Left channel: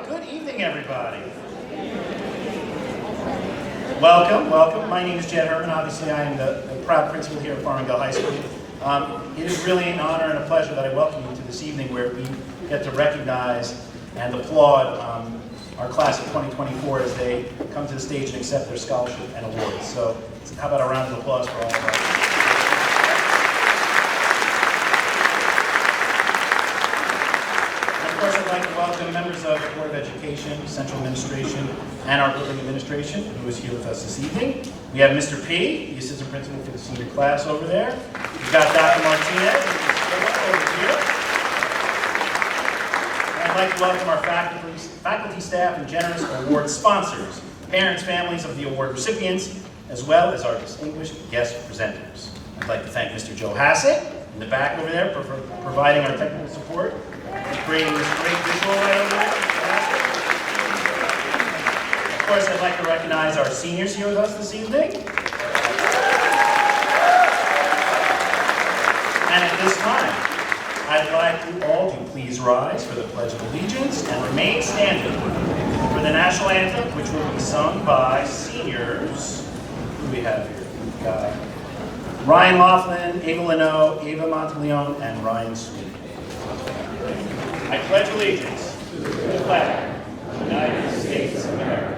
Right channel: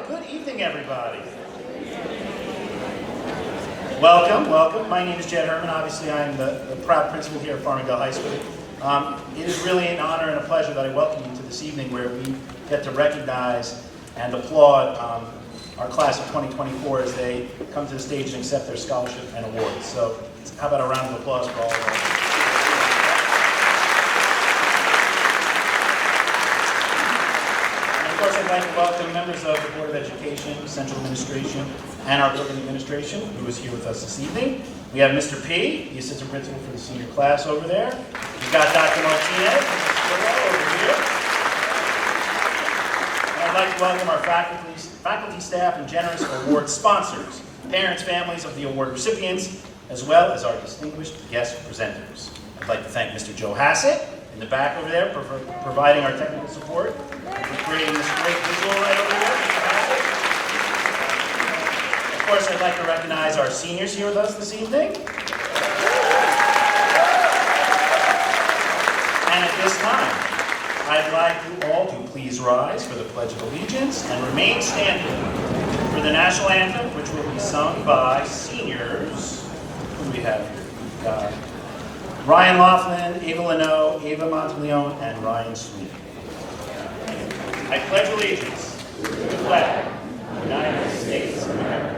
right, good evening, everybody. Welcome, welcome. My name is Jed Herman. Obviously, I am the proud principal here at Farmingdale High School. It is really an honor and a pleasure that I welcome you to this evening where we get to recognize and applaud our class of 2024 as they come to the stage and accept their scholarship and awards. So how about a round of applause for all of us? Of course, I'd like to welcome members of the Board of Education, Central Administration, and our building administration, who is here with us this evening. We have Mr. P., the assistant principal for the senior class over there. We've got Dr. Martinez, over here. And I'd like to welcome our faculty, staff, and generous award sponsors, parents, families of the award recipients, as well as our distinguished guest presenters. I'd like to thank Mr. Joe Hassett in the back over there for providing our technical support, for creating this great visual right over here, Mr. Hassett. Of course, I'd like to recognize our seniors here with us this evening. And at this time, I'd like you all to please rise for the Pledge of Allegiance and remain standing for the national anthem, which will be sung by seniors. Who do we have here? We've got Ryan Laughlin, Ava Leno, Ava Monteleone, and Ryan Sweet. I pledge allegiance to the flag of the United States of America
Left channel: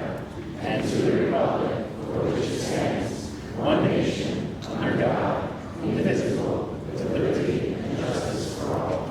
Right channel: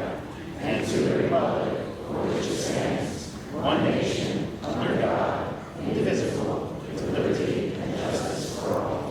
and to the republic for which it stands, one nation, under God, indivisible, with liberty and justice for all.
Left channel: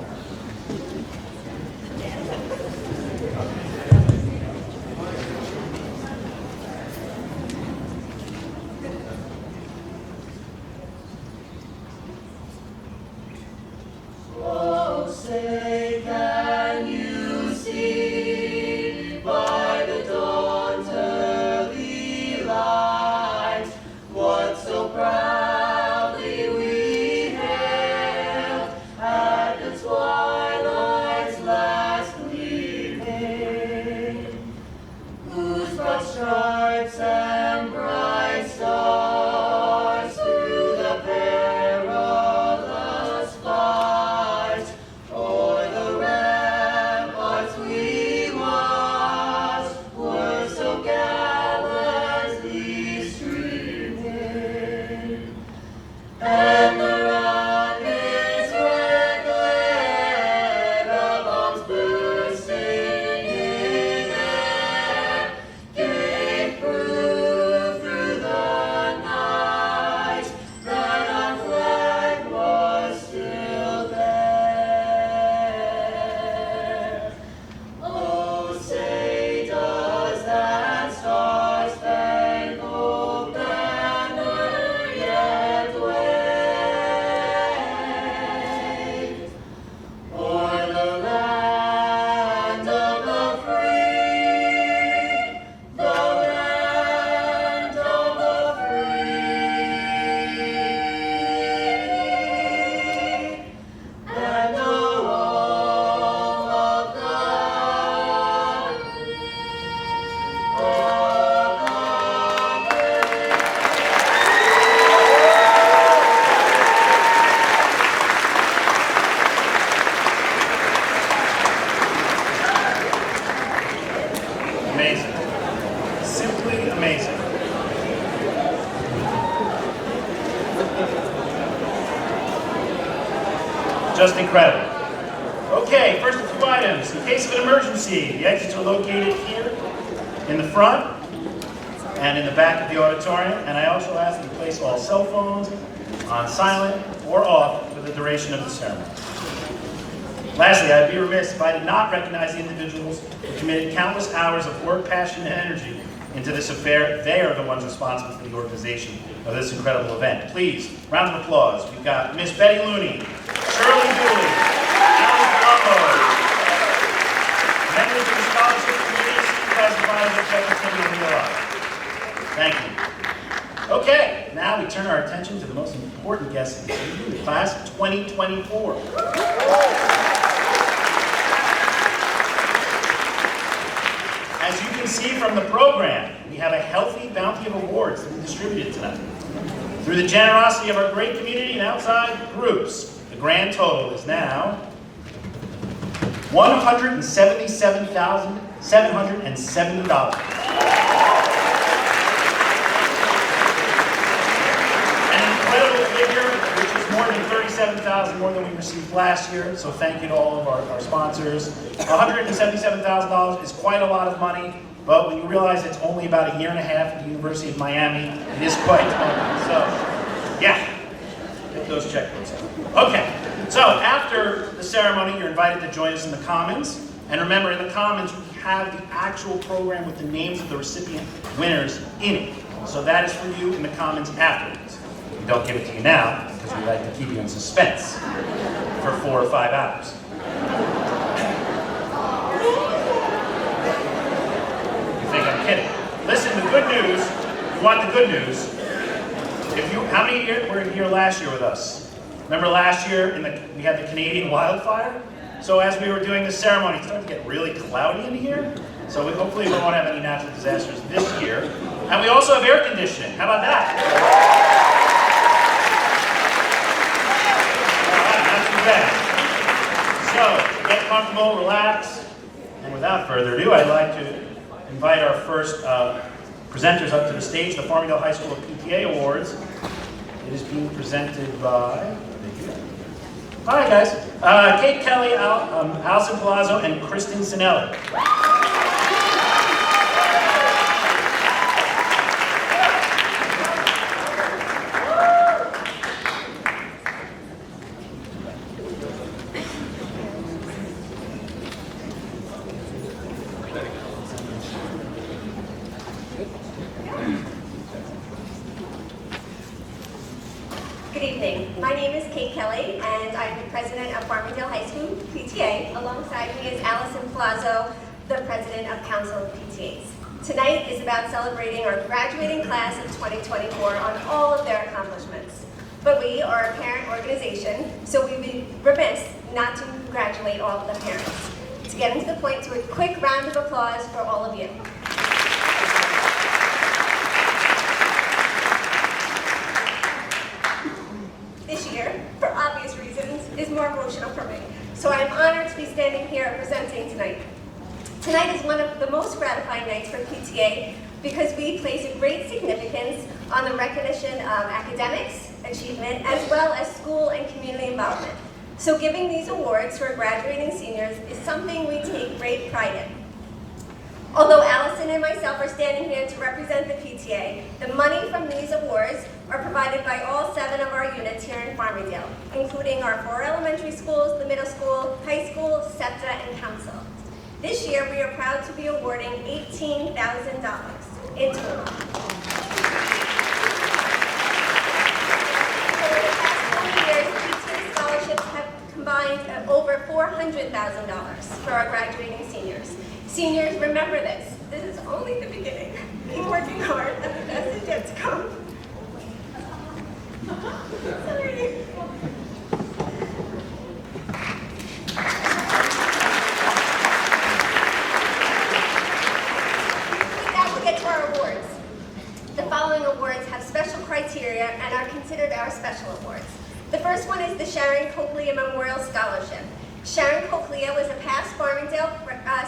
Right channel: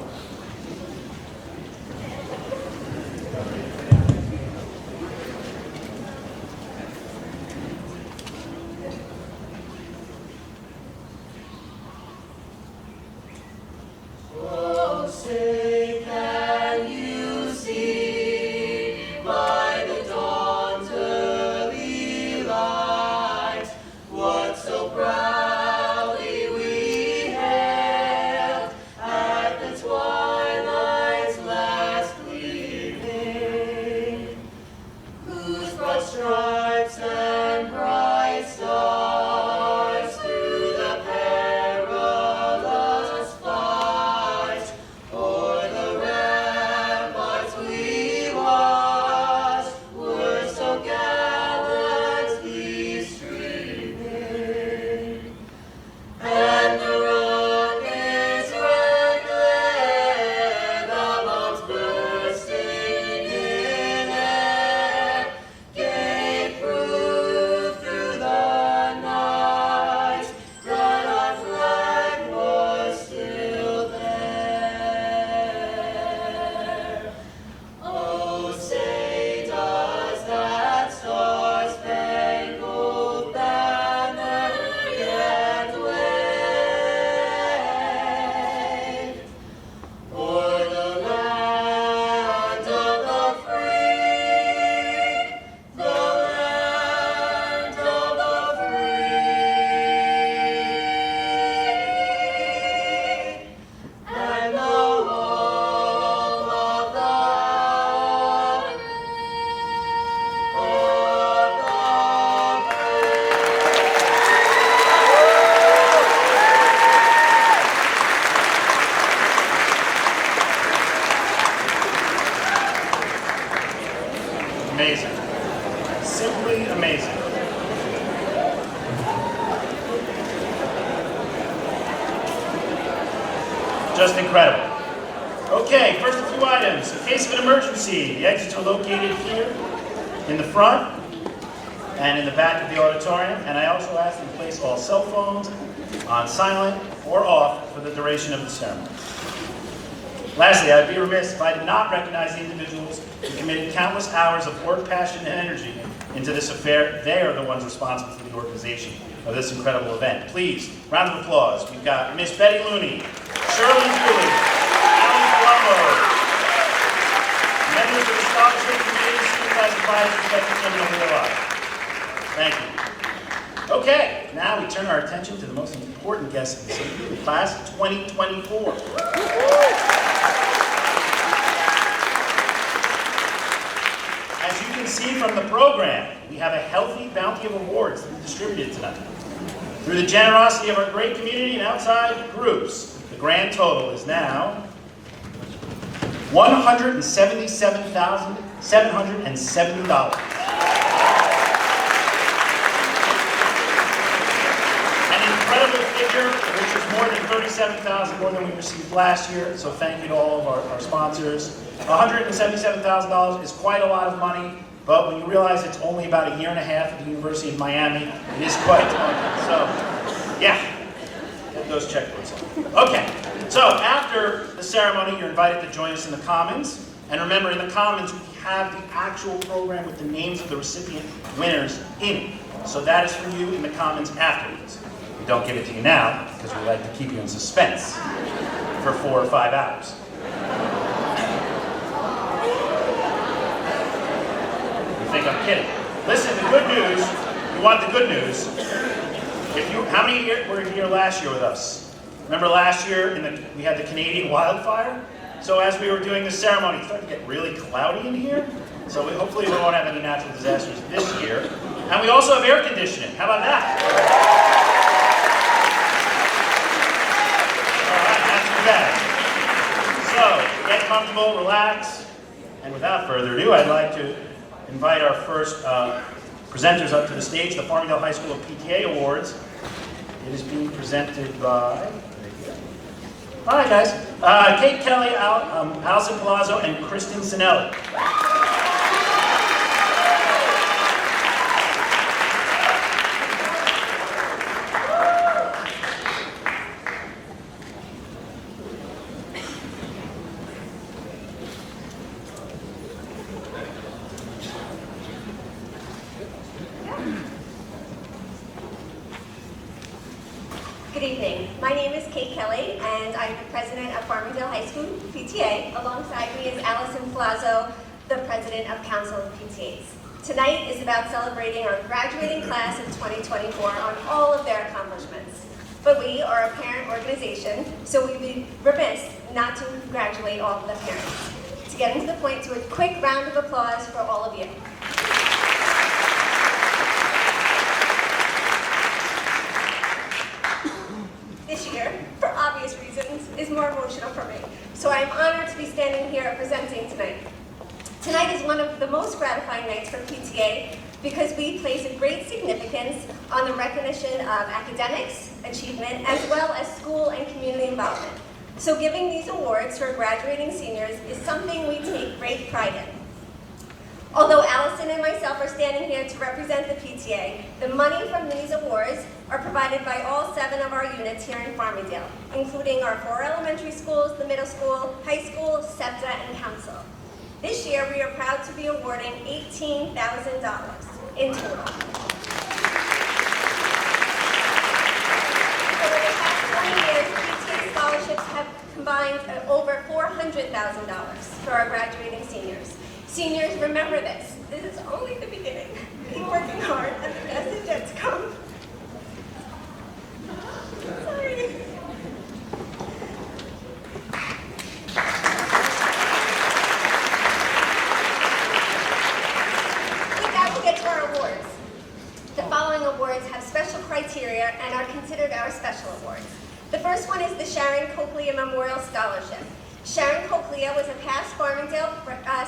Amazing. Simply amazing. Just incredible. Okay, first a few items. In case of an emergency, the exits are located here in the front and in the back of the auditorium. And I also ask that you place all cell phones on silent or off for the duration of the ceremony. Lastly, I'd be remiss if I did not recognize the individuals who committed countless hours of work, passion, and energy into this affair. They are the ones responsible for the organization of this incredible event. Please, round of applause. We've got Miss Betty Looney, Shirley Dooley, Alan Colombo, members of the Scholarship Committee, Student Class Advisors, Secretary O'Neill. Thank you. Okay, now we turn our attention to the most important guest of this evening, the Class of 2024. As you can see from the program, we have a healthy bounty of awards to be distributed tonight. Through the generosity of our great community and outside groups, the grand total is now $177,770. An incredible figure, which is more than $37,000 more than we received last year. So thank you to all of our sponsors. $177,000 is quite a lot of money, but when you realize it's only about a year and a half at the University of Miami, it is quite daunting. So, yeah, get those checkbooks out. Okay, so after the ceremony, you're invited to join us in the Commons. And remember, in the Commons, we have the actual program with the names of the recipient winners in it. So that is for you in the Commons afterwards. We don't give it to you now because we like to keep you in suspense for 4 or 5 hours. You think I'm kidding? Listen, the good news, you want the good news. How many were here last year with us? Remember last year we had the Canadian wildfire? So as we were doing the ceremony, it started to get really cloudy in here. So hopefully we won't have any natural disasters this year. And we also have air conditioning. How about that? All right, not too bad. So get comfortable, relax. And without further ado, I'd like to invite our first presenters up to the stage, the Farmingdale High School PTA Awards. It is being presented by... All right, guys. Kate Kelly, Allison Palazzo, and Kristen Sinelli. Good evening. My name is Kate Kelly, and I'm the president of Farmingdale High School PTA. Alongside me is Allison Palazzo, the president of Council of PTAs. Tonight is about celebrating our graduating class of 2024 on all of their accomplishments. But we are a parent organization, so we'd be remiss not to congratulate all of the parents. To get into the point, to a quick round of applause for all of you. This year, for obvious reasons, is more emotional for me. So I'm honored to be standing here presenting tonight. Tonight is one of the most gratifying nights for PTA because we place a great significance on the recognition of academics, achievement, as well as school and community involvement. So giving these awards to our graduating seniors is something we take great pride in. Although Allison and myself are standing here to represent the PTA, the money from these awards are provided by all 7 of our units here in Farmingdale, including our 4 elementary schools, the middle school, high school, SEPTA, and council. This year, we are proud to be awarding $18,000 in total. Over the past 20 years, PTA scholarships have combined over $400,000 for our graduating seniors. Seniors, remember this. This is only the beginning. Keep working hard, and the best is yet to come. Sorry. With that, we'll get to our awards. The following awards have special criteria and are considered our special awards. The first one is the Sharon Cochlear Memorial Scholarship. Sharon Cochlear was a past Farmingdale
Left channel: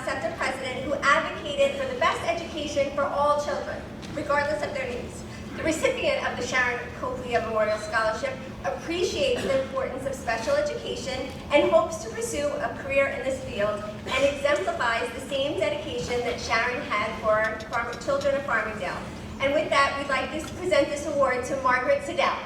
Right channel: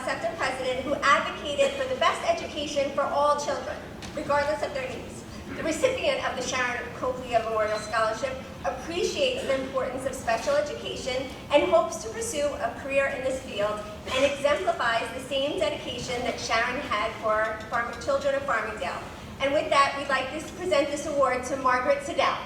SEPTA president who advocated for the best education for all children, regardless of their needs. The recipient of the Sharon Cochlear Memorial Scholarship appreciates the importance of special education and hopes to pursue a career in this field and exemplifies the same dedication that Sharon had for children of Farmingdale. And with that, we'd like to present this award to Margaret Siddell.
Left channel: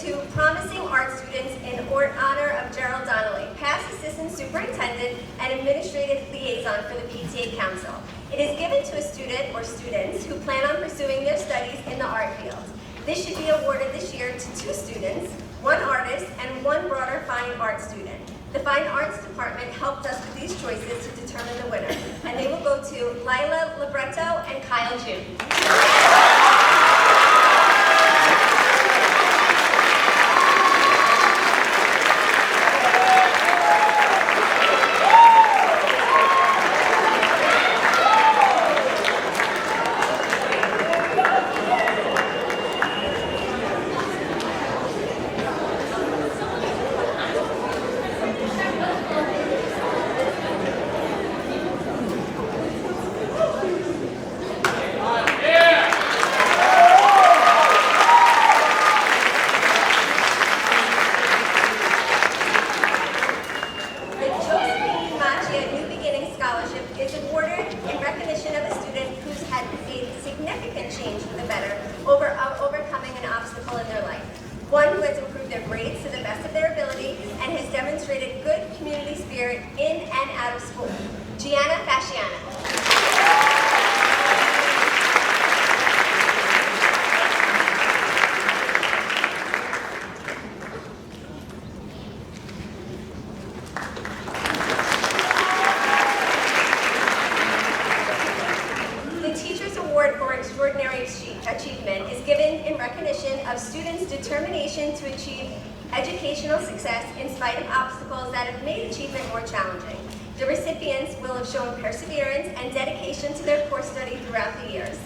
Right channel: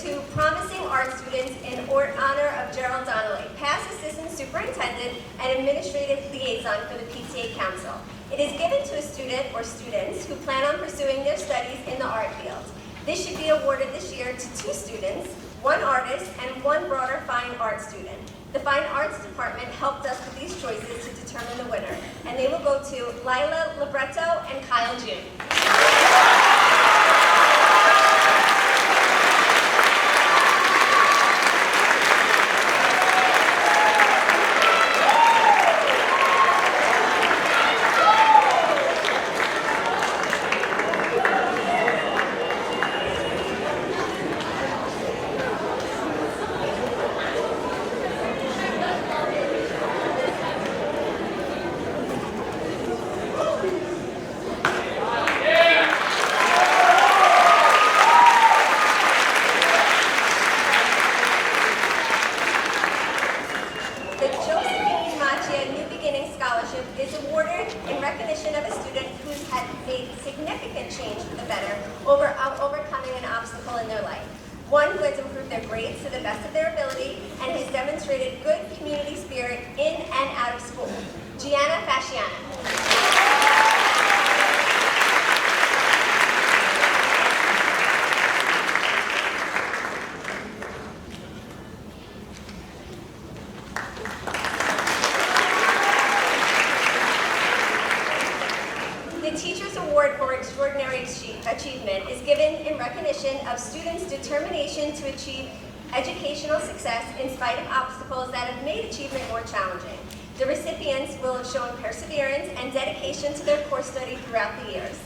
To promising art students in honor of Gerald Donnelly, past assistant superintendent and administrative liaison for the PTA Council. It is given to a student or students who plan on pursuing their studies in the art field. This should be awarded this year to 2 students, 1 artist, and 1 broader fine art student. The Fine Arts Department helped us with these choices to determine the winner, and they will go to Lila Libretto and Kyle June. Change for the better, overcoming an obstacle in their life. One who has improved their grades to the best of their ability and has demonstrated good community spirit in and out of school. Gianna Fasciano. Extraordinary achievement is given in recognition of students' determination to achieve educational success in spite of obstacles that have made achievement more challenging. The recipients will have shown perseverance and dedication to their course study throughout the years.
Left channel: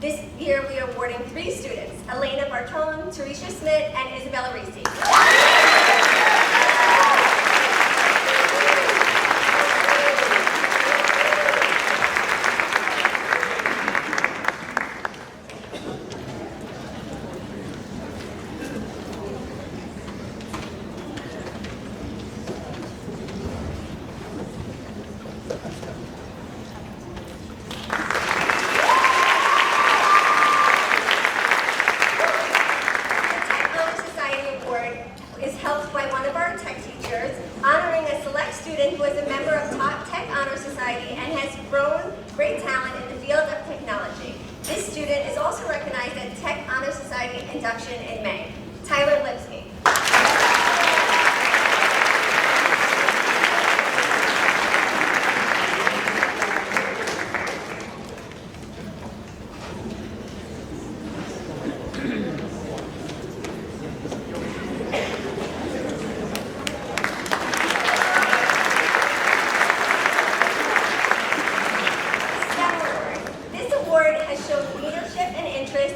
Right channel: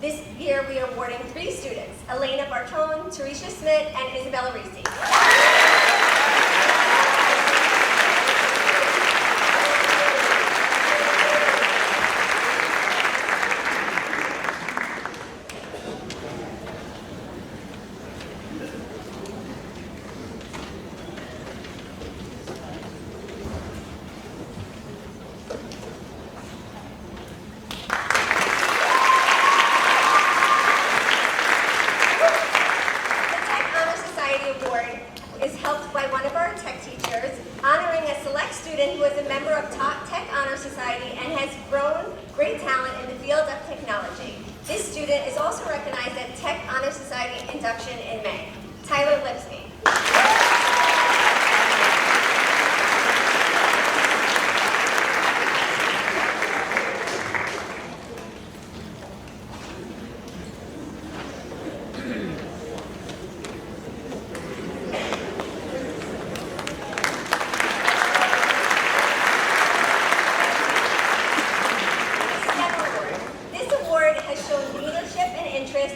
This year we are awarding 3 students, Elena Bartone, Teresha Smith, and Isabella Risi. Who is a member of Top Tech Honor Society and has grown great talent in the field of technology. This student is also recognized at Tech Honor Society induction in May. Tyler Lipsky.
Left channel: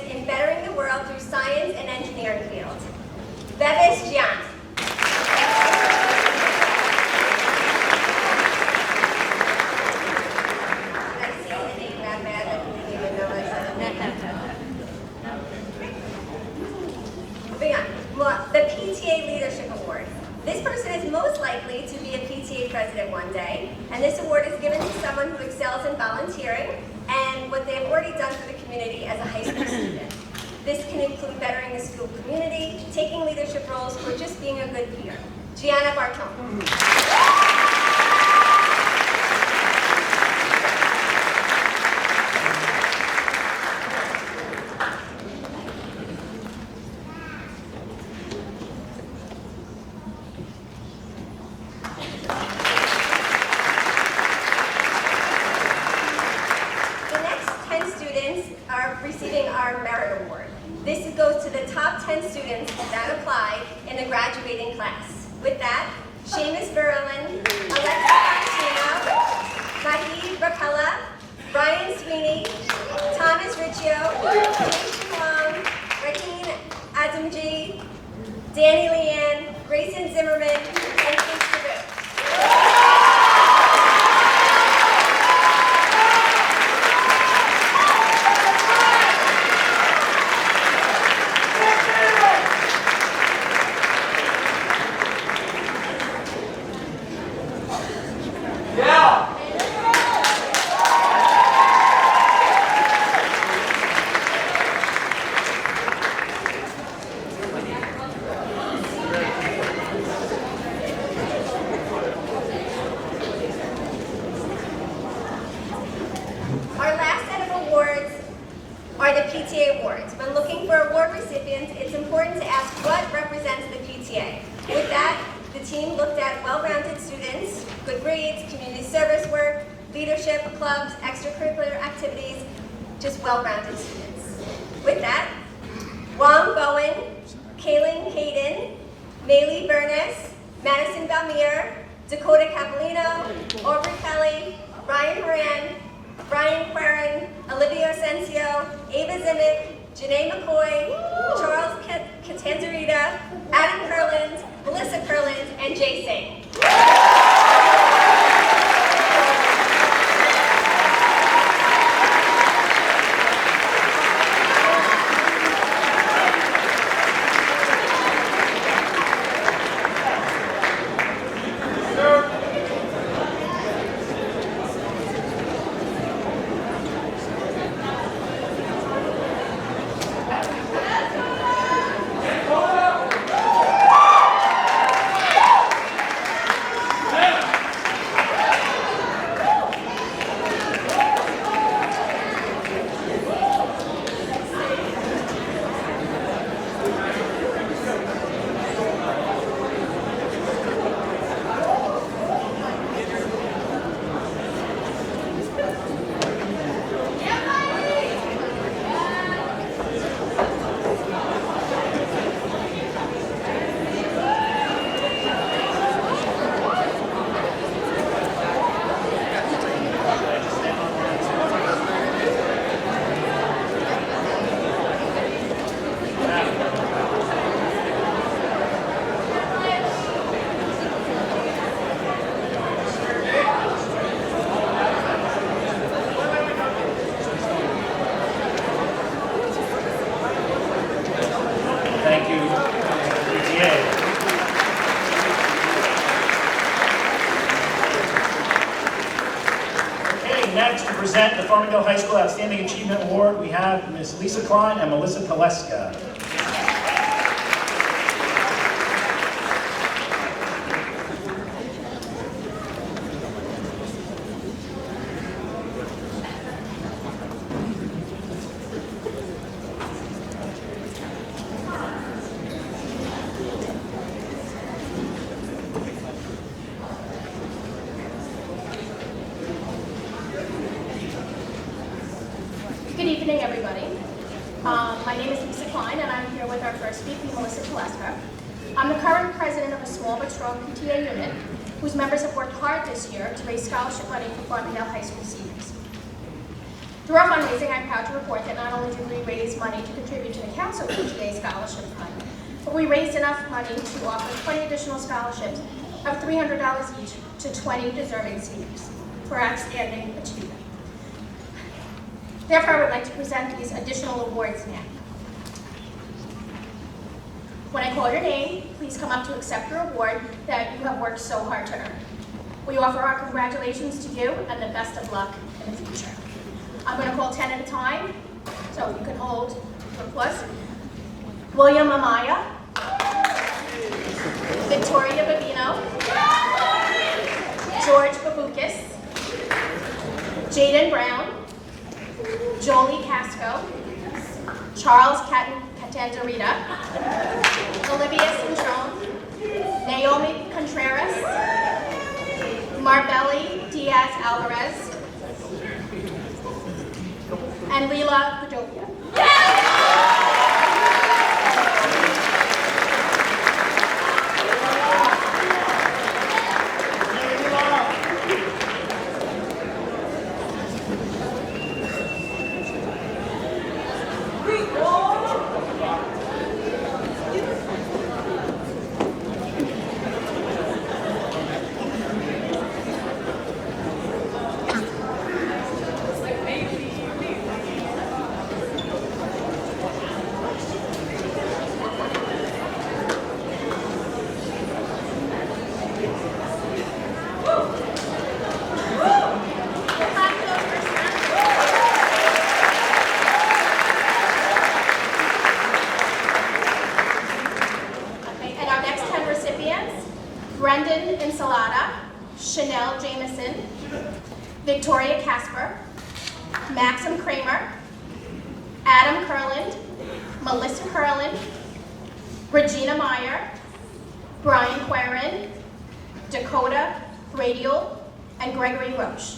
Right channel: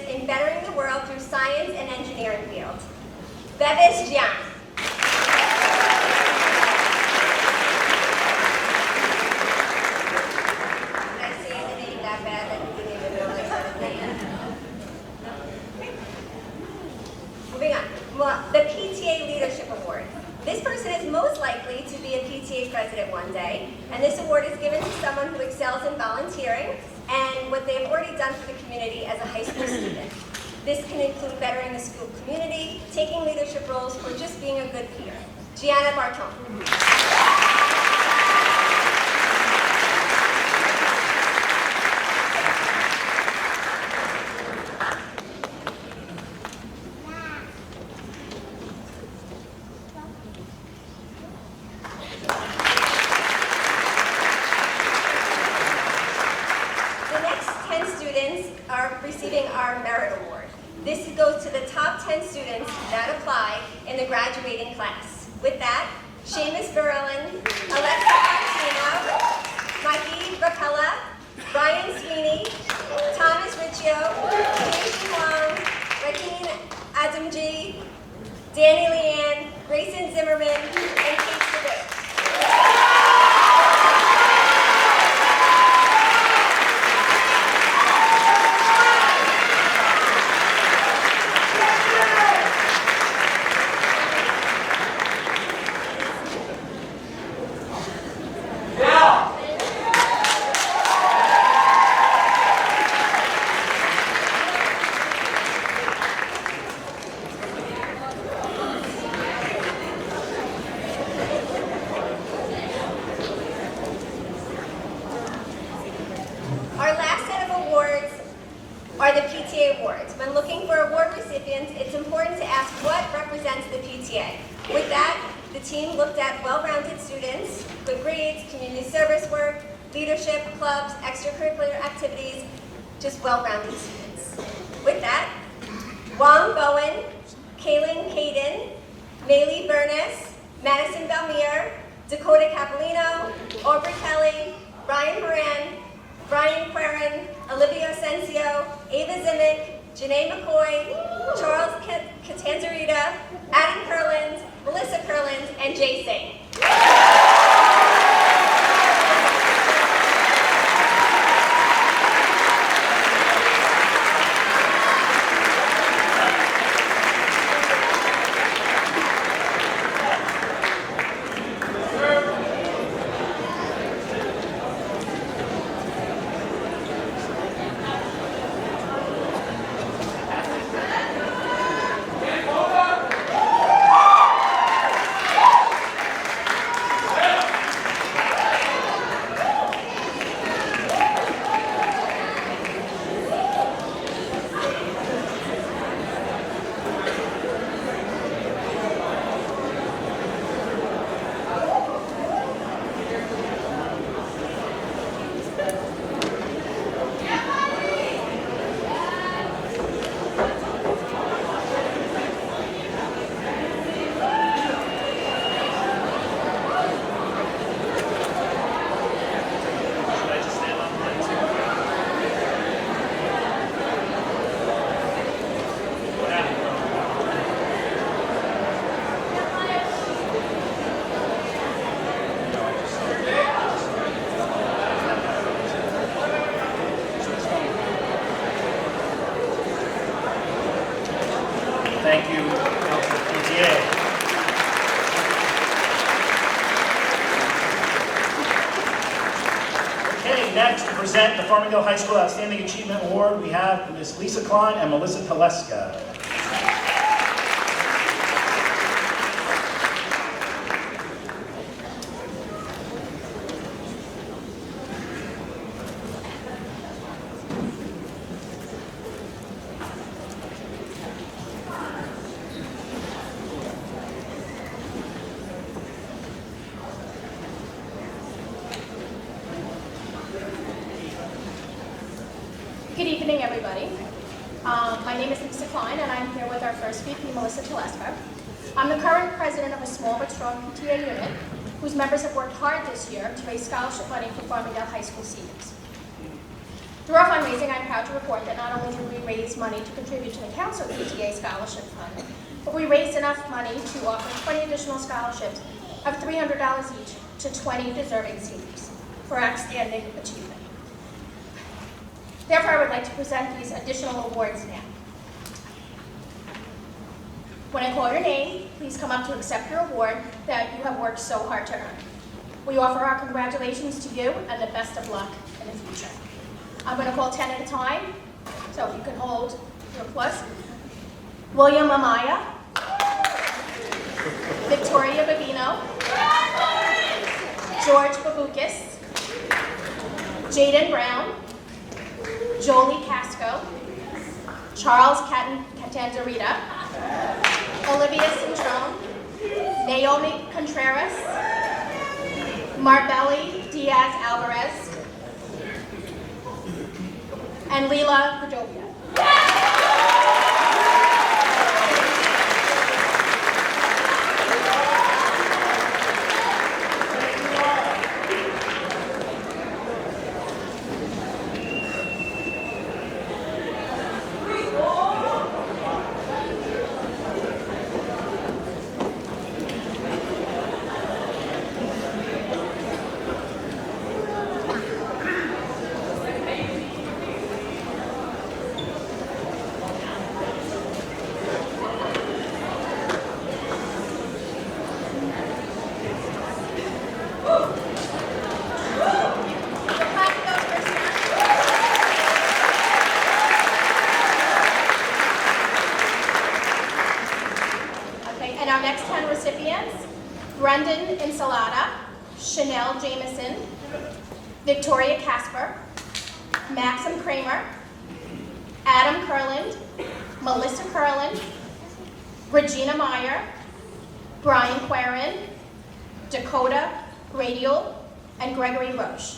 In bettering the world through science and engineering field. Bevis Jian. Did I say the name that bad that you didn't even know I said his name? Moving on. The PTA Leadership Award. This person is most likely to be a PTA president one day, and this award is given to someone who excels in volunteering and what they have already done for the community as a high school student. This can include bettering the school community, taking leadership roles, or just being a good peer. Gianna Bartone. Are receiving our Merit Award. This goes to the top 10 students that apply in the graduating class. With that, Seamus Berlin, Alexa Fontino, Mahi Rapella, Brian Sweeney, Thomas Riccio, Jason Wong, Raheen Adamji, Danny Leanne, Grayson Zimmerman, and Kate Sabu. Our last set of awards are the PTA awards. When looking for award recipients, it's important to ask what represents the PTA. With that, the team looked at well-rounded students, good grades, community service work, leadership, clubs, extracurricular activities, just well-rounded students. With that, Wong Bowen, Kaylin Caden, Maylee Burness, Madison Belmere, Dakota Capolino, Aubrey Kelly, Ryan Moran, Brian Querin, Olivia Asensio, Ava Zimic, Janae McCoy, Charles Catanzarita, Adam Kurland, Melissa Kurland, and Jay Singh. Thank you, Council PTA. Okay, next to present the Farmingdale High School Outstanding Achievement Award, we have Ms. Lisa Klein and Melissa Teleska. Good evening, everybody. My name is Lisa Klein, and I'm here with our first VP, Melissa Teleska. I'm the current president of a small but strong PTA unit, whose members have worked hard this year to raise scholarship money for Farmingdale High School seniors. Through our fundraising, I'm proud to report that not only did we raise money to contribute to the Council PTA Scholarship Fund, but we raised enough money to offer 20 additional scholarships of $300 each to 20 deserving seniors for outstanding achievement. Therefore, I would like to present these additional awards now. When I call your name, please come up to accept your award that you have worked so hard to earn. We offer our congratulations to you and the best of luck in the future. I'm going to call 10 at a time, so if you could hold your applause. William Amaya, Victoria Babino, George Babukis, Jaden Brown, Jolie Casco, Charles Catanzarita, Olivia Cintrone, Naomi Contreras, Marbelli Diaz Alvarez, and Leela Padovia. And our next 10 recipients, Brendan Ensalada, Chanel Jameson, Victoria Casper, Maxim Kramer, Adam Kurland, Melissa Kurland, Regina Meyer, Brian Quarin, Dakota Gradial, and Gregory Roche.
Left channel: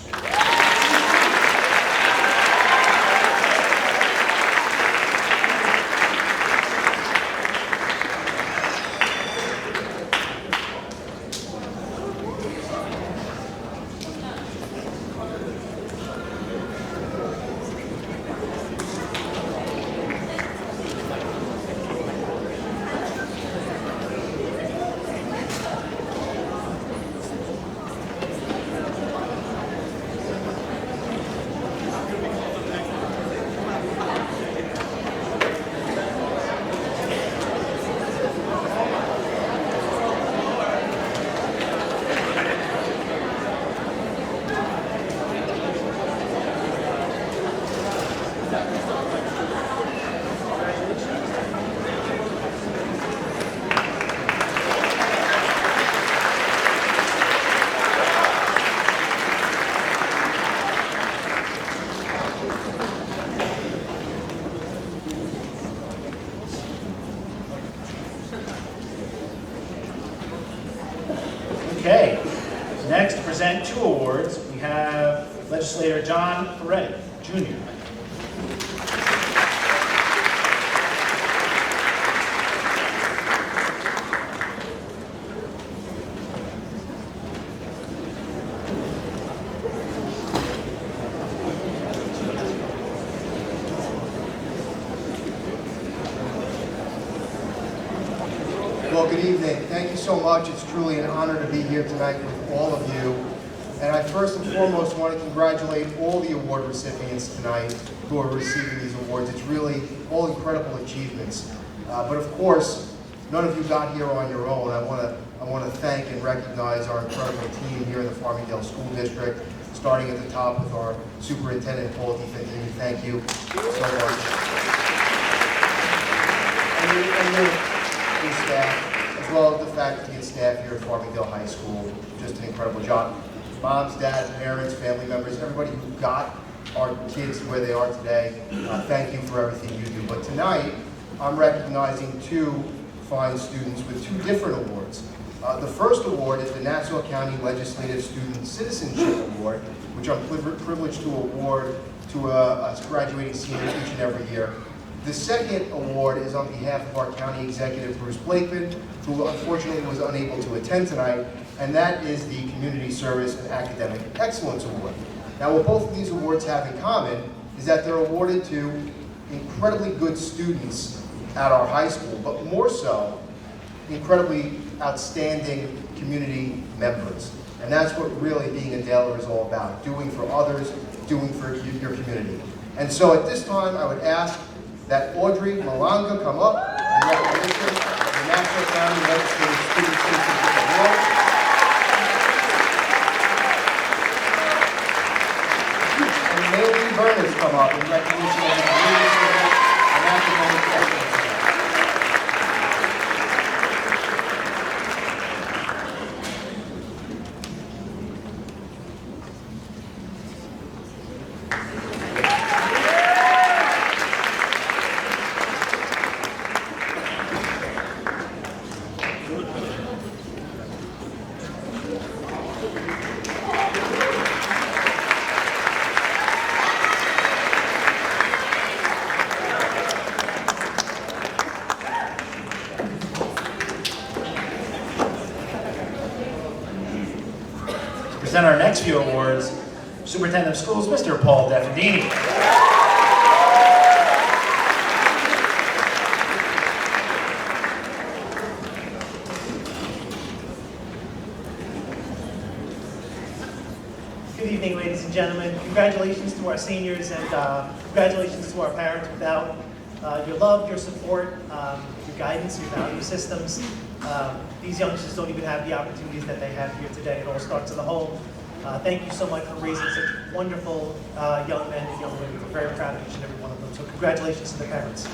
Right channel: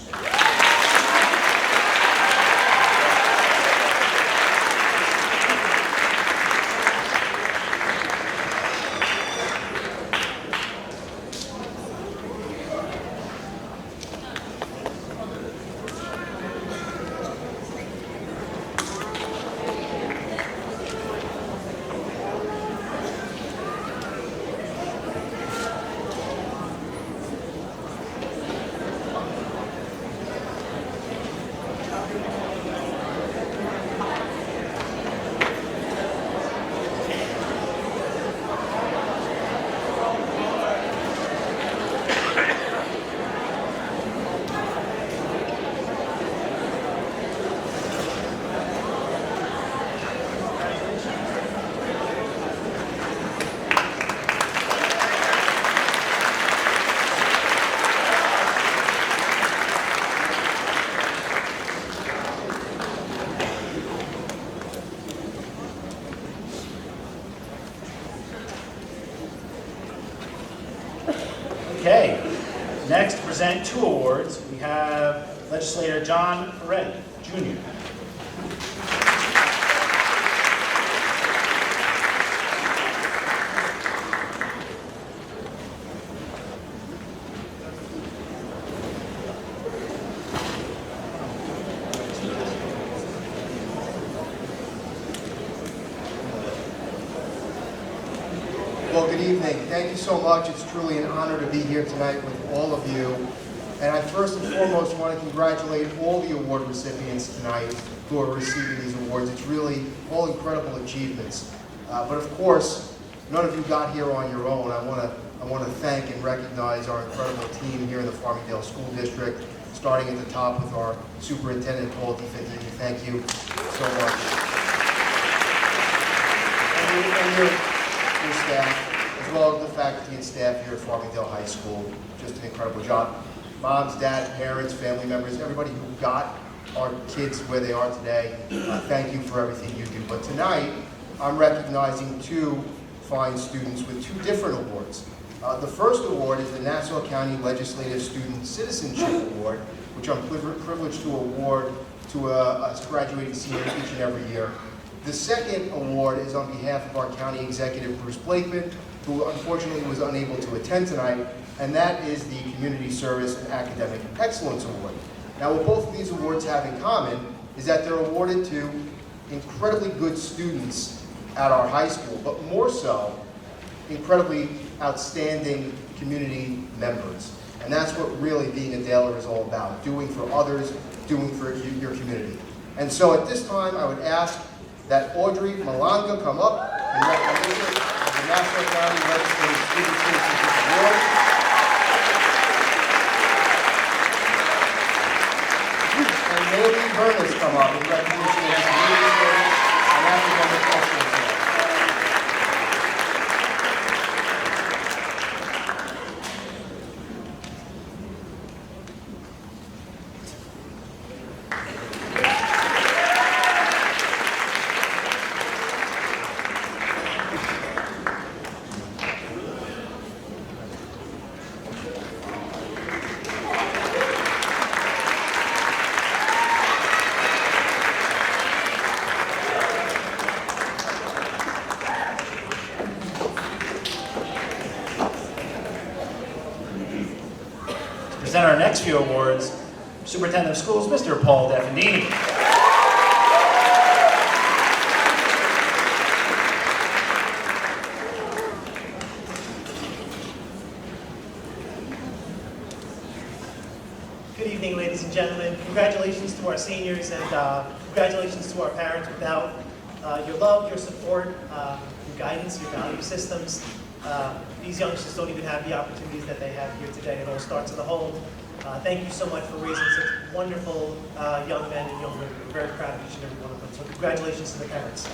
Okay, next to present 2 awards, we have legislator John Ferretti, Jr. Well, good evening. Thank you so much. It's truly an honor to be here tonight with all of you. And I first and foremost want to congratulate all the award recipients tonight who are receiving these awards. It's really all incredible achievements. But of course, none of you got here on your own. I want to thank and recognize our incredible team here in the Farmingdale School District, starting at the top with our Superintendent, Paul DiFantini. Thank you so much. And your staff, as well as the faculty and staff here at Farmingdale High School. Just an incredible job. Moms, dads, parents, family members, everybody who got our kids where they are today, thank you for everything you do. But tonight, I'm recognizing 2 fine students with 2 different awards. The first award is the Nassau County Legislative Student Citizenship Award, which I'm privileged to award to a graduating senior each and every year. The second award is on behalf of our county executive, Bruce Blakeman, who unfortunately was unable to attend tonight, and that is the Community Service and Academic Excellence Award. Now, what both of these awards have in common is that they're awarded to incredibly good students at our high school, but more so, incredibly outstanding community members. And that's what really being a Daler is all about, doing for others, doing for your community. And so at this time, I would ask that Audrey Malanga come up in recognition of the Nassau County Legislative Student Citizenship Award. And Maylee Burness come up in recognition of the Community Service and Academic Excellence Award. Present our next few awards, Superintendent of Schools, Mr. Paul DiFantini. Good evening, ladies and gentlemen. Congratulations to our seniors and congratulations to our parents. Without your love, your support, your guidance, your value systems, these youngsters don't even have the opportunities that they have here today. It all starts in the home. Thank you so much for raising such wonderful young men and young women. We're very proud of each and every one of them. So congratulations to the parents.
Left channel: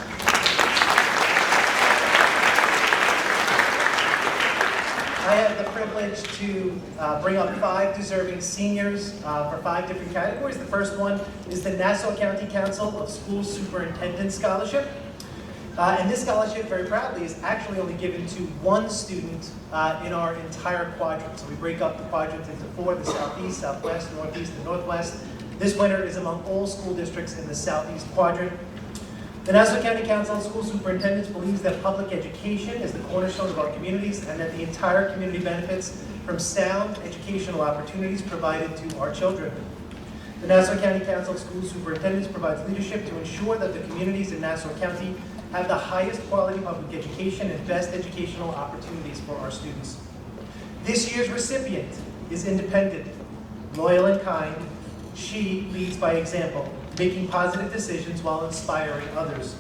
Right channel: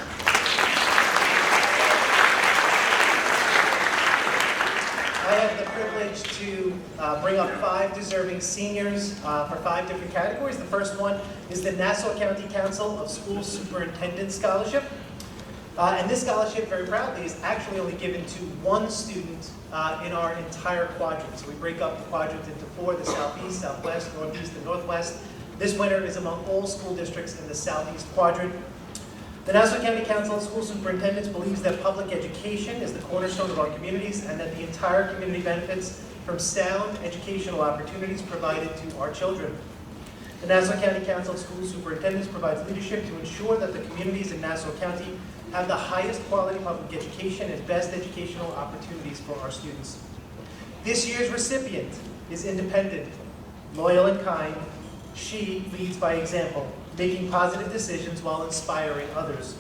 I have the privilege to bring up 5 deserving seniors for 5 different categories. The first one is the Nassau County Council of Schools Superintendent Scholarship. And this scholarship, very proudly, is actually only given to one student in our entire quadrant. So we break up the quadrant into four: the Southeast, Southwest, Northeast, and Northwest. This winner is among all school districts in the Southeast quadrant. The Nassau County Council of School Superintendents believes that public education is the cornerstone of our communities and that the entire community benefits from sound educational opportunities provided to our children. The Nassau County Council of School Superintendents provides leadership to ensure that the communities in Nassau County have the highest quality public education and best educational opportunities for our students. This year's recipient is independent, loyal, and kind. She leads by example, making positive decisions while inspiring others.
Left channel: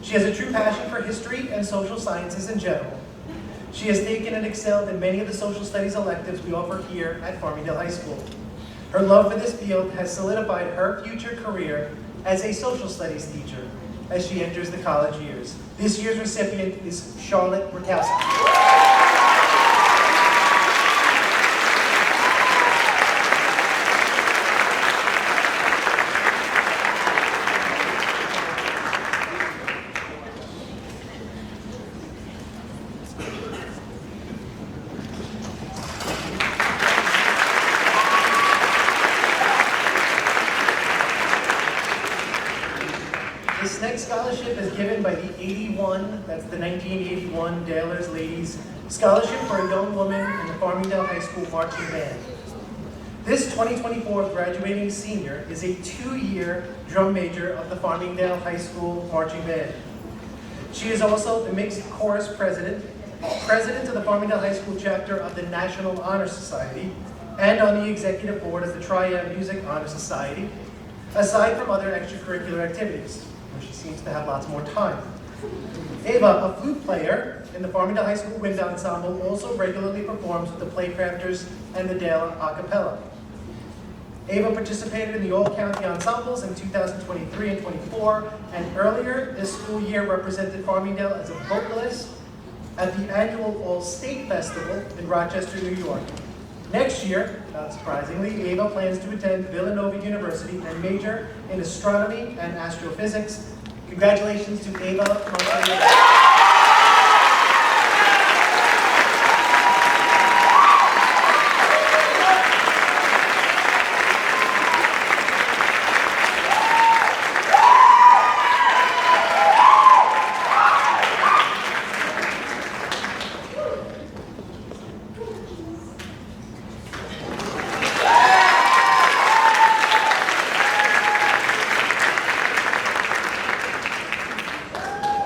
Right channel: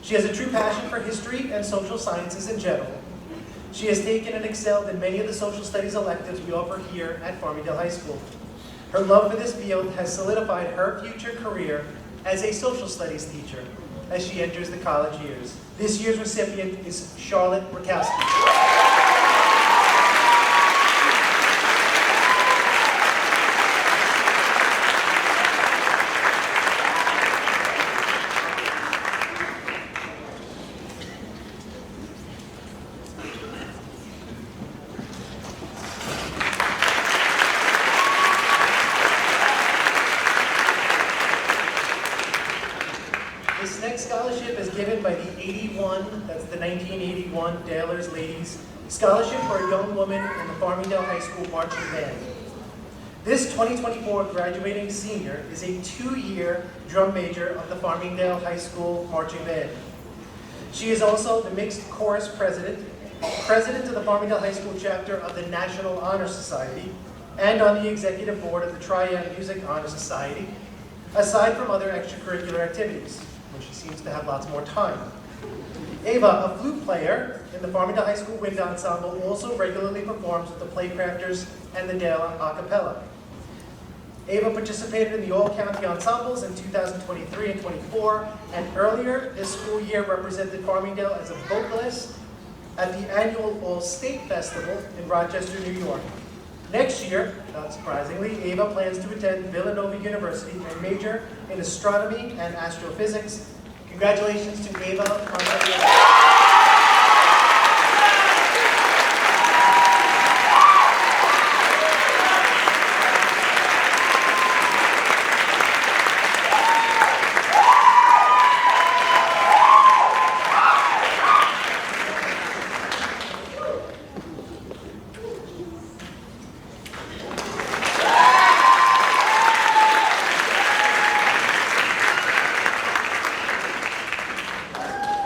She has a true passion for history and social sciences in general. She has taken and excelled in many of the social studies electives we offer here at Farmingdale High School. Her love for this field has solidified her future career as a social studies teacher as she enters the college years. This year's recipient is Charlotte Rakowski. This next scholarship is given by the 81, that's the 1981 Dalers Ladies Scholarship for a young woman in the Farmingdale High School marching band. This 2024 graduating senior is a 2-year drum major of the Farmingdale High School marching band. She is also the mixed chorus president, president of the Farmingdale High School chapter of the National Honor Society, and on the executive board of the Triad Music Honor Society, aside from other extracurricular activities, where she seems to have lots more time. Ava, a flute player in the Farmingdale High School Wind Ensemble, also regularly performs with the Playcrafters and the Dale a cappella. Ava participated in the all-county ensembles in 2023 and 24, and earlier this school year represented Farmingdale as a vocalist at the annual All-State Festival in Rochester, New York. Next year, not surprisingly, Ava plans to attend Villanova University and major in astronomy and astrophysics. Congratulations to Ava Montoya.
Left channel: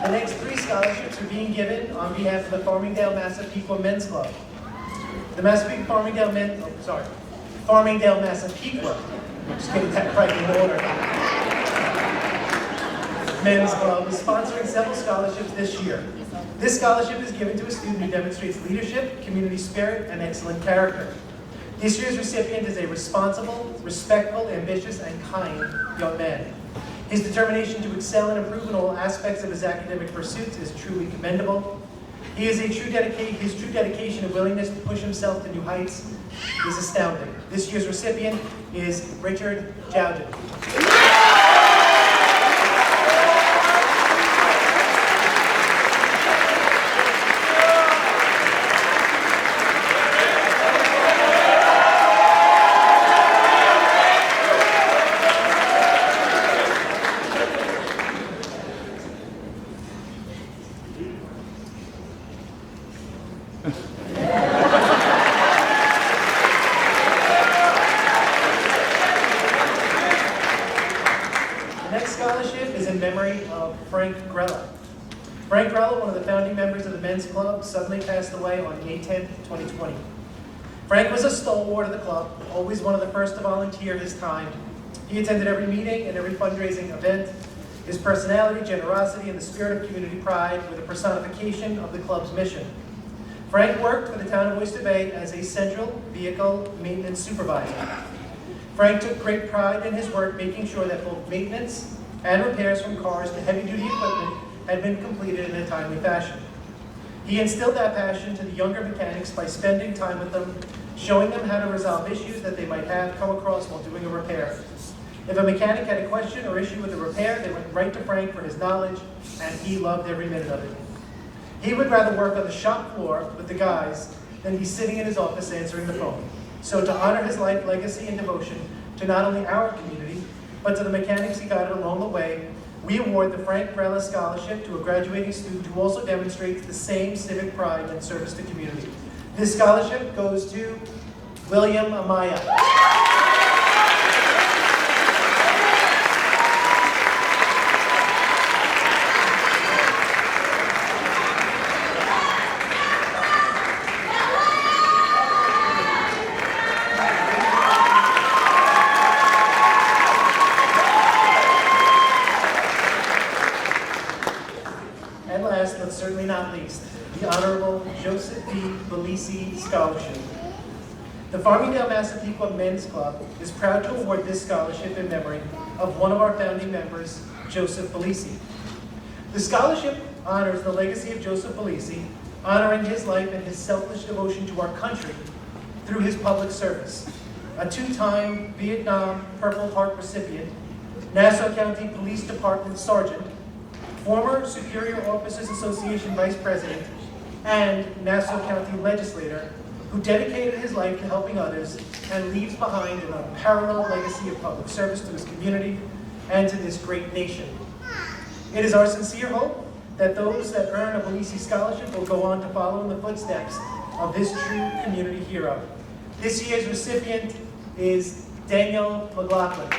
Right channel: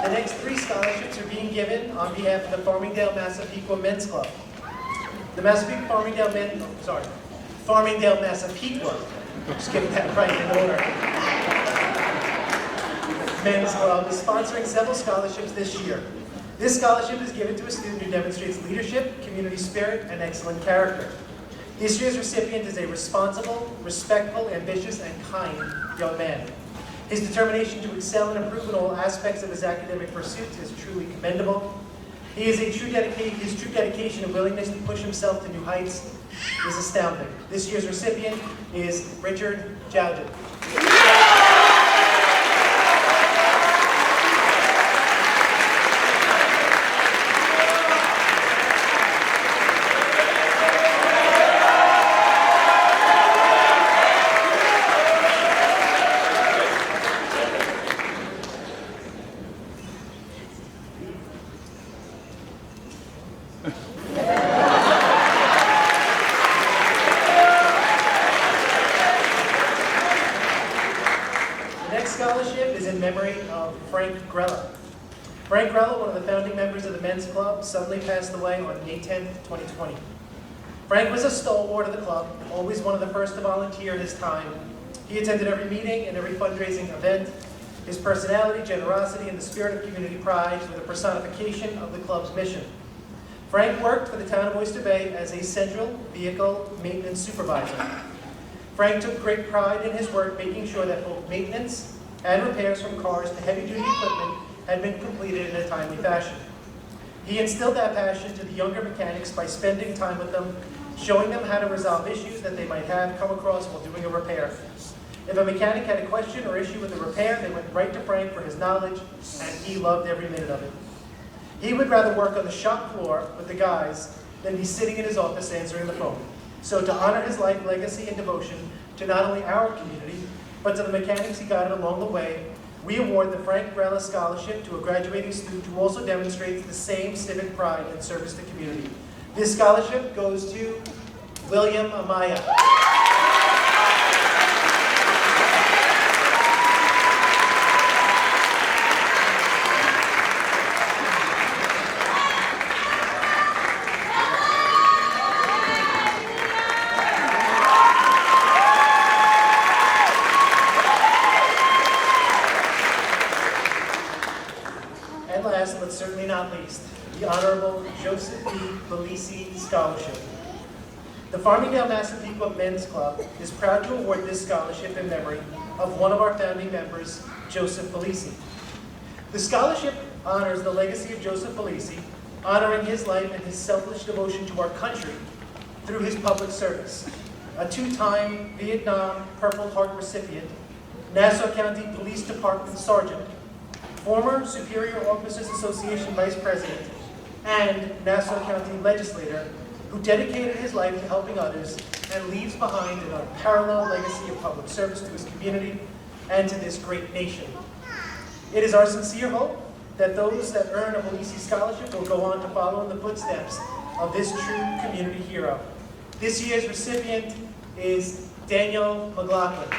The next 3 scholarships are being given on behalf of the Farmingdale-Massapequa Men's Club. The Farmingdale-Massapequa, just getting that right in order. Men's Club is sponsoring several scholarships this year. This scholarship is given to a student who demonstrates leadership, community spirit, and excellent character. This year's recipient is a responsible, respectful, ambitious, and kind young man. His determination to excel and improve in all aspects of his academic pursuits is truly commendable. His true dedication and willingness to push himself to new heights is astounding. This year's recipient is Richard Jowden. The next scholarship is in memory of Frank Grella. Frank Grella, one of the founding members of the Men's Club, suddenly passed away on May 10th, 2020. Frank was a stalwart of the club, always one of the first to volunteer his time. He attended every meeting and every fundraising event. His personality, generosity, and the spirit of community pride were the personification of the club's mission. Frank worked for the town of Oyster Bay as a central vehicle maintenance supervisor. Frank took great pride in his work, making sure that both maintenance and repairs from cars to heavy-duty equipment had been completed in a timely fashion. He instilled that passion to the younger mechanics by spending time with them, showing them how to resolve issues that they might have come across while doing a repair. If a mechanic had a question or issue with a repair, they went right to Frank for his knowledge, and he loved every minute of it. He would rather work on the shop floor with the guys than be sitting in his office answering the phone. So to honor his life, legacy, and devotion to not only our community, but to the mechanics he guided along the way, we award the Frank Grella Scholarship to a graduating student who also demonstrates the same civic pride and service to community. This scholarship goes to William Amaya. And last, but certainly not least, the Honorable Joseph B. Belisi Scholarship. The Farmingdale Massapequa Men's Club is proud to award this scholarship in memory of one of our founding members, Joseph Belisi. The scholarship honors the legacy of Joseph Belisi, honoring his life and his selfless devotion to our country through his public service. A two-time Vietnam Purple Heart recipient, Nassau County Police Department Sergeant, former Superior Officers Association Vice President, and Nassau County Legislator, who dedicated his life to helping others and leaves behind an unparalleled legacy of public service to his community and to this great nation. It is our sincere hope that those that earn a Belisi Scholarship will go on to follow in the footsteps of this true community hero. This year's recipient is Daniel McLaughlin.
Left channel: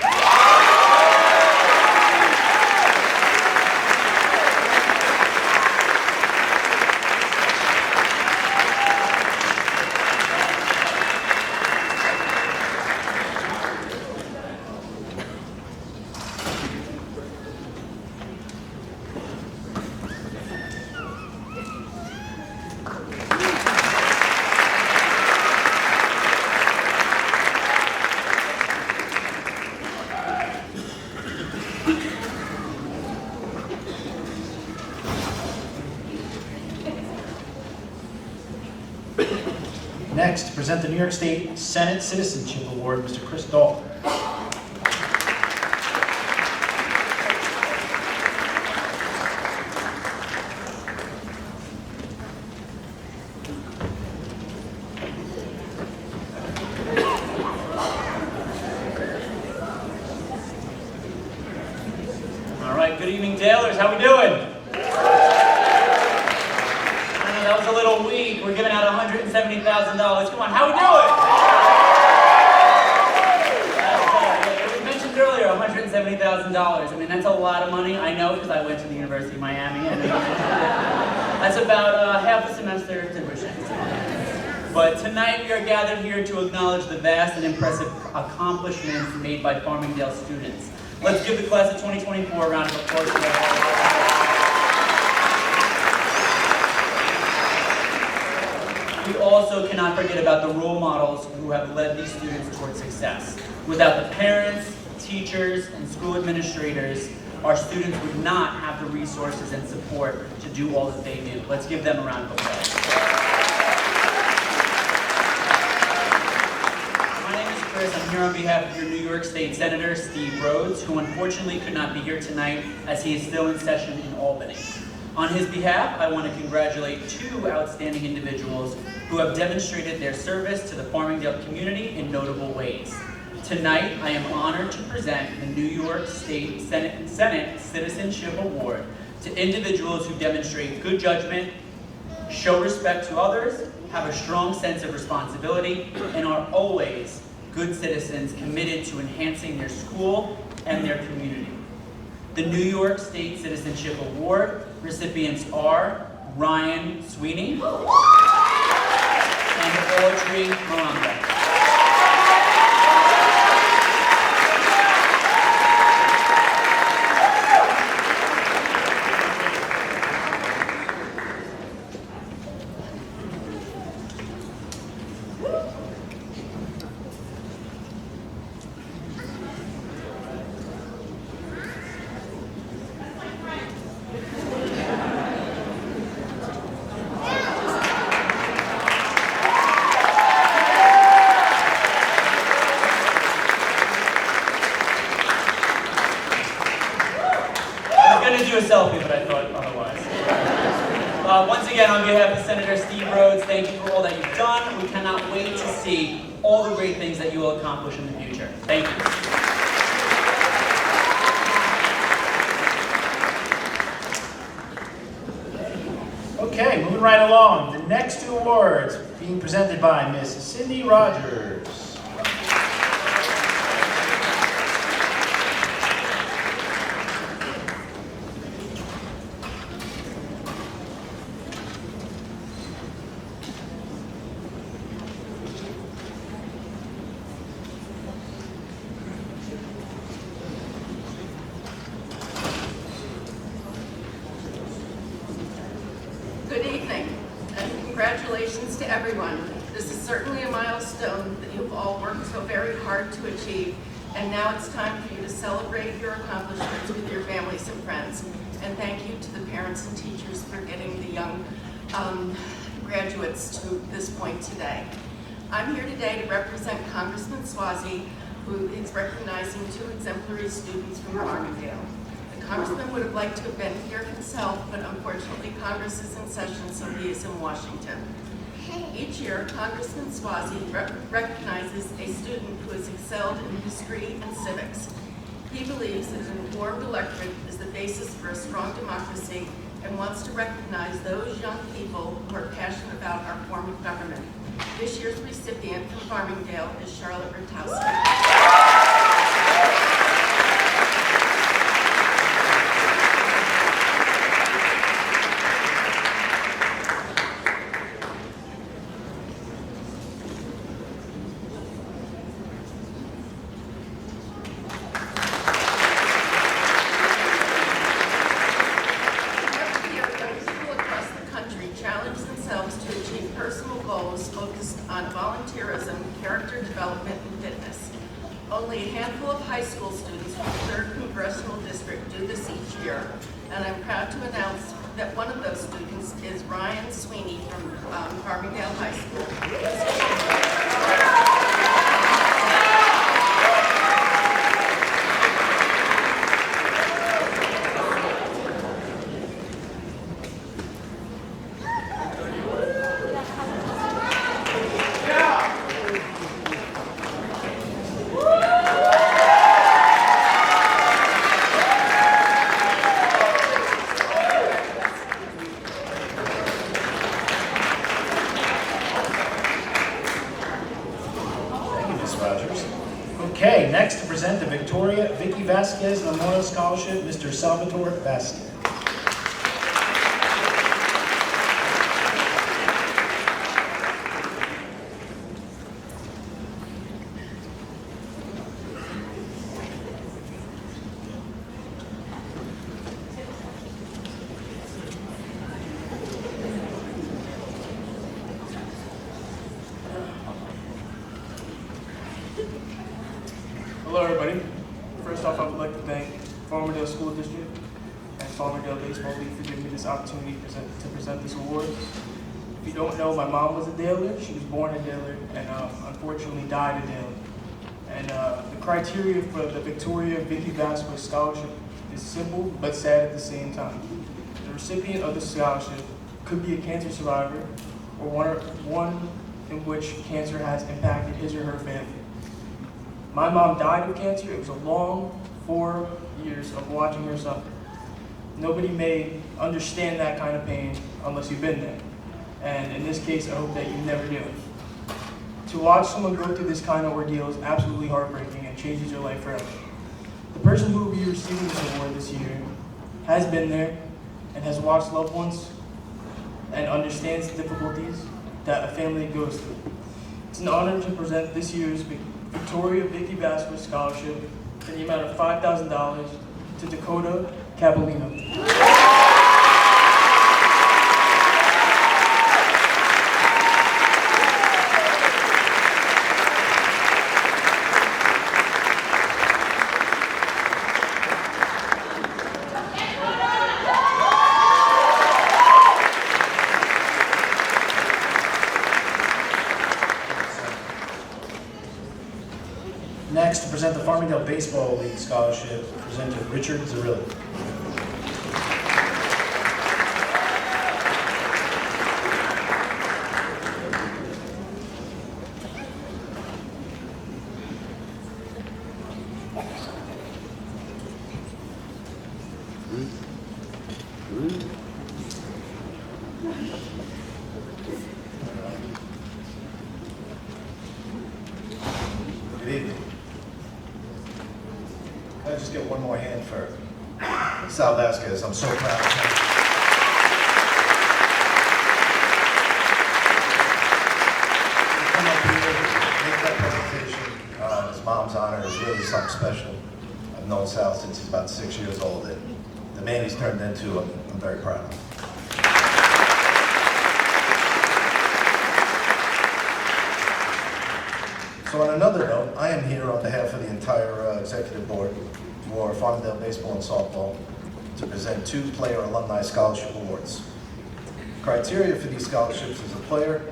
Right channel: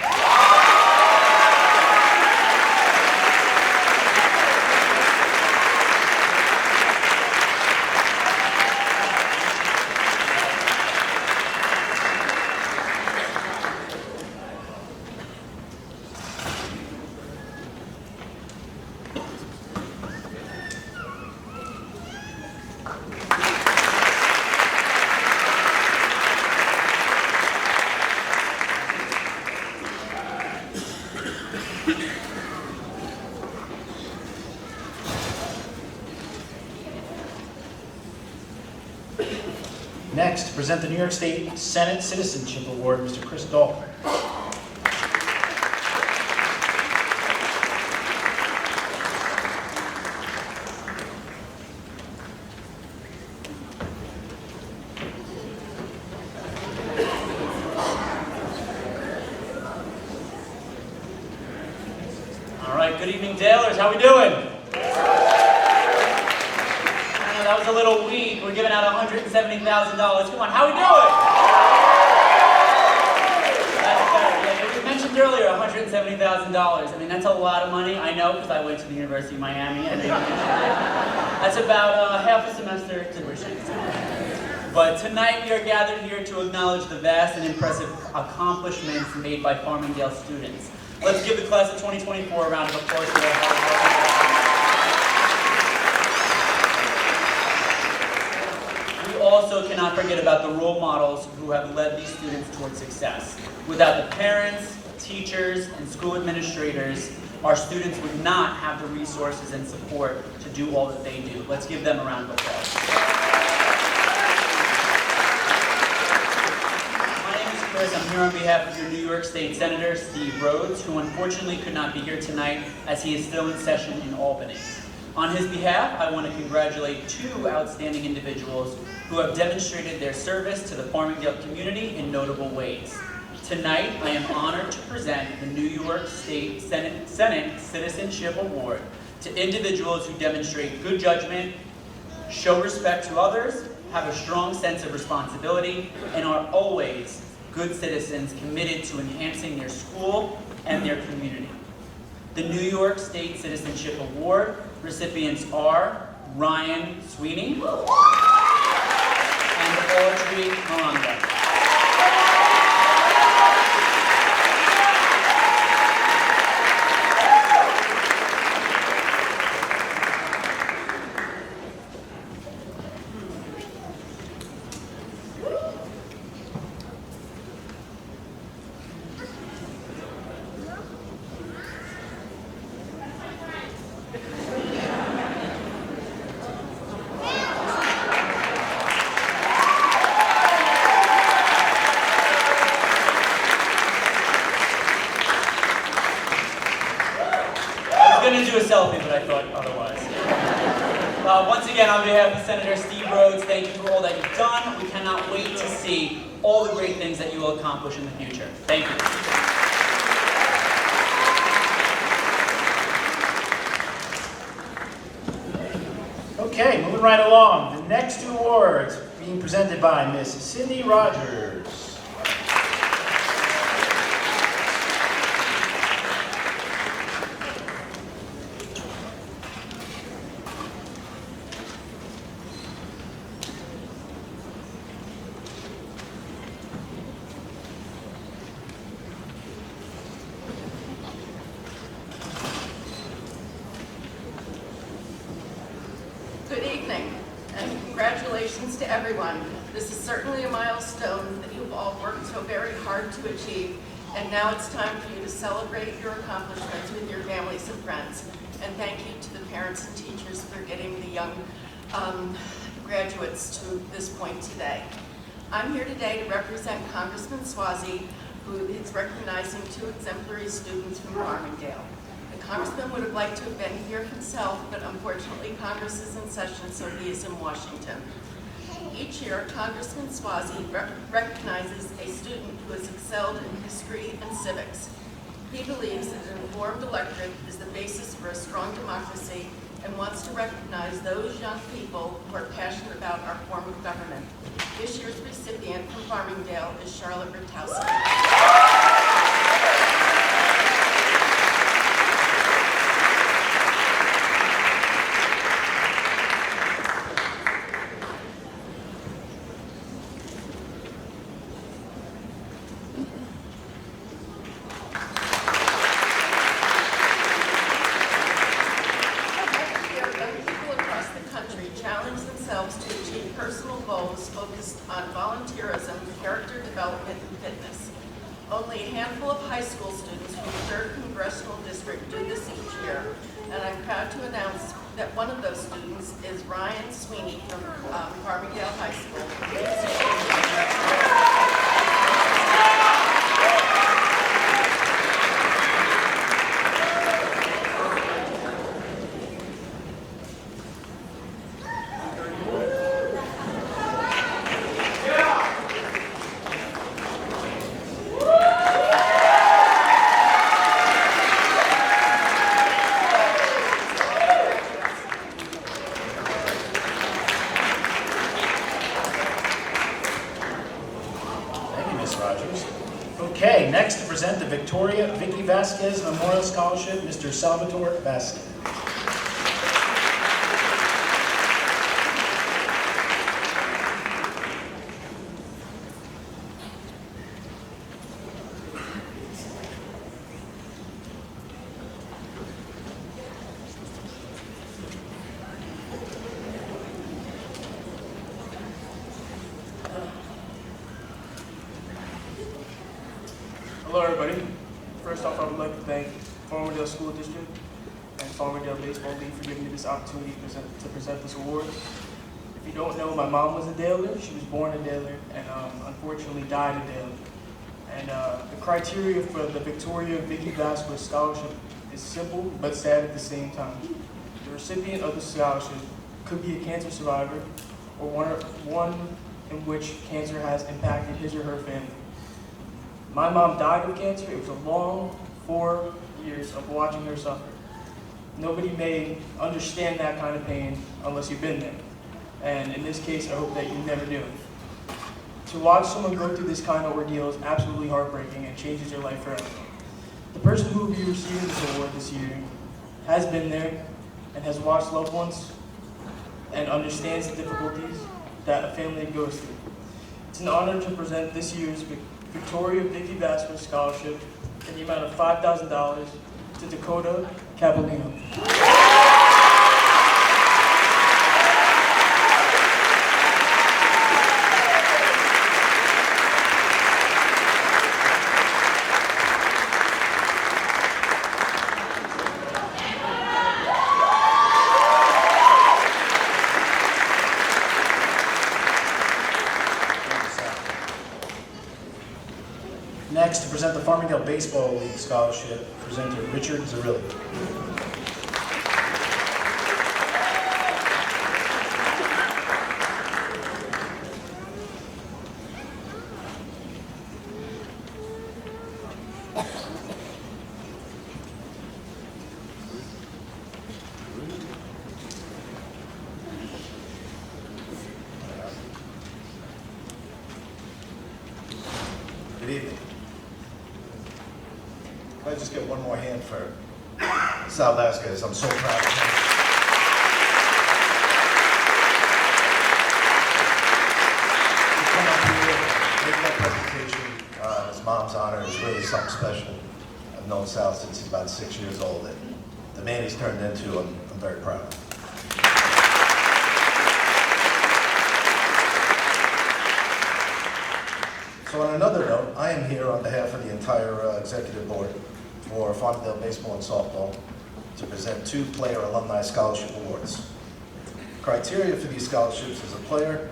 Next, to present the New York State Senate Citizenship Award, Mr. Chris Dalton. All right, good evening, Dalers. How we doing? That was a little weak. We're giving out $170,000. Come on, how we doing? That's better. Yeah, it was mentioned earlier, $170,000. I mean, that's a lot of money. I know because I went to the University of Miami. I know you mentioned it. That's about half a semester tuition. But tonight we are gathered here to acknowledge the vast and impressive accomplishments made by Farmingdale students. Let's give the class of 2024 a round of applause for their hard work. We also cannot forget about the role models who have led these students towards success. Without the parents, teachers, and school administrators, our students would not have the resources and support to do all that they do. Let's give them a round of applause. My name is Chris. I'm here on behalf of your New York State Senator, Steve Rhodes, who unfortunately could not be here tonight as he is still in session in Albany. On his behalf, I want to congratulate two outstanding individuals who have demonstrated their service to the Farmingdale community in notable ways. Tonight, I am honored to present the New York State Senate Citizenship Award to individuals who demonstrate good judgment, show respect to others, have a strong sense of responsibility, and are always good citizens committed to enhancing their school and their community. The New York State Citizenship Award recipients are Ryan Sweeney and Audrey Miranda. you a selfie, but I thought otherwise. Once again, on behalf of Senator Steve Rhodes, thank you for all that you've done. We cannot wait to see all the great things that you will accomplish in the future. Thank you. Okay, moving right along. The next two awards being presented by Miss Cindy Rogers. Good evening, and congratulations to everyone. This is certainly a milestone that you've all worked so very hard to achieve, and now it's time for you to celebrate your accomplishments with your families and friends. And thank you to the parents and teachers for getting the young graduates to this point today. I'm here today to represent Congressman Swazi, who is recognizing 2 exemplary students from Farmingdale. The Congressman would have liked to have been here himself, but unfortunately Congress is in session, so he is in Washington. Each year, Congressman Swazi recognizes a student who has excelled in history and civics. He believes that an informed electorate is the basis for a strong democracy and wants to recognize those young people who are passionate about our form of government. This year's recipient from Farmingdale is Charlotte Rutowski. Challenge themselves to achieve personal goals focused on volunteerism, character development, and fitness. Only a handful of high school students from the 3rd Congressional District do this each year, and I'm proud to announce that one of those students is Ryan Sweeney from Farmingdale High School. Rogers. Okay, next to present the Victoria Vicky Vasquez Memorial Scholarship, Mr. Salvatore Vasquez. Hello everybody. First off, I would like to thank Farmingdale School District and Farmingdale Baseball League for giving me this opportunity to present this award. If you don't know, my mom was a Daler. She was born a Daler and unfortunately died a Daler. And the criteria for the Victoria Vicky Vasquez Scholarship is simple but sad at the same time. The recipient of the scholarship could be a cancer survivor or one in which cancer has impacted his or her family. My mom died of cancer. It was a long 4 years of watching her suffer. Nobody may understand that kind of pain unless you've been there. And in this case, I hope that you never do. To watch someone go through this kind of ordeal is absolutely heartbreaking and changes your life forever. The person who will be receiving this award this year has been there and has watched loved ones and understands the difficulties that a family goes through. It's an honor to present this year's Victoria Vicky Vasquez Scholarship in the amount of $5,000 to Dakota Capolino. Next, to present the Farmingdale Baseball League Scholarship, presenter Richard Zarilli. I just get one more hand for Sal Vasquez? I'm so proud of him. To come up here, make that presentation in his mom's honor is really something special. I've known Sal since he's about 6 years old, and the man he's turned into, I'm very proud of. So on another note, I am here on behalf of the entire executive board for Farmingdale Baseball and Softball to present 2 player alumni scholarship awards. Criteria for these scholarships is a player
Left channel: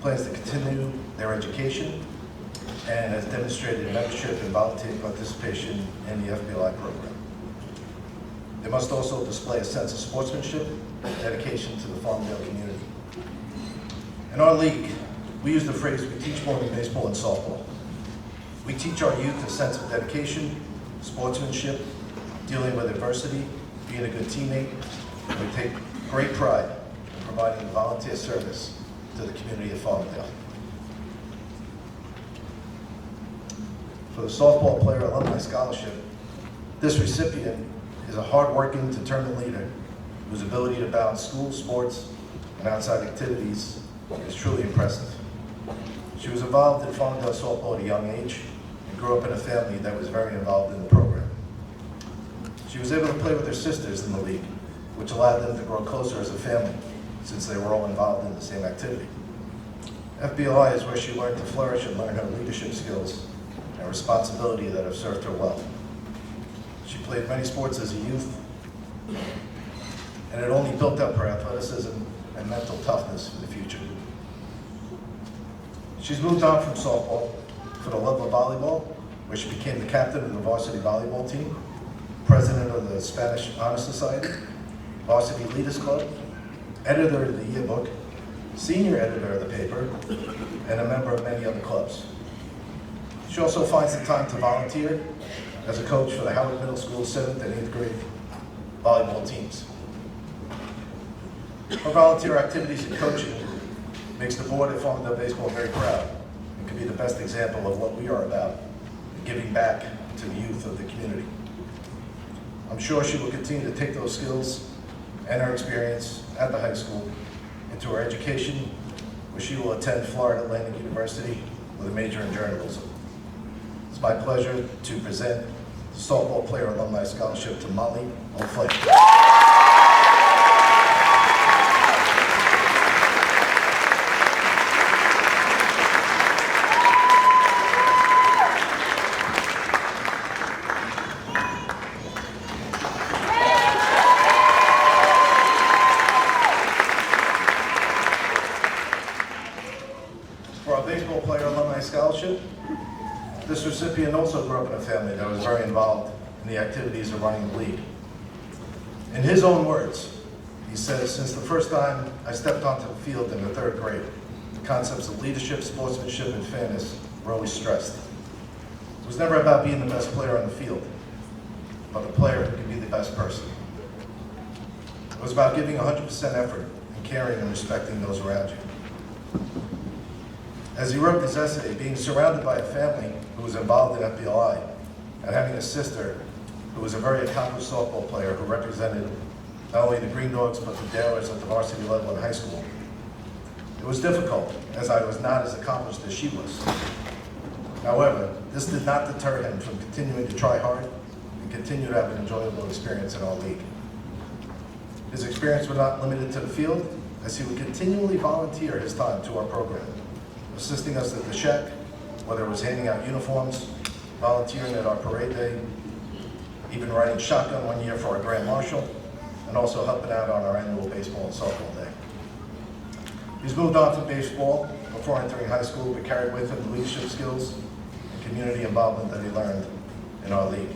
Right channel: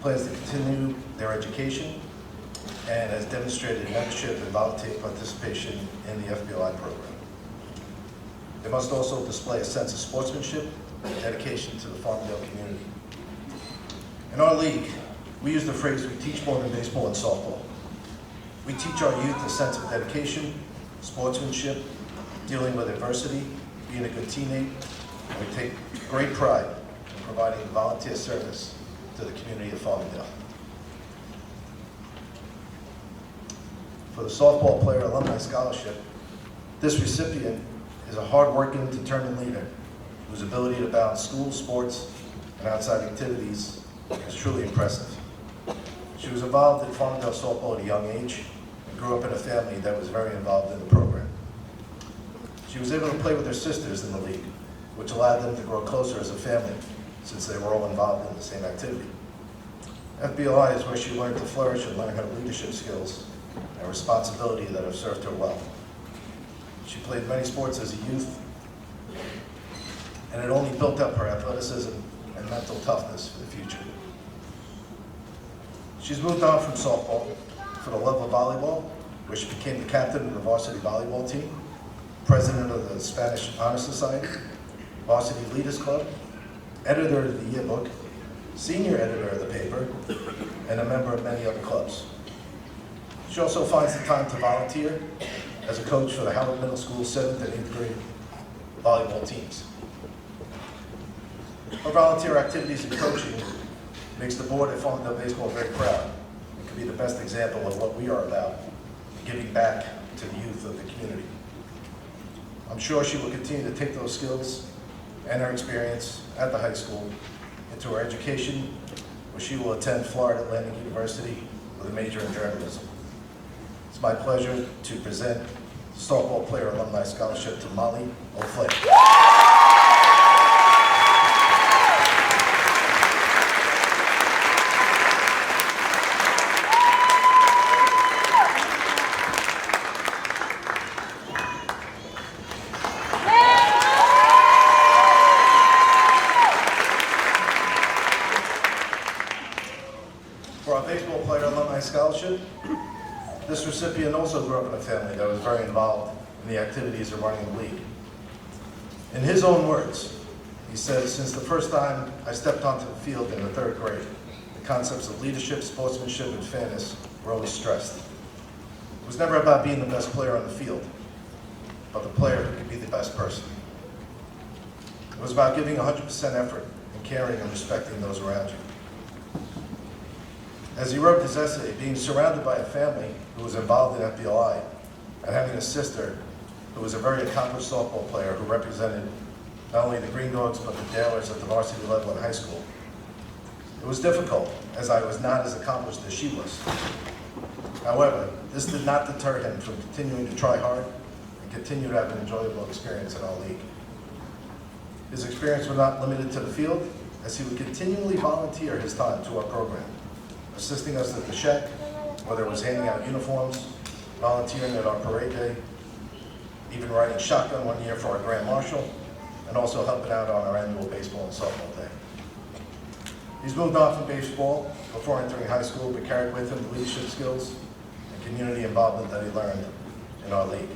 plans to continue their education and has demonstrated membership and volunteer participation in the FBLI program. They must also display a sense of sportsmanship and dedication to the Farmingdale community. In our league, we use the phrase, we teach more than baseball and softball. We teach our youth a sense of dedication, sportsmanship, dealing with adversity, being a good teammate, and we take great pride in providing volunteer service to the community of Farmingdale. For the softball player alumni scholarship, this recipient is a hard-working, determined leader whose ability to balance school, sports, and outside activities is truly impressive. She was involved in Farmingdale softball at a young age and grew up in a family that was very involved in the program. She was able to play with her sisters in the league, which allowed them to grow closer as a family since they were all involved in the same activity. FBLI is where she learned to flourish and learn her leadership skills and responsibility that have served her well. She played many sports as a youth, and it only built up her athleticism and mental toughness for the future. She's moved on from softball for the love of volleyball, where she became the captain of the varsity volleyball team, president of the Spanish Honor Society, varsity leaders club, editor of the yearbook, senior editor of the paper, and a member of many other clubs. She also finds the time to volunteer as a coach for the Howard Middle School 7th and 8th grade volleyball teams. Her volunteer activities and coaching makes the board at Farmingdale Baseball very proud and can be the best example of what we are about, giving back to the youth of the community. I'm sure she will continue to take those skills and her experience at the high school into her education, where she will attend Florida Atlantic University with a major in journalism. It's my pleasure to present the softball player alumni scholarship to Molly O'Flake. For our baseball player alumni scholarship, this recipient also grew up in a family that was very involved in the activities of running the league. In his own words, he says, since the first time I stepped onto the field in the 3rd grade, the concepts of leadership, sportsmanship, and fairness were always stressed. It was never about being the best player on the field, but the player who could be the best person. It was about giving 100% effort and caring and respecting those around you. As he wrote his essay, being surrounded by a family who was involved in FBLI and having a sister who was a very accomplished softball player who represented not only the Green Dogs but the Dalers at the varsity level in high school, it was difficult as I was not as accomplished as she was. However, this did not deter him from continuing to try hard and continue to have an enjoyable experience in our league. His experience was not limited to the field, as he would continually volunteer his time to our program, assisting us at the shack, whether it was handing out uniforms, volunteering at our parade day, even riding shotgun one year for our Grand Marshal, and also helping out on our annual baseball and softball day. He's moved on from baseball before entering high school, but carried with him the leadership skills and community involvement that he learned in our league.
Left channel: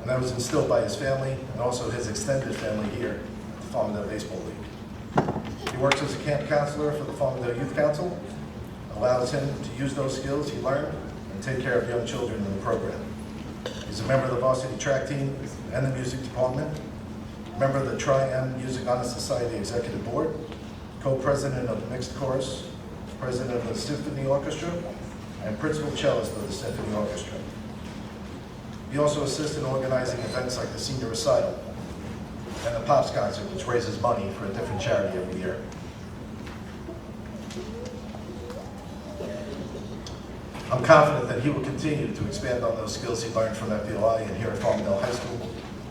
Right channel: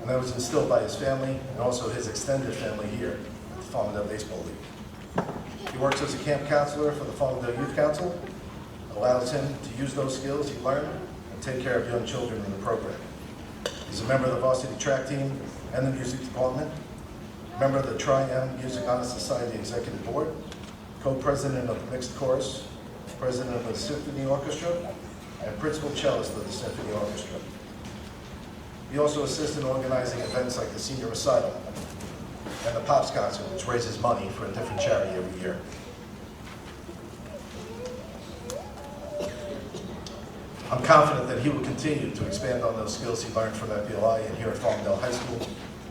And that was instilled by his family and also his extended family here at the Farmingdale Baseball League. He works as a camp counselor for the Farmingdale Youth Council, allows him to use those skills he learned and take care of young children in the program. He's a member of the varsity track team and the music department, member of the Tri-M Music Honor Society Executive Board, co-president of the Mixed Chorus, president of the Symphony Orchestra, and principal cellist of the Symphony Orchestra. He also assists in organizing events like the senior recital and the Pops concert, which raises money for a different charity every year. I'm confident that he will continue to expand on those skills he learned from FBLI and here at Farmingdale High School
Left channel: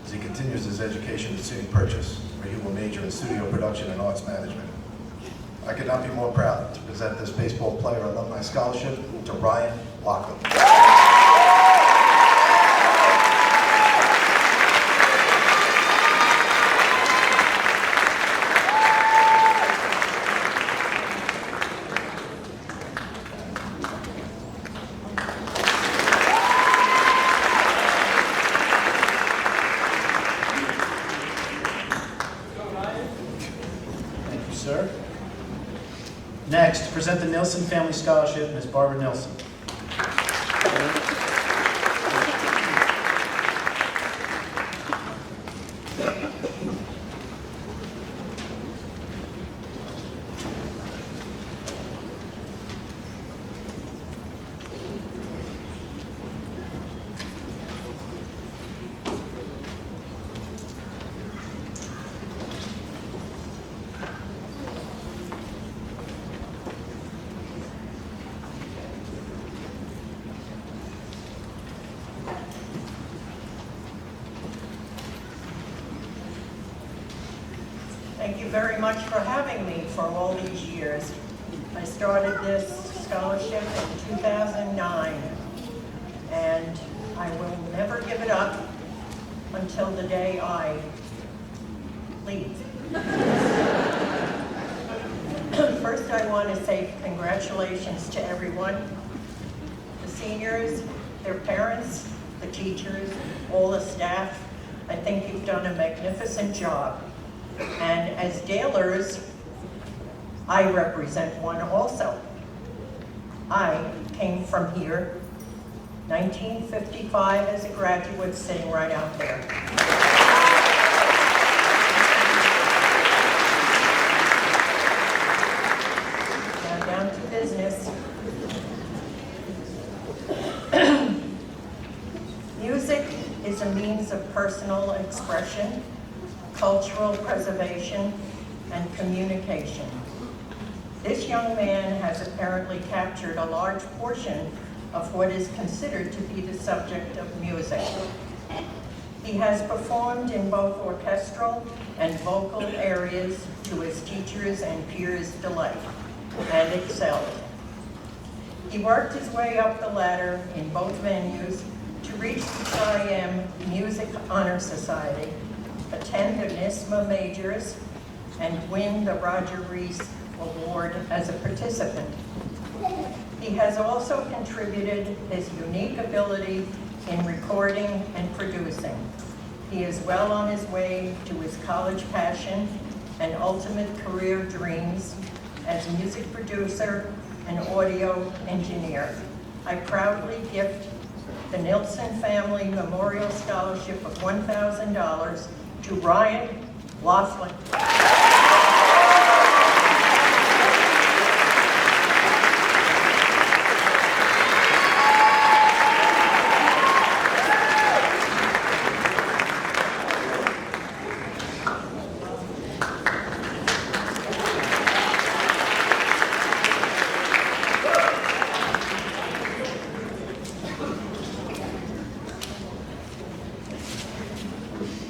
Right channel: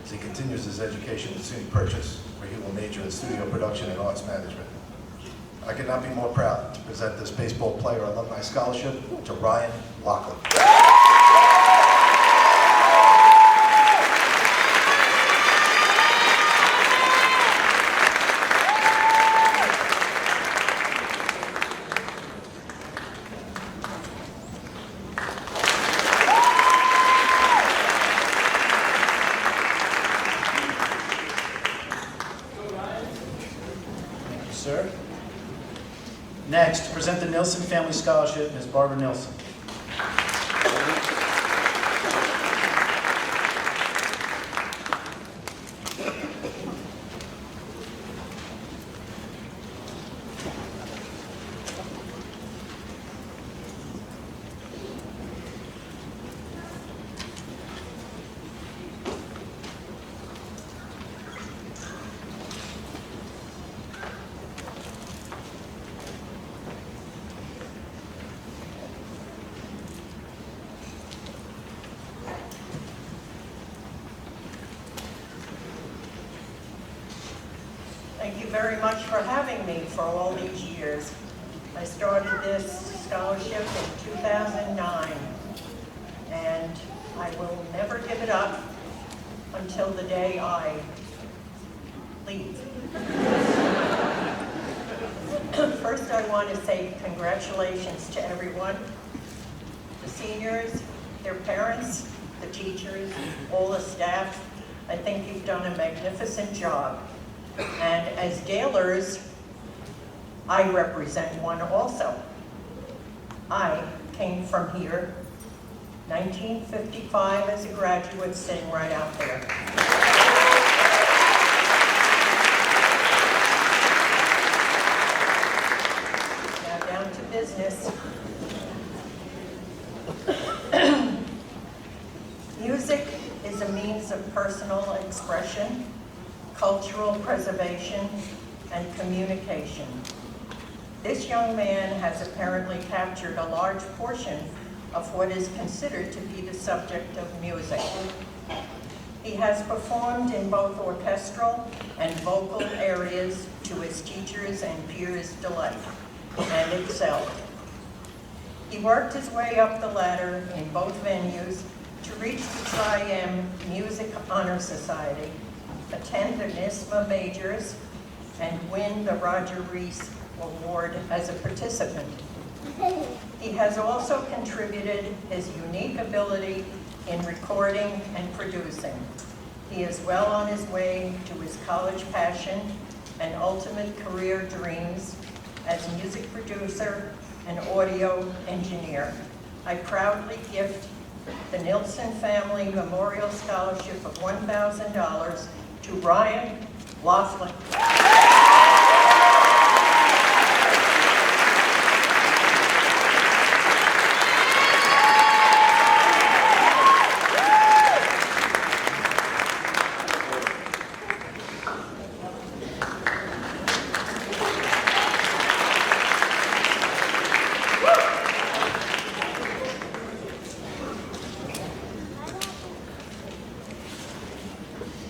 as he continues his education at SUNY Purchase, where he will major in studio production and arts management. I could not be more proud to present this baseball player alumni scholarship to Ryan Lachlan. Sir. Next, to present the Nilsson Family Scholarship, Ms. Barbara Nilsson. Thank you very much for having me for all these years. I started this scholarship in 2009, and I will never give it up until the day I leave. First, I want to say congratulations to everyone, the seniors, their parents, the teachers, all the staff. I think you've done a magnificent job. And as Dalers, I represent one also. I came from here, 1955 as a graduate, sitting right out there. Now down to business. Music is a means of personal expression, cultural preservation, and communication. This young man has apparently captured a large portion of what is considered to be the subject of music. He has performed in both orchestral and vocal areas to his teachers' and peers' delight, and excelled. He worked his way up the ladder in both venues to reach the Tri-M Music Honor Society, attend the NISMA majors, and win the Roger Rees Award as a participant. He has also contributed his unique ability in recording and producing. He is well on his way to his college passion and ultimate career dreams as music producer and audio engineer. I proudly gift the Nilsson Family Memorial Scholarship of $1,000 to Ryan Lachlan.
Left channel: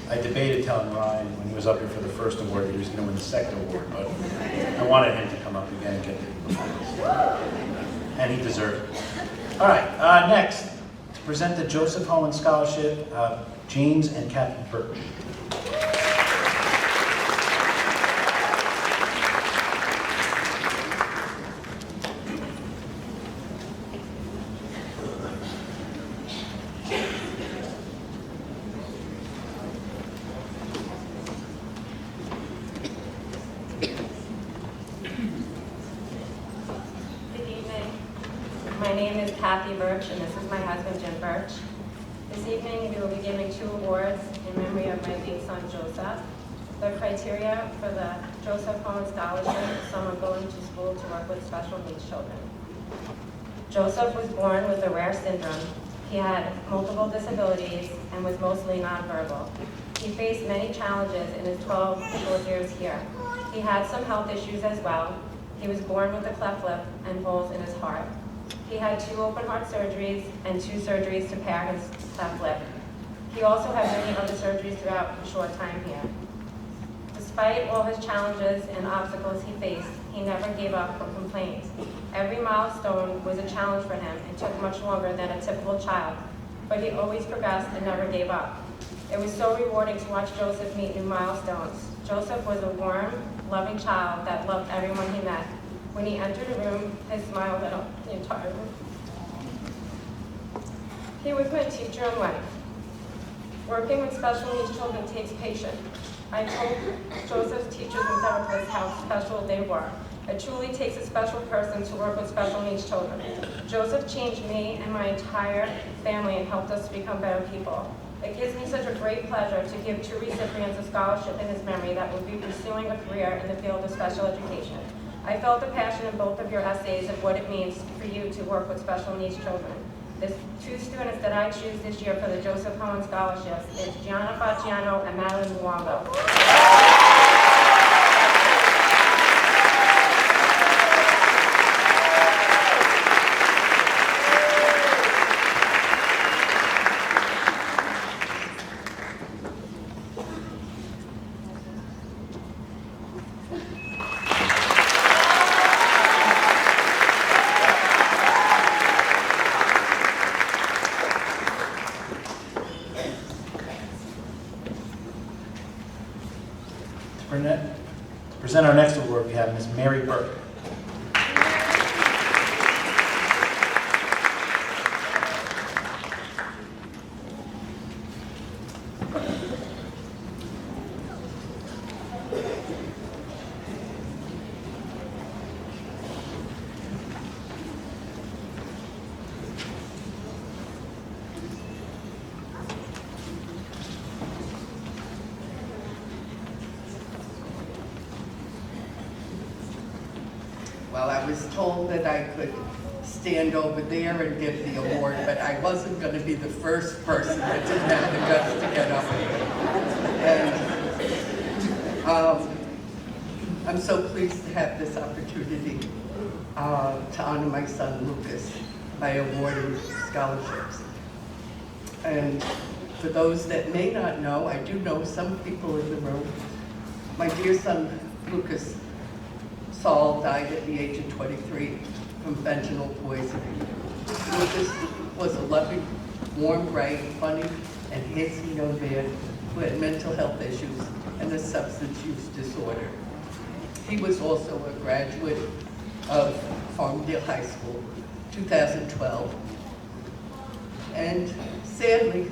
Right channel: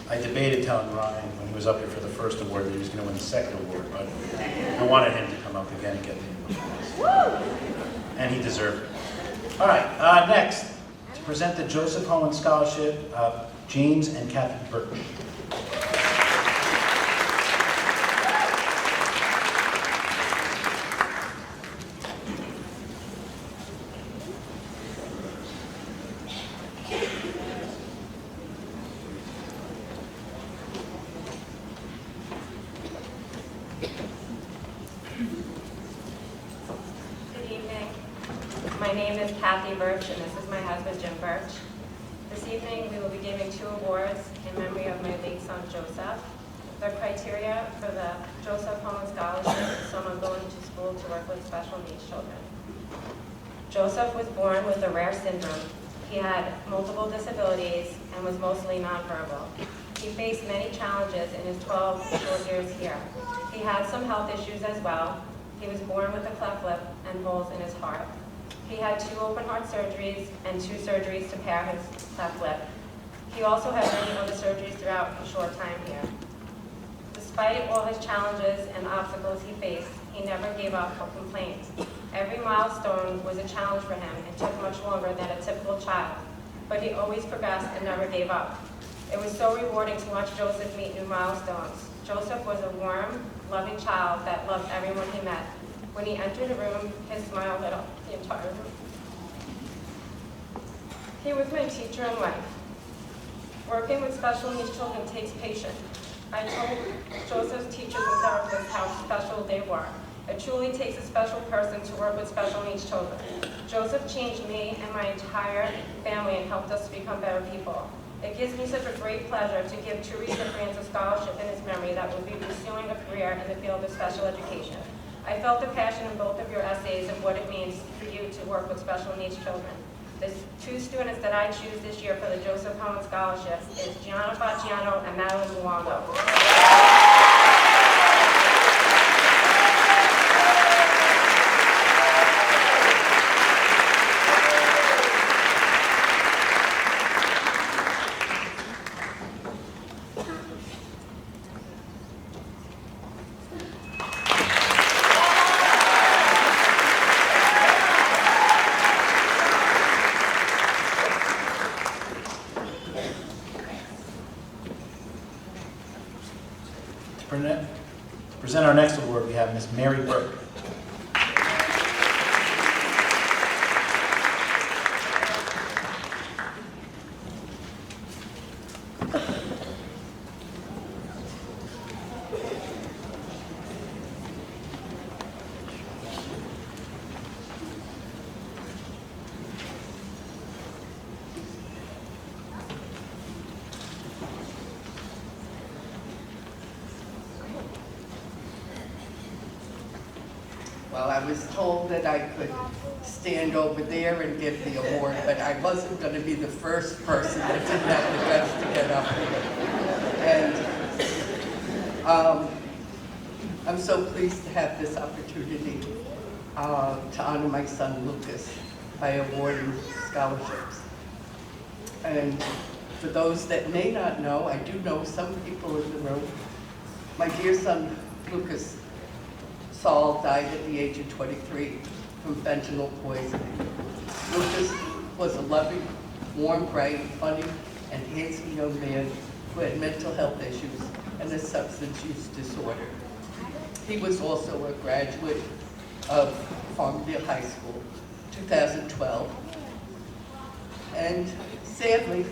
I debated telling Ryan when he was up here for the first award that he was going to win the second award, but I wanted him to come up again and get the applause. And he deserved it. All right, next, to present the Joseph Hohen Scholarship, James and Kathy Birch. My name is Kathy Birch, and this is my husband, Jim Birch. This evening, we will be giving 2 awards in memory of my late son, Joseph. The criteria for the Joseph Hohen Scholarship is someone going to school to work with special needs children. Joseph was born with a rare syndrome. He had multiple disabilities and was mostly nonverbal. He faced many challenges in his 12 short years here. He had some health issues as well. He was born with a cleft lip and holes in his heart. He had 2 open heart surgeries and 2 surgeries to repair his cleft lip. He also had many other surgeries throughout his short time here. Despite all his challenges and obstacles he faced, he never gave up or complained. Every milestone was a challenge for him and took much longer than a typical child, but he always progressed and never gave up. It was so rewarding to watch Joseph meet new milestones. Joseph was a warm, loving child that loved everyone he met. When he entered a room, his smile lit up the entire room. He was my teacher in life. Working with special needs children takes patience. I told Joseph's teachers and therapists how special they were. It truly takes a special person to work with special needs children. Joseph changed me and my entire family and helped us become better people. It gives me such a great pleasure to give 2 recipients a scholarship in his memory that will be pursuing a career in the field of special education. I felt the passion in both of your essays of what it means for you to work with special needs children. The 2 students that I choose this year for the Joseph Cohen Scholarships is Gianna Facciano and Madeline Luongo. To present our next award, we have Ms. Mary Burke. Well, I was told that I could stand over there and give the award, but I wasn't going to be the first person that didn't have the guts to get up here. And I'm so pleased to have this opportunity to honor my son Lucas by awarding scholarships. And for those that may not know, I do know some people in the room, my dear son Lucas Saul died at the age of 23 from fentanyl poisoning. Lucas was a loving, warm, bright, funny, and handsome young man who had mental health issues and a substance use disorder. He was also a graduate of Farmingdale High School, 2012. And sadly,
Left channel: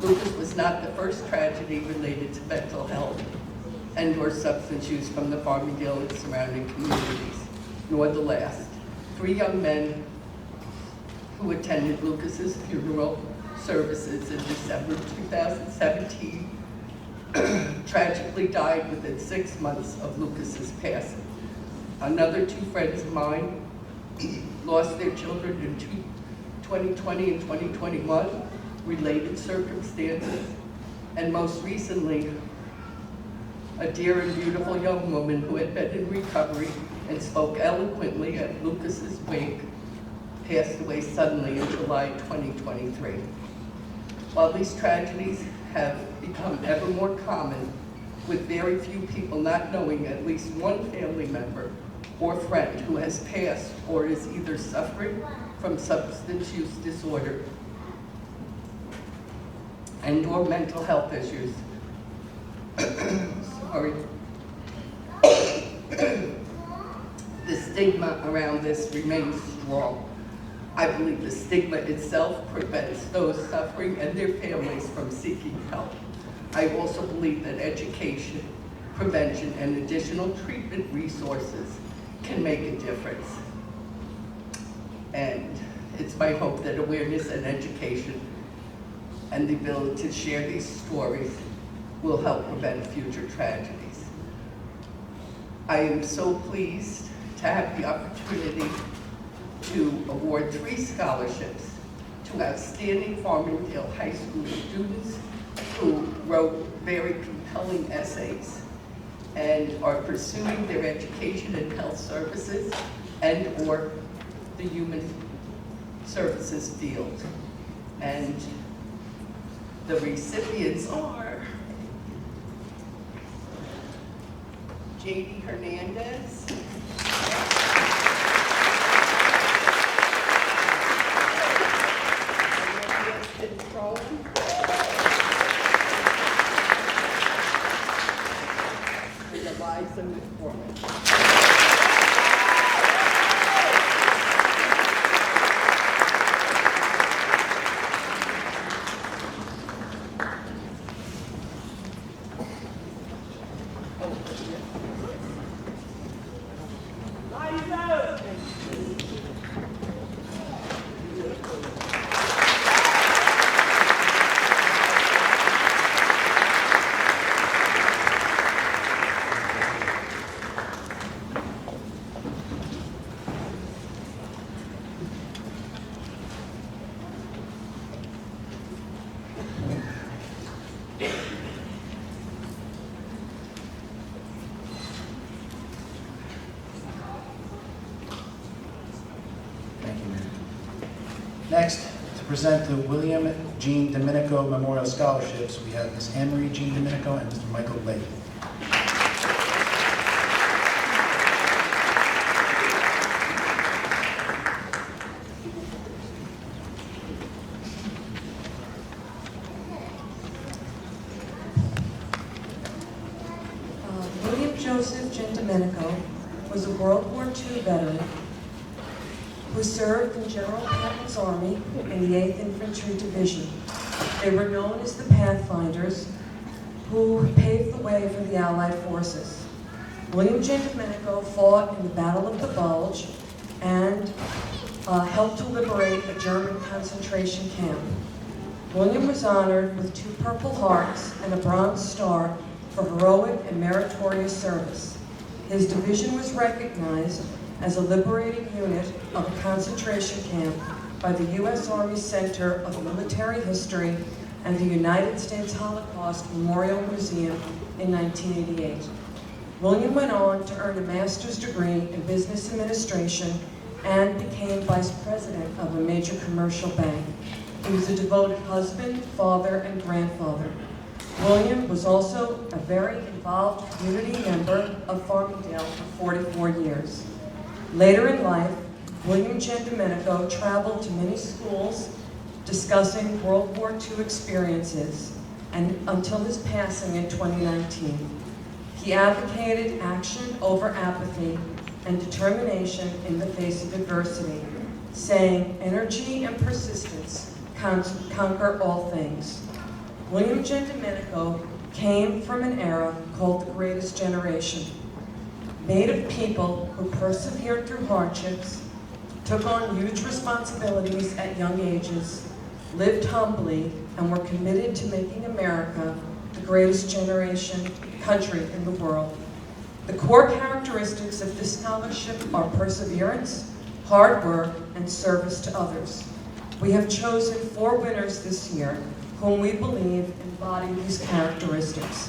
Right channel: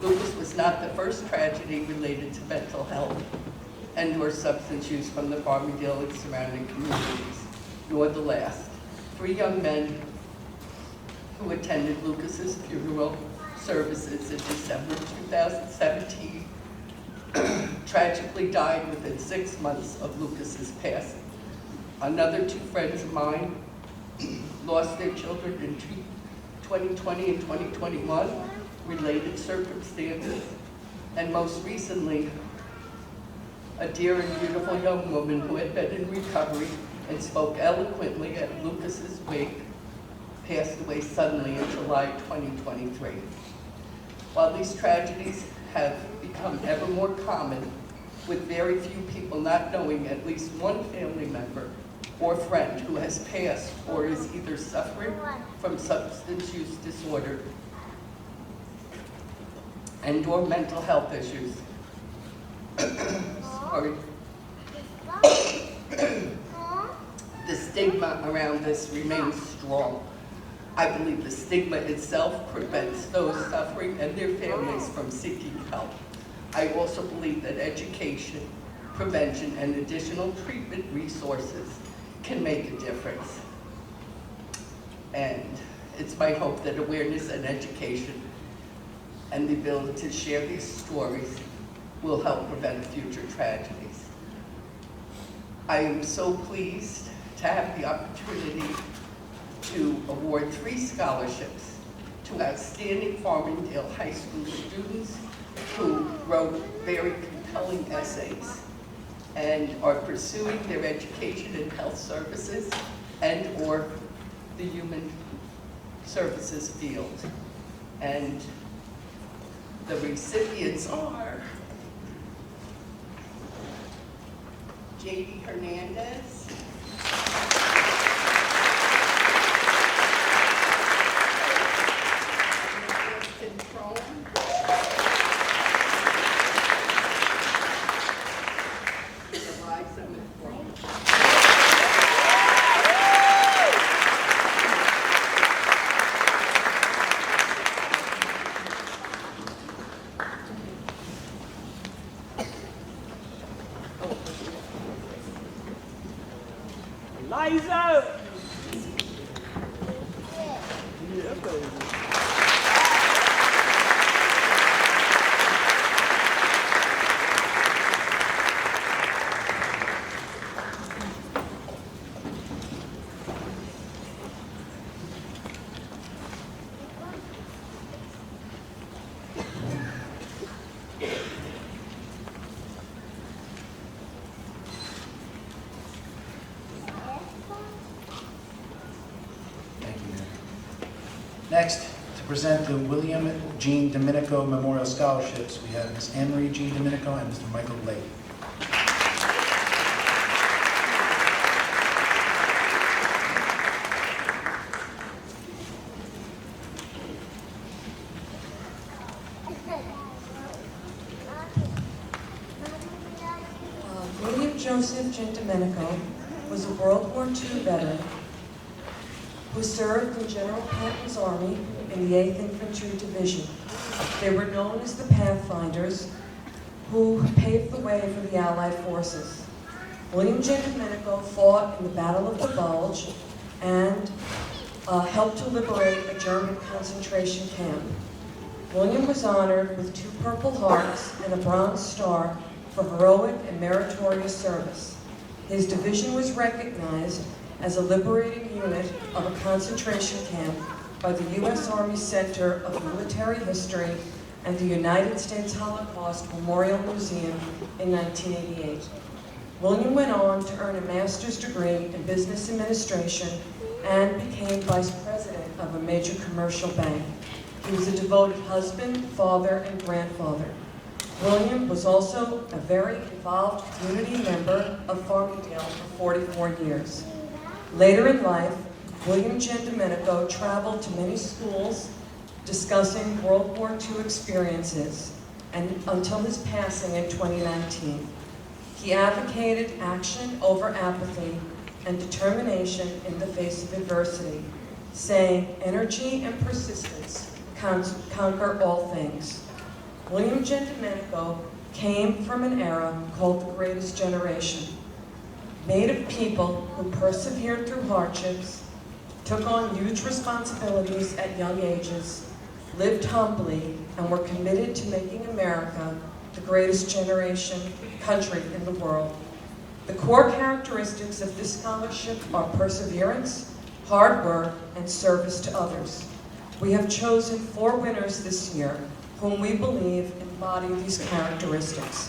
Lucas was not the first tragedy related to mental health and or substance use from the Farmingdale and surrounding communities, nor the last. 3 young men who attended Lucas's funeral services in December 2017 tragically died within 6 months of Lucas's passing. Another 2 friends of mine lost their children in 2020 and 2021, related circumstances, and most recently, a dear and beautiful young woman who had been in recovery and spoke eloquently at Lucas's wake passed away suddenly in July 2023. While these tragedies have become ever more common, with very few people not knowing at least one family member or friend who has passed or is either suffering from substance use disorder and or mental health issues, sorry. The stigma around this remains strong. I believe the stigma itself prevents those suffering and their families from seeking help. I also believe that education, prevention, and additional treatment resources can make a difference. And it's my hope that awareness and education and the ability to share these stories will help prevent future tragedies. I am so pleased to have the opportunity to award 3 scholarships to outstanding Farmingdale High School students who wrote very compelling essays and are pursuing their education in health services and/or the human services field. And the recipients are J.D. Hernandez, Eliza McBride. Thank you, Mary. Next, to present the William Jean Domenico Memorial Scholarships, we have Ms. Anne-Marie Jean Domenico and Mr. Michael Lake. William Joseph Gendomenico was a World War II veteran who served in General Patton's army in the 8th Infantry Division. They were known as the Pathfinders, who paved the way for the Allied forces. William Gendomenico fought in the Battle of the Bulge and helped to liberate a German concentration camp. William was honored with 2 Purple Hearts and a Bronze Star for heroic and meritorious service. His division was recognized as a liberating unit of a concentration camp by the U.S. Army Center of Military History and the United States Holocaust Memorial Museum in 1988. William went on to earn a master's degree in business administration and became vice president of a major commercial bank. He was a devoted husband, father, and grandfather. William was also a very involved community member of Farmingdale for 44 years. Later in life, William Gendomenico traveled to many schools discussing World War II experiences, and until his passing in 2019. He advocated action over apathy and determination in the face of adversity, saying, "Energy and persistence conquer all things." William Gendomenico came from an era called the Greatest Generation, made of people who persevered through hardships, took on huge responsibilities at young ages, lived humbly, and were committed to making America the greatest country in the world. The core characteristics of this scholarship are perseverance, hard work, and service to others. We have chosen 4 winners this year whom we believe embody these characteristics.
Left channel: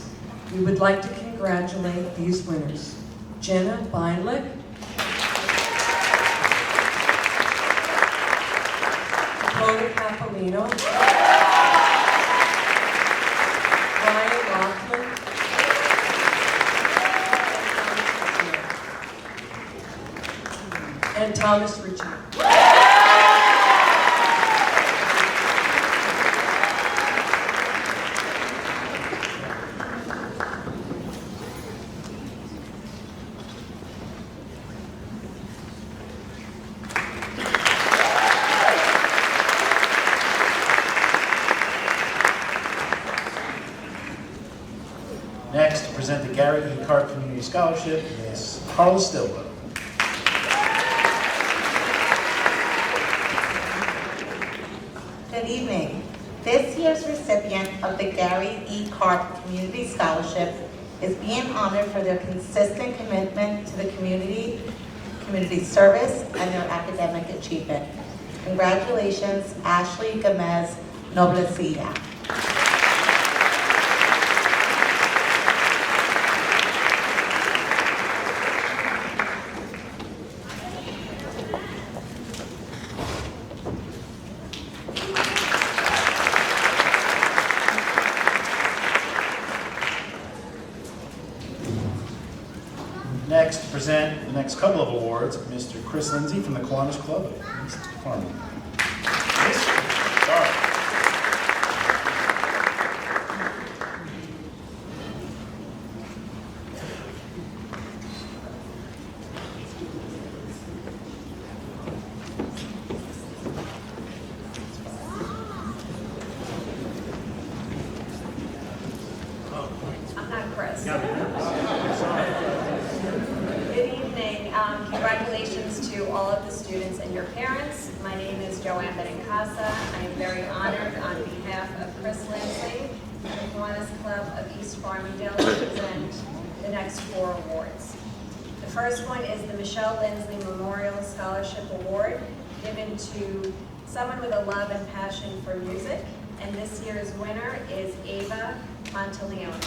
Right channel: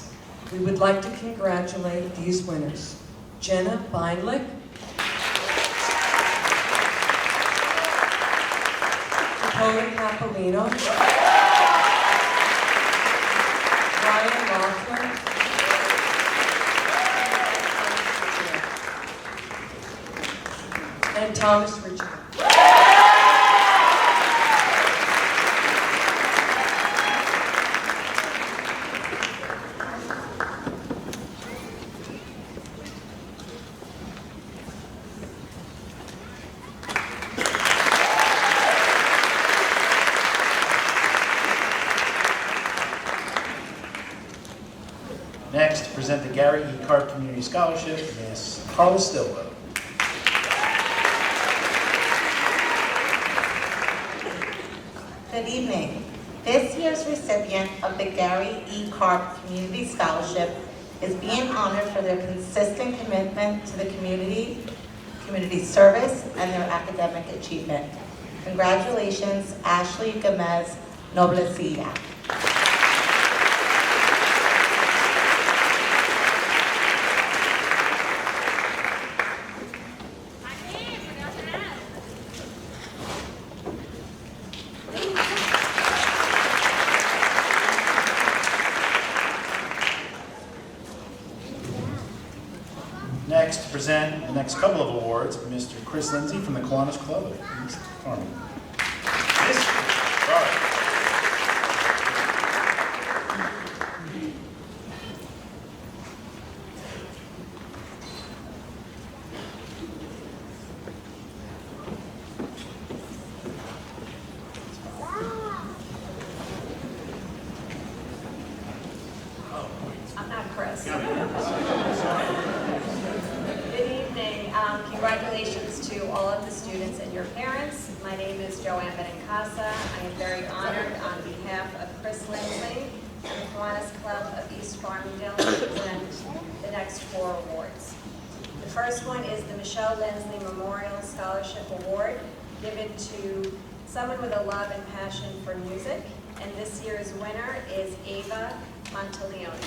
We would like to congratulate these winners: Jenna Beinlich, Dakota Capolino, Ryan Laughlin, and Thomas Richard. Next, to present the Gary E. Carp Community Scholarship, Ms. Carla Stilwell. Good evening. This year's recipient of the Gary E. Carp Community Scholarship is being honored for their consistent commitment to the community service, and their academic achievement. Congratulations, Ashley Gomez Noblecilla. Next, to present the next couple of awards, Mr. Chris Lindsay from the Kiwanis Club of East Farmingdale. Sorry. I'm not Chris. Good evening. Congratulations to all of the students and your parents. My name is Joanne Benincasa. I am very honored on behalf of Chris Lindsay and the Kiwanis Club of East Farmingdale to present the next 4 awards. The first one is the Michelle Lindsley Memorial Scholarship Award, given to someone with a love and passion for music. And this year's winner is Ava Monteleone.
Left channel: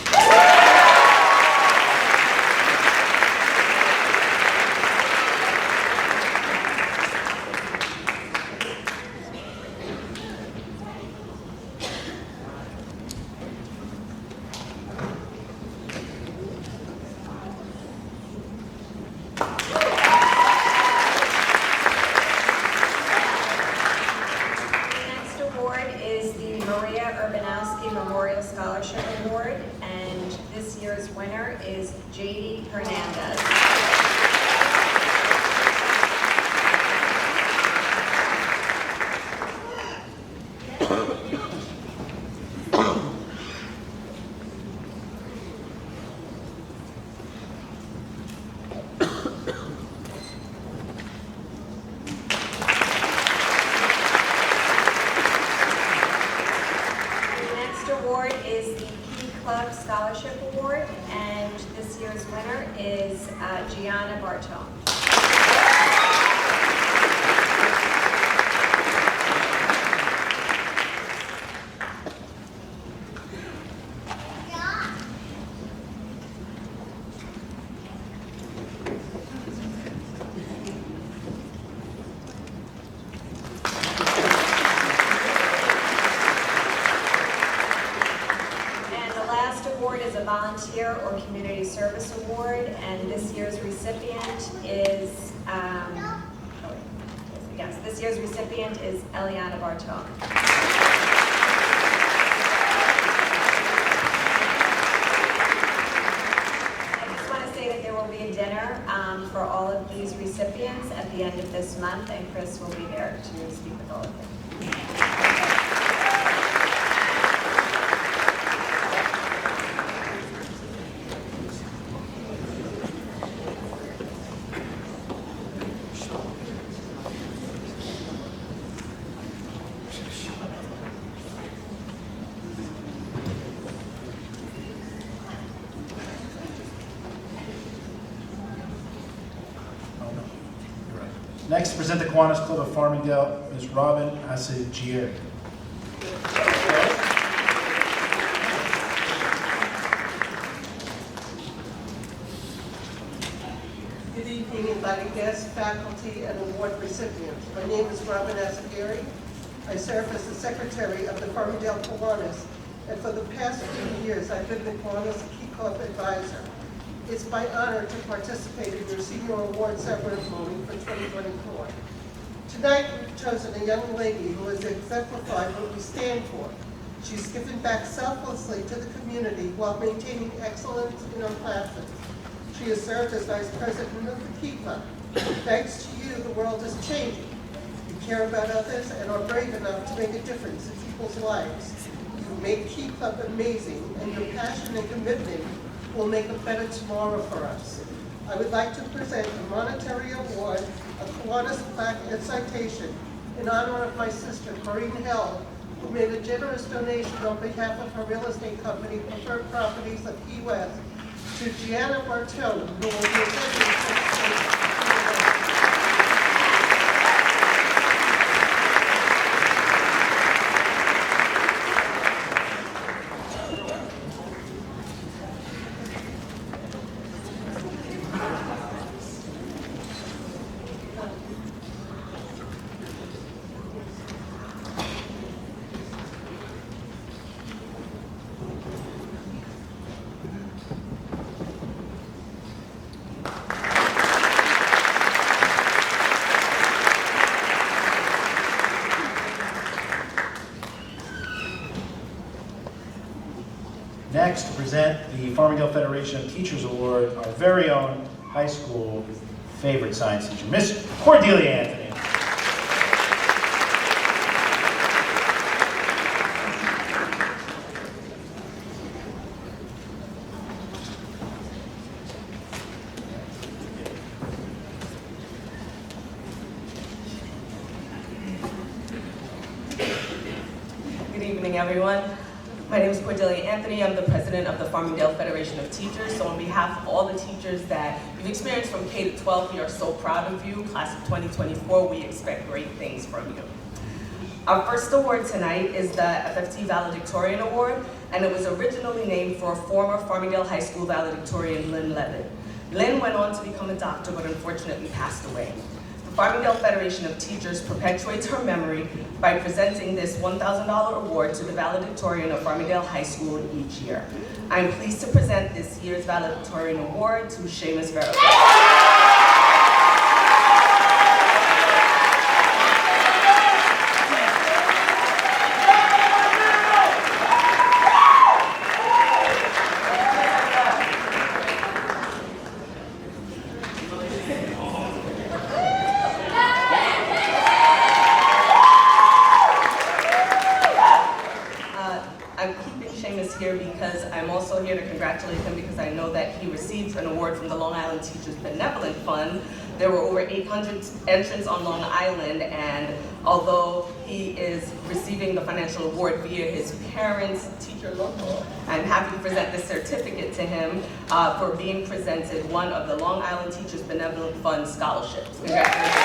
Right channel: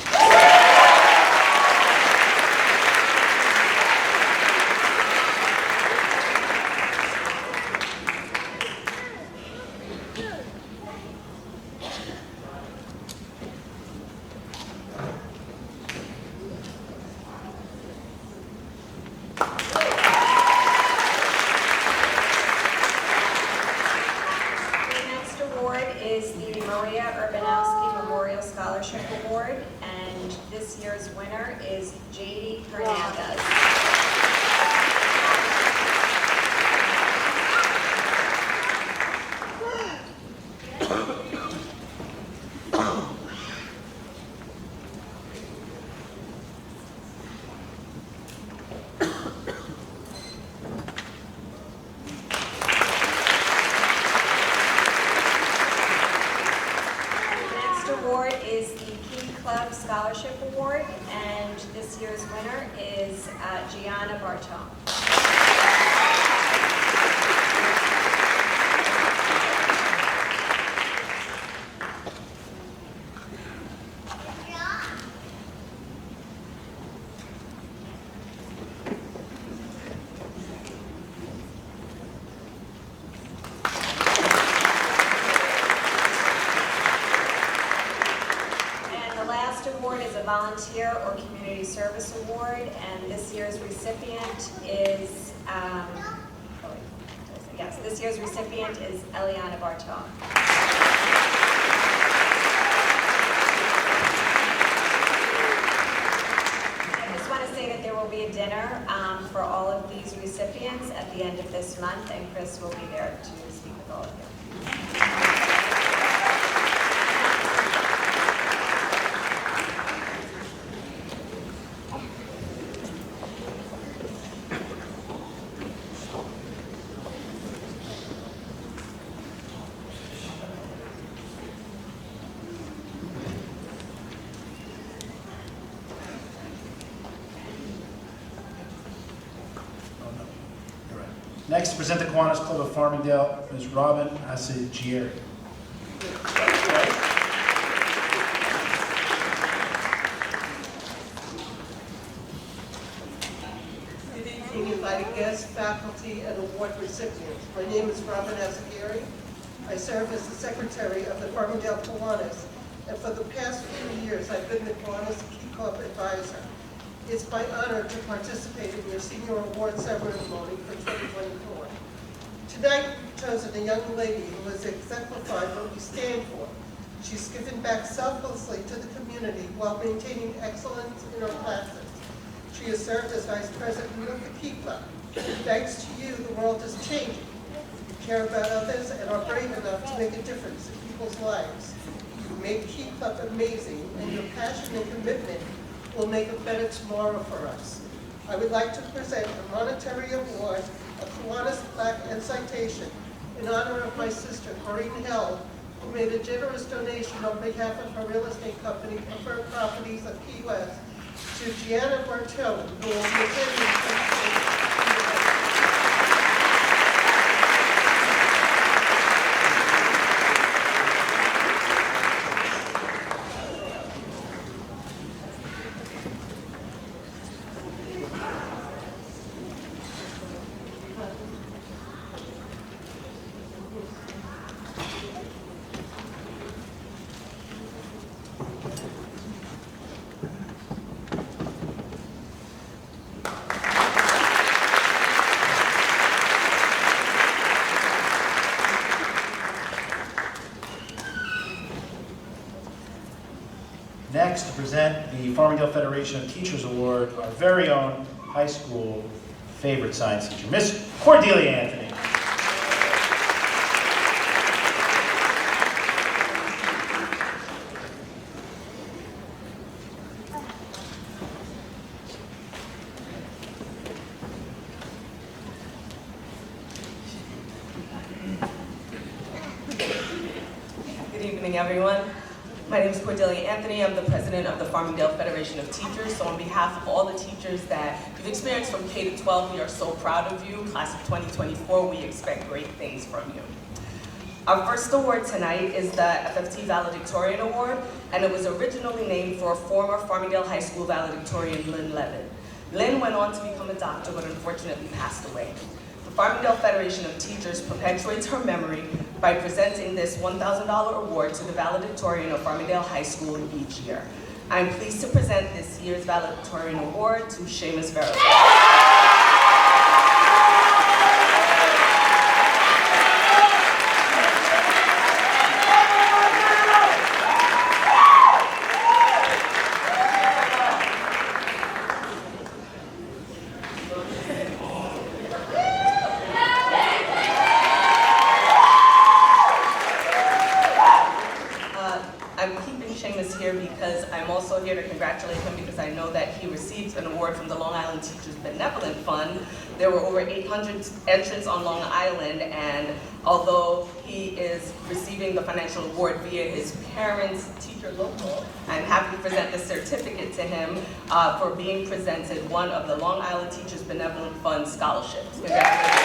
Is the Maria Urbanowski Memorial Scholarship Award, and this year's winner is J.D. Hernandez. Award is the Key Club Scholarship Award, and this year's winner is Gianna Bartone. Award is a volunteer or community service award, and this year's recipient is this year's recipient is Eliana Bartone. I just want to say that there will be a dinner for all of these recipients at the end of this month, and Chris will be there to speak with all of you. Next, to present the Kiwanis Club of Farmingdale, Ms. Robin Asigieri. Good evening, invited guests, faculty, and award recipients. My name is Robin Asigieri. I serve as the secretary of the Farmingdale Kiwanis, and for the past few years, I've been the Kiwanis Key Club advisor. It's my honor to participate in your senior award ceremony for 2024. Tonight, we've chosen a young lady who has exemplified what we stand for. She's given back selflessly to the community while maintaining excellence in her classes. She has served as vice president of the Key Club. Thanks to you, the world is changing. You care about others and are brave enough to make a difference in people's lives. You make Key Club amazing, and your passion and commitment will make a better tomorrow for us. I would like to present a monetary award, a Kiwanis plaque and citation in honor of my sister, Corinne Held, who made a generous donation on behalf of her real estate company, Preferred Properties of Key West, to Gianna Bartone, who will be attending the state. next to present the Farmingdale Federation of Teachers Award, our very own high school favorite science teacher, Miss Cordelia Anthony. Good evening, everyone. My name is Cordelia Anthony. I'm the president of the Farmingdale Federation of Teachers. So on behalf of all the teachers that you've experienced from K to 12, we are so proud of you. Class of 2024, we expect great things from you. Our first award tonight is the FFT Valedictorian Award, and it was originally named for former Farmingdale High School valedictorian Lynn Levitt. Lynn went on to become a doctor, but unfortunately passed away. The Farmingdale Federation of Teachers perpetuates her memory by presenting this $1,000 award to the valedictorian of Farmingdale High School each year. I'm pleased to present this year's valedictorian award to Seamus Verrill. I'm keeping Seamus here because I'm also here to congratulate him because I know that he received an award from the Long Island Teachers Benevolent Fund. There were over 800 entrants on Long Island, and although he is receiving the financial award via his parents' teacher local, I'm happy to present this certificate to him for being presented one of the Long Island Teachers Benevolent Fund scholarships. Congratulations.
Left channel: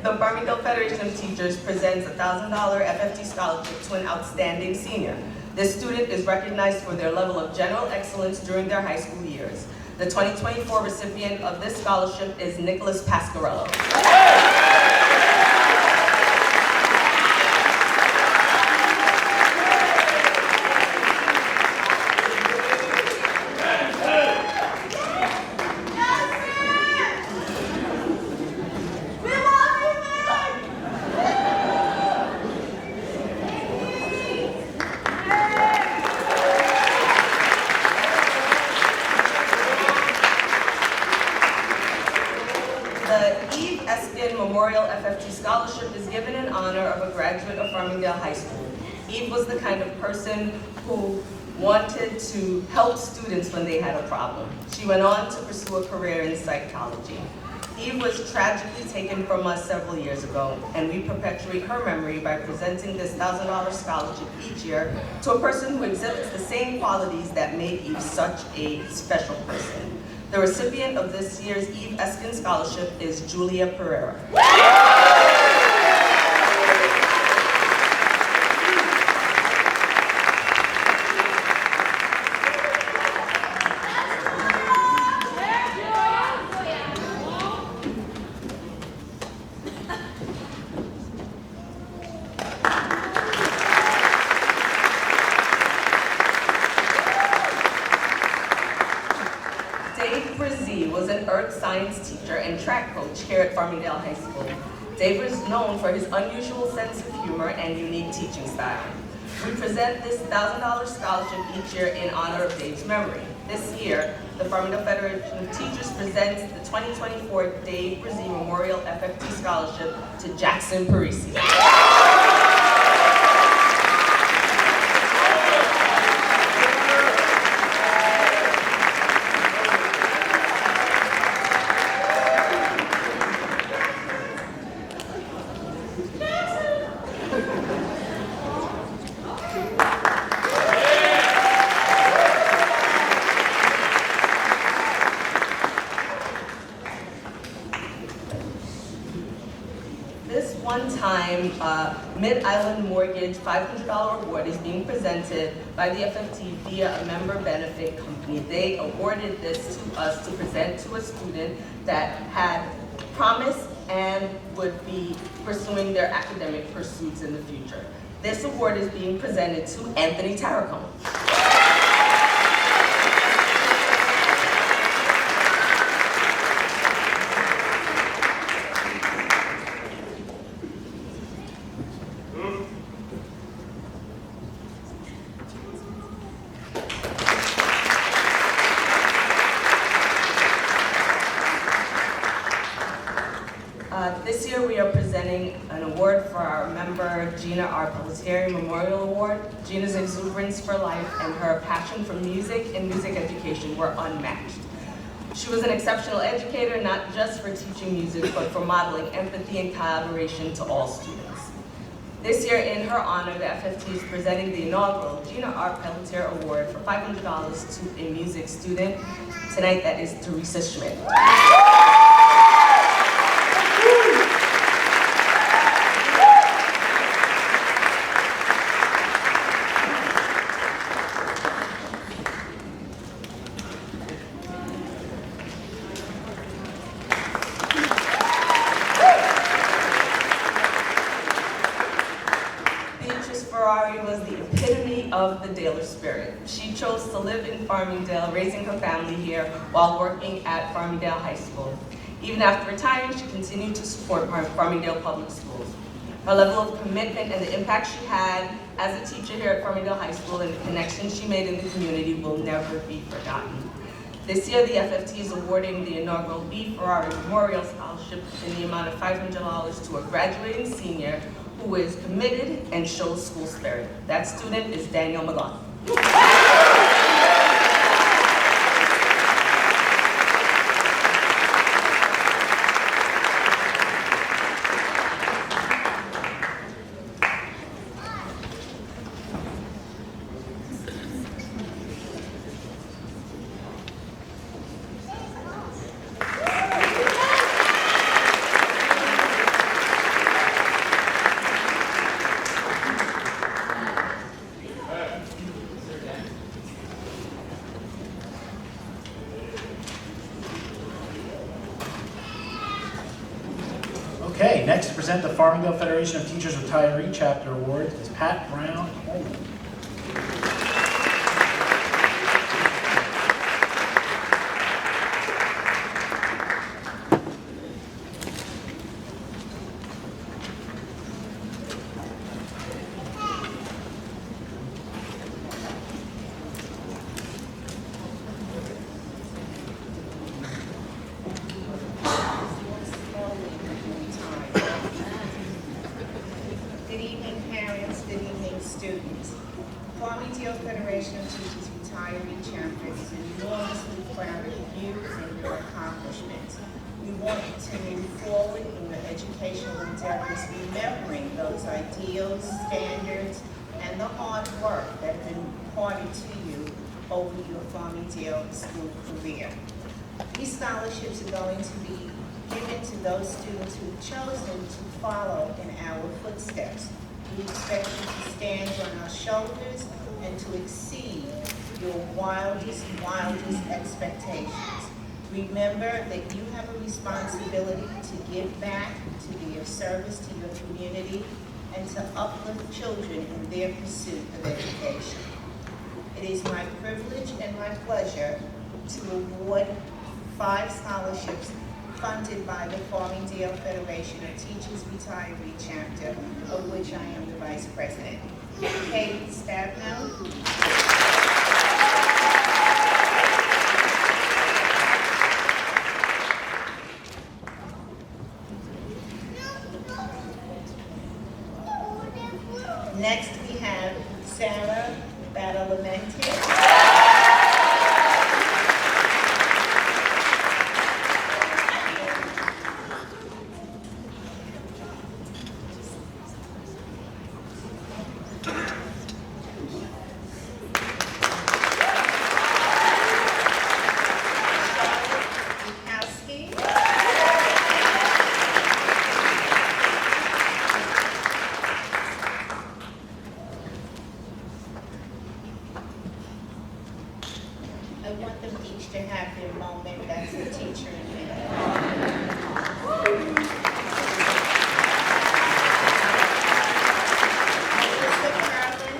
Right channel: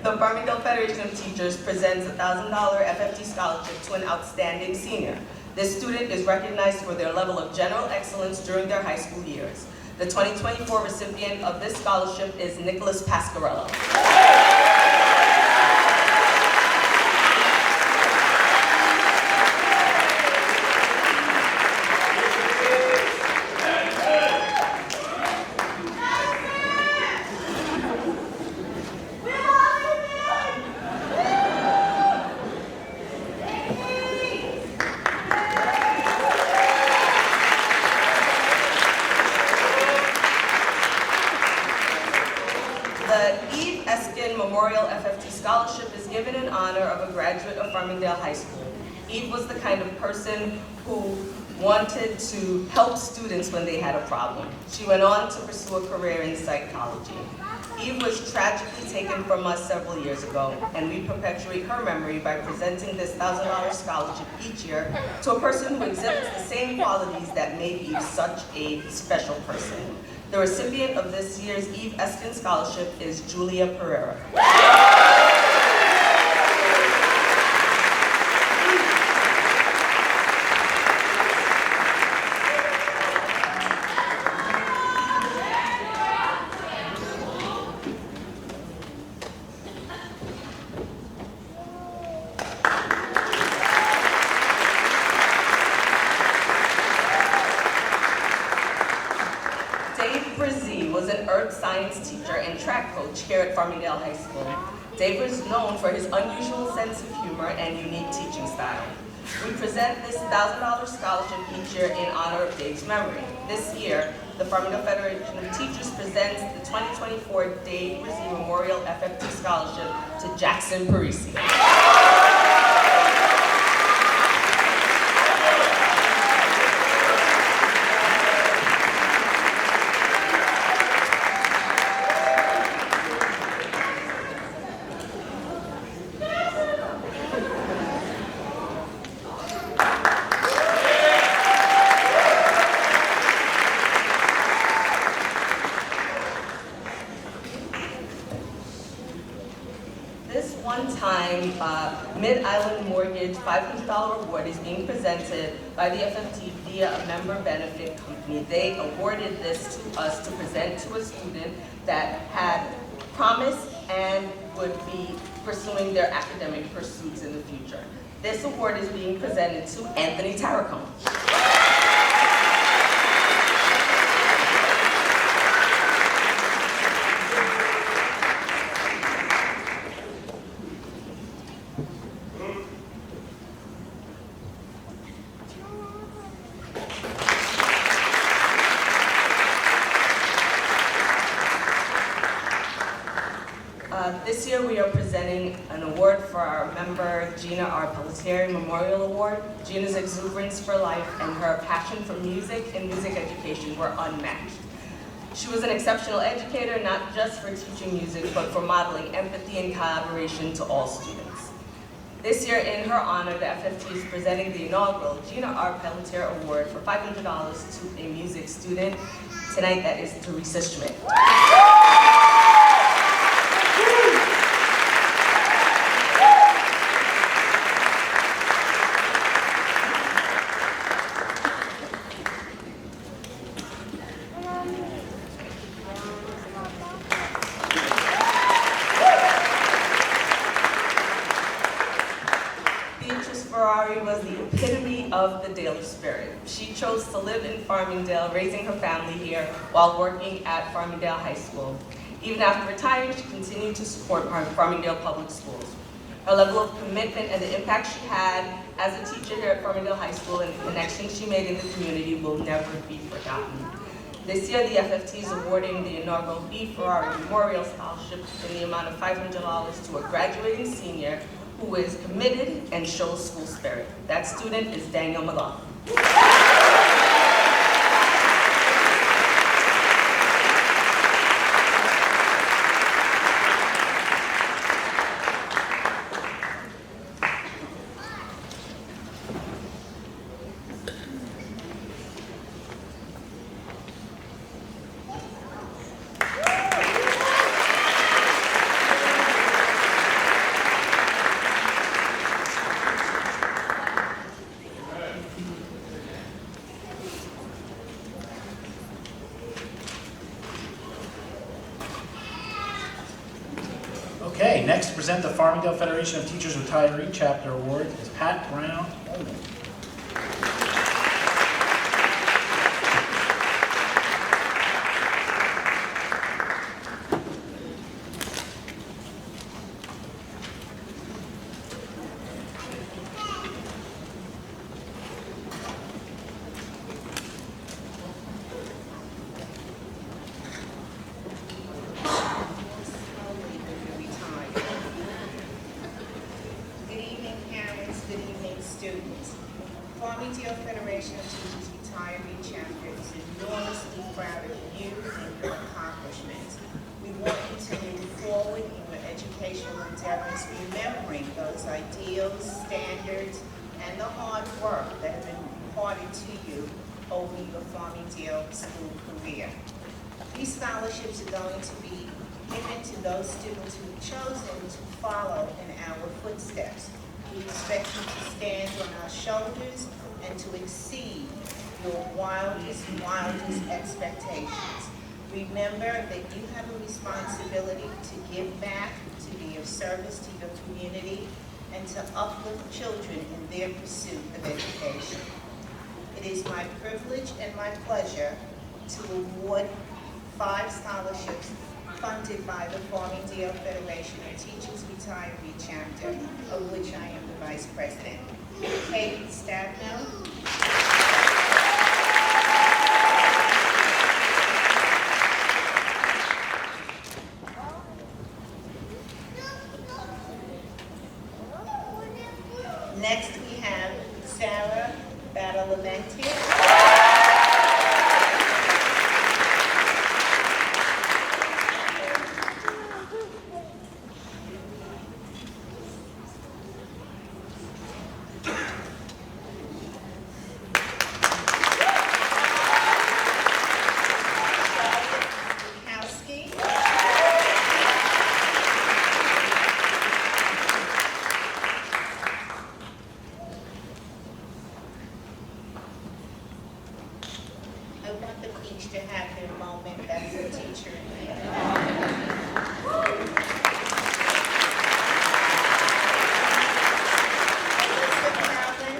The Farmingdale Federation of Teachers presents a $1,000 FFT scholarship to an outstanding senior. This student is recognized for their level of general excellence during their high school years. The 2024 recipient of this scholarship is Nicholas Pasquarello. Memorial FFT Scholarship is given in honor of a graduate of Farmingdale High School. Eve was the kind of person who wanted to help students when they had a problem. She went on to pursue a career in psychology. Eve was tragically taken from us several years ago, and we perpetuate her memory by presenting this $1,000 scholarship each year to a person who exhibits the same qualities that made Eve such a special person. The recipient of this year's Eve Eskin Scholarship is Julia Pereira. Was an earth science teacher and track coach here at Farmingdale High School. Dave is known for his unusual sense of humor and unique teaching style. We present this $1,000 scholarship each year in honor of Dave's memory. This year, the Farmingdale Federation of Teachers presents the 2024 Dave Brzee Memorial FFT Scholarship to Jackson Parisi. One-time Mid-Island Mortgage $500 award is being presented by the FFT via a member benefit company. They awarded this to us to present to a student that had promise and would be pursuing their academic pursuits in the future. This award is being presented to Anthony Tarracone. This year we are presenting an award for our member Gina R. Pelletier Memorial Award. Gina's exuberance for life and her passion for music and music education were unmatched. She was an exceptional educator, not just for teaching music, but for modeling empathy and collaboration to all students. This year, in her honor, the FFT is presenting the inaugural Gina R. Pelletier Award for $500 to a music student. Tonight, that is Teresa Schmidt. Was the epitome of the Daler spirit. She chose to live in Farmingdale, raising her family here while working at Farmingdale High School. Even after retiring, she continued to support Farmingdale Public Schools. Her level of commitment and the impact she had as a teacher here at Farmingdale High School and the connections she made in the community will never be forgotten. This year, the FFT is awarding the inaugural B. Ferrari Memorial Scholarship in the amount of $500 to a graduating senior who is committed and shows school spirit. That student is Daniel McLaughlin. Okay, next to present the Farmingdale Federation of Teachers Retiree Chapter Award is Pat Brown Holman. Students. Farmingdale Federation of Teachers Retiree Chapter is enormously proud of you and your accomplishments. We want you to move forward in your educational endeavors, remembering those ideals, standards, and the hard work that have been imparted to you over your Farmingdale school career. These scholarships are going to be given to those students who've chosen to follow in our footsteps. We expect you to stand on our shoulders and to exceed your wildest expectations. Remember that you have a responsibility to give back, to be of service to your community, and to uplift children in their pursuit of education. It is my privilege and my pleasure to award 5 scholarships funded by the Farmingdale Federation of Teachers Retiree Chapter, of which I am the Vice President. Kate Stabno. Next we have Sarah Badalamenti. I want them each to have their moment as a teacher in me. Melissa Carlin.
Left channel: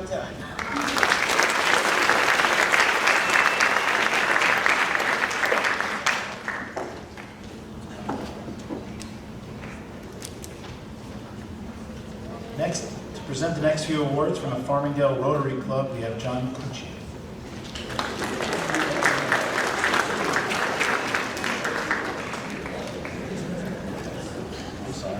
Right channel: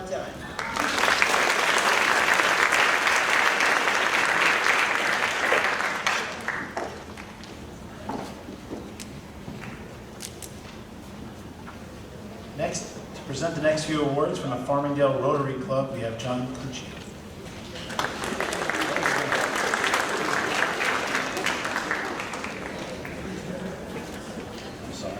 Well done. Next, to present the next few awards from the Farmingdale Rotary Club, we have John Cucci. I'm sorry.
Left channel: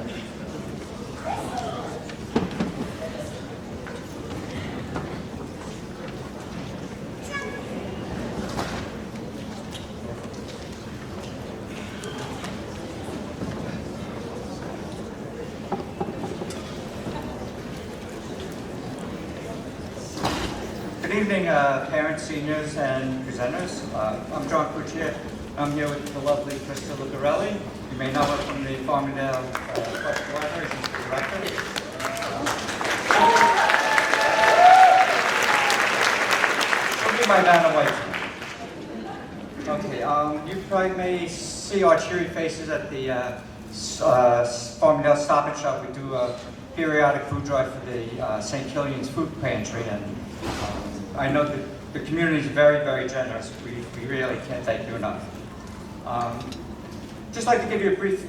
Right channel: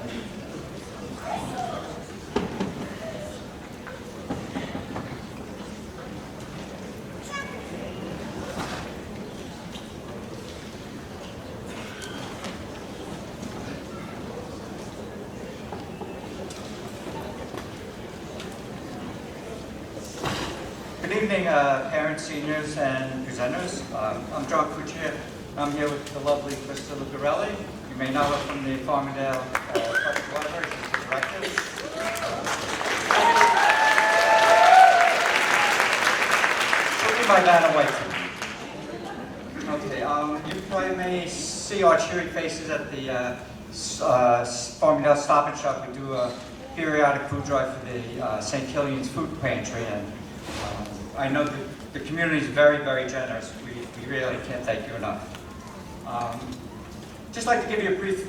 Good evening, parents, seniors, and presenters. I'm John Cucci. I'm here with the lovely Krista Lucarelli. You may know her from the Farmingdale Public Library. She's the director. She'll be my Vanna White tonight. Okay, you probably may see our cheery faces at the Farmingdale Stop and Shop. We do a periodic food drive for the St. Killian's Food Pantry, and I know that the community is very, very generous. We really can't thank you enough. Just like to give you a brief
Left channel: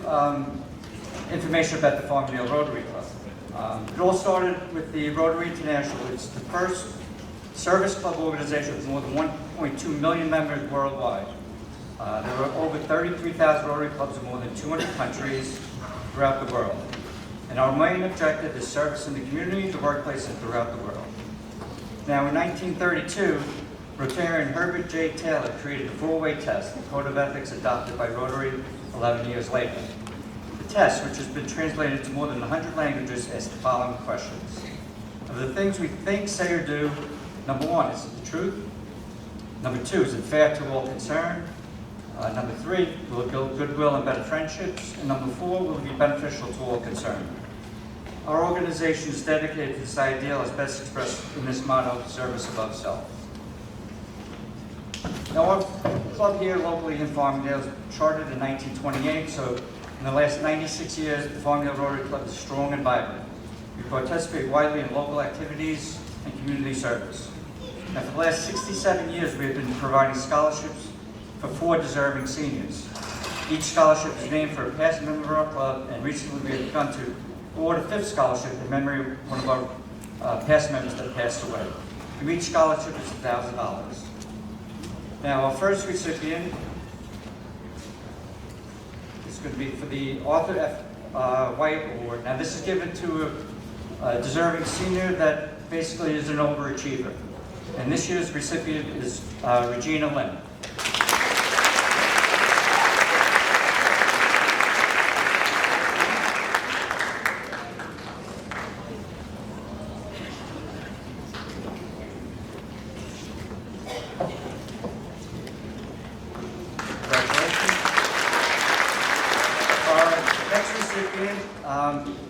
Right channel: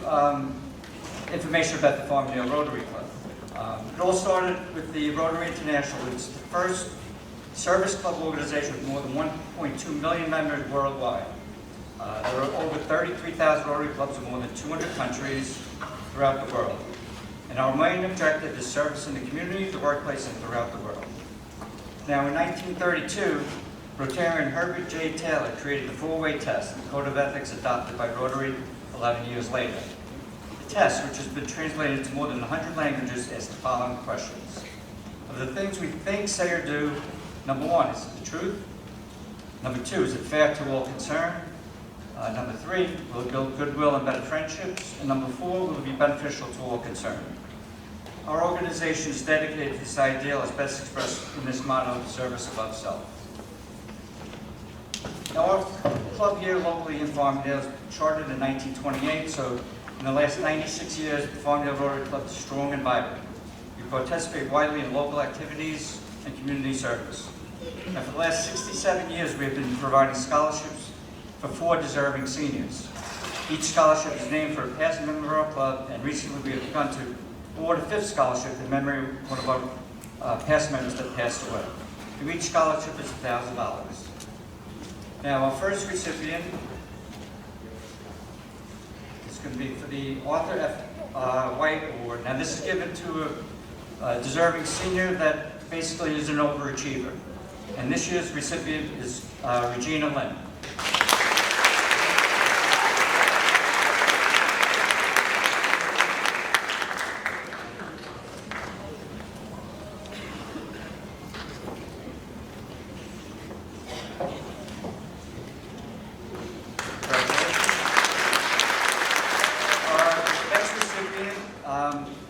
information about the Farmingdale Rotary Club. It all started with the Rotary International. It's the first service club organization with more than 1.2 million members worldwide. There are over 33,000 Rotary clubs in more than 200 countries throughout the world. And our main objective is service in the community, the workplace, and throughout the world. Now, in 1932, Rotarian Herbert J. Taylor created the four-way test, the code of ethics adopted by Rotary 11 years later. The test, which has been translated to more than 100 languages, asks the following questions. Of the things we think, say, or do, number one, is it the truth? Number two, is it fair to all concerned? Number three, will it build goodwill and better friendships? And number four, will it be beneficial to all concerned? Our organization is dedicated to this ideal as best expressed in this motto, service above self. Now, our club here locally in Farmingdale was chartered in 1928, so in the last 96 years, the Farmingdale Rotary Club is strong and vibrant. We participate widely in local activities and community service. Now, for the last 67 years, we have been providing scholarships for 4 deserving seniors. Each scholarship is named for a past member of our club, and recently we have begun to award a 5th scholarship in memory of one of our past members that passed away. And each scholarship is $1,000. Now, our first recipient is going to be for the Arthur F. White Award. Now, this is given to a deserving senior that basically is an overachiever. And this year's recipient is Regina Lynn.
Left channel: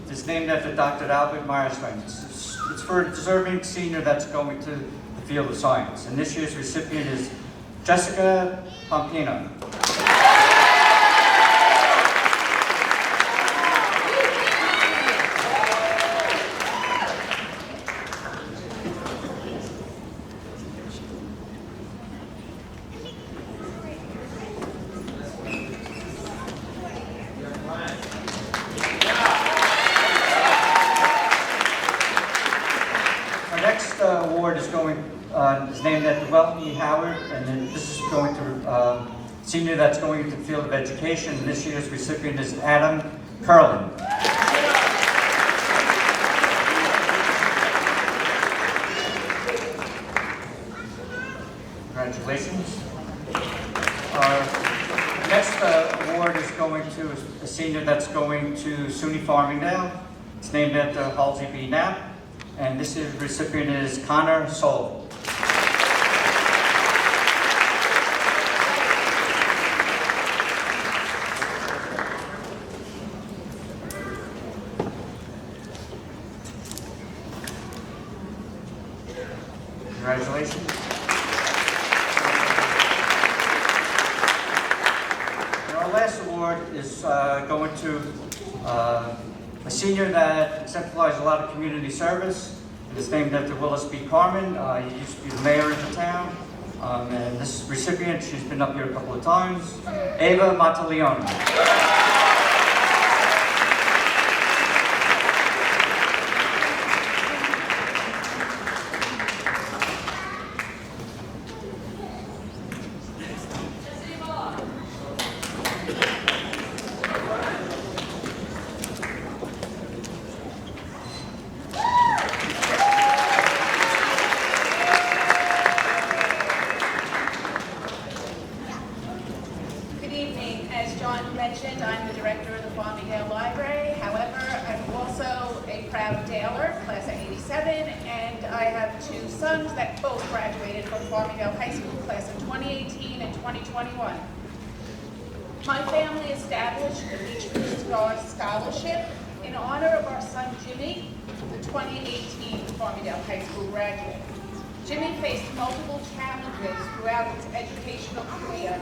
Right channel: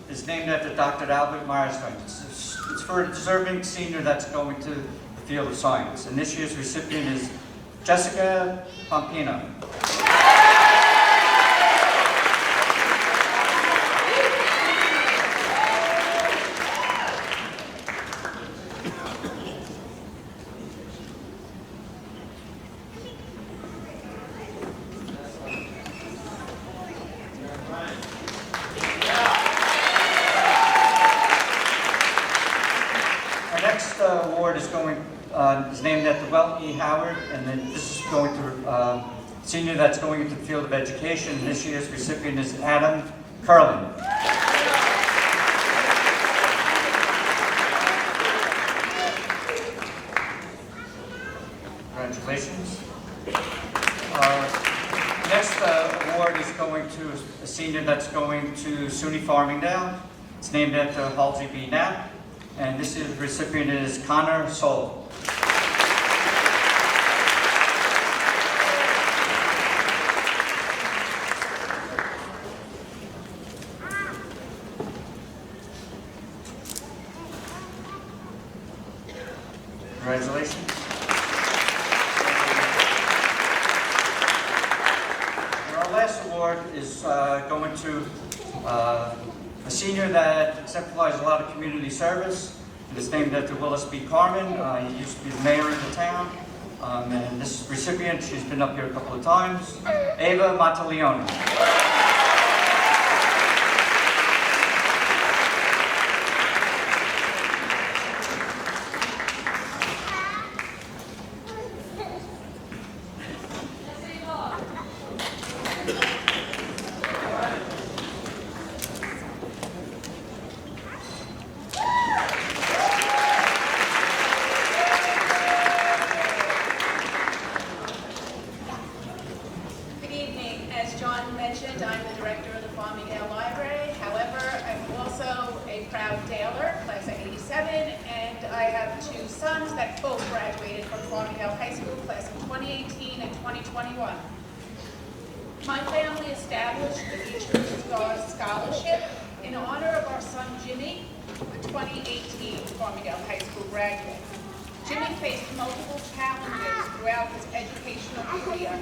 Is named after Dr. Albert Meyerstein. It's for a deserving senior that's going to the field of science. And this year's recipient is Jessica Pompino. Award is named after Welton E. Howard, and then this is going to senior that's going into the field of education. And this year's recipient is Adam Curlin. Congratulations. Our next award is going to a senior that's going to SUNY Farmingdale. It's named after Halsey B. Knapp. And this year's recipient is Connor Soul. Congratulations. And our last award is going to a senior that exemplifies a lot of community service. It is named after Willis B. Carmen. He used to be the mayor of the town. And this recipient, she's been up here a couple of times, Ava Matalioni. Good evening. As John mentioned, I'm the director of the Farmingdale Library. However, I'm also a proud Daler, class of '87, and I have two sons that both graduated from Farmingdale High School, class of 2018 and 2021. My family established the Beach Star Scholarship in honor of our son Jimmy, the 2018 Farmingdale High School graduate. Jimmy faced multiple challenges throughout his educational career,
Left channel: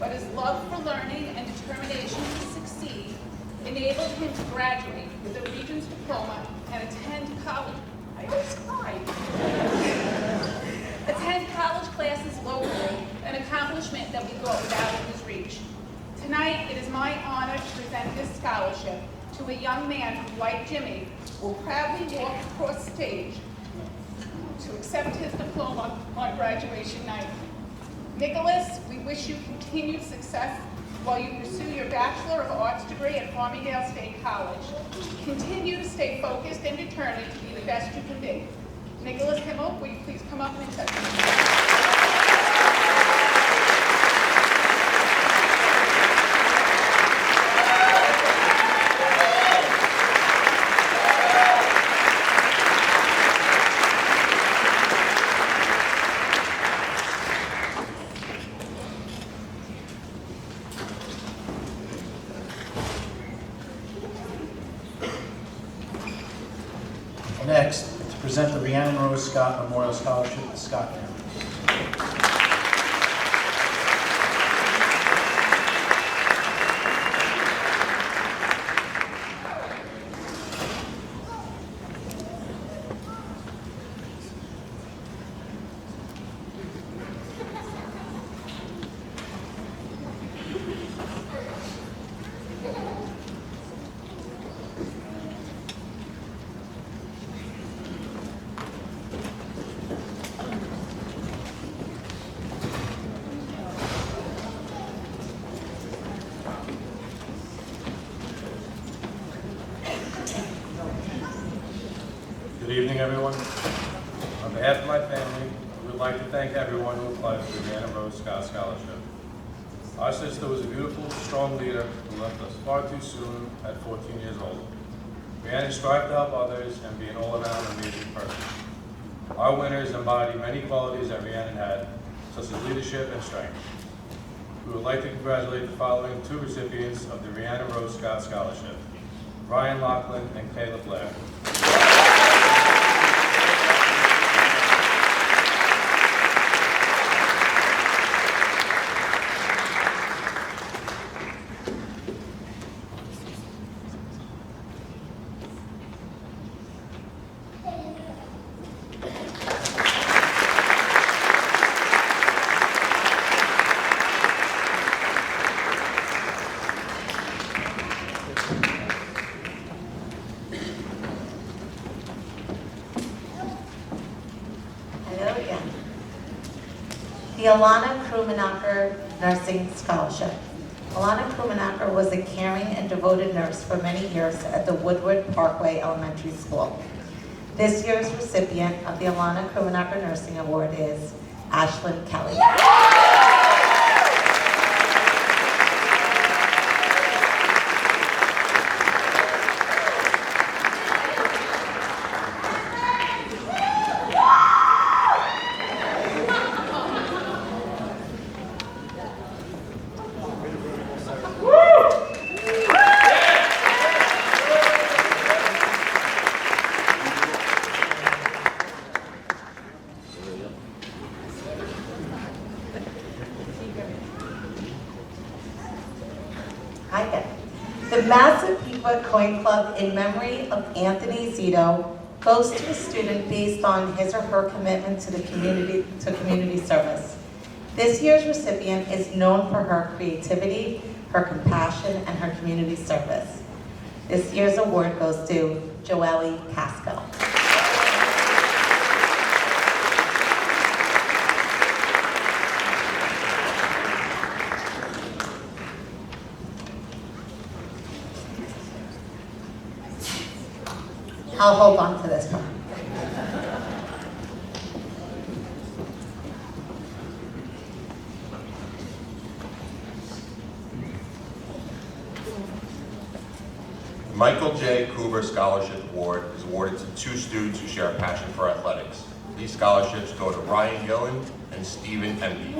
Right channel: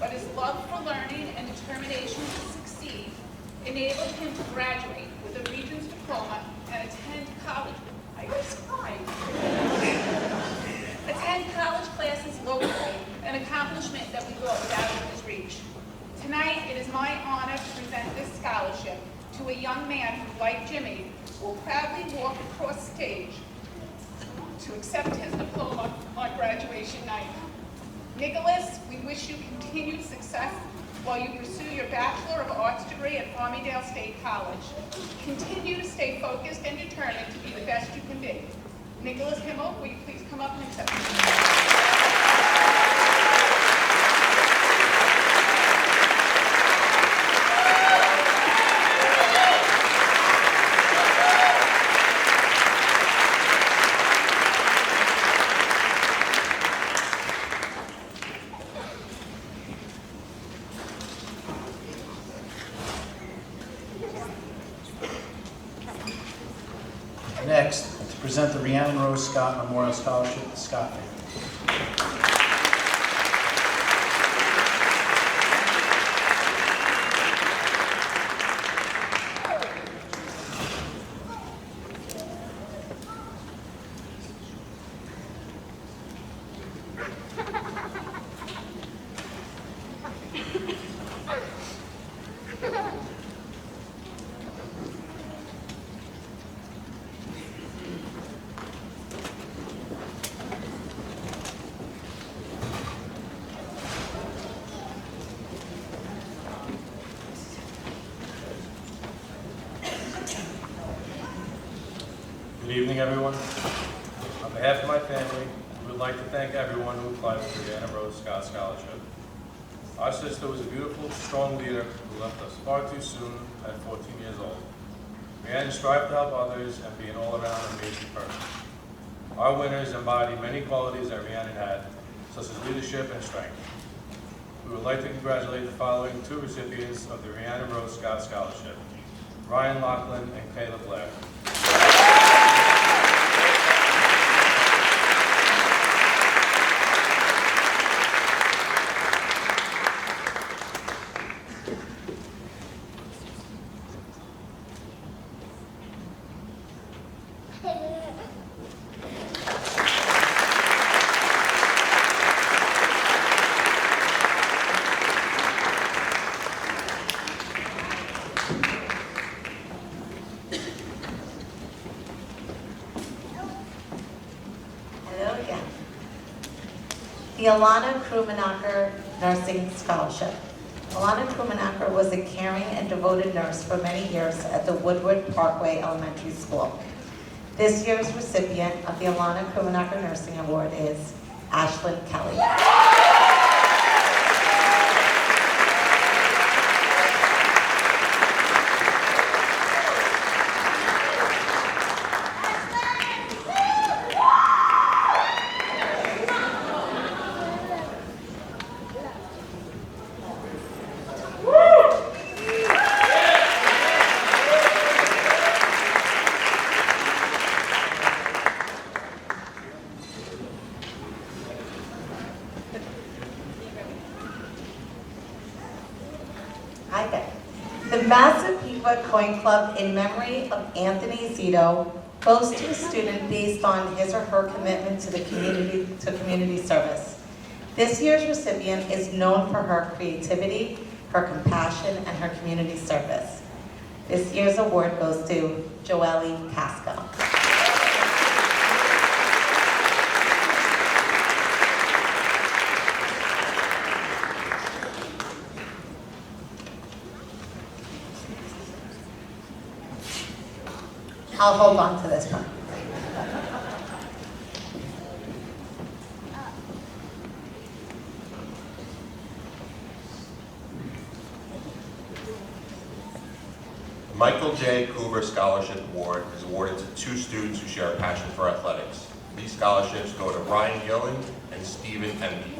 but his love for learning and determination to succeed enabled him to graduate with a Regents diploma and attend college. I just cried. Attend college classes locally, an accomplishment that we thought was out of his reach. Tonight, it is my honor to present this scholarship to a young man who, like Jimmy, will proudly walk across stage to accept his diploma on graduation night. Nicholas, we wish you continued success while you pursue your Bachelor of Arts degree at Farmingdale State College. Continue to stay focused and determined to be the best you can be. Nicholas Himmel, will you please come up and accept your Next, to present the Rhiannon Rose Scott Memorial Scholarship to Scott family. Good evening, everyone. On behalf of my family, we would like to thank everyone who applied for the Rhiannon Rose Scott Scholarship. Our sister was a beautiful, strong leader who left us far too soon at 14 years old. Rhiannon strived to help others and be an all-around amazing person. Our winners embody many qualities that Rhiannon had, such as leadership and strength. We would like to congratulate the following two recipients of the Rhiannon Rose Scott Scholarship, Ryan Lachlan and Caleb Blair. The Alana Krumanacher Nursing Scholarship. Alana Krumanacher was a caring and devoted nurse for many years at the Woodward Parkway Elementary School. This year's recipient of the Alana Krumanacher Nursing Award is Ashlyn Kelly. The Massapequa Coin Club, in memory of Anthony Zito, goes to a student based on his or her commitment to the community service. This year's recipient is known for her creativity, her compassion, and her community service. This year's award goes to Joelle Casco. I'll hold on to this part. The Michael J. Coover Scholarship Award is awarded to 2 students who share a passion for athletics. These scholarships go to Ryan Gillen and Stephen Enby.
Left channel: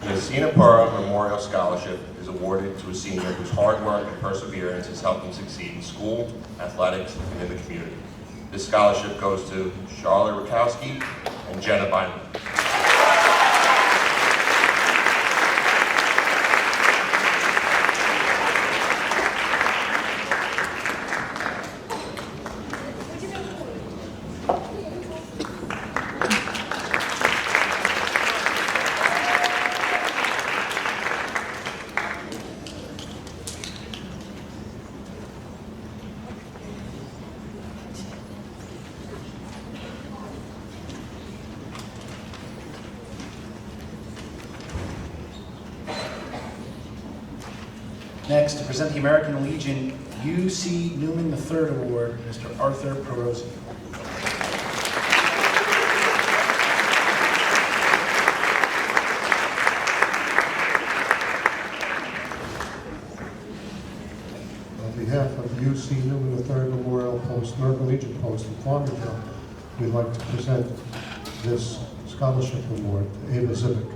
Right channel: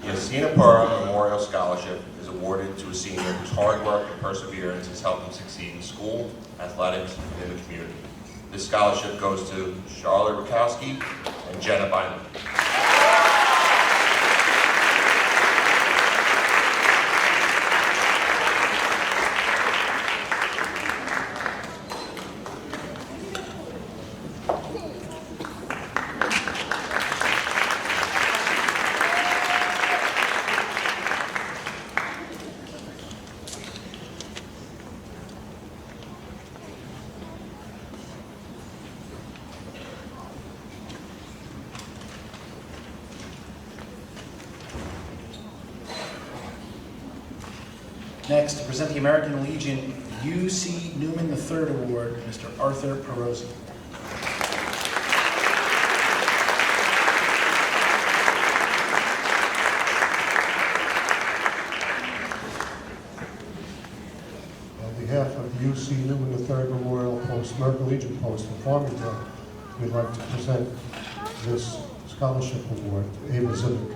The Sinapura Memorial Scholarship is awarded to a senior whose hard work and perseverance has helped him succeed in school, athletics, and in the community. This scholarship goes to Charlotte Rakowski and Jenna Bynum. Next, to present the American Legion U.C. Newman III Award, Mr. Arthur Perosi. On behalf of the UC Newman III Memorial Post, American Legion Post in Farmingdale, we'd like to present this scholarship award to Ava Civic.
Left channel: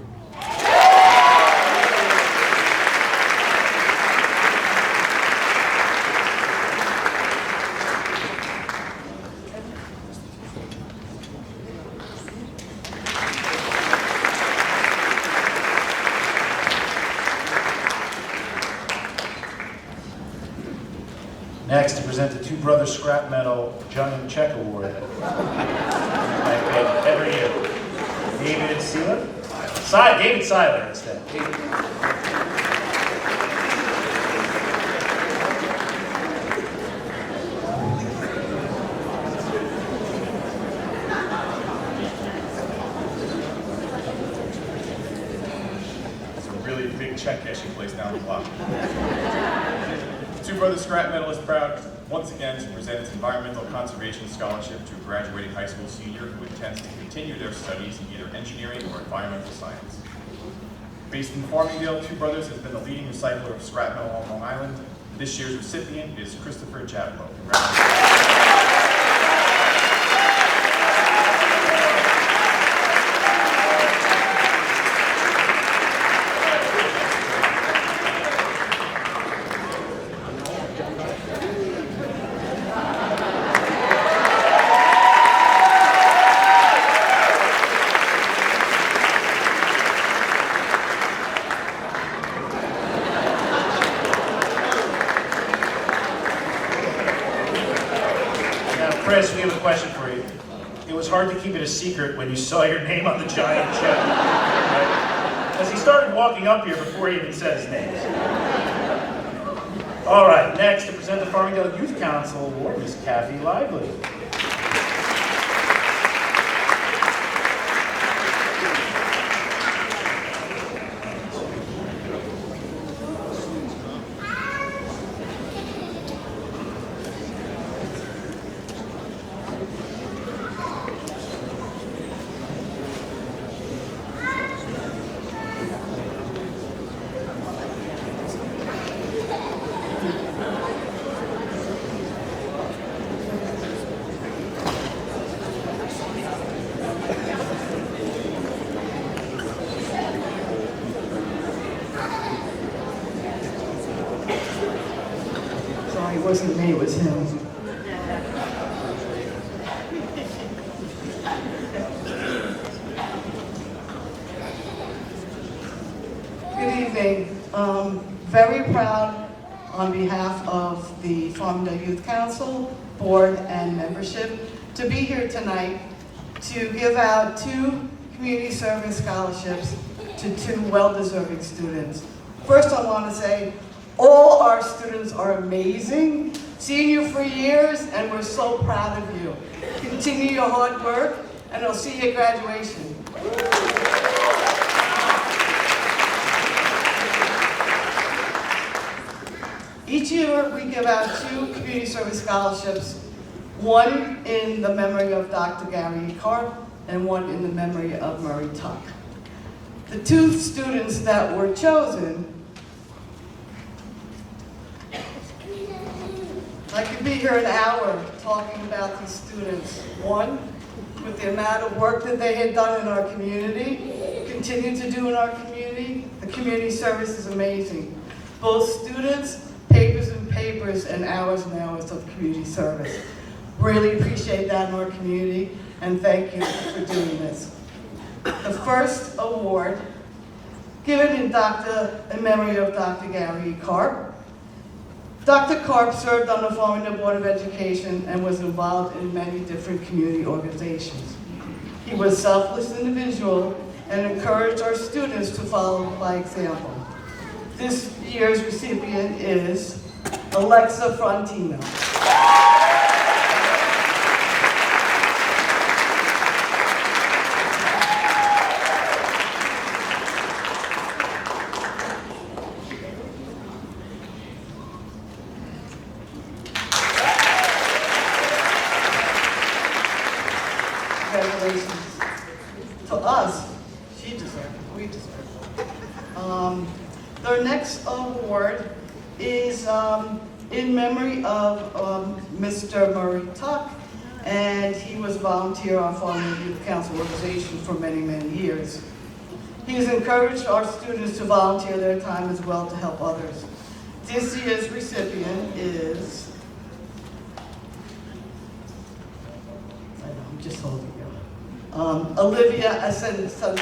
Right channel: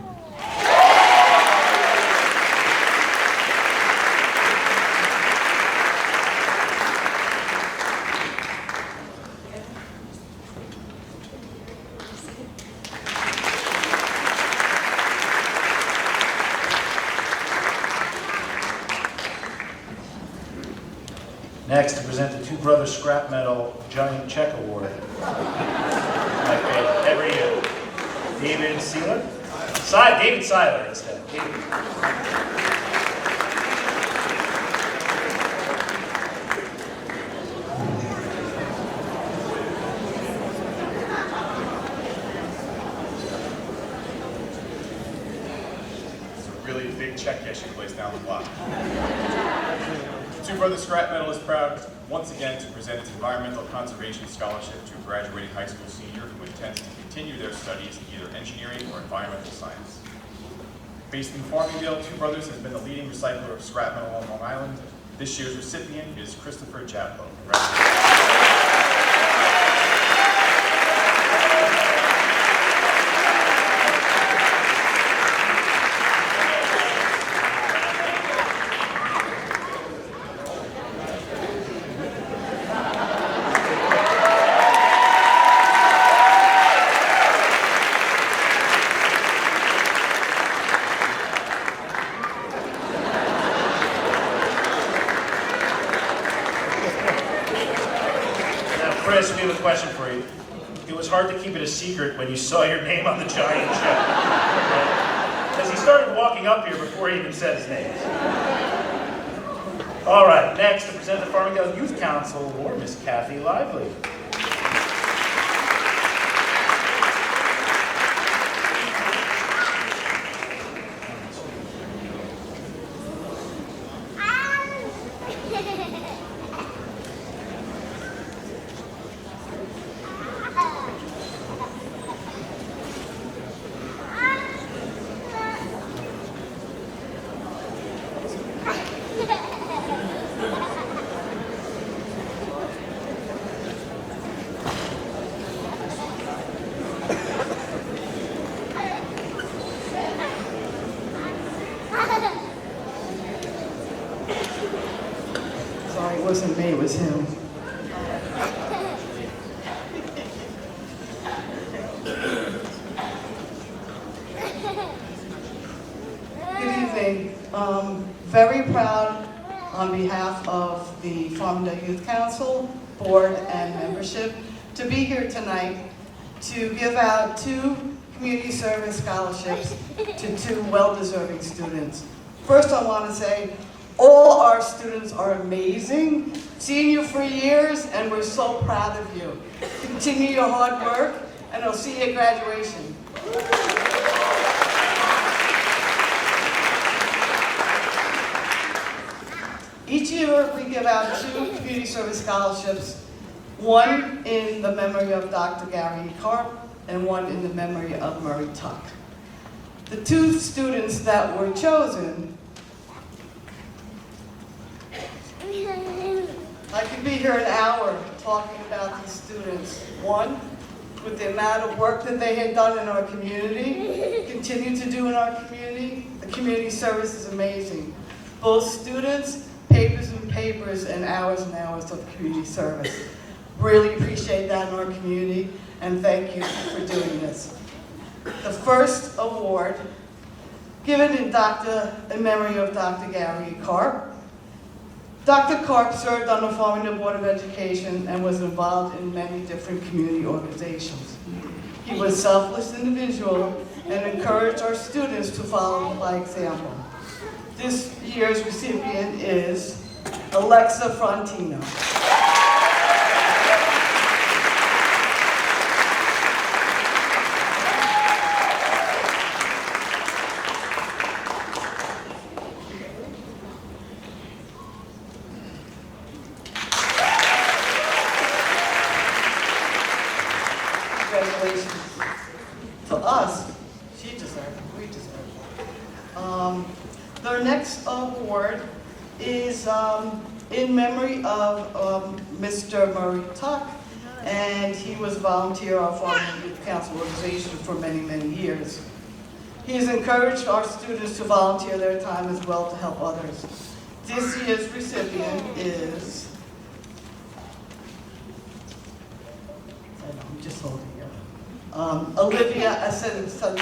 Next, to present the Two Brothers Scrap Metal Giant Check Award. My favorite, every year. David Seiler? David Seiler instead. David. It's a really big check cashing place down the block. Two Brothers Scrap Metal is proud once again to present its Environmental Conservation Scholarship to a graduating high school senior who intends to continue their studies in either engineering or environmental science. Based in Farmingdale, Two Brothers has been the leading recycler of scrap metal on Long Island. This year's recipient is Christopher Japlo. Congratulations. Chris, we have a question for you. It was hard to keep it a secret when you saw your name on the giant check, right? Because he started walking up here before he even said his name. All right, next to present the Farmingdale Youth Council Award, Miss Kathy Lively. Sorry, it wasn't me, it was him. Good evening. Very proud on behalf of the Farmingdale Youth Council, Board, and membership to be here tonight to give out 2 community service scholarships to 2 well-deserving students. First, I want to say all our students are amazing. Seen you for years, and we're so proud of you. Continue your hard work, and I'll see you at graduation. Each year, we give out 2 community service scholarships, one in the memory of Dr. Gary Karp and one in the memory of Murray Tuck. The 2 students that were chosen, I could be here an hour talking about these students. One, with the amount of work that they had done in our community, continue to do in our community. The community service is amazing. Both students, papers and hours of community service. Really appreciate that in our community, and thank you for doing this. The first award, given in memory of Dr. Gary Karp. Dr. Karp served on the Farmingdale Board of Education and was involved in many different community organizations. He was a selfless individual and encouraged our students to follow by example. This year's recipient is Alexa Frontino. Congratulations. To us, she deserved it, we deserve it. Their next award is in memory of Mr. Murray Tuck, and he was a volunteer on Farmingdale Youth Council organization for many, many years. He has encouraged our students to volunteer their time as well to help others. This year's recipient is, I know, I'm just holding you. Olivia Asensia.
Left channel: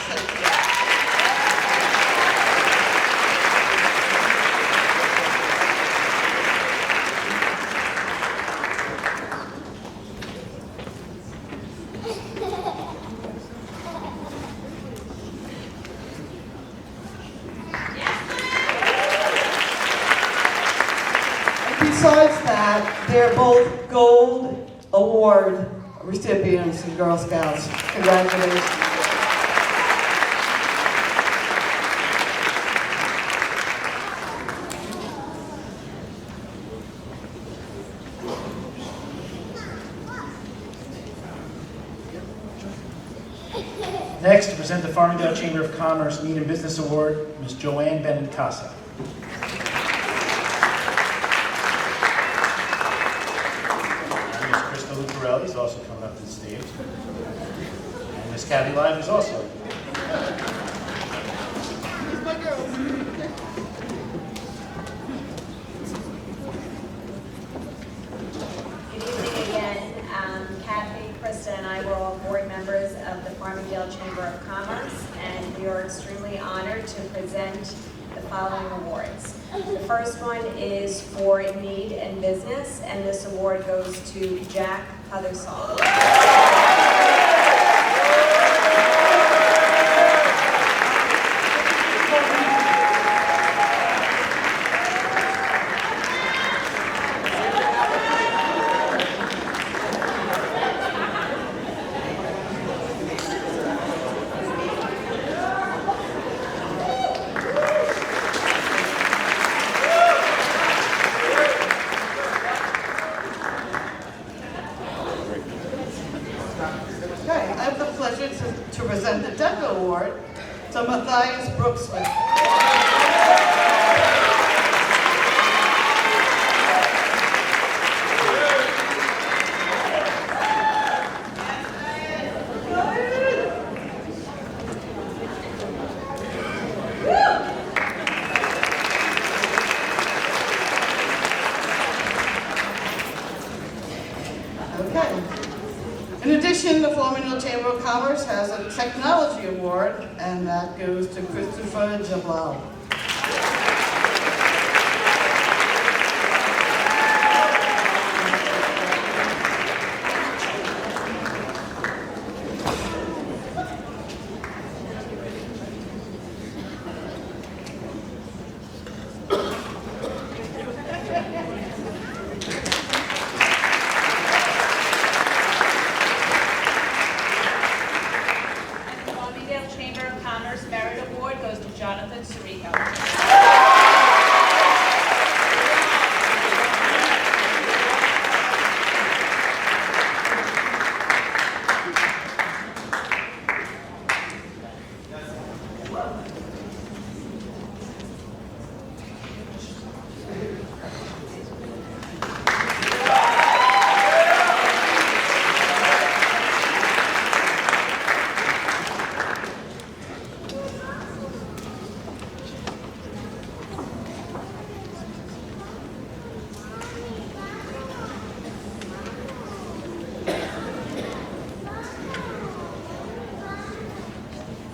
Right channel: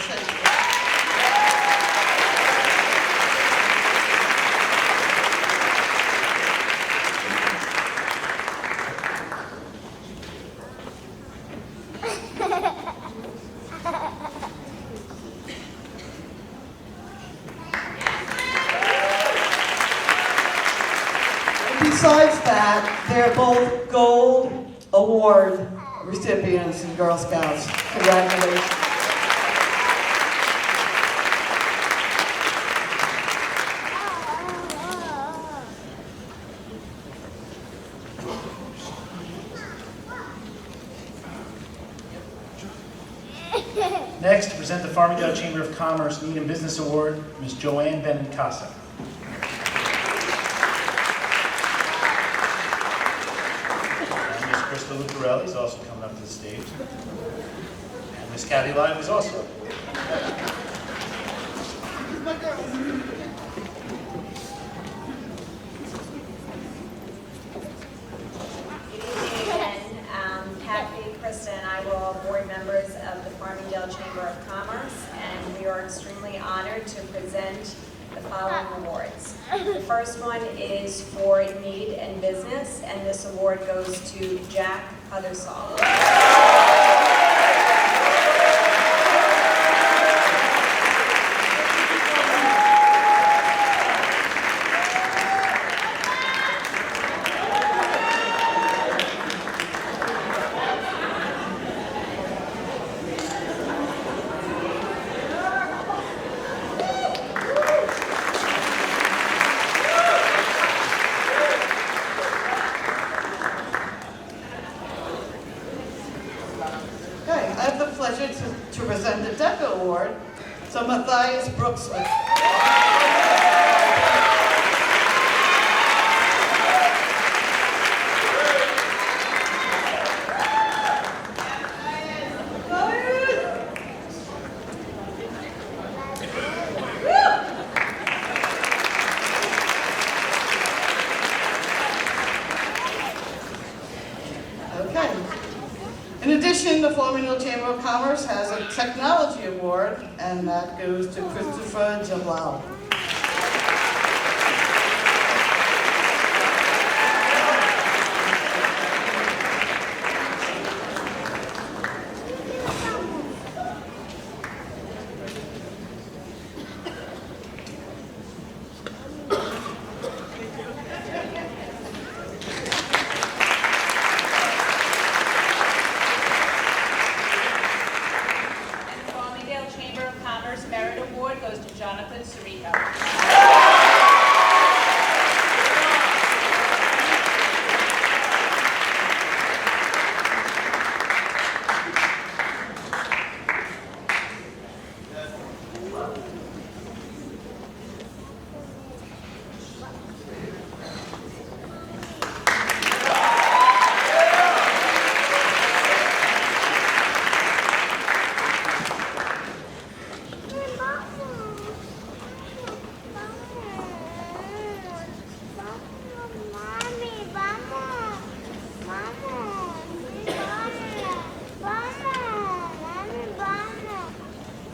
Besides that, they're both Gold Award recipients in Girl Scouts. Congratulations. Next, to present the Farmingdale Chamber of Commerce Need and Business Award, Ms. Joanne Benincasa. Krista Lucarelli is also coming up to the stage. And Miss Kathy Live is also. Here's my girl. Good evening again. Kathy, Krista, and I were all board members of the Farmingdale Chamber of Commerce, and we are extremely honored to present the following awards. The first one is for Need and Business, and this award goes to Jack Huthersall. Okay, I have the pleasure to present the DECA Award to Matthias Brooksmith. addition, the Farmingdale Chamber of Commerce has a technology award, and that goes to Christopher Jablau.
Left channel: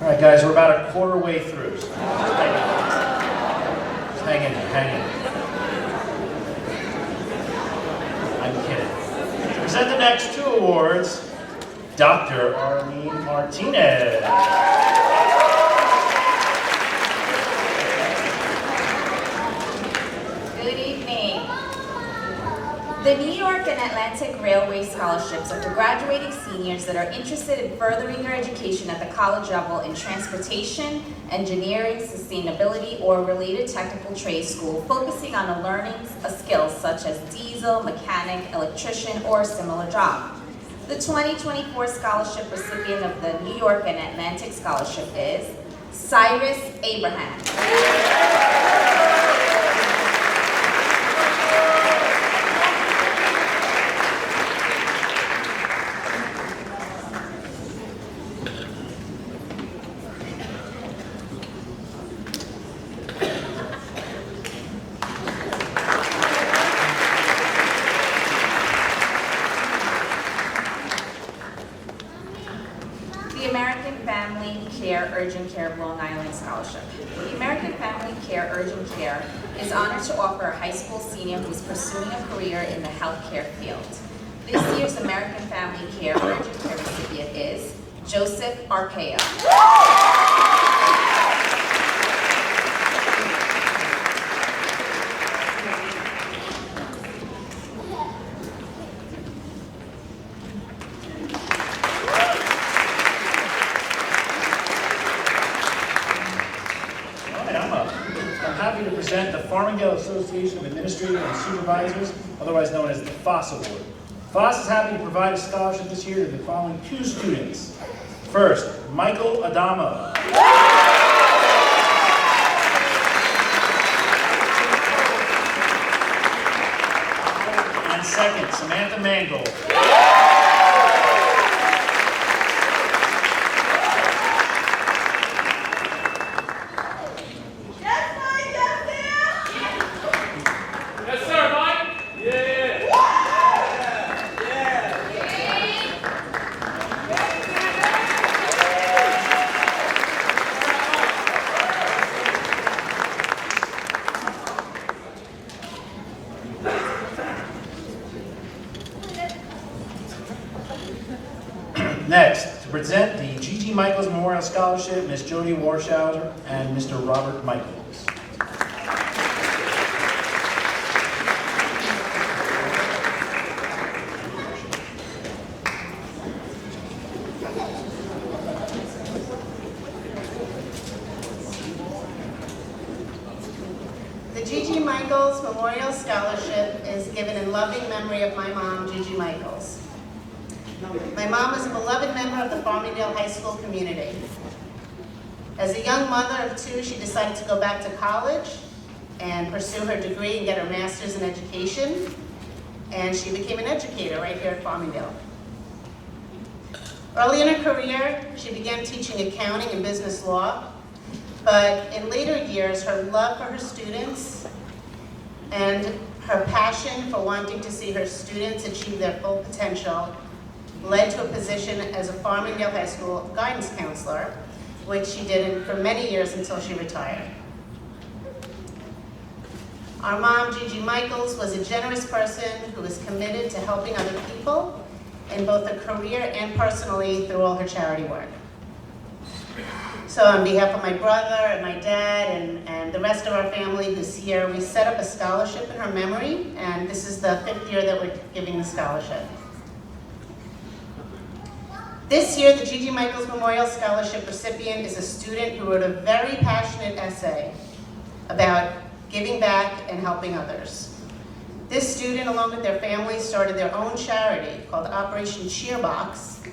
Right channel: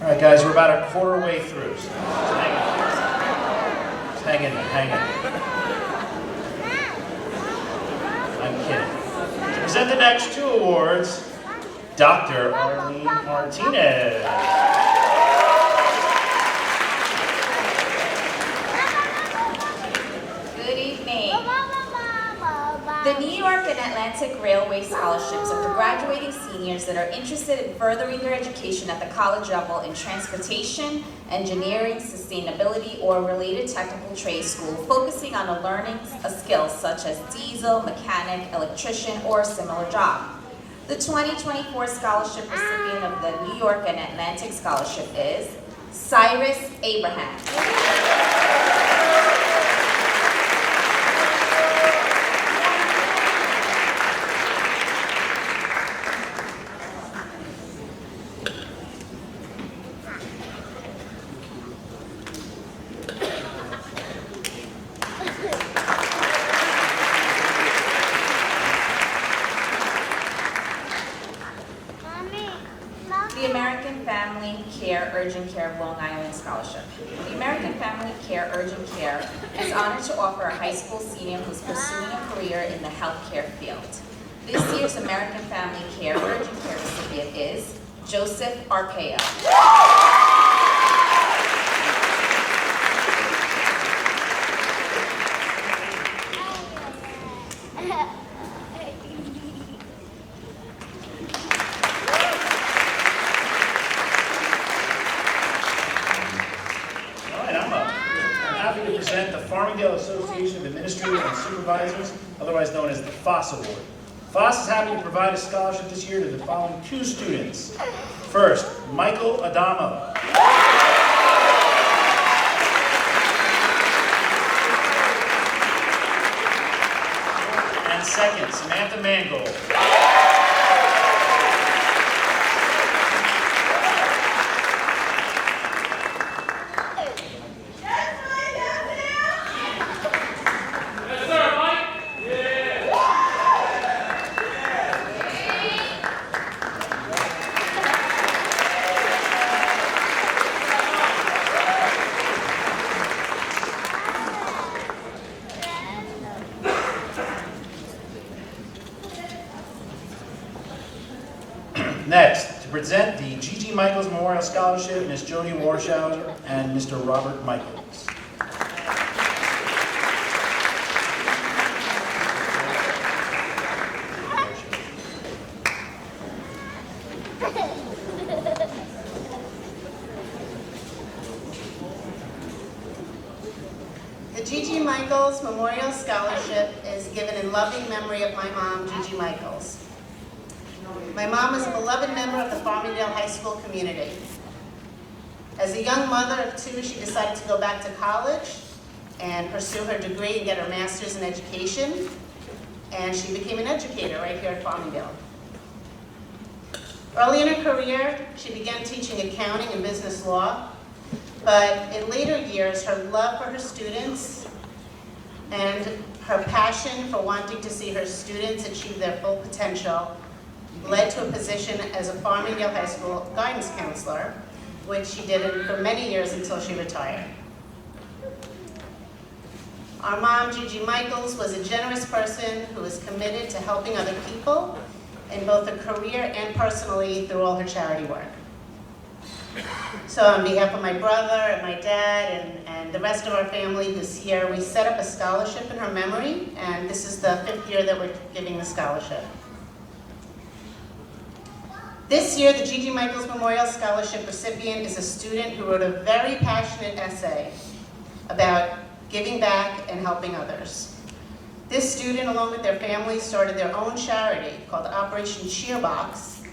All right, guys, we're about a quarter way through. So just hang in there, hang in there. I'm kidding. To present the next two awards, Dr. Arlene Martinez. Good evening. The New York and Atlantic Railway Scholarships are for graduating seniors that are interested in furthering their education at the college level in transportation, engineering, sustainability, or related technical trade school, focusing on learning skills such as diesel, mechanic, electrician, or a similar job. The 2024 scholarship recipient of the New York and Atlantic Scholarship is Cyrus Abraham. The American Family Care Urgent Care of Long Island Scholarship. The American Family Care Urgent Care is honored to offer a high school senior who is pursuing a career in the healthcare field. This year's American Family Care Urgent Care recipient is Joseph Arpaio. To present the Farmingdale Association of Administrators and Supervisors, otherwise known as the FOSS Award. FOSS is happy to provide a scholarship this year to the following two students. First, Michael Adamo. And second, Samantha Mangold. Next, to present the G.G. Michaels Memorial Scholarship, Ms. Jody Warshauser and Mr. Robert Michaels. The G.G. Michaels Memorial Scholarship is given in loving memory of my mom, G.G. Michaels. My mom is a beloved member of the Farmingdale High School community. As a young mother of two, she decided to go back to college and pursue her degree and get her master's in education. And she became an educator right here at Farmingdale. Early in her career, she began teaching accounting and business law. But in later years, her love for her students and her passion for wanting to see her students achieve their full potential led to a position as a Farmingdale High School guidance counselor, which she did for many years until she retired. Our mom, Gigi Michaels, was a generous person who was committed to helping other people in both her career and personally through all her charity work. So on behalf of my brother and my dad and the rest of our family who's here, we set up a scholarship in her memory, and this is the 5th year that we're giving the scholarship. This year, the Gigi Michaels Memorial Scholarship recipient is a student who wrote a very passionate essay about giving back and helping others. This student, along with their family, started their own charity called Operation Cheerbox,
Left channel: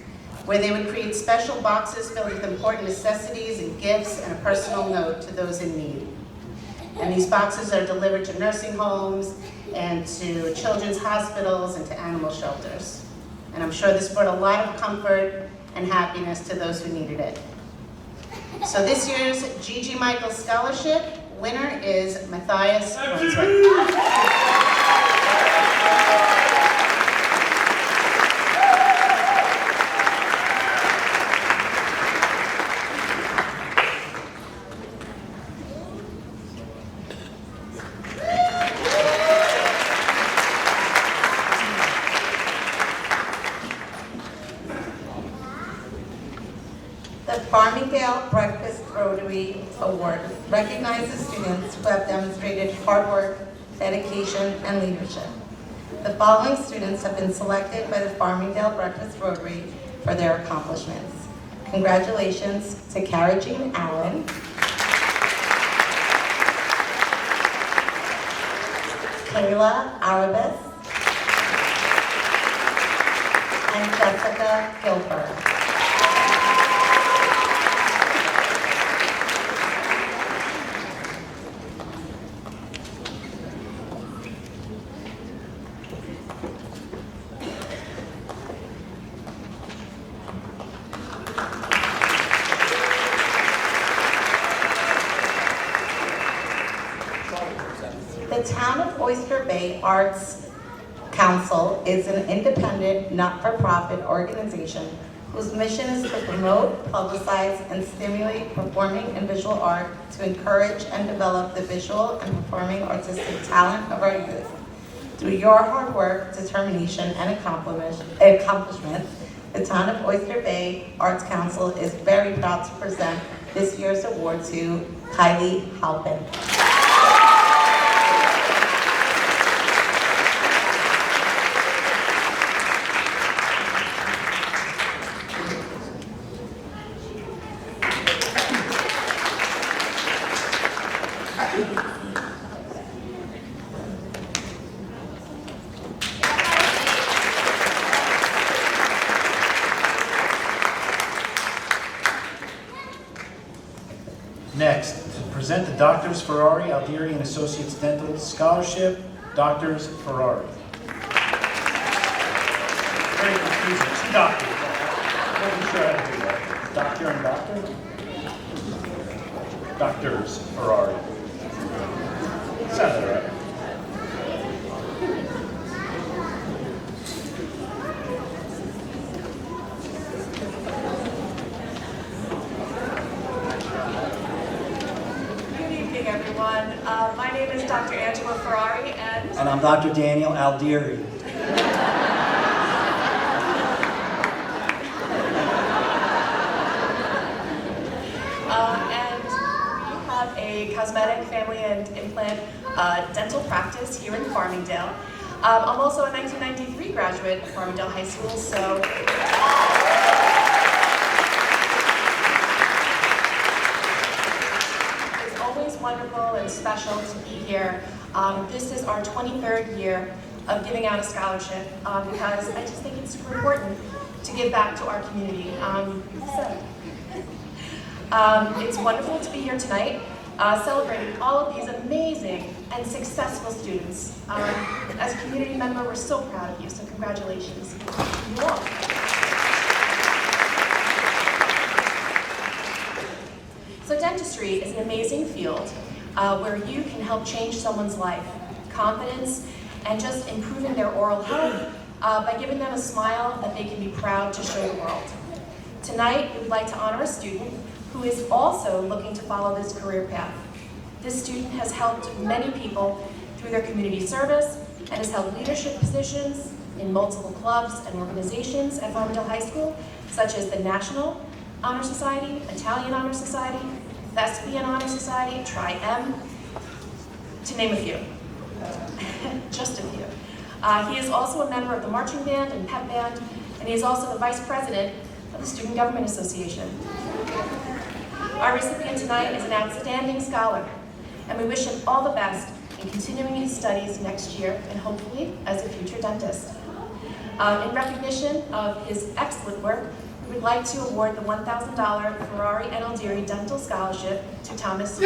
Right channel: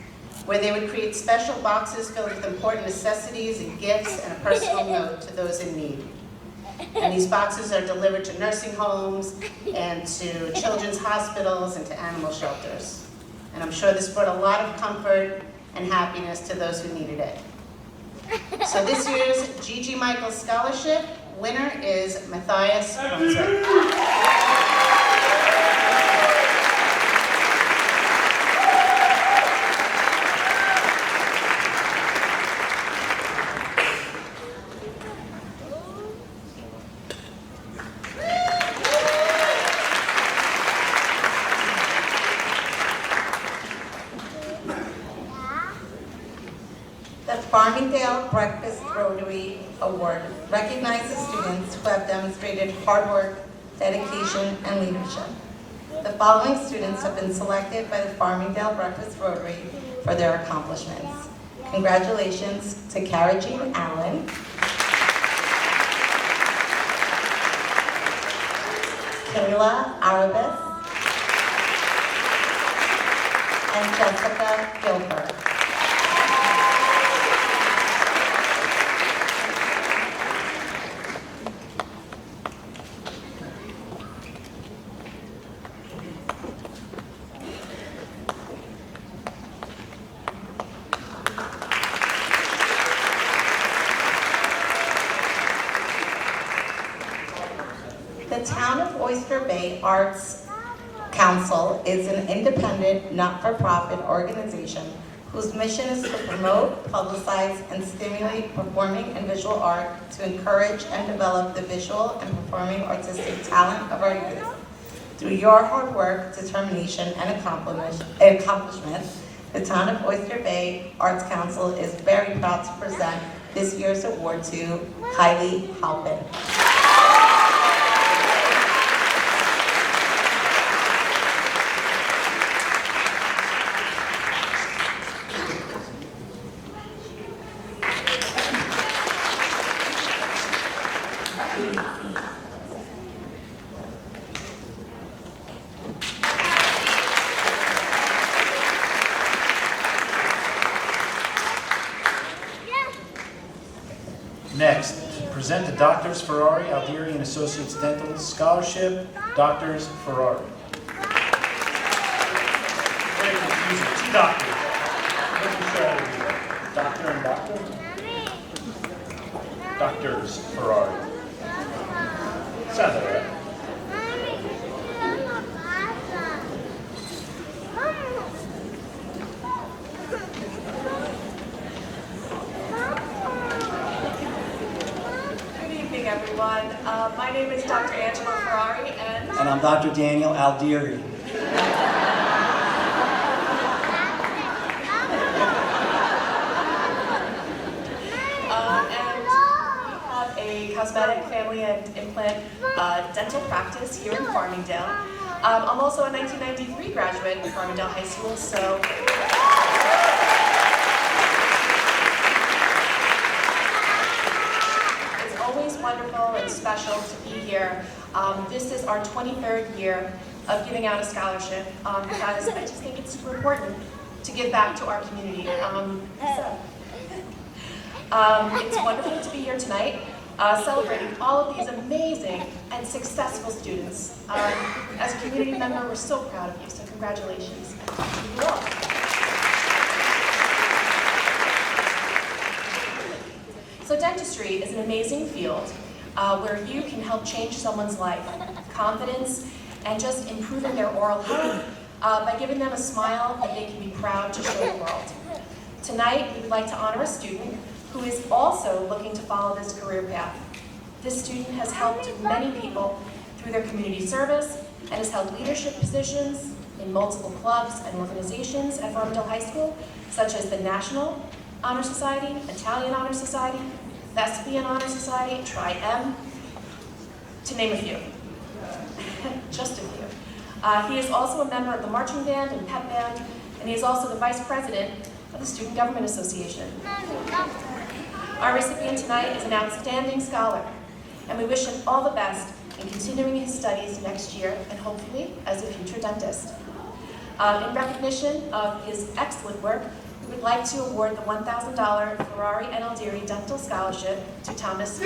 where they would create special boxes filled with important necessities and gifts and a personal note to those in need. And these boxes are delivered to nursing homes and to children's hospitals and to animal shelters. And I'm sure this brought a lot of comfort and happiness to those who needed it. So this year's Gigi Michaels Scholarship winner is Matthias Brunswick. Farmingdale Breakfast Rotary Award recognizes students who have demonstrated hard work, dedication, and leadership. The following students have been selected by the Farmingdale Breakfast Rotary for their accomplishments. Congratulations to Cara Jean Allen, Kayla Arabis, and Jessica Gilbert. The Town of Oyster Bay Arts Council is an independent, not-for-profit organization whose mission is to promote, publicize, and stimulate performing and visual art to encourage and develop the visual and performing artistic talent of our youth. Through your hard work, determination, and accomplishment, the Town of Oyster Bay Arts Council is very proud to present this year's award to Kylie Halpin. Next, to present the Doctors Ferrari, Aldieri and Associates Dental Scholarship, Doctors Ferrari. Very confusing, 2 doctors. I wasn't sure how to do that. Doctor and doctor? Doctors Ferrari. Sounded right. Everyone. My name is Dr. Angela Ferrari, and I'm Dr. Daniel Aldieri. And we have a cosmetic, family, and implant dental practice here in Farmingdale. I'm also a 1993 graduate of Farmingdale High School, so always wonderful and special to be here. This is our 23rd year of giving out a scholarship because I just think it's super important to give back to our community. It's wonderful to be here tonight celebrating all of these amazing and successful students. As a community member, we're so proud of you, so congratulations. You all. So dentistry is an amazing field where you can help change someone's life. Confidence and just improving their oral health by giving them a smile that they can be proud to show the world. Tonight, we would like to honor a student who is also looking to follow this career path. This student has helped many people through their community service and has held leadership positions in multiple clubs and organizations at Farmingdale High School, such as the National Honor Society, Italian Honor Society, Thespian Honor Society, Tri-M, to name a few. Just a few. He is also a member of the marching band and pep band, and he is also the vice president of the Student Government Association. Our recipient tonight is an outstanding scholar, and we wish him all the best in continuing his studies next year and hopefully as a future dentist. In recognition of his excellent work, we would like to award the $1,000 Ferrari and Aldieri Dental Scholarship to Thomas.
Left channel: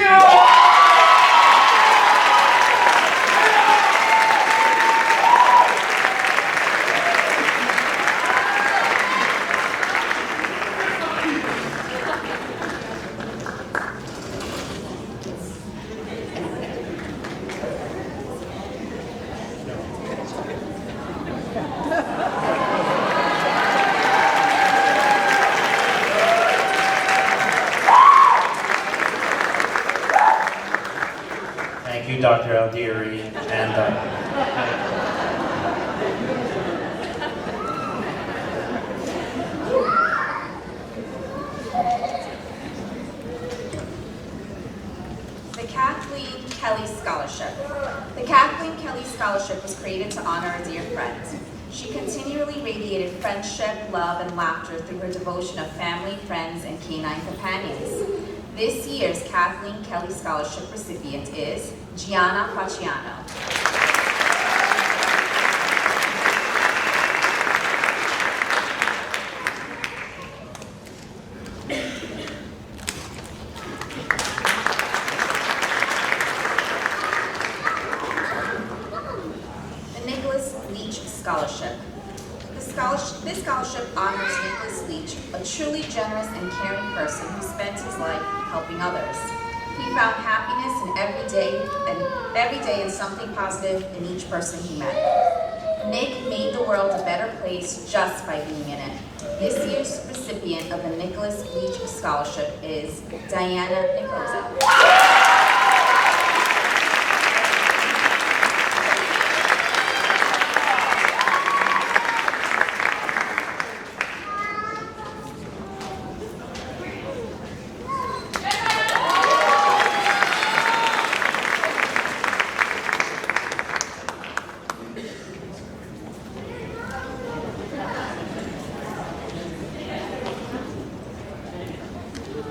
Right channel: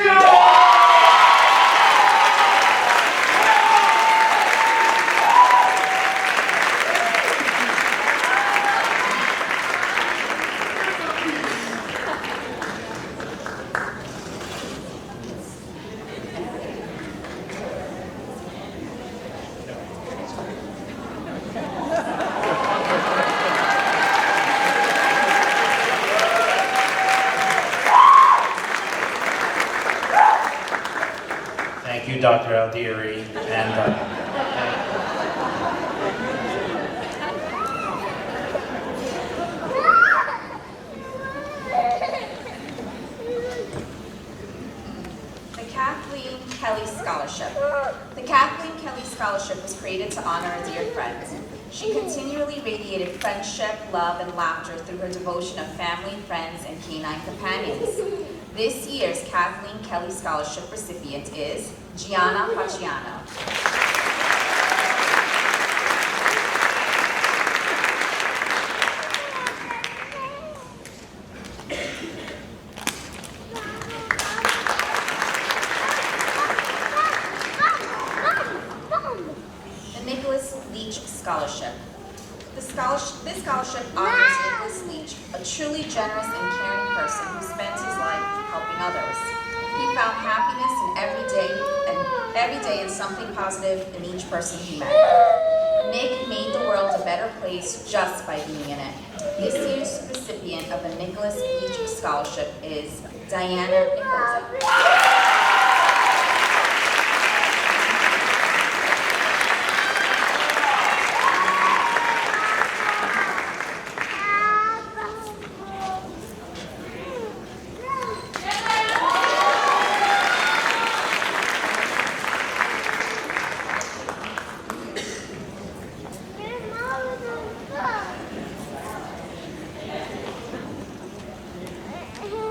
Thank you, Dr. Aldieri, and the Kathleen Kelly Scholarship. The Kathleen Kelly Scholarship was created to honor a dear friend. She continually radiated friendship, love, and laughter through her devotion of family, friends, and canine companions. This year's Kathleen Kelly Scholarship recipient is Gianna Paciano. The Nicholas Leach Scholarship. This scholarship honors Nicholas Leach, a truly generous and caring person who spent his life helping others. He found happiness in every day and something positive in each person he met. Nick made the world a better place just by being in it. This year's recipient of the Nicholas Leach Scholarship is Diana Nicosa.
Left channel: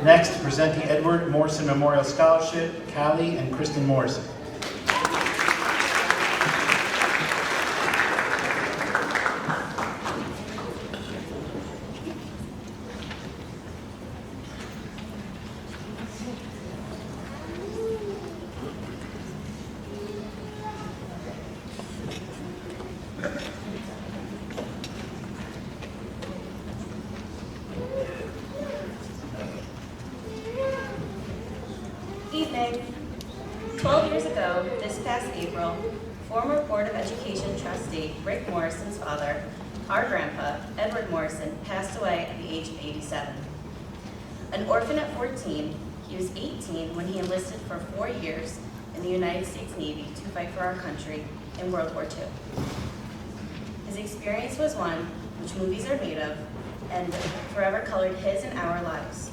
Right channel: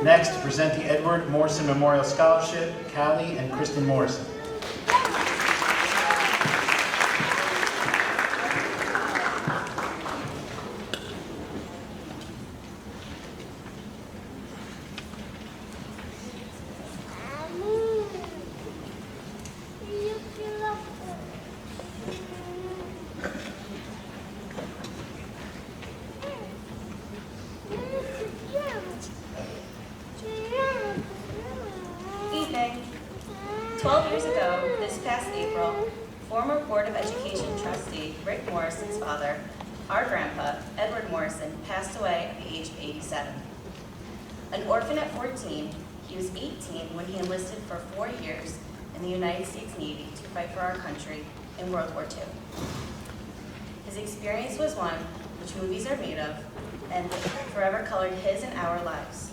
next to present the Edward Morrison Memorial Scholarship, Callie and Kristen Morrison. Evening. 12 years ago, this past April, former Board of Education trustee Rick Morrison's father, our grandpa, Edward Morrison, passed away at the age of 87. An orphan at 14, he was 18 when he enlisted for 4 years in the United States Navy to fight for our country in World War II. His experience was one which movies are made of and forever colored his and our lives.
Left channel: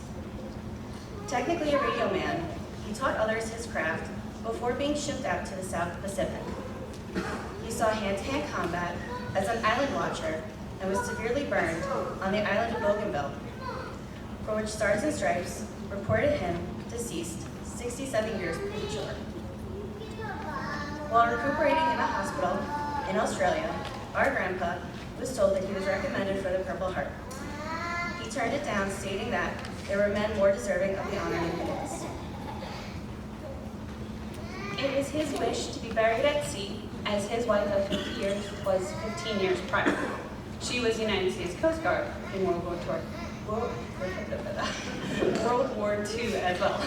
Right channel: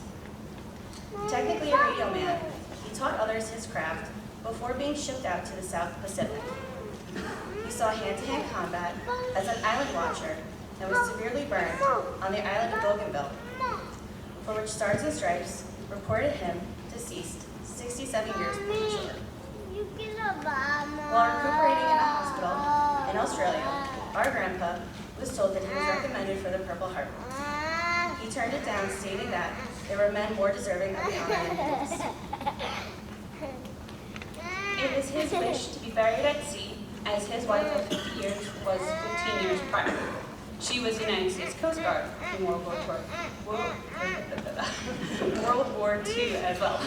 Technically a radio man, he taught others his craft before being shipped out to the South Pacific. He saw hand-to-hand combat as an island watcher and was severely burned on the island of Bougainville, for which Stars and Stripes reported him deceased 67 years premature. While recuperating in a hospital in Australia, our grandpa was told that he was recommended for the Purple Heart. He turned it down, stating that there were men more deserving of the honor than he was. It was his wish to be buried at sea, as his wife of 50 years was 15 years prior. She was United States Coast Guard in World War II as well.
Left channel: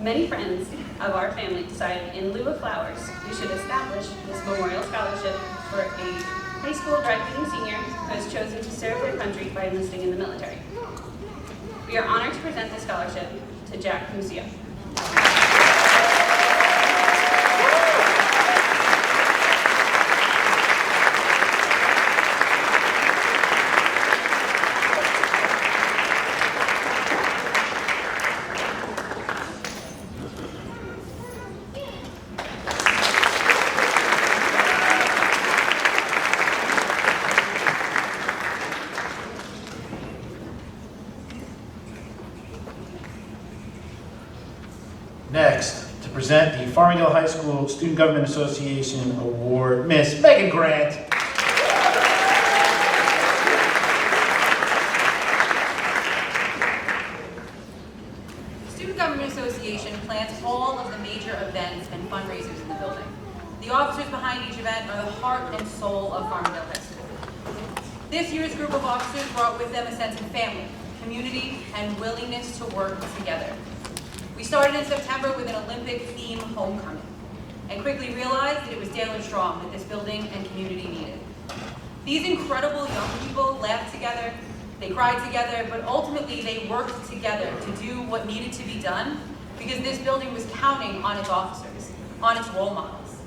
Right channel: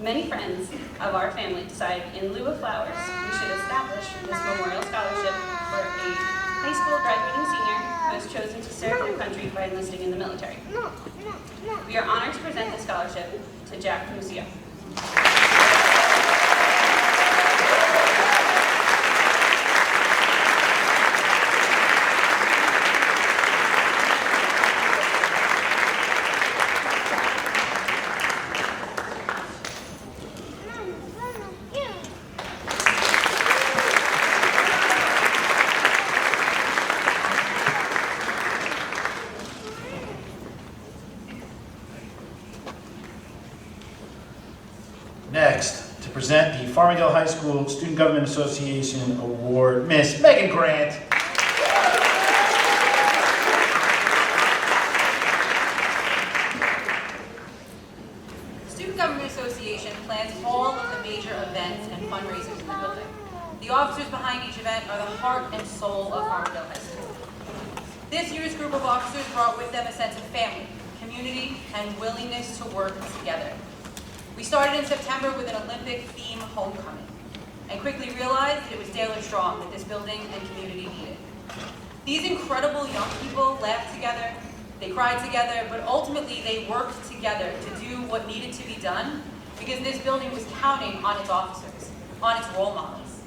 Many friends of our family decided in lieu of flowers, we should establish this memorial scholarship for a high school graduating senior who has chosen to serve their country by enlisting in the military. We are honored to present this scholarship to Jack Musio. Next, to present the Farmingdale High School Student Government Association Award, Miss Megan Grant. Student Government Association plans all of the major events and fundraisers in the building. The officers behind each event are the heart and soul of Farmingdale High School. This year's group of officers brought with them a sense of family, community, and willingness to work together. We started in September with an Olympic theme homecoming and quickly realized that it was Dale Strong that this building and community needed. These incredible young people laughed together, they cried together, but ultimately they worked together to do what needed to be done because this building was counting on its officers, on its role models.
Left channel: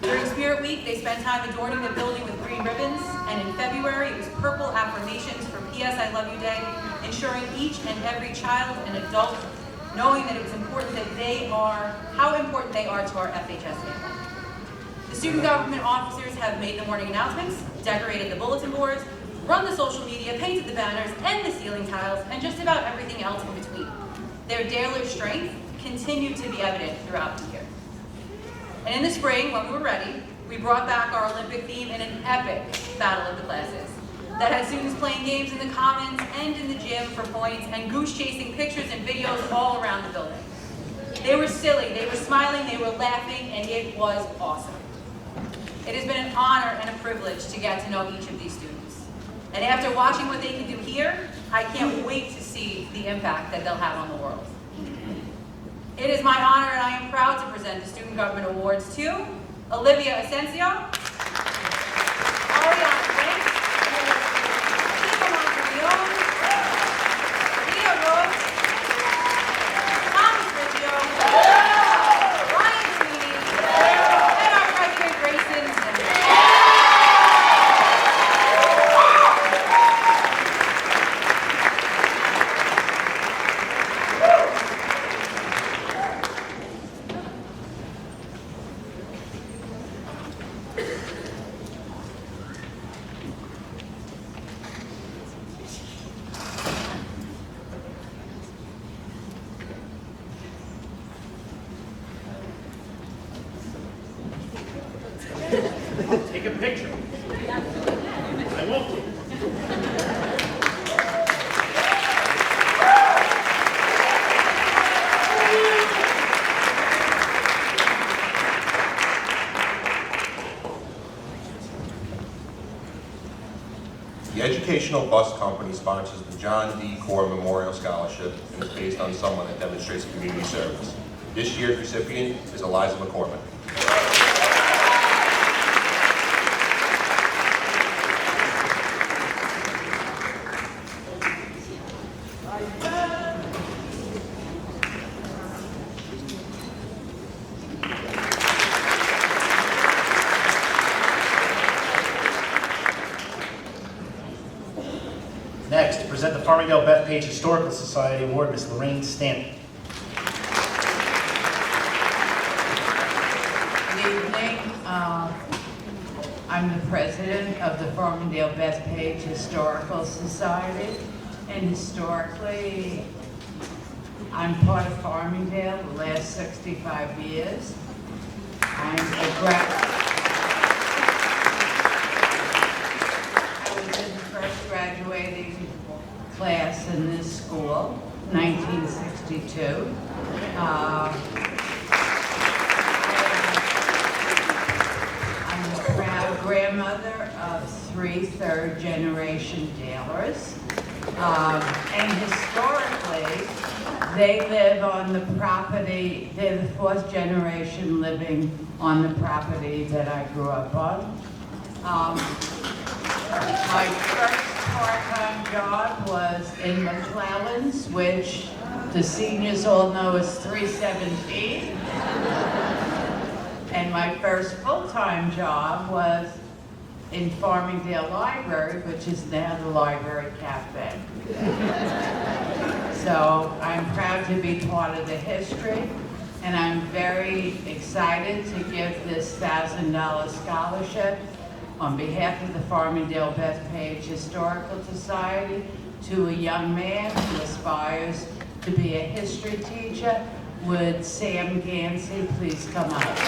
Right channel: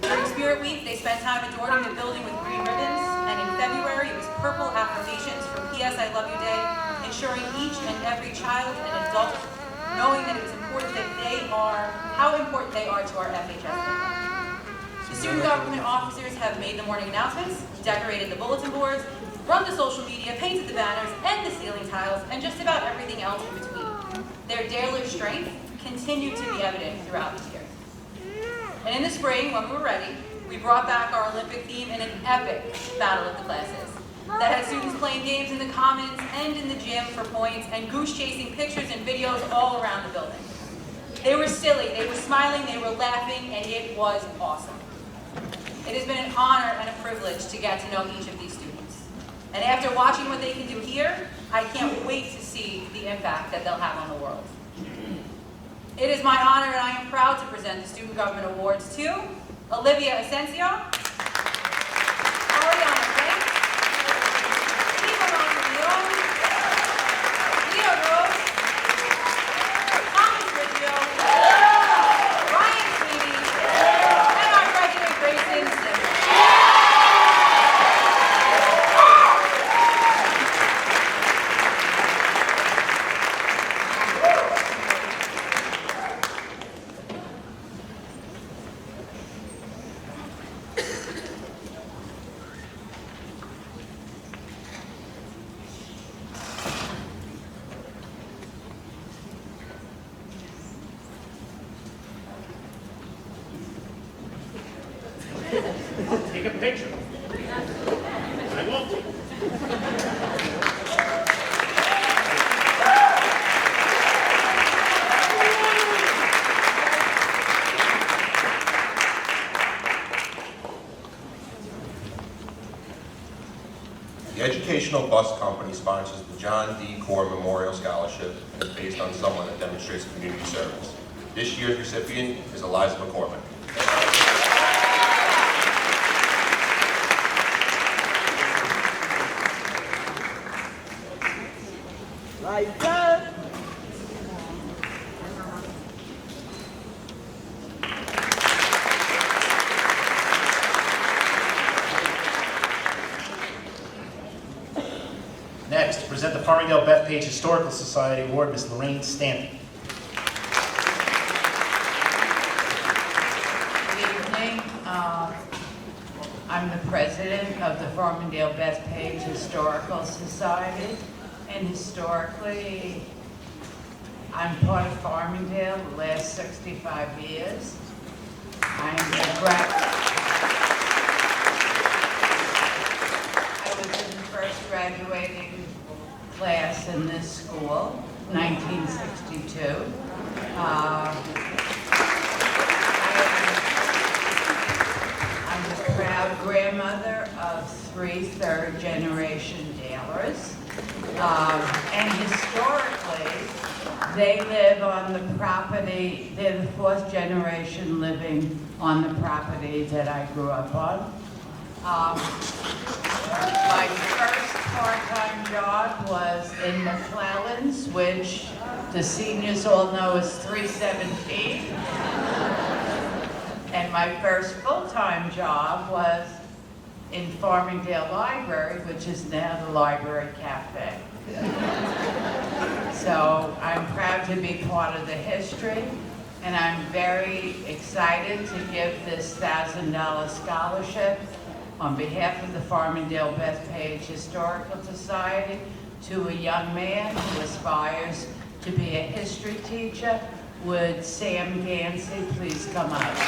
During Spirit Week, they spent time adorning the building with green ribbons, and in February it was purple affirmations for P.S. I Love You Day, ensuring each and every child and adult knowing that it was important that how important they are to our FHS family. The student government officers have made the morning announcements, decorated the bulletin boards, run the social media, painted the banners and the ceiling tiles, and just about everything else in between. Their daily strength continued to be evident throughout the year. And in the spring, when we were ready, we brought back our Olympic theme in an epic battle of the classes that had students playing games in the commons and in the gym for points and goose chasing pictures and videos all around the building. They were silly, they were smiling, they were laughing, and it was awesome. It has been an honor and a privilege to get to know each of these students. And after watching what they can do here, I can't wait to see the impact that they'll have on the world. It is my honor and I am proud to present the Student Government Awards to Olivia Asensio, Ariana Frank, Leah Rose, Thomas Riggio, Ryan Sweeney, and our president, Grayson Zimmer. Take a picture. I won't. The Educational Bus Company sponsors the John D. Core Memorial Scholarship and is based on someone that demonstrates community service. This year's recipient is Eliza McCormick. Next, to present the Farmingdale Bethpage Historical Society Award, Ms. Lorraine Stanton. Good evening. I'm the president of the Farmingdale Bethpage Historical Society, and historically, I'm part of Farmingdale the last 65 years. I was in the first graduating class in this school, 1962. I'm the proud grandmother of 3 third-generation Dalers. And historically, they live on the property, they're the 4th generation living on the property that I grew up on. My first part-time job was in McClellan's, which the seniors all know is 317. And my first full-time job was in Farmingdale Library, which is now the Library Cafe. So I'm proud to be part of the history, and I'm very excited to give this $1,000 scholarship on behalf of the Farmingdale Bethpage Historical Society to a young man who aspires to be a history teacher. Would Sam Gansey please come up?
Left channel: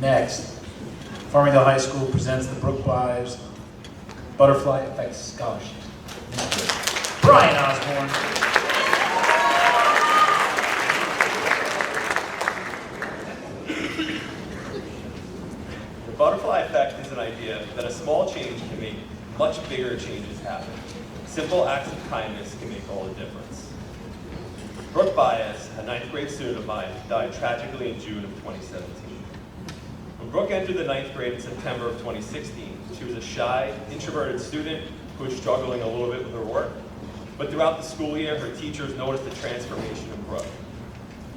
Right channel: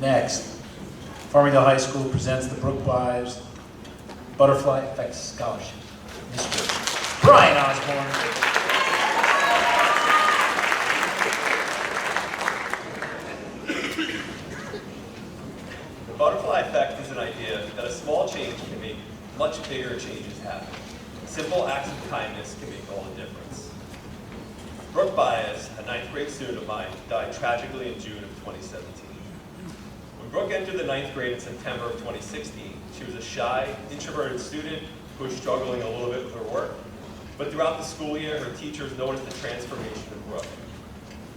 Next, Farmingdale High School presents the Brooke Byers Butterfly Effect Scholarship. Mr. Brian Osborne. The butterfly effect is an idea that a small change can make much bigger changes happen. Simple acts of kindness can make all the difference. Brooke Byers, a 9th grade student of mine, died tragically in June of 2017. When Brooke entered the 9th grade in September of 2016, she was a shy, introverted student who was struggling a little bit with her work. But throughout the school year, her teachers noticed a transformation in Brooke.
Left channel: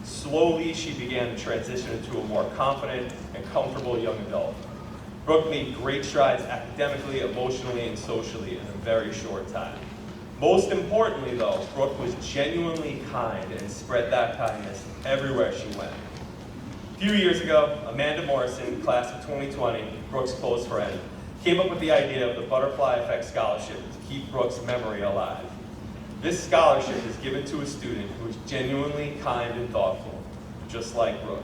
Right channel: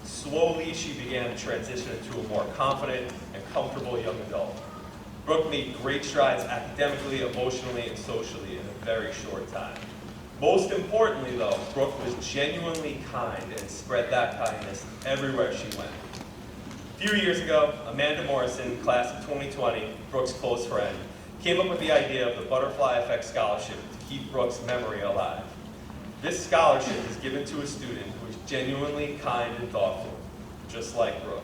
Slowly, she began to transition into a more confident and comfortable young adult. Brooke made great strides academically, emotionally, and socially in a very short time. Most importantly, though, Brooke was genuinely kind and spread that kindness everywhere she went. A few years ago, Amanda Morrison, class of 2020, Brooke's close friend, came up with the idea of the Butterfly Effect Scholarship to keep Brooke's memory alive. This scholarship is given to a student who is genuinely kind and thoughtful, just like Brooke.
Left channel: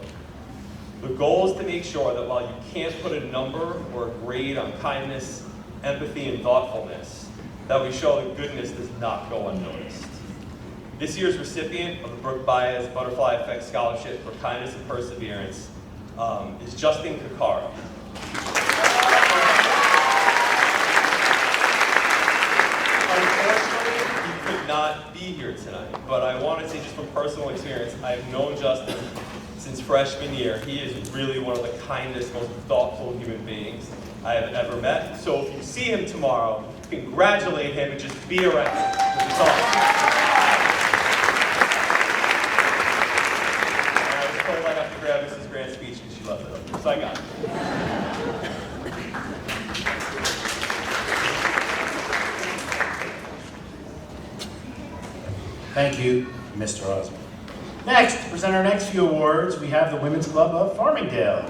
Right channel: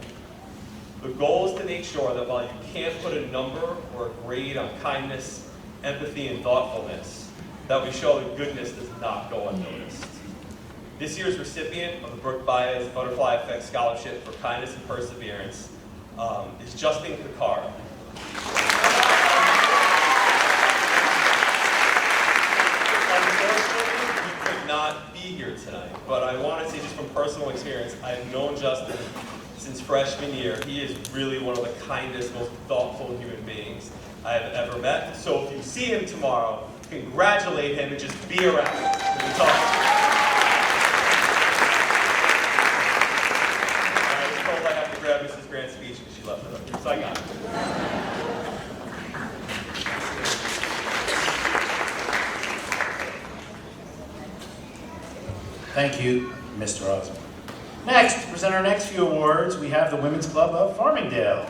The goal is to make sure that while you can't put a number or a grade on kindness, empathy, and thoughtfulness, that we show that goodness does not go unnoticed. This year's recipient of the Brooke Byers Butterfly Effect Scholarship for Kindness and Perseverance is Justin Kakara. Unfortunately, he could not be here tonight, but I want to say just from personal experience, I've known Justin since freshman year. He is really one of the kindest, most thoughtful human beings I have ever met. So if you see him tomorrow, congratulate him and just be around him. It's awesome. I have to grab Mrs. Grant's speech because she left it up here, so I got it. Thank you, Mr. Osborne. Next, to present our next few awards, we have the Women's Club of Farmingdale.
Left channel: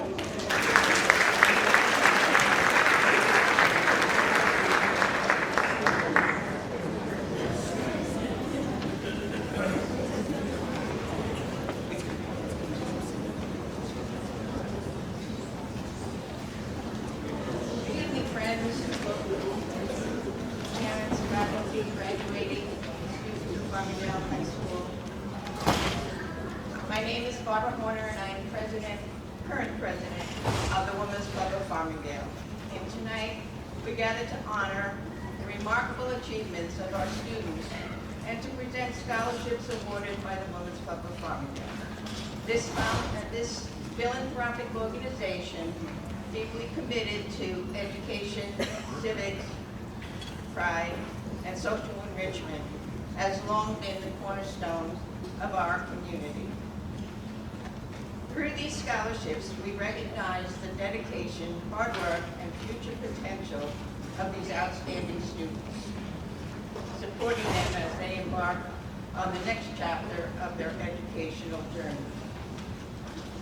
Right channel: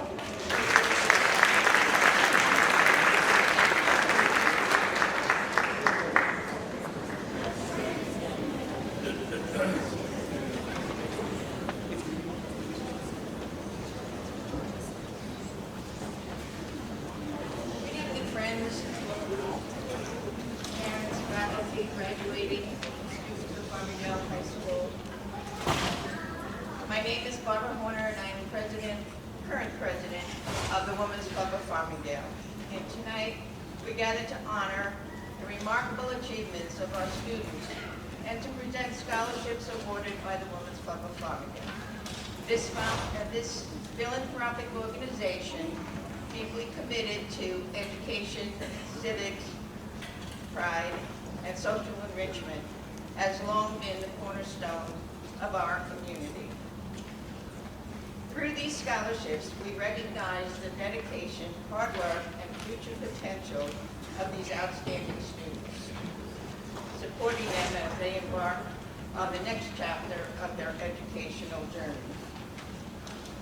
Current president of the Women's Club of Farmingdale. And tonight, we gather to honor the remarkable achievements of our students and to present scholarships awarded by the Women's Club of Farmingdale. This philanthropic organization, deeply committed to education, civics, pride, and social enrichment, has long been the cornerstone of our community. Through these scholarships, we recognize the dedication, hard work, and future potential of these outstanding students, supporting them as they embark on the next chapter of their educational journey.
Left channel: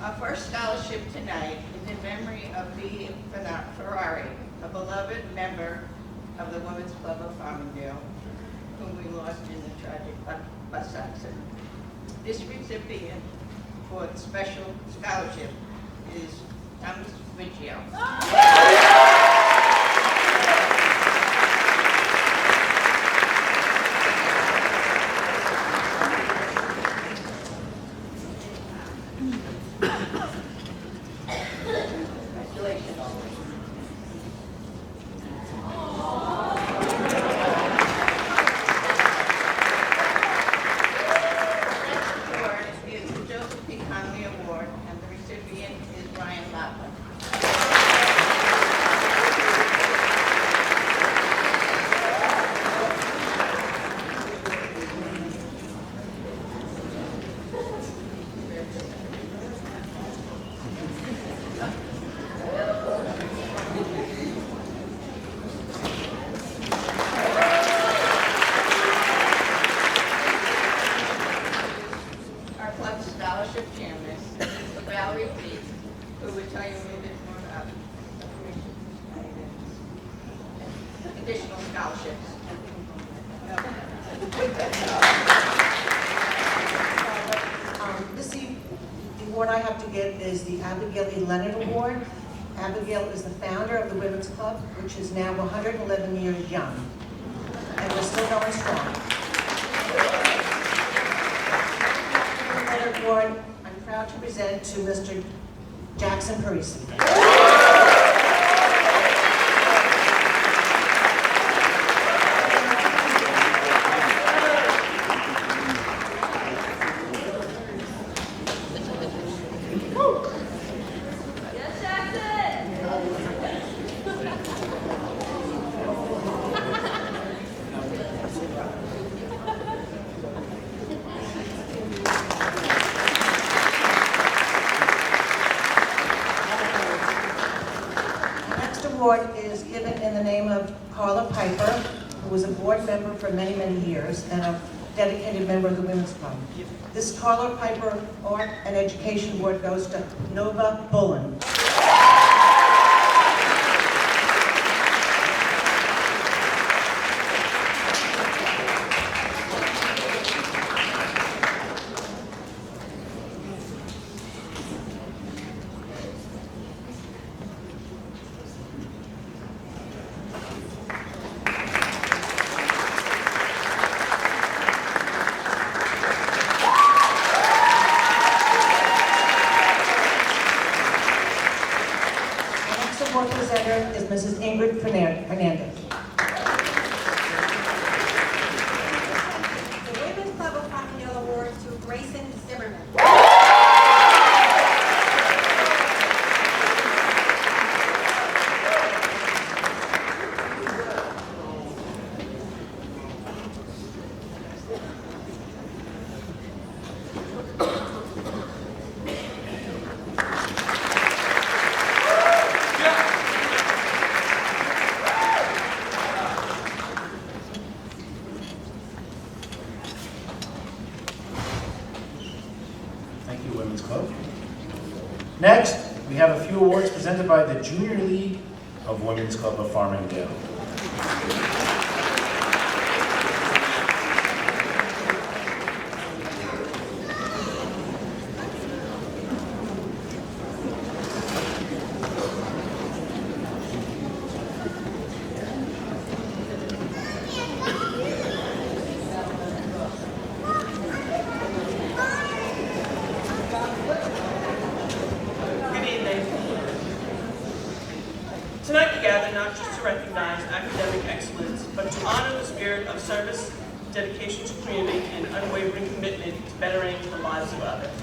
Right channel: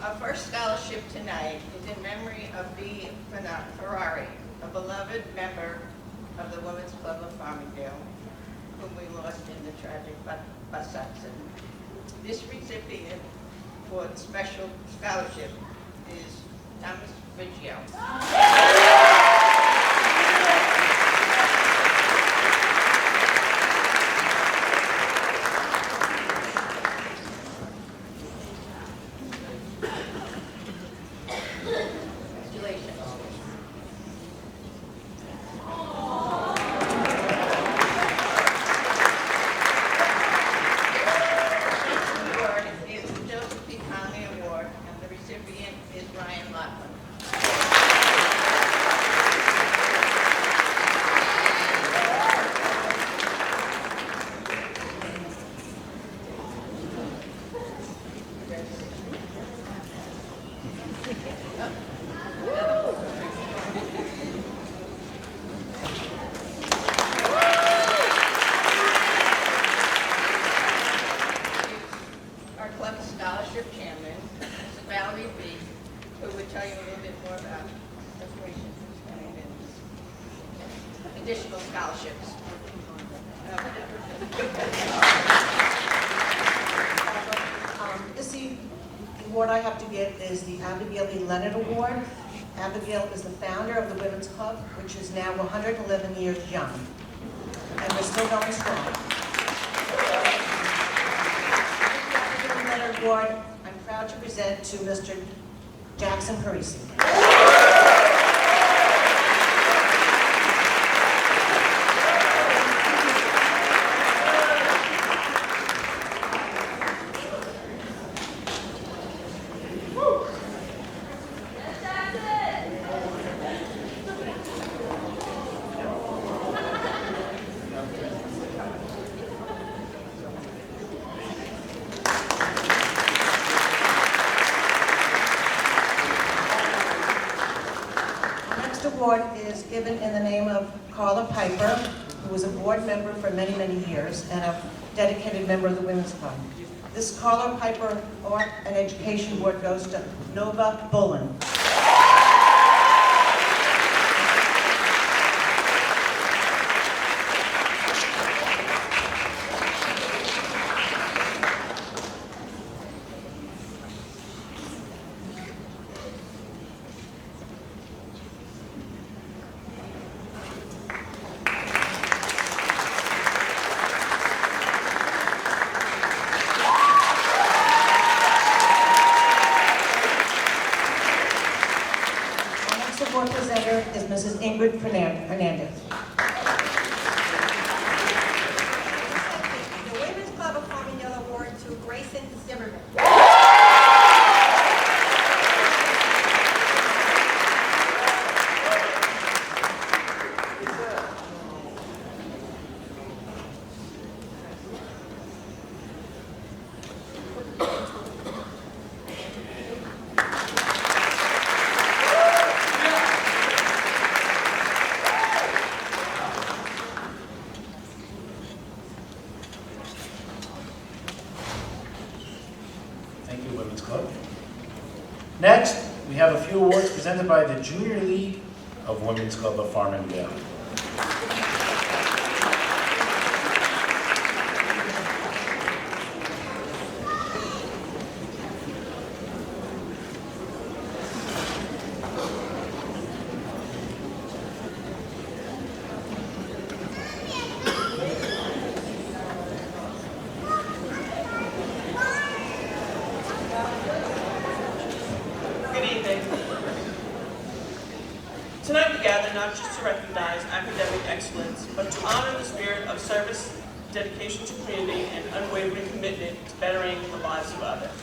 Our first scholarship tonight is in memory of B. Ferrari, a beloved member of the Women's Club of Farmingdale, whom we lost in the tragic bus accident. This recipient for the special scholarship is Thomas Biggio. scholarships. The award I have to give is the Abigail E. Leonard Award. Abigail is the founder of the Women's Club, which is now 111 years young, and we're still going strong. The Abigail Leonard Award, I'm proud to present to Mr. Jackson Parisi. Award is given in the name of Carla Piper, who was a board member for many, many years and a dedicated member of the Women's Club. This Carla Piper Art and Education Award goes to Nova Bullen. Award presenter is Mrs. Ingrid Hernandez. The Women's Club of Farmingdale Award to Grayson Zimmerman. Thank you, Women's Club. Next, we have a few awards presented by the Junior League of Women's Club of Farmingdale. Tonight we gather not just to recognize academic excellence, but to honor the spirit of service, dedication to community, and unwavering commitment to bettering the lives of others.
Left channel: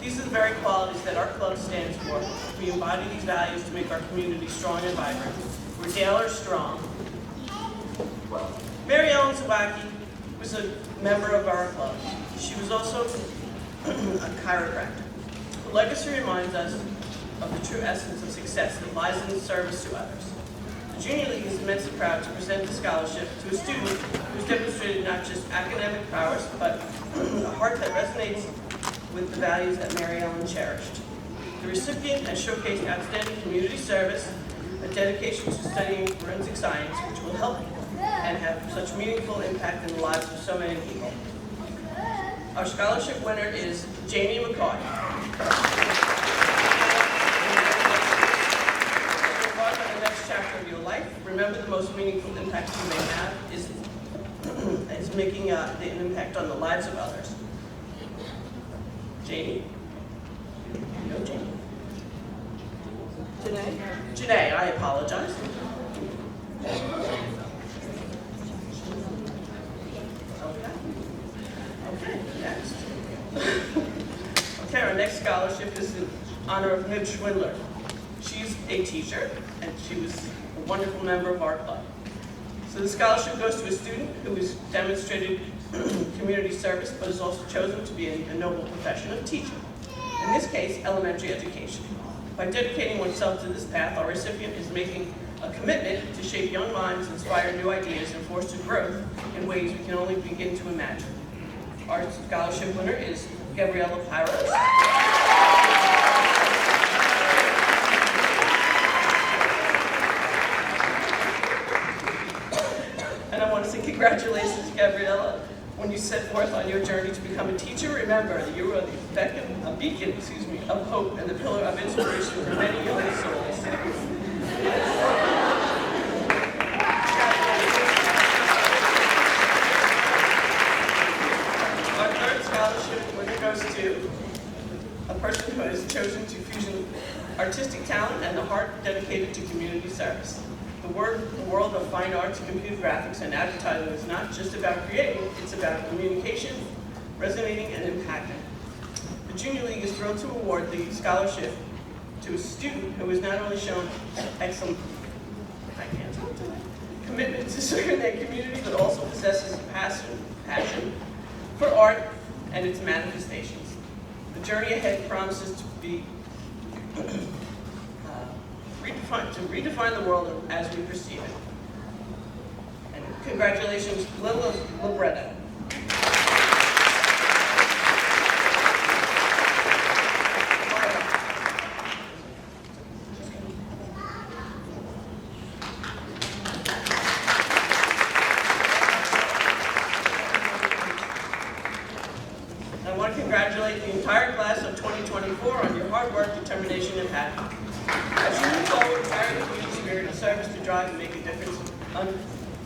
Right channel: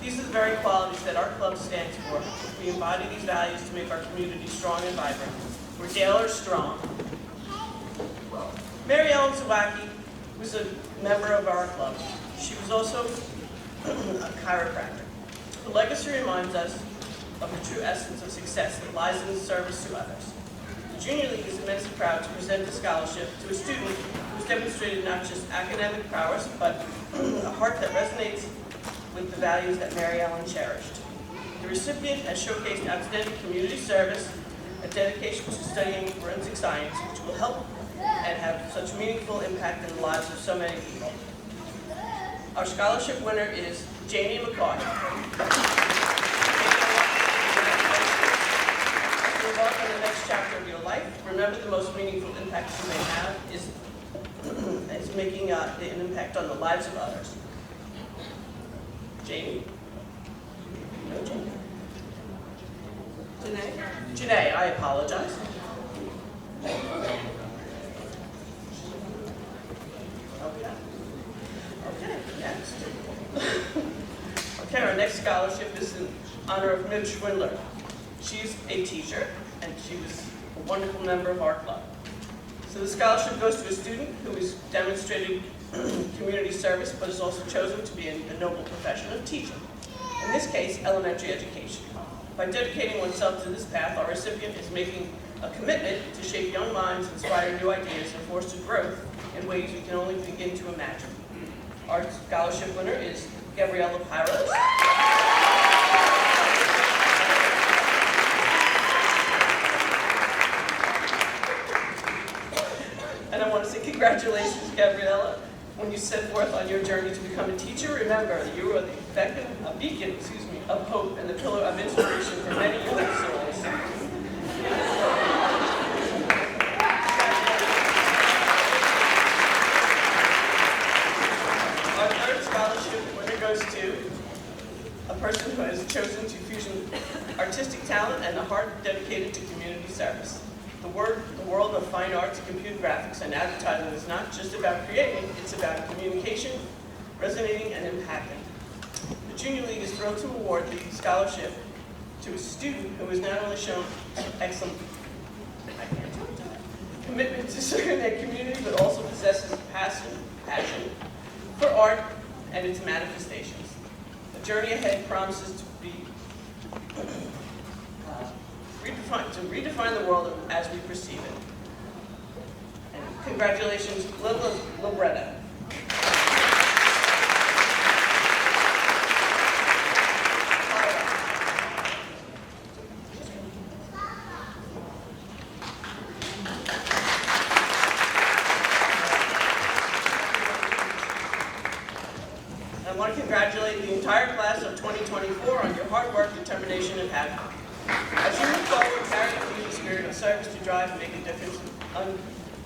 These are the very qualities that our club stands for. We embody these values to make our community strong and vibrant. We're Dale are strong. Mary Ellen Zawacki was a member of our club. She was also a chiropractor. Her legacy reminds us of the true essence of success that lies in the service to others. The Junior League is immensely proud to present the scholarship to a student who's demonstrated not just academic prowess, but a heart that resonates with the values that Mary Ellen cherished. The recipient has showcased outstanding community service, a dedication to studying forensic science, which will help and have such meaningful impact in the lives of so many people. Our scholarship winner is Jamie McCoy. Embark on the next chapter of your life. Remember, the most meaningful impact you may have is making an impact on the lives of others. Jamie? No, Jamie. Janae? Janae, I apologize. Okay, next. Okay, our next scholarship is in honor of Midge Schwindler. She's a teacher, and she was a wonderful member of our club. So the scholarship goes to a student who has demonstrated community service, but has also chosen to be a noble profession of teaching. In this case, elementary education. By dedicating oneself to this path, our recipient is making a commitment to shape young minds, inspire new ideas, and foster growth in ways we can only begin to imagine. Our scholarship winner is Gabriella Pyros. Congratulations, Gabriella. When you set forth on your journey to become a teacher, remember that you are a beacon of hope and the pillar of inspiration for many young souls. Our third scholarship winner goes to a person who has chosen to fusion artistic talent and a heart dedicated to community service. The world of fine arts, computer graphics, and advertising is not just about creating, it's about communication, resonating, and impacting. The Junior League is thrilled to award the scholarship to a student who has not only shown excellent commitment to serving their community, but also possesses a passion for art and its manifestations. The journey ahead promises to be redefine the world as we perceive it. And congratulations, Lila Libretta. I want to congratulate the entire class of 2024 on your hard work, determination, and passion. As you move forward, carry the community spirit of service to drive and make a difference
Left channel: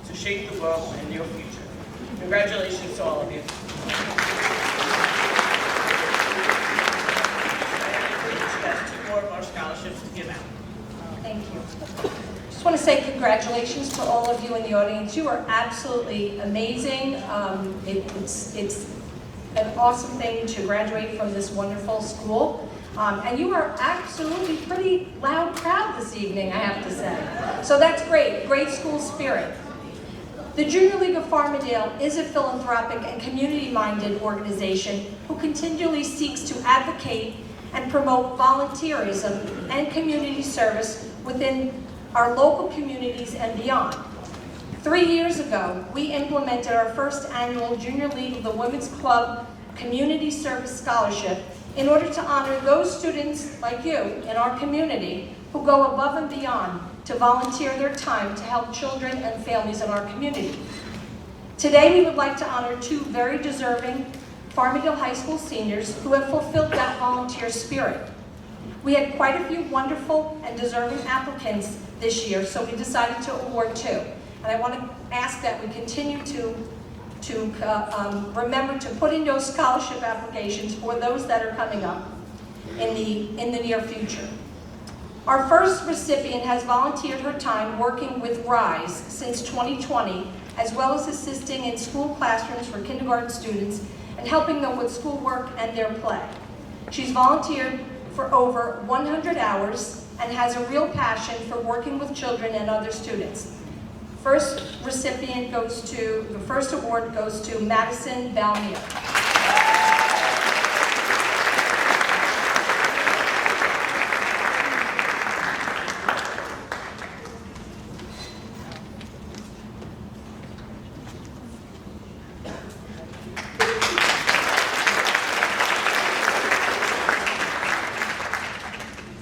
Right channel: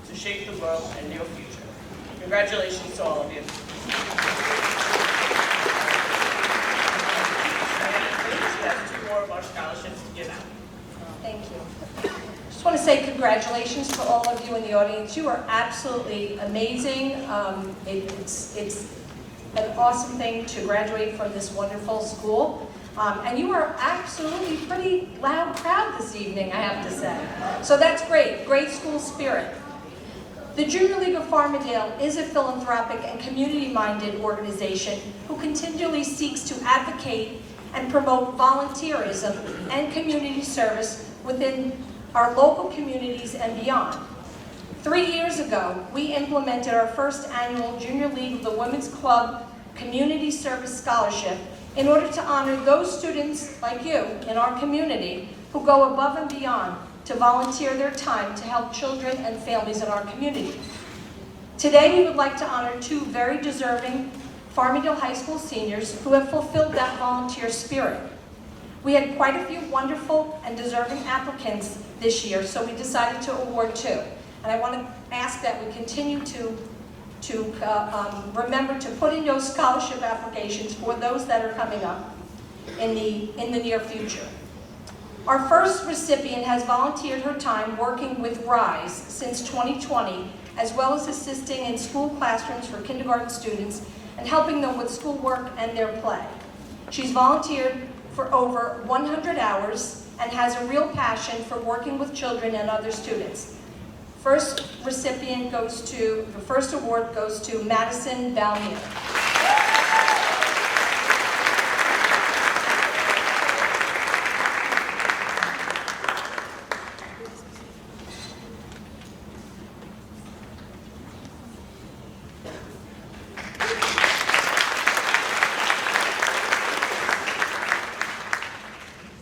to shape the world and your future. Congratulations to all of you. She has 2 more of our scholarships to give out. Thank you. Just want to say congratulations to all of you in the audience. You are absolutely amazing. It's an awesome thing to graduate from this wonderful school. And you are absolutely pretty loud crowd this evening, I have to say. So that's great, great school spirit. The Junior League of Farmingdale is a philanthropic and community-minded organization who continually seeks to advocate and promote volunteerism and community service within our local communities and beyond. 3 years ago, we implemented our first annual Junior League of the Women's Club Community Service Scholarship in order to honor those students like you in our community who go above and beyond to volunteer their time to help children and families in our community. Today, we would like to honor 2 very deserving Farmingdale High School seniors who have fulfilled that volunteer spirit. We had quite a few wonderful and deserving applicants this year, so we decided to award 2. And I want to ask that we continue to remember to put in those scholarship applications for those that are coming up in the near future. Our first recipient has volunteered her time working with RISE since 2020, as well as assisting in school classrooms for kindergarten students and helping them with schoolwork and their play. She's volunteered for over 100 hours and has a real passion for working with children and other students. The first award goes to Madison Balmier.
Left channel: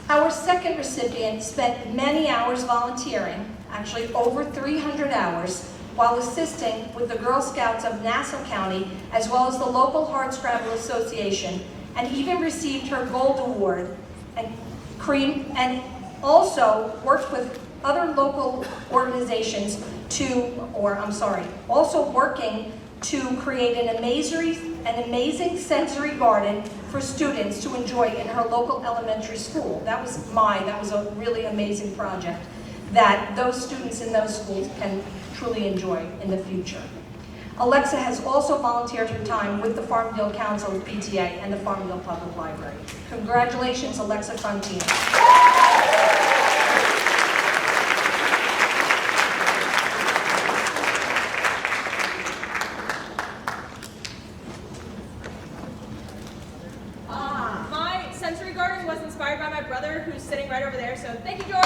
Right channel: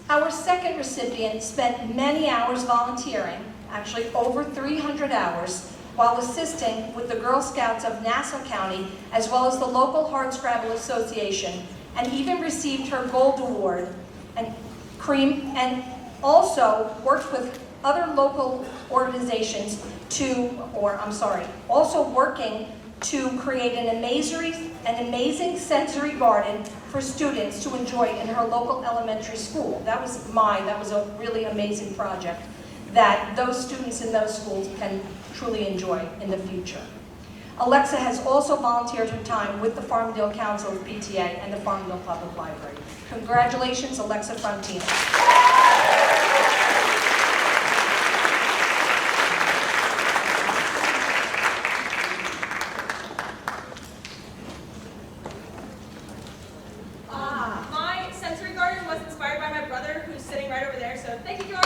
Our second recipient spent many hours volunteering, actually over 300 hours, while assisting with the Girl Scouts of Nassau County, as well as the local Hardscrabble Association, and even received her Gold Award, and also worked with other local organizations also working to create an amazing sensory garden for students to enjoy in her local elementary school. That was a really amazing project that those students in those schools can truly enjoy in the future. Alexa has also volunteered her time with the Farmingdale Council of PTA and the Farmingdale Public Library. Congratulations, Alexa Frontina. My sensory garden was inspired by my brother, who's sitting right over there, so thank you, George.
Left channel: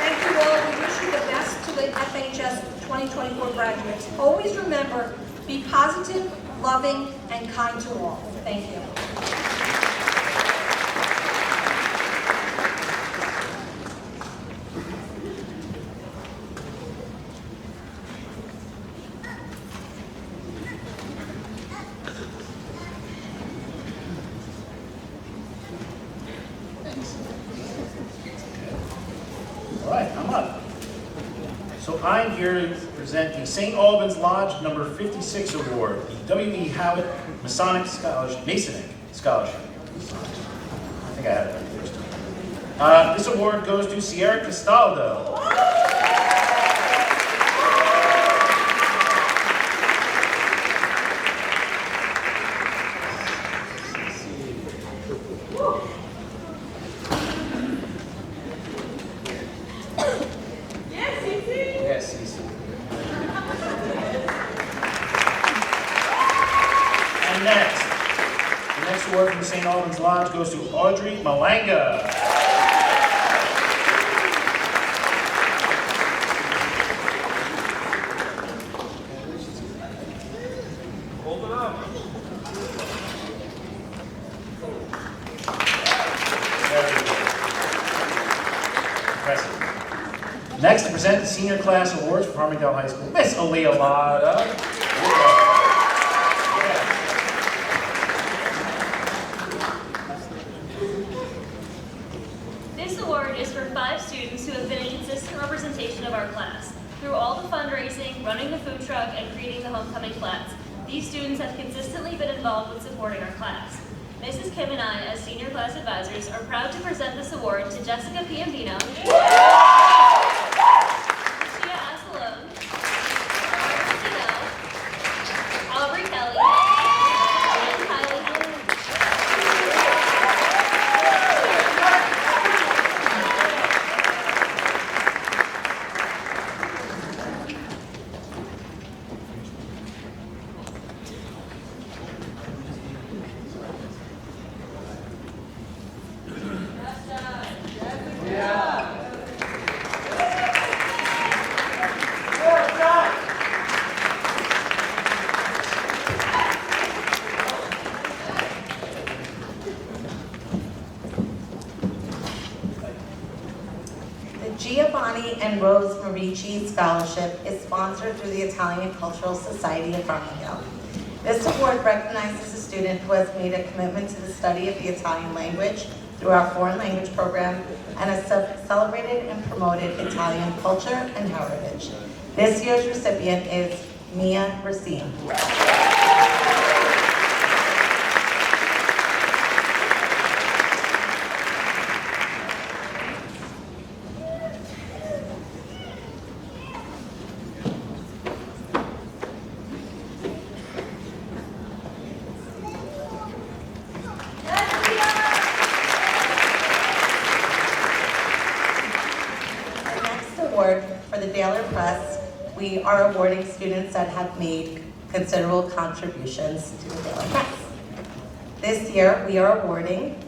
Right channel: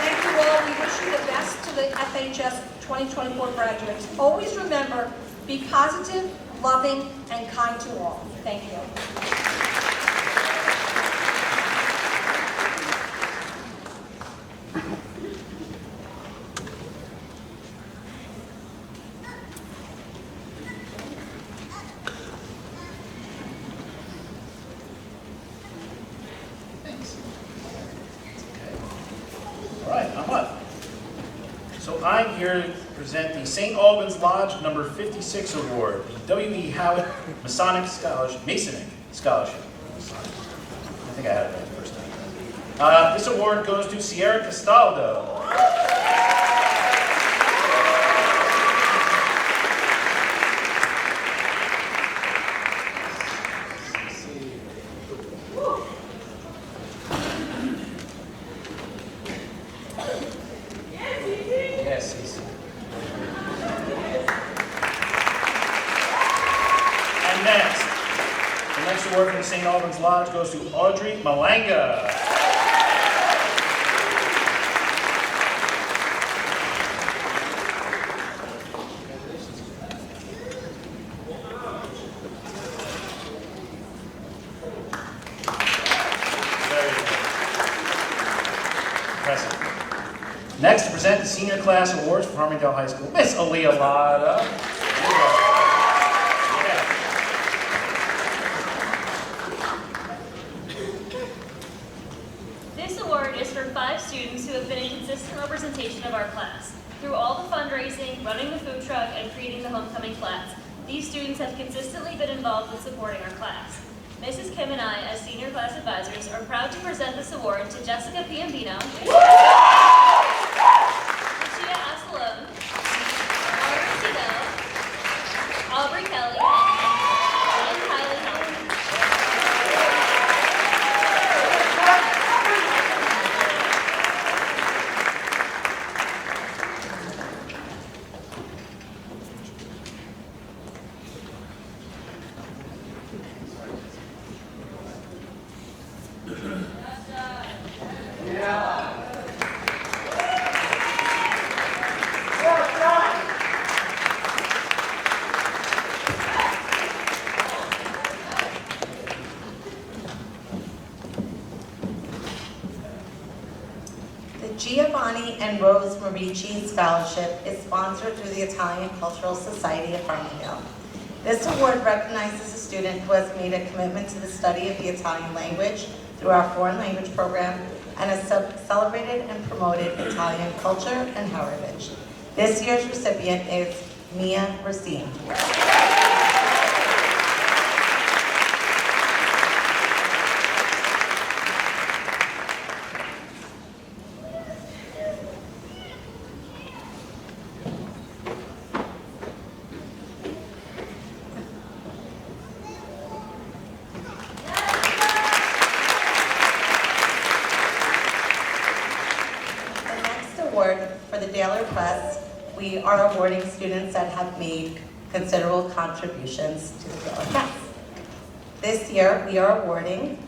Thank you all. We wish you the best to the FHS 2024 graduates. Always remember, be positive, loving, and kind to all. Thank you. come up. So I'm here to present the St. Albans Lodge number 56 award, the W.E. Howitt Masonic Scholarship, Masonic Scholarship. I think I had it right the first time. This award goes to Sierra Castaldo. Yes, Cece. And next, the next award from the St. Albans Lodge goes to Audrey Malanga. Very good. Impressive. Next, to present the senior class awards for Farmingdale High School, Miss Aaliyah Lotta. This award is for 5 students who have been a consistent representation of our class. Through all the fundraising, running the food truck, and creating the homecoming flats, these students have consistently been involved with supporting our class. Mrs. Kim and I, as senior class advisors, are proud to present this award to Jessica Piambino, Lucia Assalone, Barbara Sido, Aubrey Kelly, and Kylie Halpin. The Giovanni and Rose Marici Scholarship is sponsored through the Italian Cultural Society of Farmingdale. This award recognizes a student who has made a commitment to the study of the Italian language through our foreign language program and has celebrated and promoted Italian culture and heritage. This year's recipient is Mia Racine. For the Daily Press, we are awarding students that have made considerable contributions to the Daily Press. This year, we are awarding,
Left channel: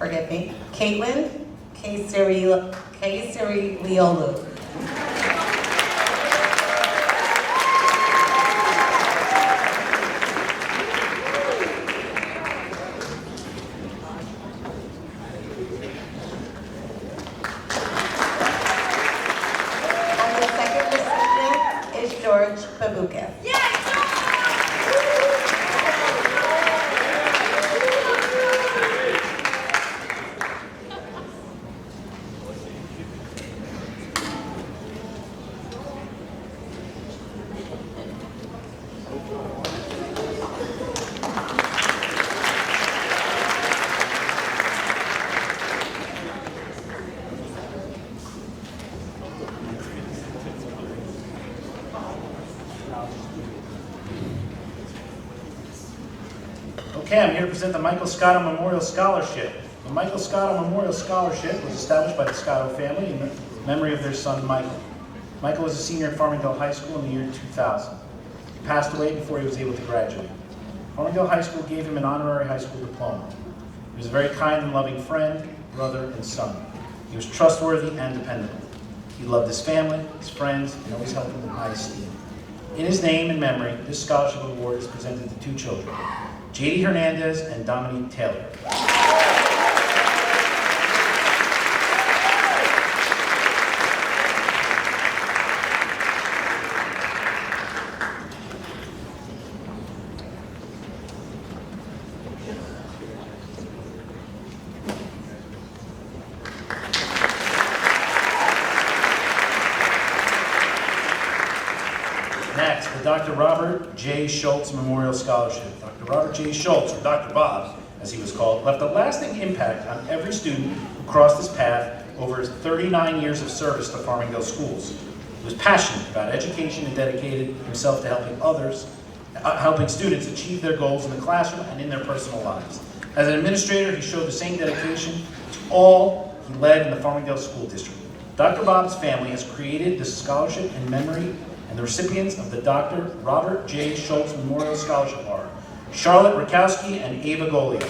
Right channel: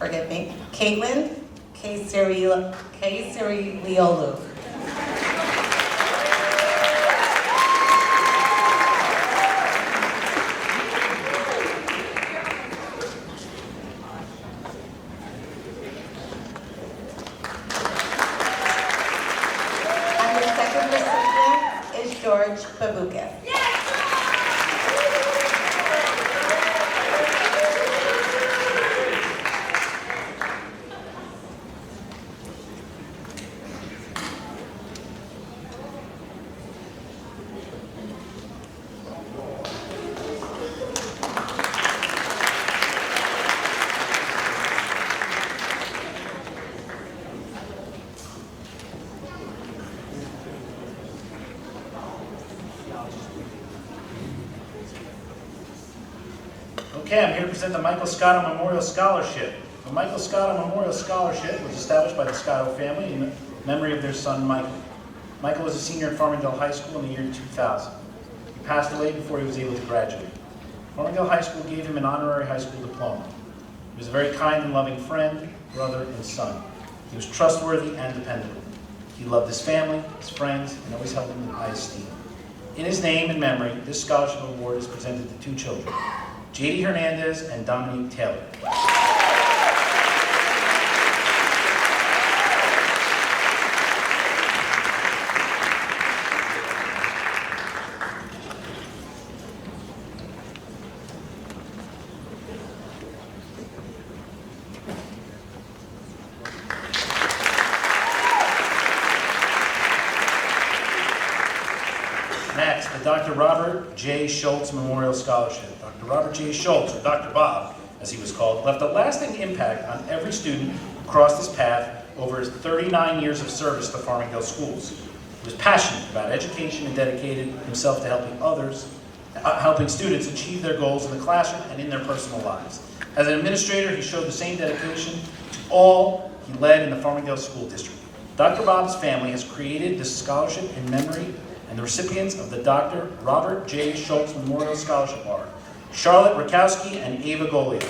Caitlin K-Siri-Liolu. George Babuka. Okay, I'm here to present the Michael Scotto Memorial Scholarship. The Michael Scotto Memorial Scholarship was established by the Scotto family in memory of their son, Michael. Michael was a senior at Farmingdale High School in the year 2000. He passed away before he was able to graduate. Farmingdale High School gave him an honorary high school diploma. He was a very kind and loving friend, brother, and son. He was trustworthy and dependable. He loved his family, his friends, and always held them in high esteem. In his name and memory, this scholarship award is presented to 2 children, J.D. Hernandez and Dominique Taylor. the Dr. Robert J. Schultz Memorial Scholarship. Dr. Robert J. Schultz, or Dr. Bob, as he was called, left a lasting impact on every student who crossed his path over his 39 years of service to Farmingdale schools. He was passionate about education and dedicated himself to helping students achieve their goals in the classroom and in their personal lives. As an administrator, he showed the same dedication to all he led in the Farmingdale School District. Dr. Bob's family has created this scholarship in memory, and the recipients of the Dr. Robert J. Schultz Memorial Scholarship are Charlotte Rakowski and Ava Golio.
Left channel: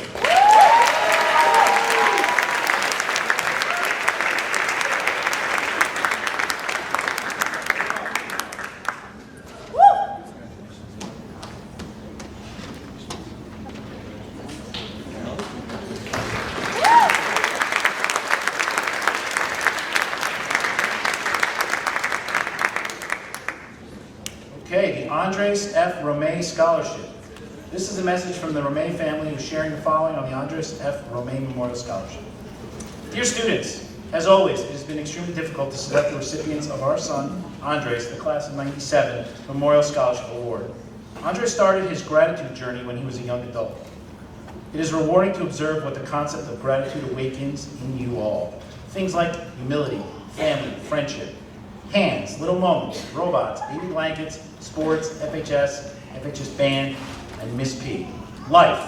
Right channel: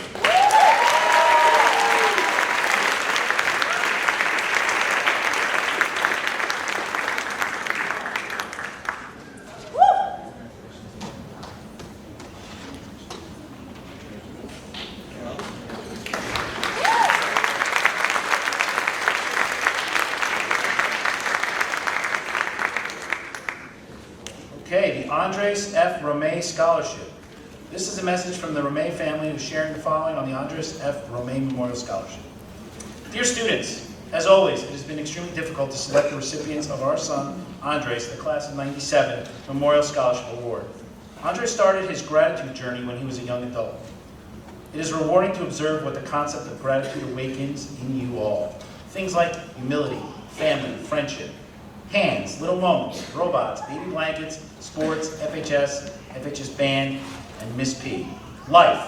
Okay, the Andres F. Romay Scholarship. This is a message from the Romay family who's sharing the following on the Andres F. Romay Memorial Scholarship. Dear students, as always, it has been extremely difficult to select the recipients of our son, Andres, the class of '97 Memorial Scholarship Award. Andres started his gratitude journey when he was a young adult. It is rewarding to observe what the concept of gratitude awakens in you all. Things like humility, family, friendship, hands, little moments, robots, baby blankets, sports, FHS, FHS band, and Miss P. Life.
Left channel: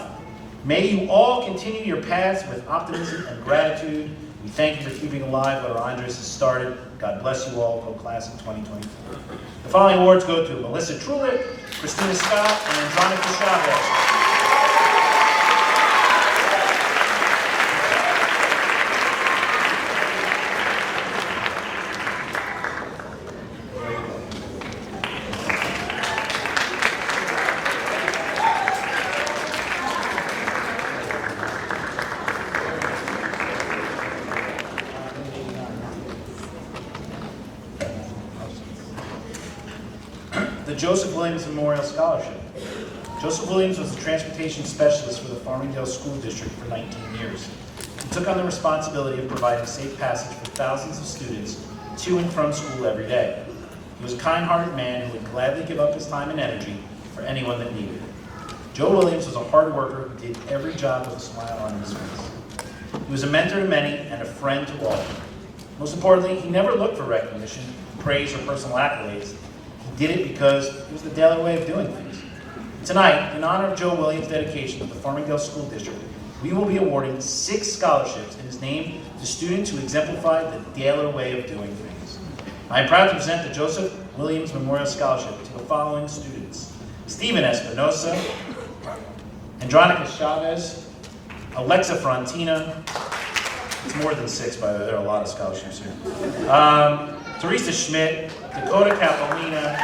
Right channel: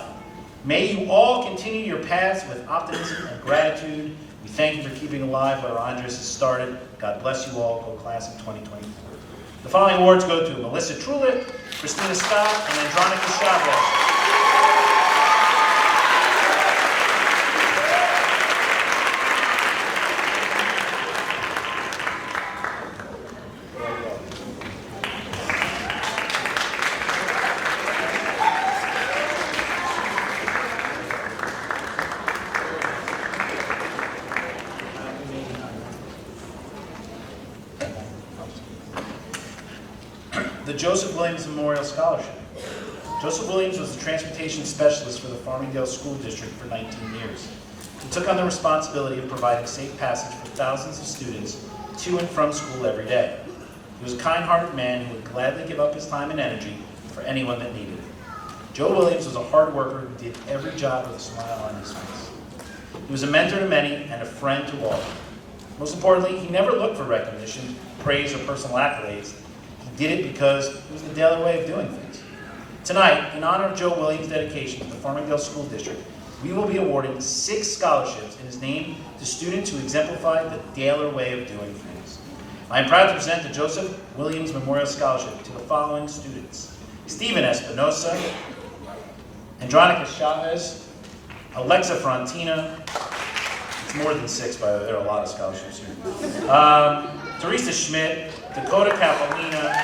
May you all continue your paths with optimism and gratitude. We thank you for keeping alive what our Andres has started. God bless you all. Go class of 2024. The following awards go to Melissa Trulick, Christina Scott, and Andronica Chavez. The Joseph Williams Memorial Scholarship. Joseph Williams was the transportation specialist for the Farmingdale School District for 19 years. He took on the responsibility of providing safe passage for thousands of students to and from school every day. He was a kind-hearted man who would gladly give up his time and energy for anyone that needed it. Joe Williams was a hard worker who did every job with a smile on his face. He was a mentor to many and a friend to all. Most importantly, he never looked for recognition, praise, or personal accolades. He did it because it was the daily way of doing things. Tonight, in honor of Joe Williams' dedication to the Farmingdale School District, we will be awarding 6 scholarships in his name to students who exemplify the daily way of doing things. I am proud to present the Joseph Williams Memorial Scholarship to the following students: Stephen Espinosa, Andronica Chavez, Alexa Frontina. It's more than 6, by the way. There are a lot of scholarships here. Teresa Schmidt, Dakota Capolina,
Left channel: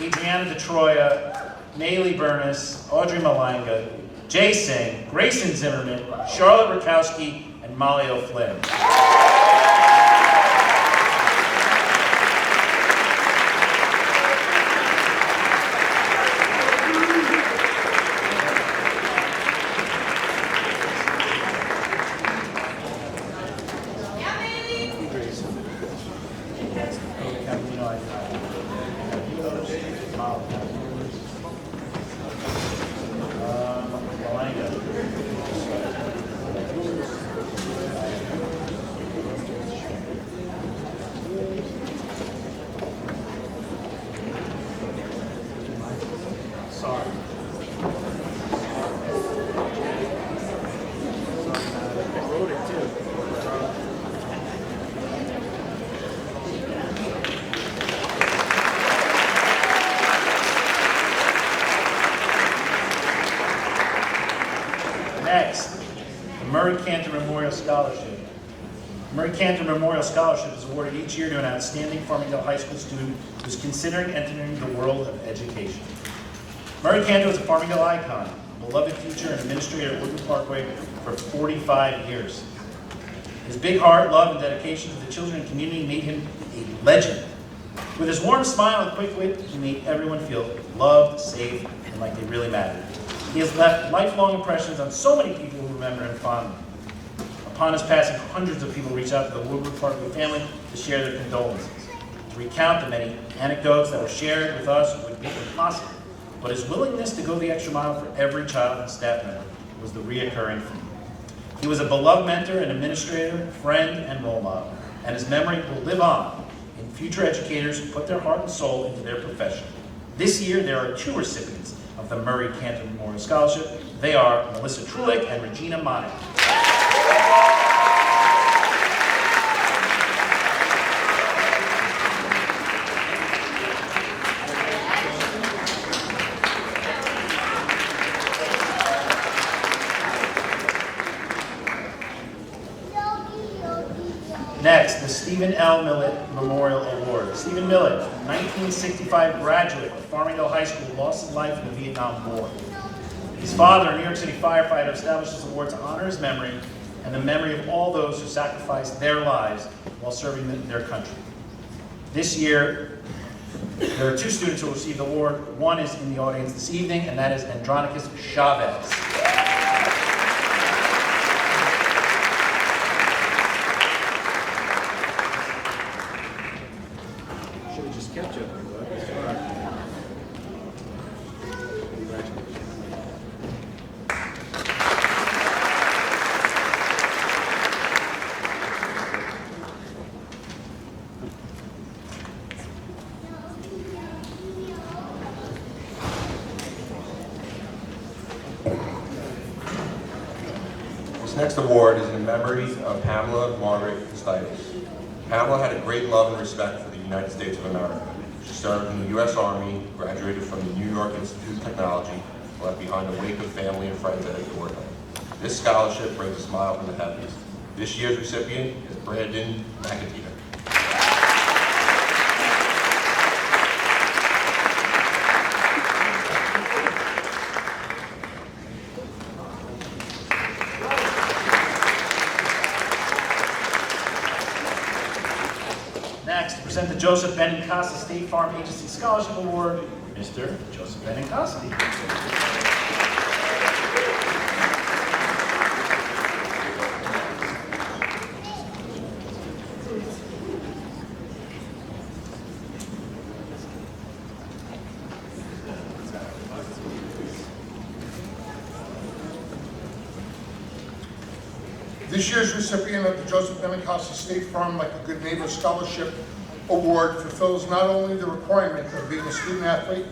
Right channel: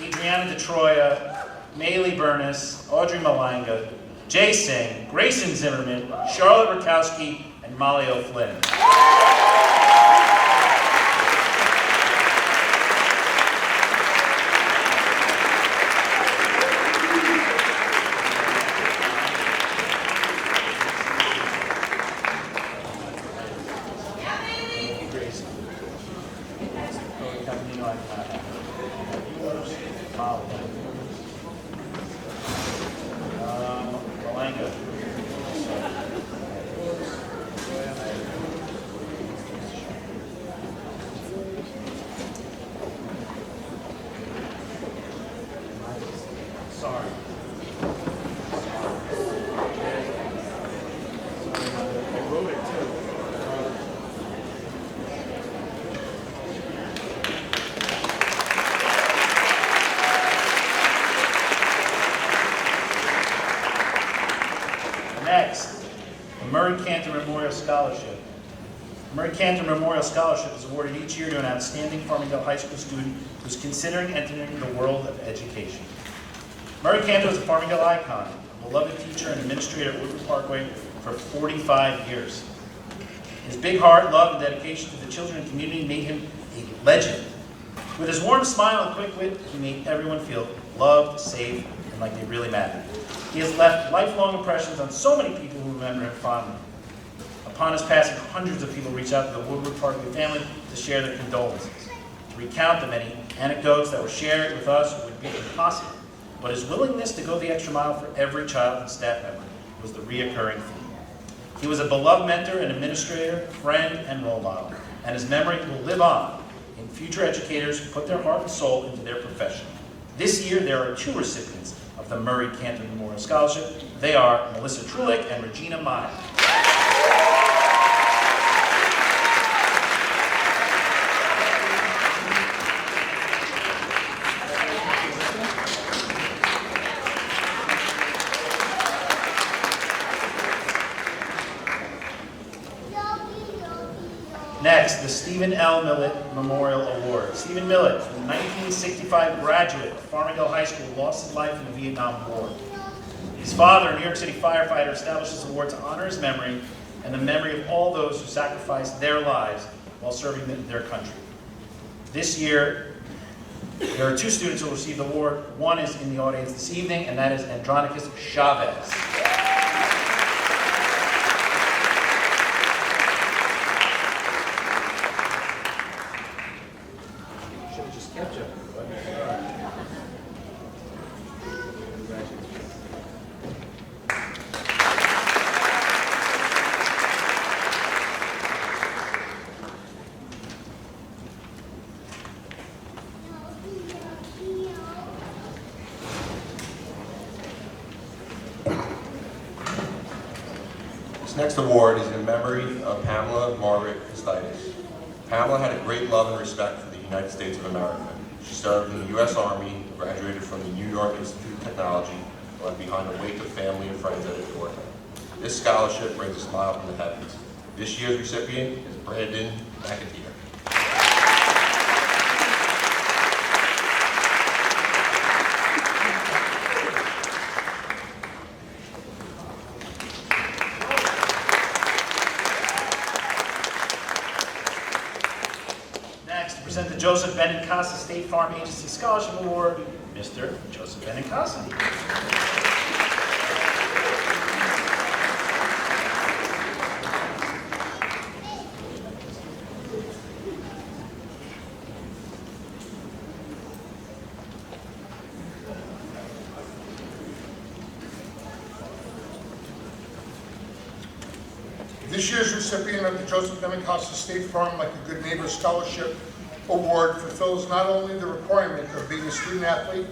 Adriana DeTroya, Maylee Bernis, Audrey Malanga, Jay Singh, Grayson Zimmerman, Charlotte Rakowski, and Molly O'Flynn. Next, the Murray Cantor Memorial Scholarship. The Murray Cantor Memorial Scholarship is awarded each year to an outstanding Farmingdale High School student who is considering entering the world of education. Murray Cantor was a Farmingdale icon, a beloved teacher and administrator at Woodward Parkway for 45 years. His big heart, love, and dedication to the children and community made him a legend. With his warm smile and quick wit, he made everyone feel loved, safe, and like they really mattered. He has left lifelong impressions on so many people who remember him fondly. Upon his passing, hundreds of people reached out to the Woodward Parkway family to share their condolences. To recount the many anecdotes that were shared with us would would be impossible, but his willingness to go the extra mile for every child and staff member was the reoccurring theme. He was a beloved mentor and administrator, friend, and role model, and his memory will live on in future educators who put their heart and soul into their profession. This year, there are 2 recipients of the Murray Cantor Memorial Scholarship. They are Melissa Trulick and Regina Maya. Next, the Stephen L. Millett Memorial Award. Stephen Millett, a 1965 graduate of Farmingdale High School, lost his life in the Vietnam War. His father, a New York City firefighter, established this award to honor his memory and the memory of all those who sacrificed their lives while serving their country. This year, there are 2 students who will receive the award. One is in the audience this evening, and that is Andronicus Chavez. This next award is in memory of Pamela Margaret Costitis. Pamela had a great love and respect for the United States of America. She served in the U.S. Army, graduated from the New York Institute of Technology, and left behind a wake of family and friends that adored her. This scholarship brings a smile from the heavens. This year's recipient is Brandon McAteer. Next, to present the Joseph Benincasa State Farm Agency Scholarship Award, Mr. Joseph Benincasa. This year's recipient of the Joseph Benincasa State Farm Like a Good Neighbor Scholarship Award fulfills not only the requirement of being a student athlete,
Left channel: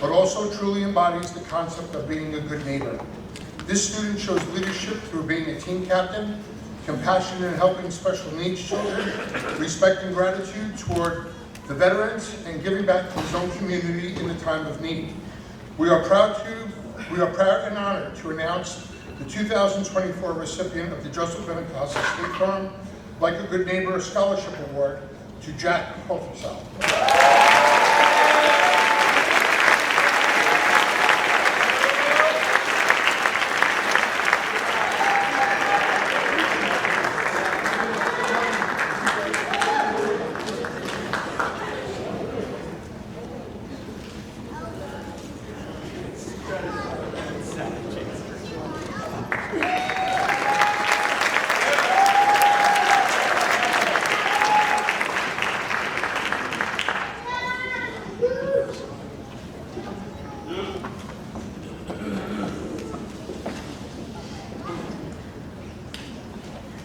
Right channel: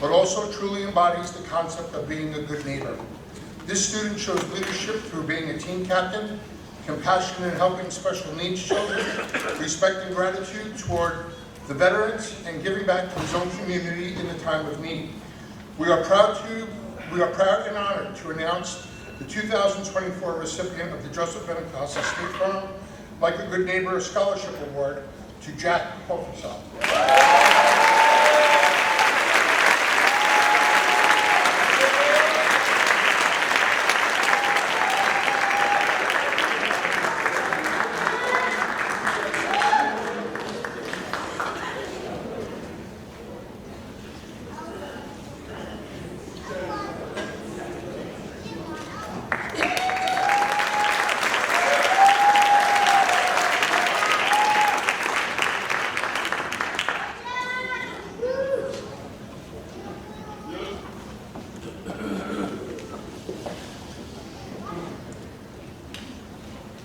but also truly embodies the concept of being a good neighbor. This student shows leadership through being a team captain, compassion in helping special needs children, respect and gratitude toward the veterans, and giving back to his own community in the time of need. We are proud and honored to announce the 2024 recipient of the Joseph Benincasa State Farm Like a Good Neighbor Scholarship Award to Jack Hofelsal.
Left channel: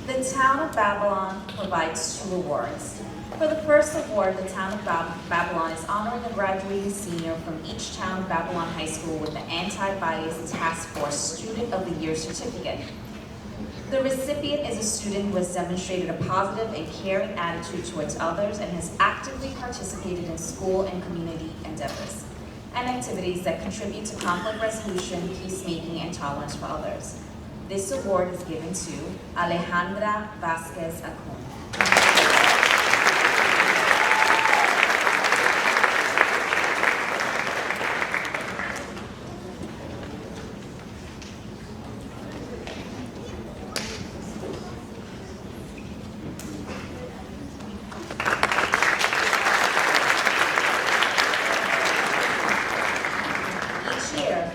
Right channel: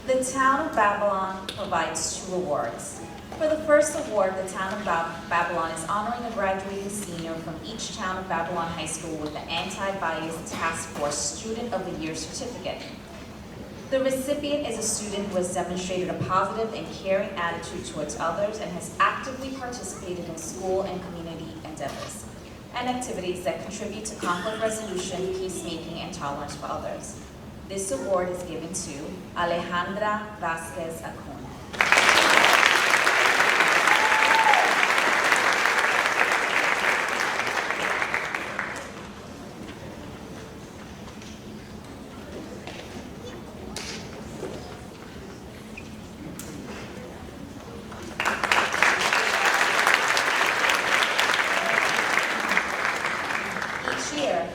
The Town of Babylon provides 2 awards. For the first award, the Town of Babylon is honoring a graduating senior from each Town of Babylon High School with the Anti-Bias Task Force Student of the Year certificate. The recipient is a student who has demonstrated a positive and caring attitude towards others and has actively participated in school and community endeavors and activities that contribute to conflict resolution, peacemaking, and tolerance for others. This award is given to Alejandra Vasquez Acun.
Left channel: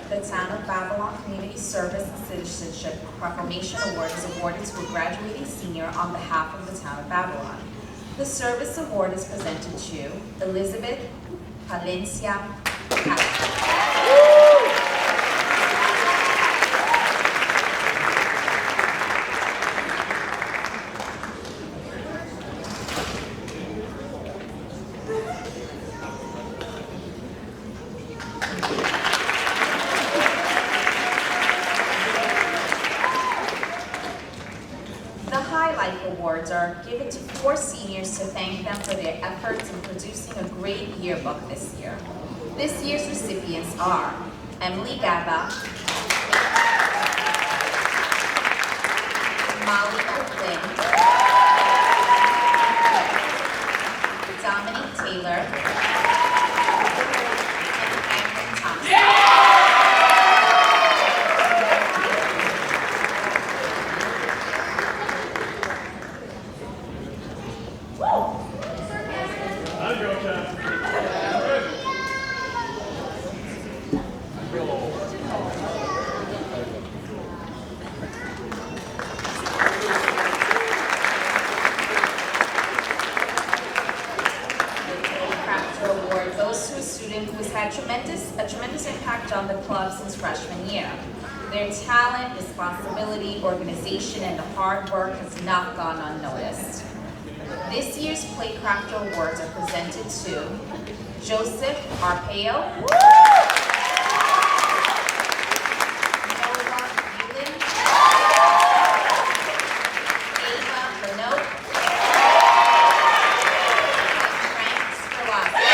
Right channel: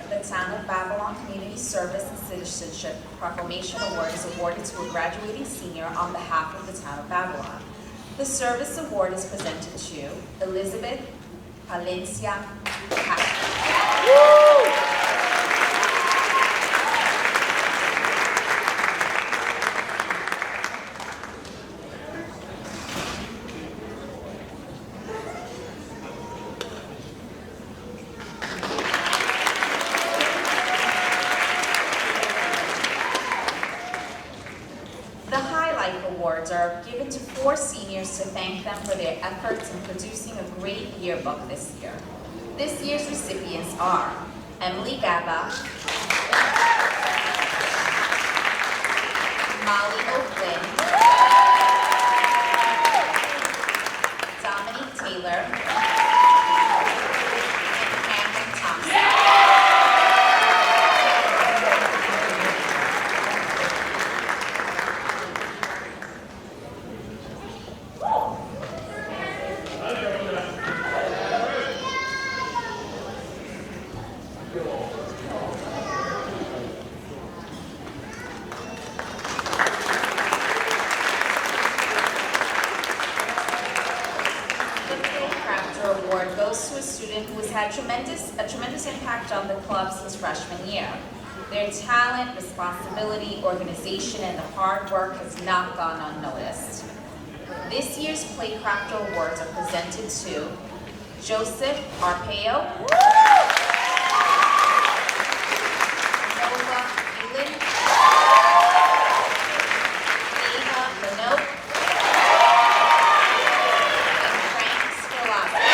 The Town of Babylon Community Service and Citizenship Proclamation Award is awarded to a graduating senior on behalf of the Town of Babylon. The Service Award is presented to Elizabeth Palencia The Highlight Awards are given to 4 seniors to thank them for their efforts in producing a great yearbook this year. This year's recipients are Emily Gaba, Molly O'Flynn, Dominique Taylor, and Cameron Thompson. Award goes to a student who has had a tremendous impact on the club since freshman year. Their talent, responsibility, organization, and the hard work has not gone unnoticed. This year's Playcrafter Awards are presented to Joseph Arpaio, Nova Yulin, Ava Minogue, and Frank Scarlatti.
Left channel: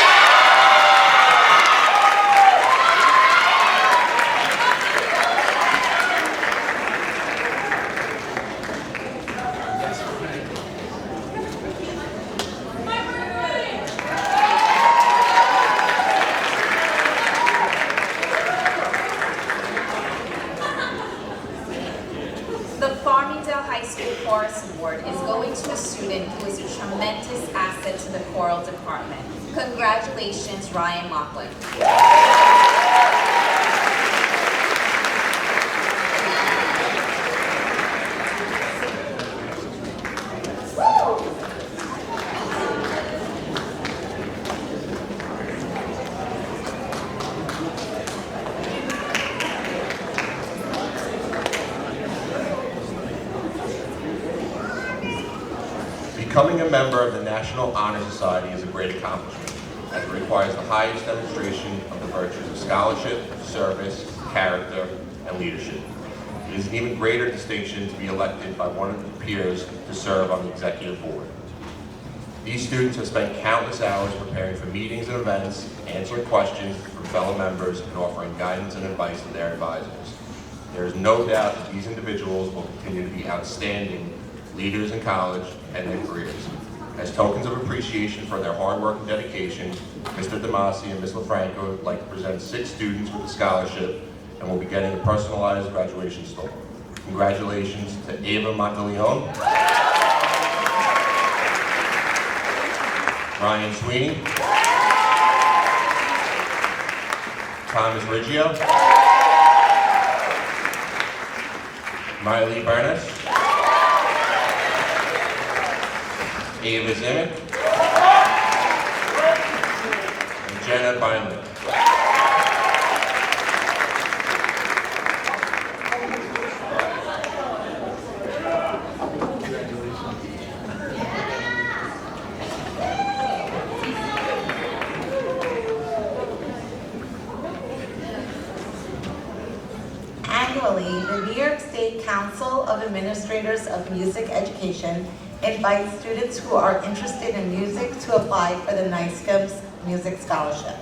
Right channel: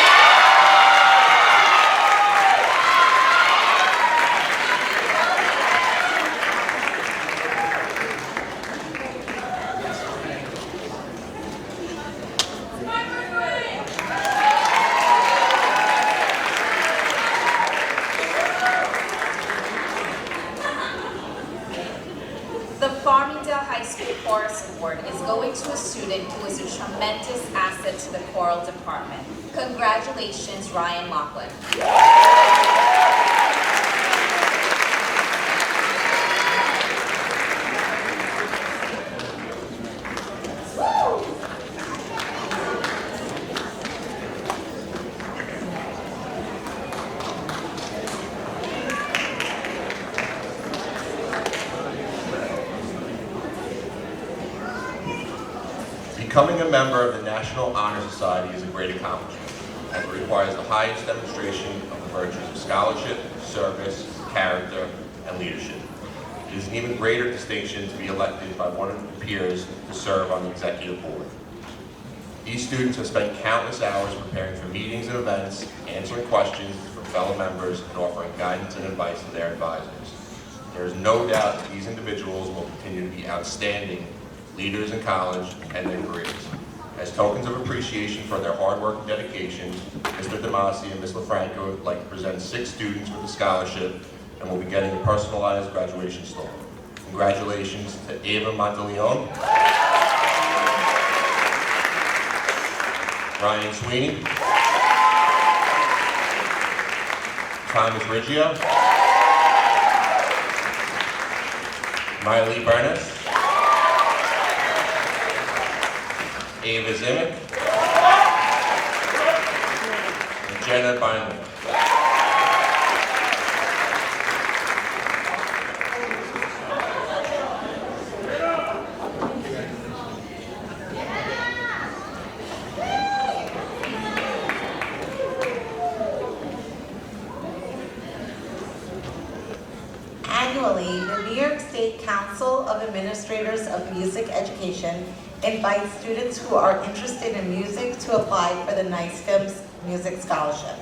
The Farmingdale High School Chorus Award is going to a student who is a tremendous asset to the choral department. Congratulations, Ryan Laughlin. Becoming a member of the National Honor Society is a great accomplishment, as it requires the highest demonstration of the virtues of scholarship, service, character, and leadership. It is an even greater distinction to be elected by one of your peers to serve on the executive board. These students have spent countless hours preparing for meetings and events, answering questions from fellow members, and offering guidance and advice to their advisors. There is no doubt that these individuals will continue to be outstanding leaders in college and their careers. As tokens of appreciation for their hard work and dedication, Mr. Damasi and Ms. LaFranco would like to present 6 students with a scholarship and will be getting a personalized graduation star. Congratulations to Ava Monteleone, Ryan Sweeney, Thomas Riggio, Miley Burness, Ava Zimick, and Jenna Beinley. Annually, the New York State Council of Administrators of Music Education invites students who are interested in music to apply for the NYSCM's Music Scholarship.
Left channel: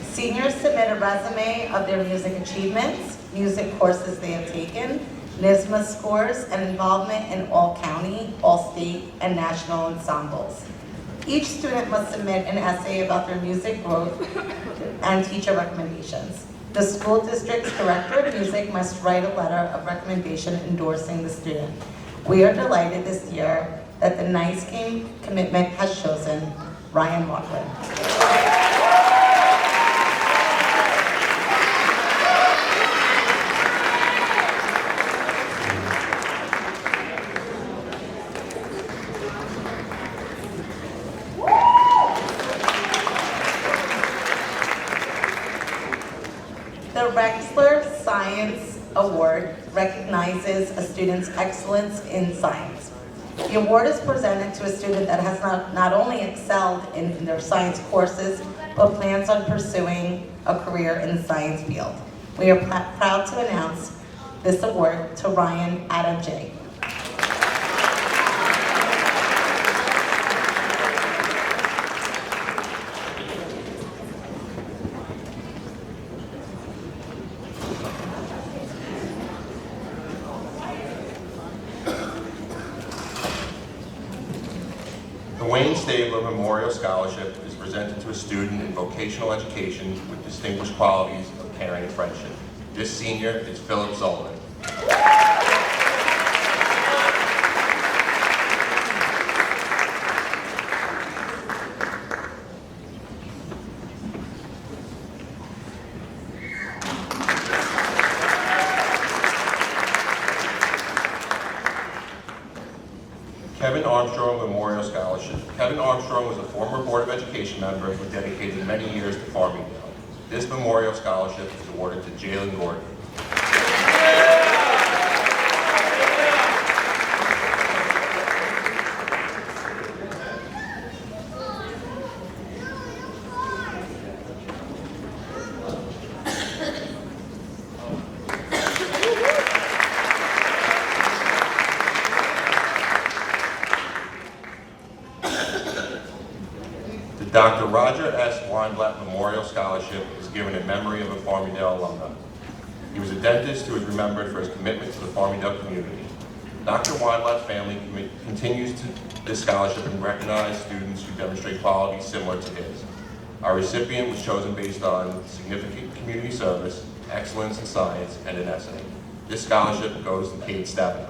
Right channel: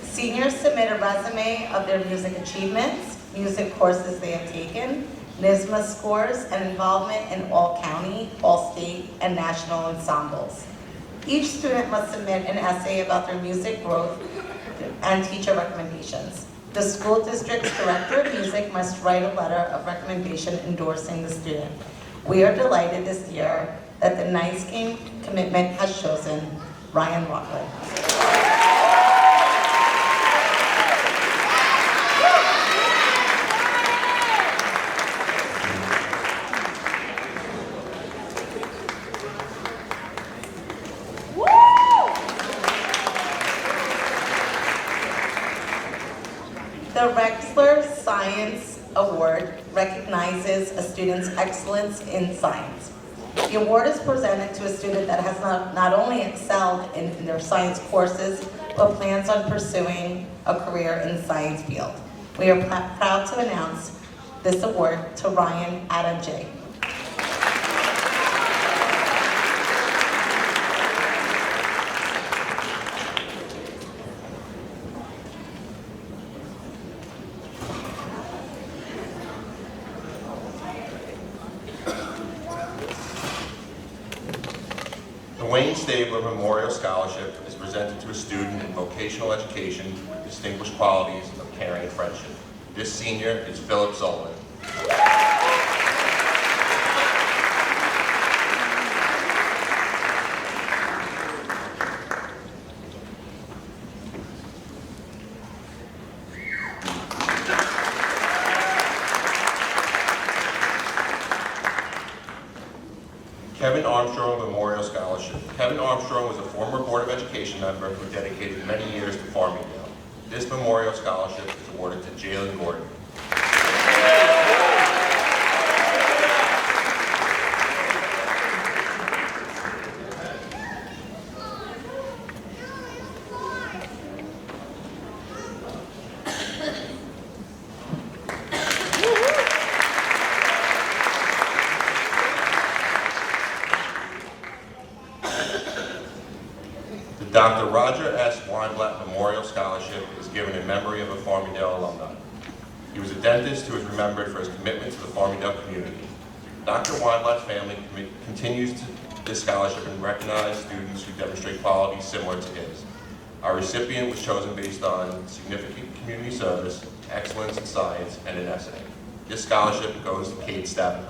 Seniors submit a resume of their music achievements, music courses they have taken, NYSMA scores, and involvement in all county, all state, and national ensembles. Each student must submit an essay about their music growth and teacher recommendations. The school district's director of music must write a letter of recommendation endorsing the student. We are delighted this year that the NYSCM commitment has chosen Ryan Laughlin. The Rexler Science Award recognizes a student's excellence in science. The award is presented to a student that has not only excelled in their science courses, but plans on pursuing a career in the science field. We are proud to announce this award to Ryan Adam J. The Wayne Stabler Memorial Scholarship is presented to a student in vocational education with distinguished qualities of caring and friendship. This senior is Philip Sullivan. Kevin Armstrong Memorial Scholarship. Kevin Armstrong was a former Board of Education member who dedicated many years to Farmingdale. This memorial scholarship is awarded to Jalen Gordon. The Dr. Roger S. Weinblatt Memorial Scholarship is given in memory of a Farmingdale alumni. He was a dentist who is remembered for his commitment to the Farmingdale community. Dr. Weinblatt's family continues this scholarship and recognizes students who demonstrate qualities similar to his. Our recipient was chosen based on significant community service, excellence in science, and in essay. This scholarship goes to Kate Stabenow.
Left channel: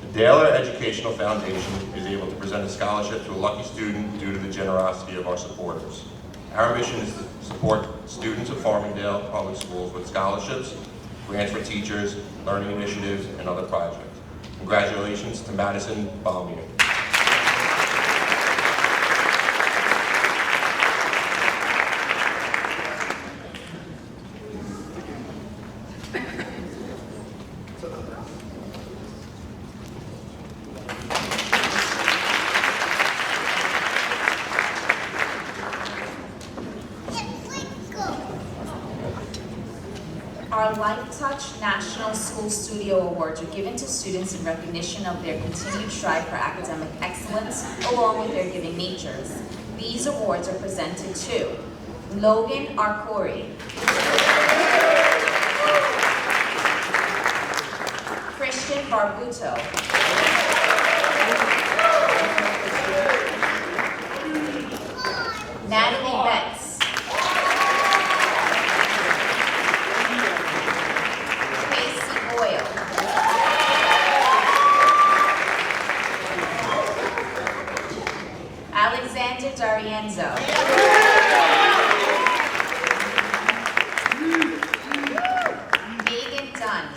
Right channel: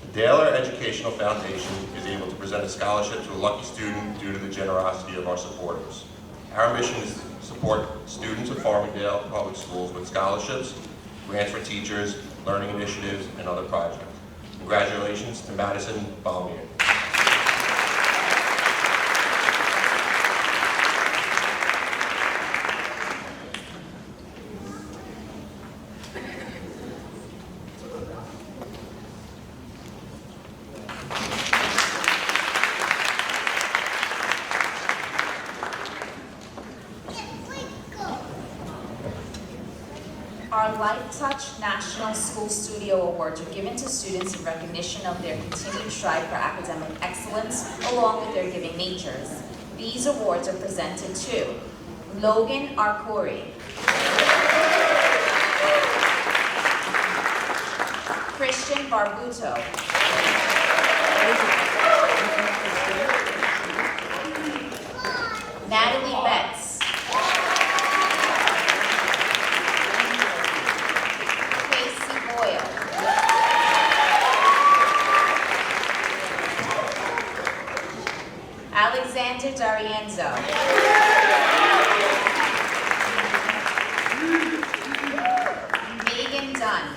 The Daler Educational Foundation is able to present a scholarship to a lucky student due to the generosity of our supporters. Our mission is to support students of Farmingdale Public Schools with scholarships, grants for teachers, learning initiatives, and other projects. Congratulations to Madison Balmier. Our Life Touch National School Studio Awards are given to students in recognition of their continued strive for academic excellence, along with their giving natures. These awards are presented to Logan Arcuri, Christian Barbuto, Natalie Betts, Casey Boyle, Alexander D'Arienzo, Megan Dunn,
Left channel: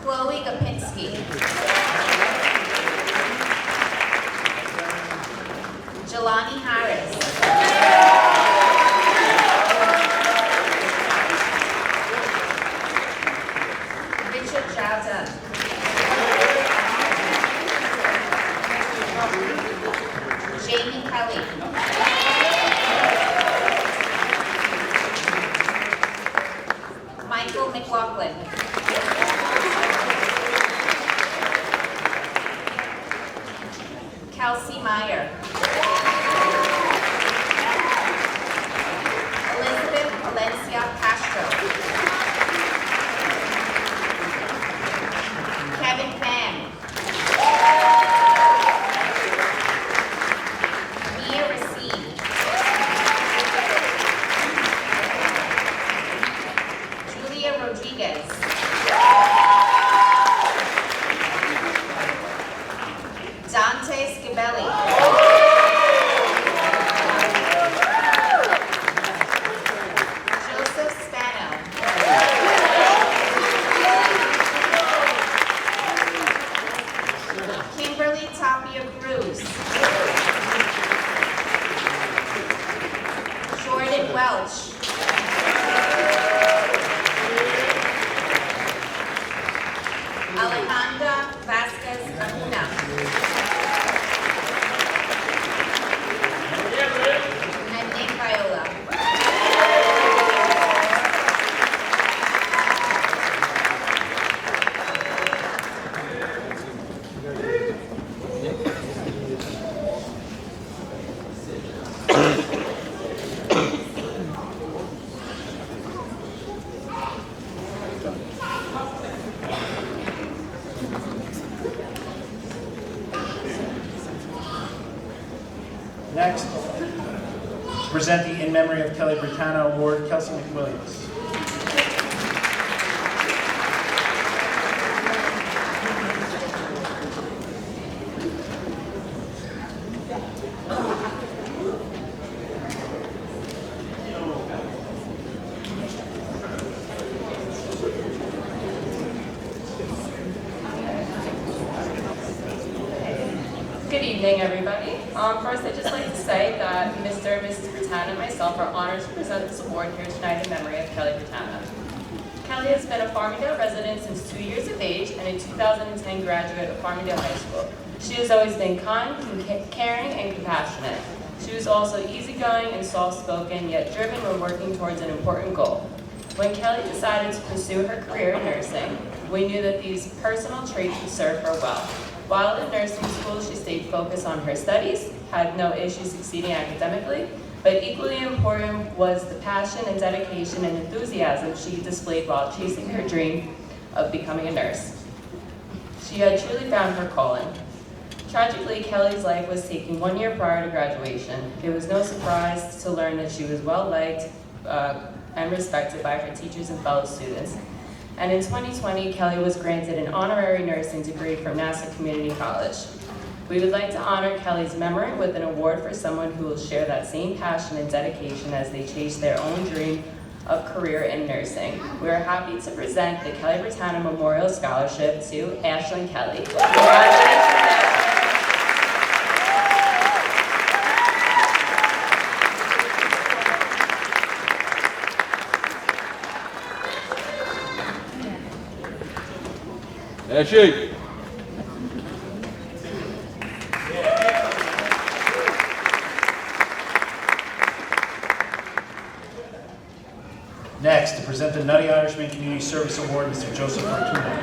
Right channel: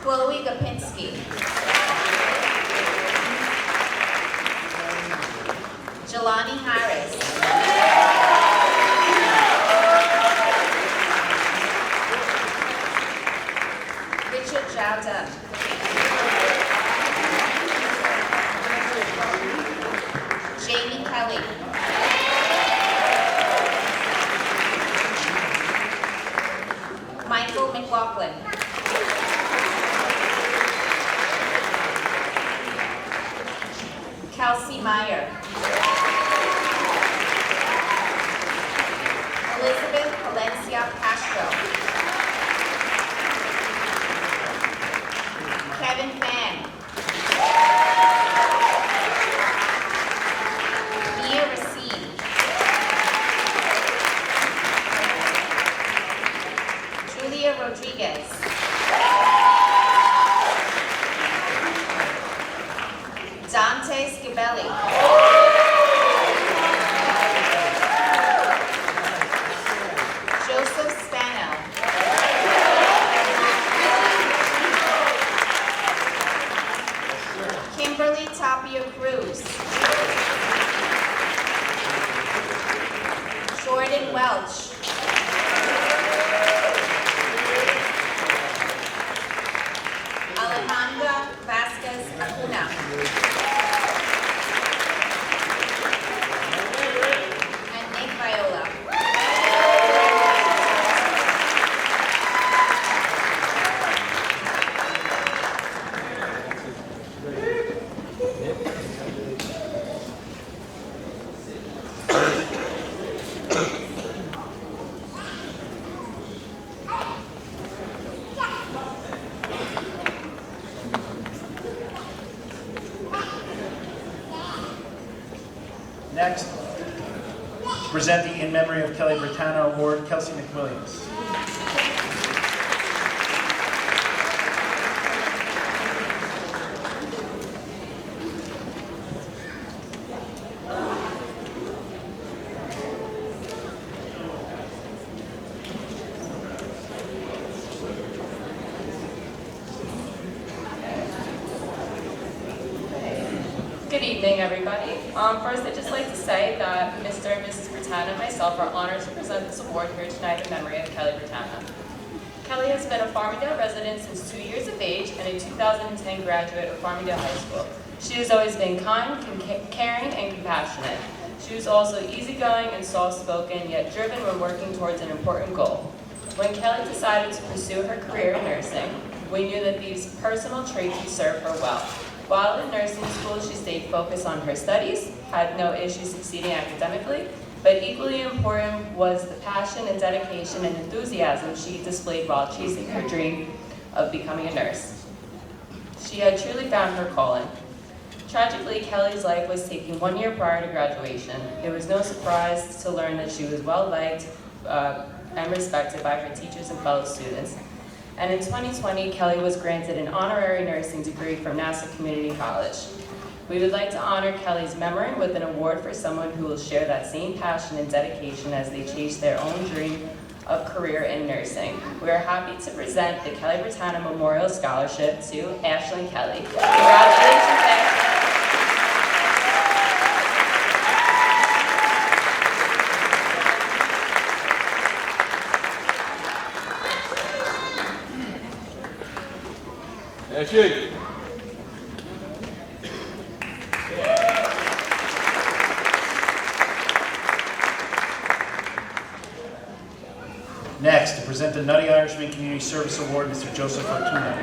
Chloe Gopinski, Jelani Harris, Richard Jowden, Jamie Kelly, Michael McLaughlin, Kelsey Meyer, Elizabeth Valencia Castro, Kevin Pham, Mia Racine, Julia Rodriguez, Dante Scabelli, Next, to present the In Memory of Kelly Britanno Award, Kelsey McWilliams. Good evening, everybody. First, I'd just like to say that Mr. and Mrs. Britanno and myself are honored to present this award here tonight in memory of Kelly Britanno. Kelly has been a Farmingdale resident since 2 years of age and a 2010 graduate of Farmingdale High School. She has always been kind, caring, and compassionate. She was also easygoing and soft-spoken, yet driven when working towards an important goal. When Kelly decided to pursue her career in nursing, we knew that these personal traits would serve her well. While in nursing school, she stayed focused on her studies, had no issues succeeding academically, but equally important was the passion and dedication and enthusiasm she displayed while chasing her dream of becoming a nurse. She had truly found her calling. Tragically, Kelly's life was taken 1 year prior to graduation. It was no surprise to learn that she was well-liked and respected by her teachers and fellow students. And in 2020, Kelly was granted an honorary nursing degree from Nassau Community College. We would like to honor Kelly's memory with an award for someone who will share that same passion and dedication as they chase their own dream of career in nursing. We are happy to present the Kelly Britanno Memorial Scholarship to Ashlyn Kelly. Congratulations, Ashlyn. Ashley. Next, to present the Nutty Irishman Community Service Award, Mr. Joseph Fortuna.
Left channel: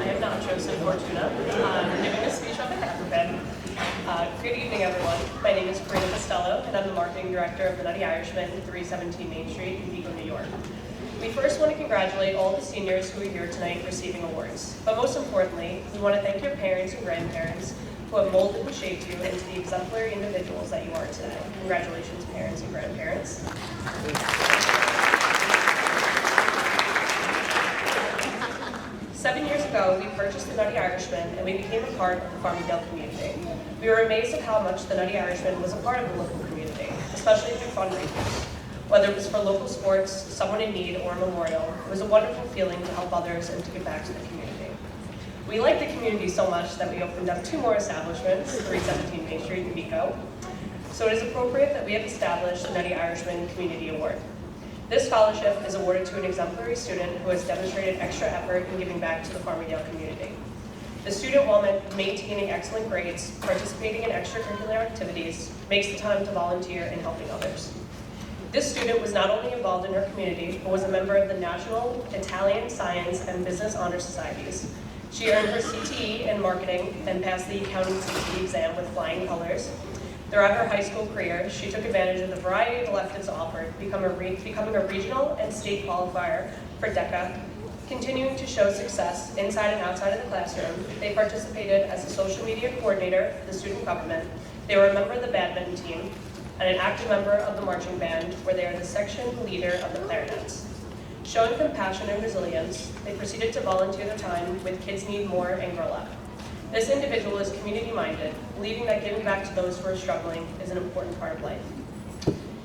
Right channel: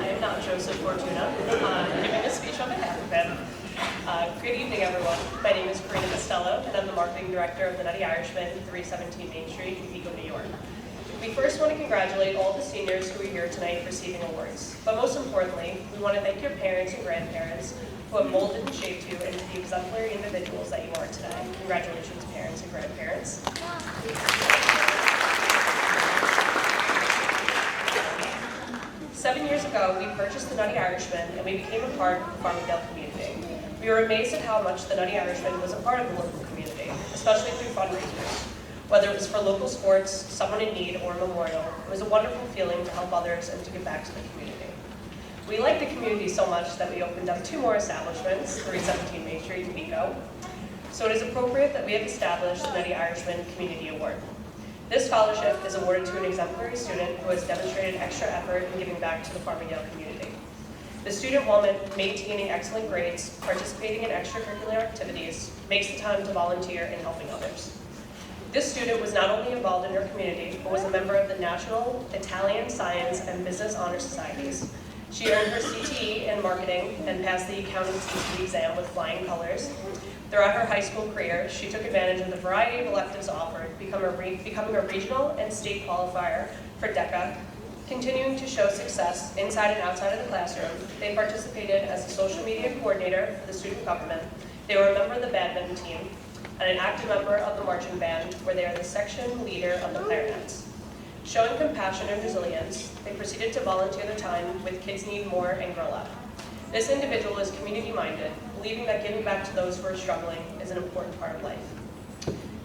I am not Joseph Fortuna. I'm giving a speech on behalf of him. Good evening, everyone. My name is Karina Costello, and I'm the marketing director of the Nutty Irishman, 317 Main Street in Vigo, New York. We first want to congratulate all the seniors who are here tonight receiving awards. But most importantly, we want to thank your parents and grandparents who have molded and shaped you into the exemplary individuals that you are today. Congratulations, parents and grandparents. 7 years ago, we purchased the Nutty Irishman and we became a part of the Farmingdale community. We were amazed at how much the Nutty Irishman was a part of the local community, especially through fundraisers. Whether it was for local sports, someone in need, or a memorial, it was a wonderful feeling to help others and to give back to the community. We like the community so much that we opened up 2 more establishments, 317 Main Street in Vigo. So it is appropriate that we have established the Nutty Irishman Community Award. This scholarship is awarded to an exemplary student who has demonstrated extra effort in giving back to the Farmingdale community. The student, while maintaining excellent grades, participating in extracurricular activities, makes the time to volunteer in helping others. This student was not only involved in her community, but was a member of the National Italian Science and Business Honor Societies. She earned her CTE in marketing and passed the accounting CTE exam with flying colors. Throughout her high school career, she took advantage of the variety of electives offered, becoming a regional and state qualifier for DECA. Continuing to show success inside and outside of the classroom, they participated as a social media coordinator for the student government. They were a member of the badminton team and an active member of the marching band, where they are the section leader of the clarinets. Showing compassion and resilience, they proceeded to volunteer their time with Kids Need More and Grow Up. This individual is community-minded, believing that giving back to those who are struggling is an important part of life.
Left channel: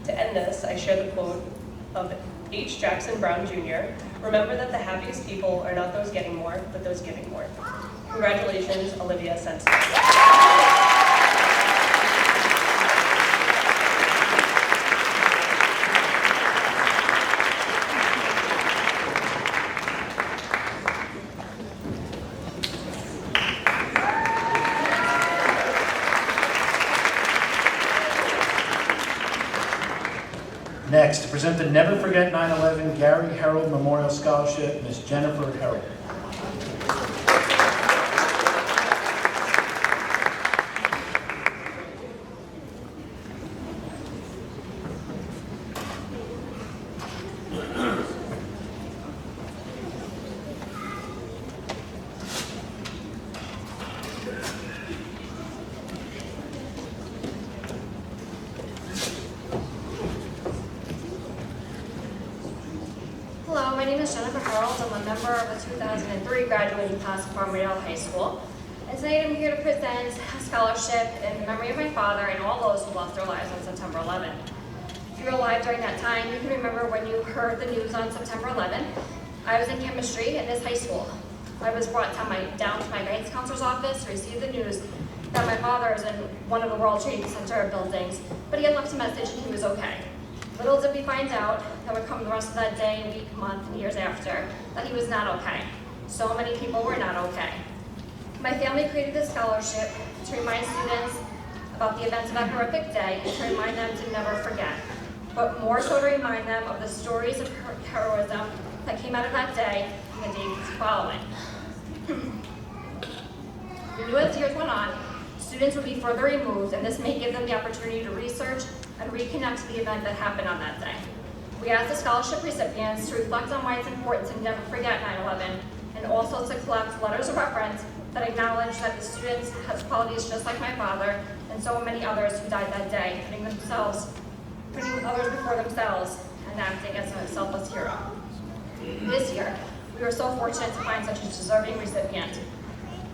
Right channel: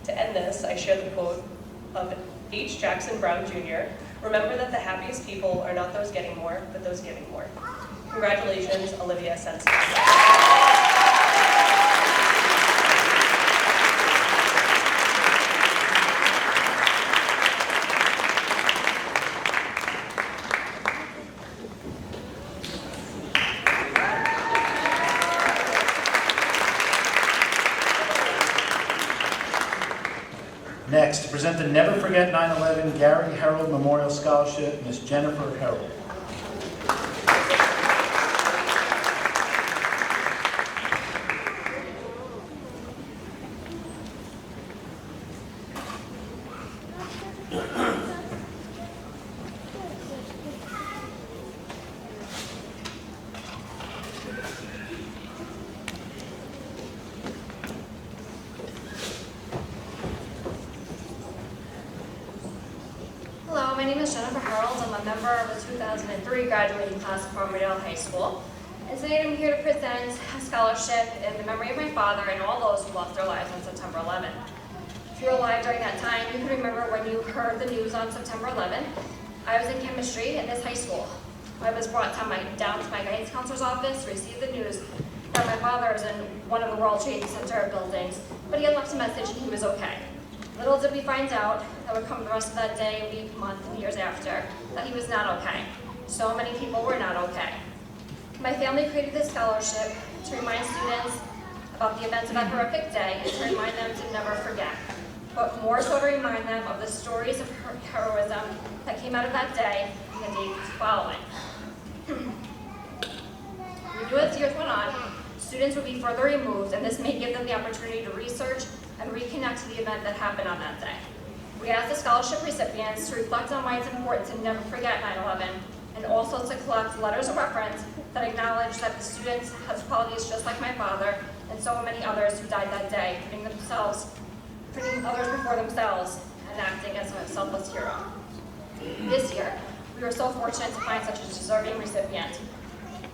To end this, I share the quote of H. Jackson Brown Jr., "Remember that the happiest people are not those getting more, but those giving more." Congratulations, Olivia Sensi. Next, to present the Never Forget 9/11 Gary Harold Memorial Scholarship, Ms. Jennifer Harold. My name is Jennifer Harold. I'm a member of the 2003 graduating class of Farmingdale High School. And tonight I'm here to present a scholarship in the memory of my father and all those who lost their lives on September 11th. If you were alive during that time, you can remember when you heard the news on September 11th. I was in chemistry in this high school. I was brought down to my guidance counselor's office to receive the news that my father is in one of the World Trade Center buildings, but he had left a message and he was okay. Little did we find out that would come the rest of that day, week, month, and years after, that he was not okay. So many people were not okay. My family created this scholarship to remind students about the events of that horrific day and to remind them to never forget, but more so to remind them of the stories of heroism that came out of that day and the days following. We knew as years went on, students would be further removed, and this may give them the opportunity to research and reconnect to the event that happened on that day. We asked the scholarship recipients to reflect on why it's important to never forget 9/11, and also to collect letters of reference that acknowledge that the students has qualities just like my father and so many others who died that day, putting others before themselves and acting as a selfless hero. This year, we were so fortunate to find such a deserving recipient.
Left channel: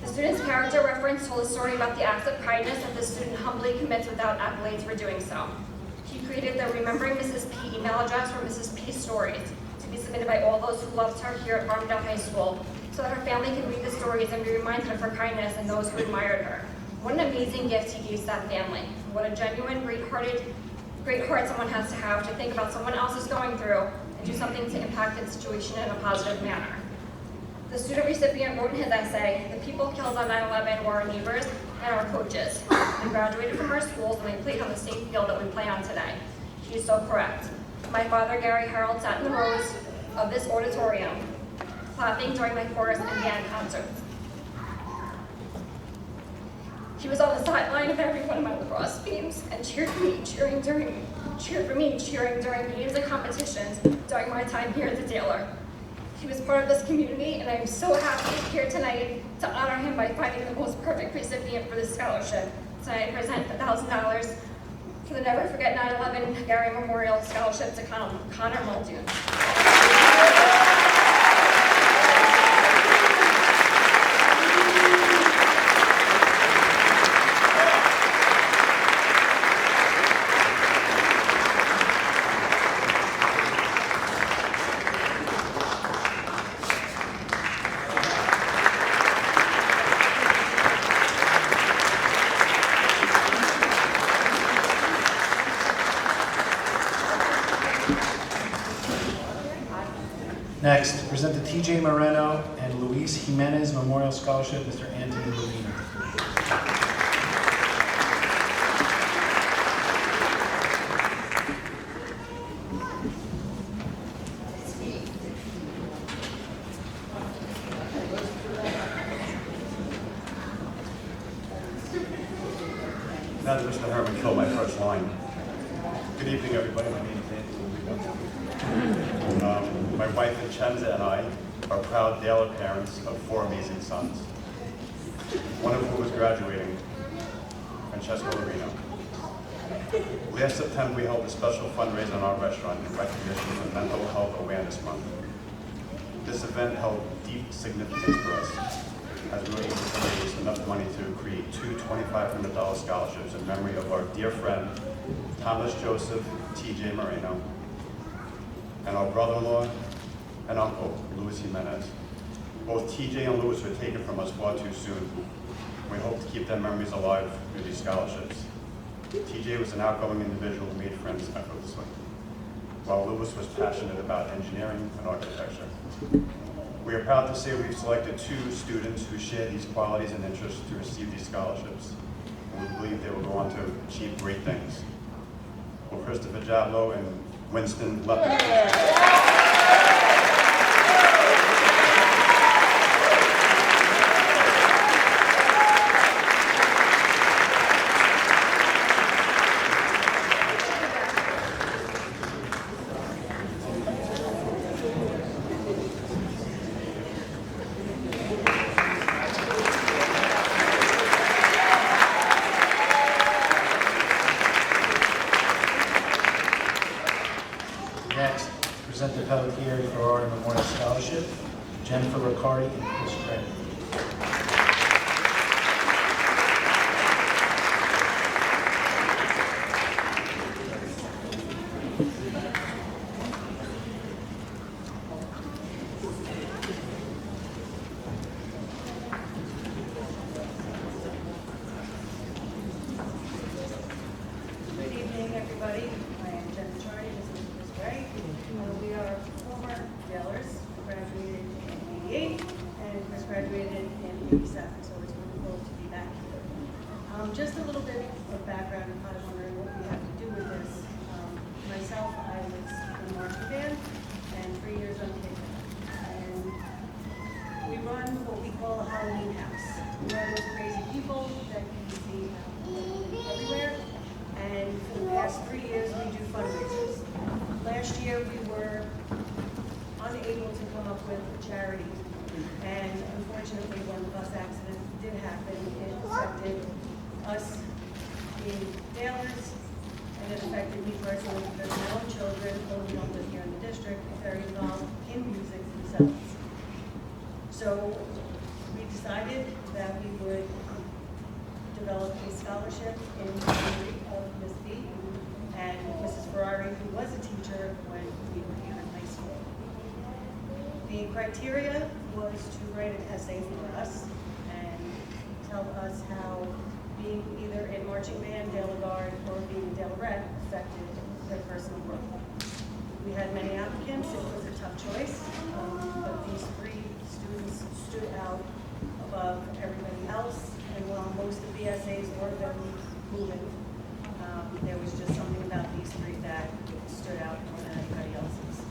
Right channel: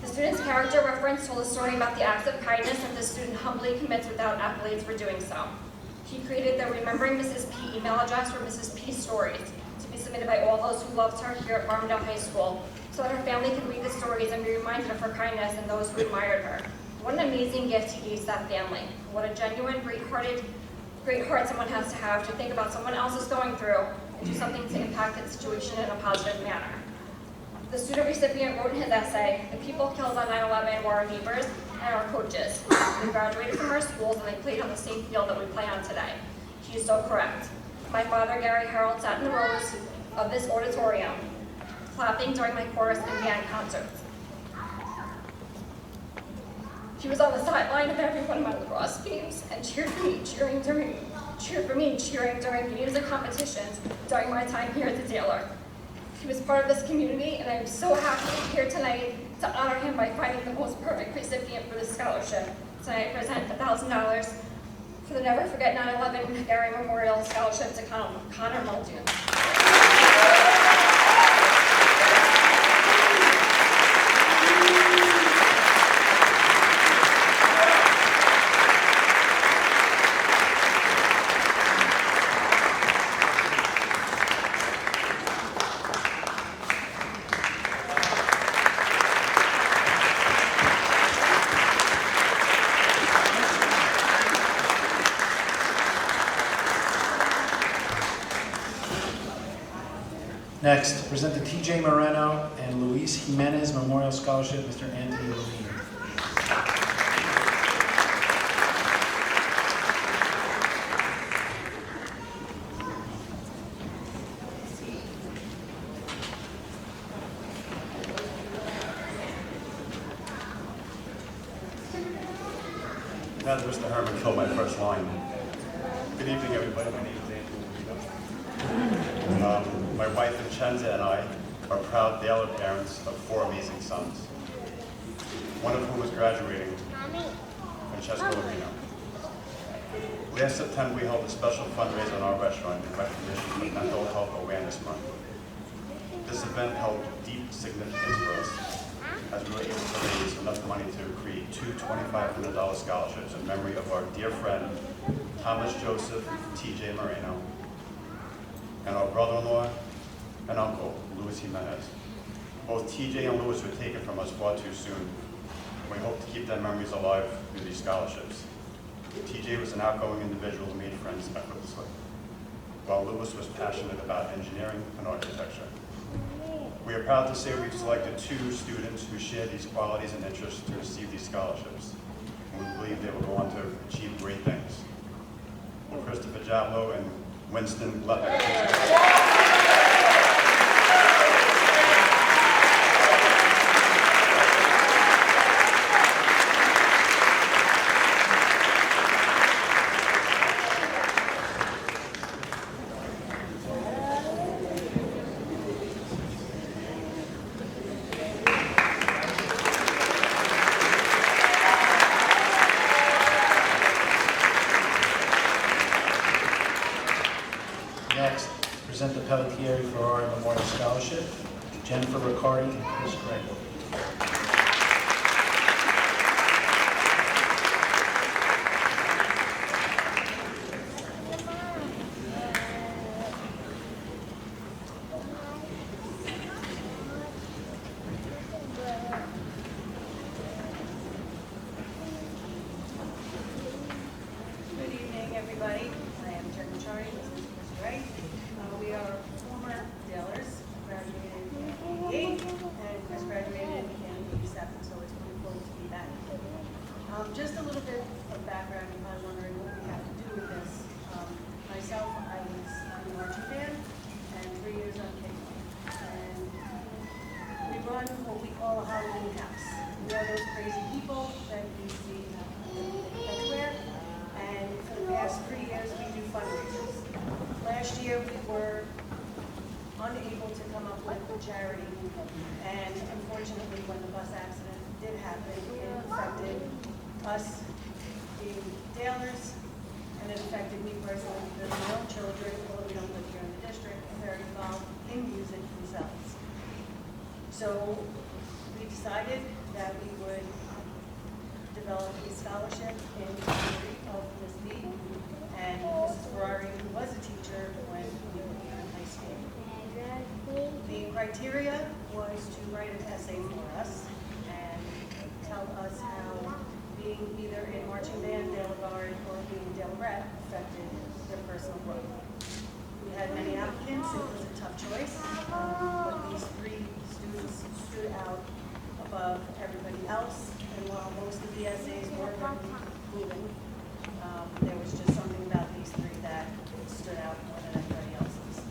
The student's character reference told a story about the acts of kindness that the student humbly commits without accolades for doing so. He created the Remembering Mrs. P email address for Mrs. P stories to be submitted by all those who loved her here at Farmingdale High School, so that her family can read the stories and be reminded of her kindness and those who admired her. What an amazing gift he gave to that family. What a genuine, great heart someone has to think about someone else is going through and do something to impact the situation in a positive manner. The student recipient wrote in his essay, "The people killed on 9/11 were our neighbors and our coaches. They graduated from our schools and they played on the same field that we play on today." He is so correct. My father, Gary Harold, sat in the rows of this auditorium, clapping during my chorus and band concerts. He was on the sideline of every one of my lacrosse games and cheered for me, cheering during games and competitions during my time here at the Taylor. He was part of this community, and I'm so happy to be here tonight to honor him by finding the most perfect recipient for this scholarship. Tonight I present $1,000 for the Never Forget 9/11 Gary Memorial Scholarship to Connor Muldoon. Next, present the TJ Moreno and Luis Jimenez Memorial Scholarship, Mr. Anthony Levine. Now that Mr. Herman killed my first line. Good evening, everybody. My name is Anthony Levine. My wife Vincenza and I are proud Taylor parents of 4 amazing sons, one of whom is graduating, Francesco Lorino. Last September, we held a special fundraiser in our restaurant in recognition for Mental Health Awareness Month. This event held deep significance for us, as we were able to raise enough money to create 2 $2,500 scholarships in memory of our dear friend, Thomas Joseph T.J. Moreno, and our brother-in-law and uncle, Luis Jimenez. Both T.J. and Luis were taken from us far too soon. We hope to keep their memories alive through these scholarships. T.J. was an outgoing individual who made friends effortlessly, while Luis was passionate about engineering and architecture. We are proud to say we've selected 2 students who share these qualities and interests to receive these scholarships. And we believe they will go on to achieve great things. Will Christopher Jablow and Winston Leppin. Next, present the Pelletier Ferrari Memorial Scholarship, Jennifer Riccardi and Chris Gray. Good evening, everybody. I am Jen Riccardi, this is Chris Gray. We are former Dalers. I graduated in '88, and Chris graduated in '87, so it's wonderful to be back here. Just a little bit of background, if I'm wondering what we have to do with this. Myself, I was in the marching band, and 3 years on kickback. And we run what we call a Halloween house. We are those crazy people that you see everything everywhere. And for the past 3 years, we do fundraisers. Last year, we were unable to come up with a charity. And unfortunately, when the bus accident did happen, it affected us being Dalers, and it affected me personally because my own children, although we don't live here in the district, are very involved in music themselves. So we decided that we would develop a scholarship in memory of Miss B and Mrs. Ferrari, who was a teacher when we were here in high school. The criteria was to write an essay for us and tell us how being either in marching band, Dale Guard, or being a Dalerette affected their personal growth. We had many applicants. It was a tough choice, but these 3 students stood out above everybody else. And while most of the essays were very moving, there was just something about these 3 that stood out more than anybody else's.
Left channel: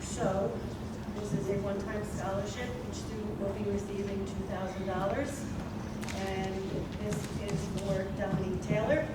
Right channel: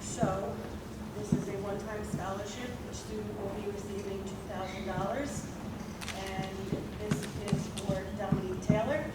So this is a one-time scholarship. Each student will be receiving $2,000. And this is for Dominique Taylor.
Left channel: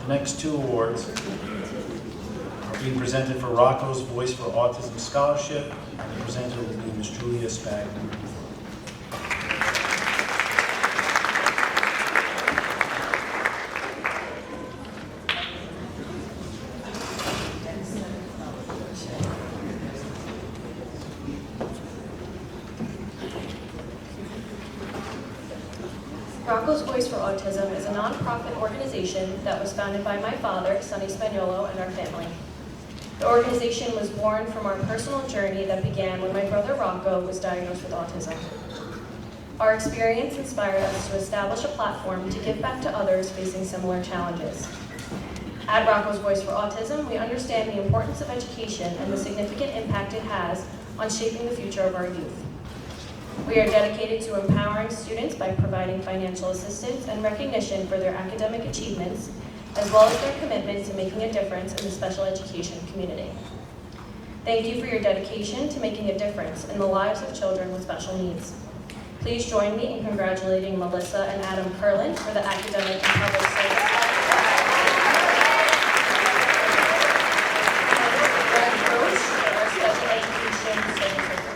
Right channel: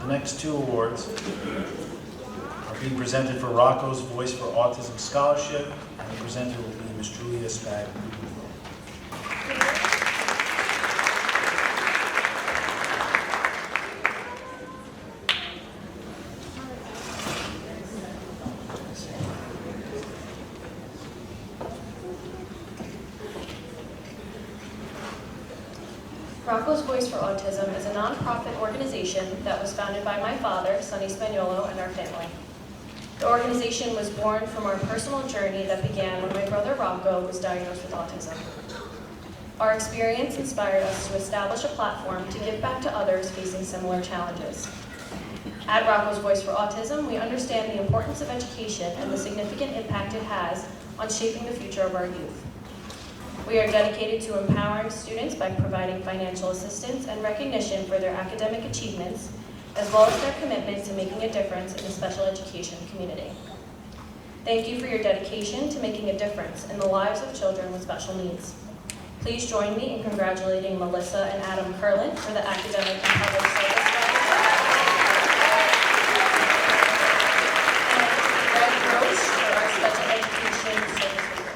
The next 2 awards are being presented for Rocco's Voice for Autism Scholarship, and the presenter will be Ms. Julia Spagni. Rocco's Voice for Autism is a nonprofit organization that was founded by my father, Sonny Spagnuolo, and our family. The organization was born from our personal journey that began when my brother Rocco was diagnosed with autism. Our experience inspired us to establish a platform to give back to others facing similar challenges. At Rocco's Voice for Autism, we understand the importance of education and the significant impact it has on shaping the future of our youth. We are dedicated to empowering students by providing financial assistance and recognition for their academic achievements, as well as their commitment to making a difference in the special education community. Thank you for your dedication to making a difference in the lives of children with special needs. Please join me in congratulating Melissa and Adam Curlin for the Academic and Public Service and Greg Roche for our Special Education Service Award.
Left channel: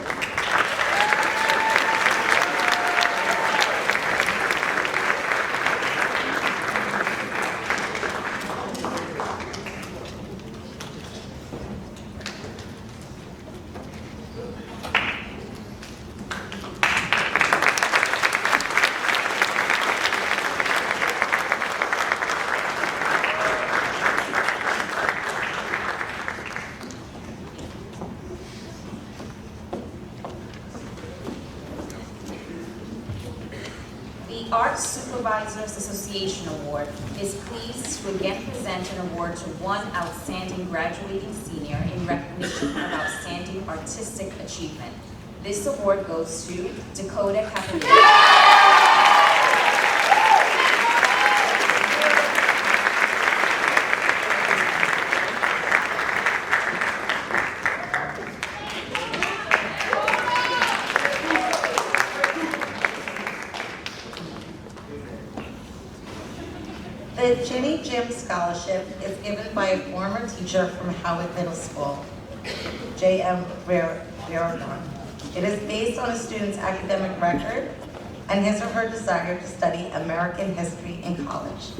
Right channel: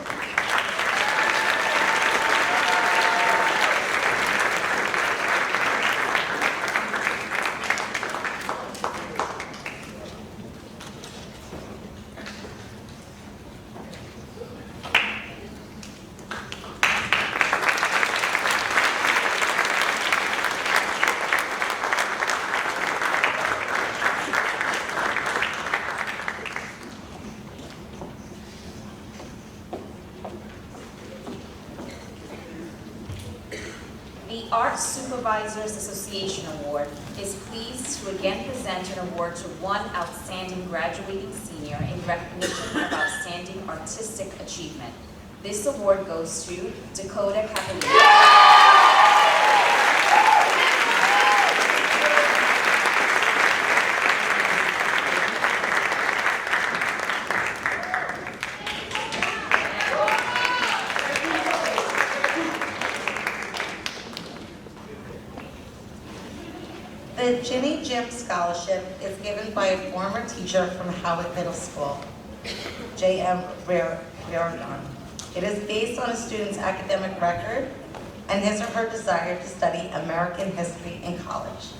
The Art Supervisors Association Award is pleased to again present an award to one outstanding graduating senior in recognition of outstanding artistic achievement. This award goes to Dakota Capellini. The Ginny Jim Scholarship is given by a former teacher from Howard Middle School, J.M. Reardon. It is based on a student's academic record and his or her desire to study American history in college.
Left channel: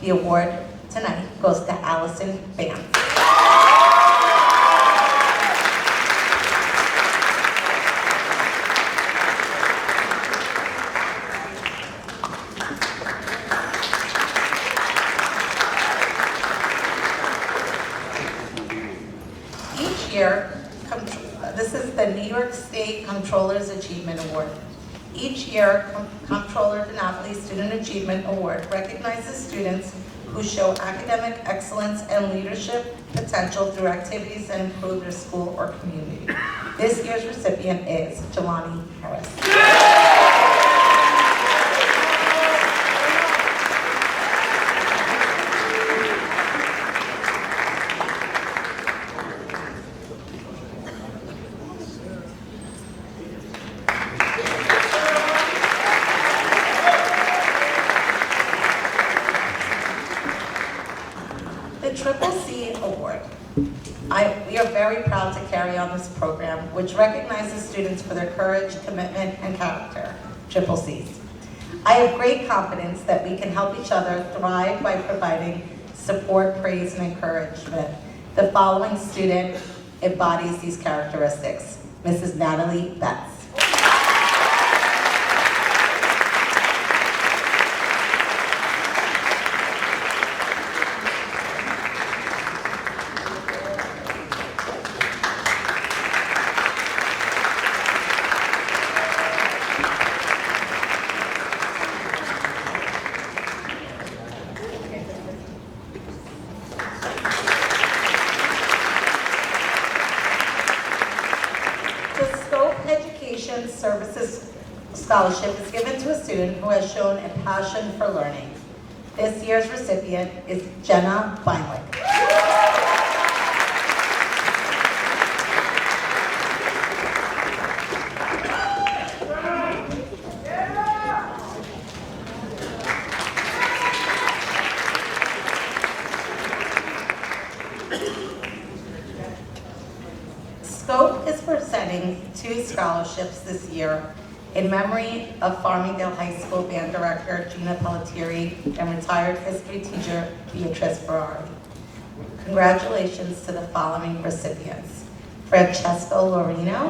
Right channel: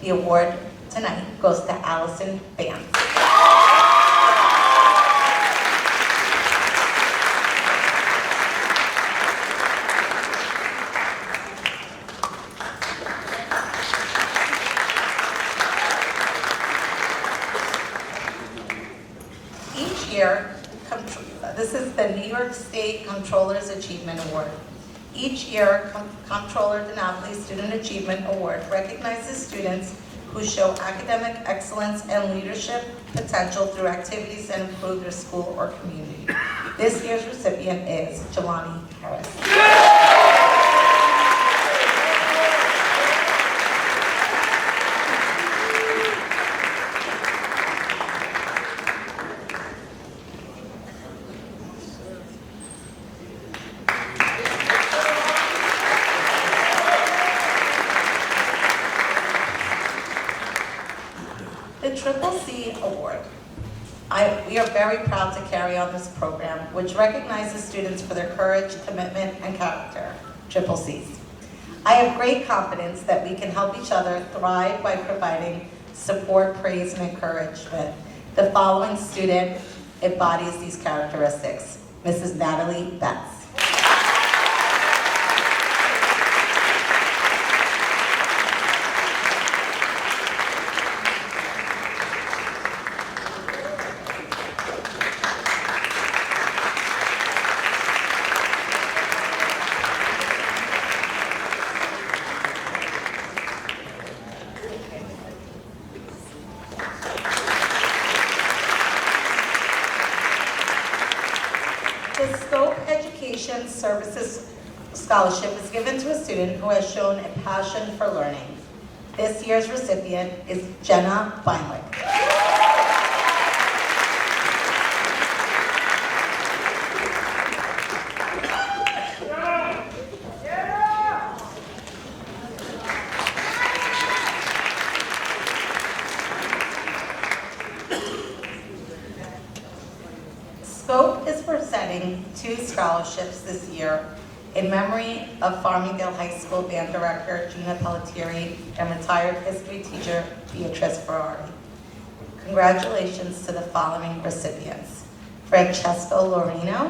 The award tonight goes to Allison Vance. Each year, this is the New York State Comptroller's Achievement Award. Each year, Comptroller DiNapoli Student Achievement Award recognizes students who show academic excellence and leadership potential through activities that improve their school or community. This year's recipient is Jelani Harris. The Triple C Award. We are very proud to carry on this program, which recognizes students for their courage, commitment, and character, Triple Cs. I have great confidence that we can help each other thrive by providing support, praise, and encouragement. The following student embodies these characteristics, Mrs. Natalie Betts. The Scope Education Services Scholarship is given to a student who has shown a passion for learning. This year's recipient is Jenna Beinlich. Scope is presenting 2 scholarships this year in memory of Farmingdale High School Band Director Gina Pelletieri and retired history teacher Beatrice Ferrari. Congratulations to the following recipients: Francesco Lorino,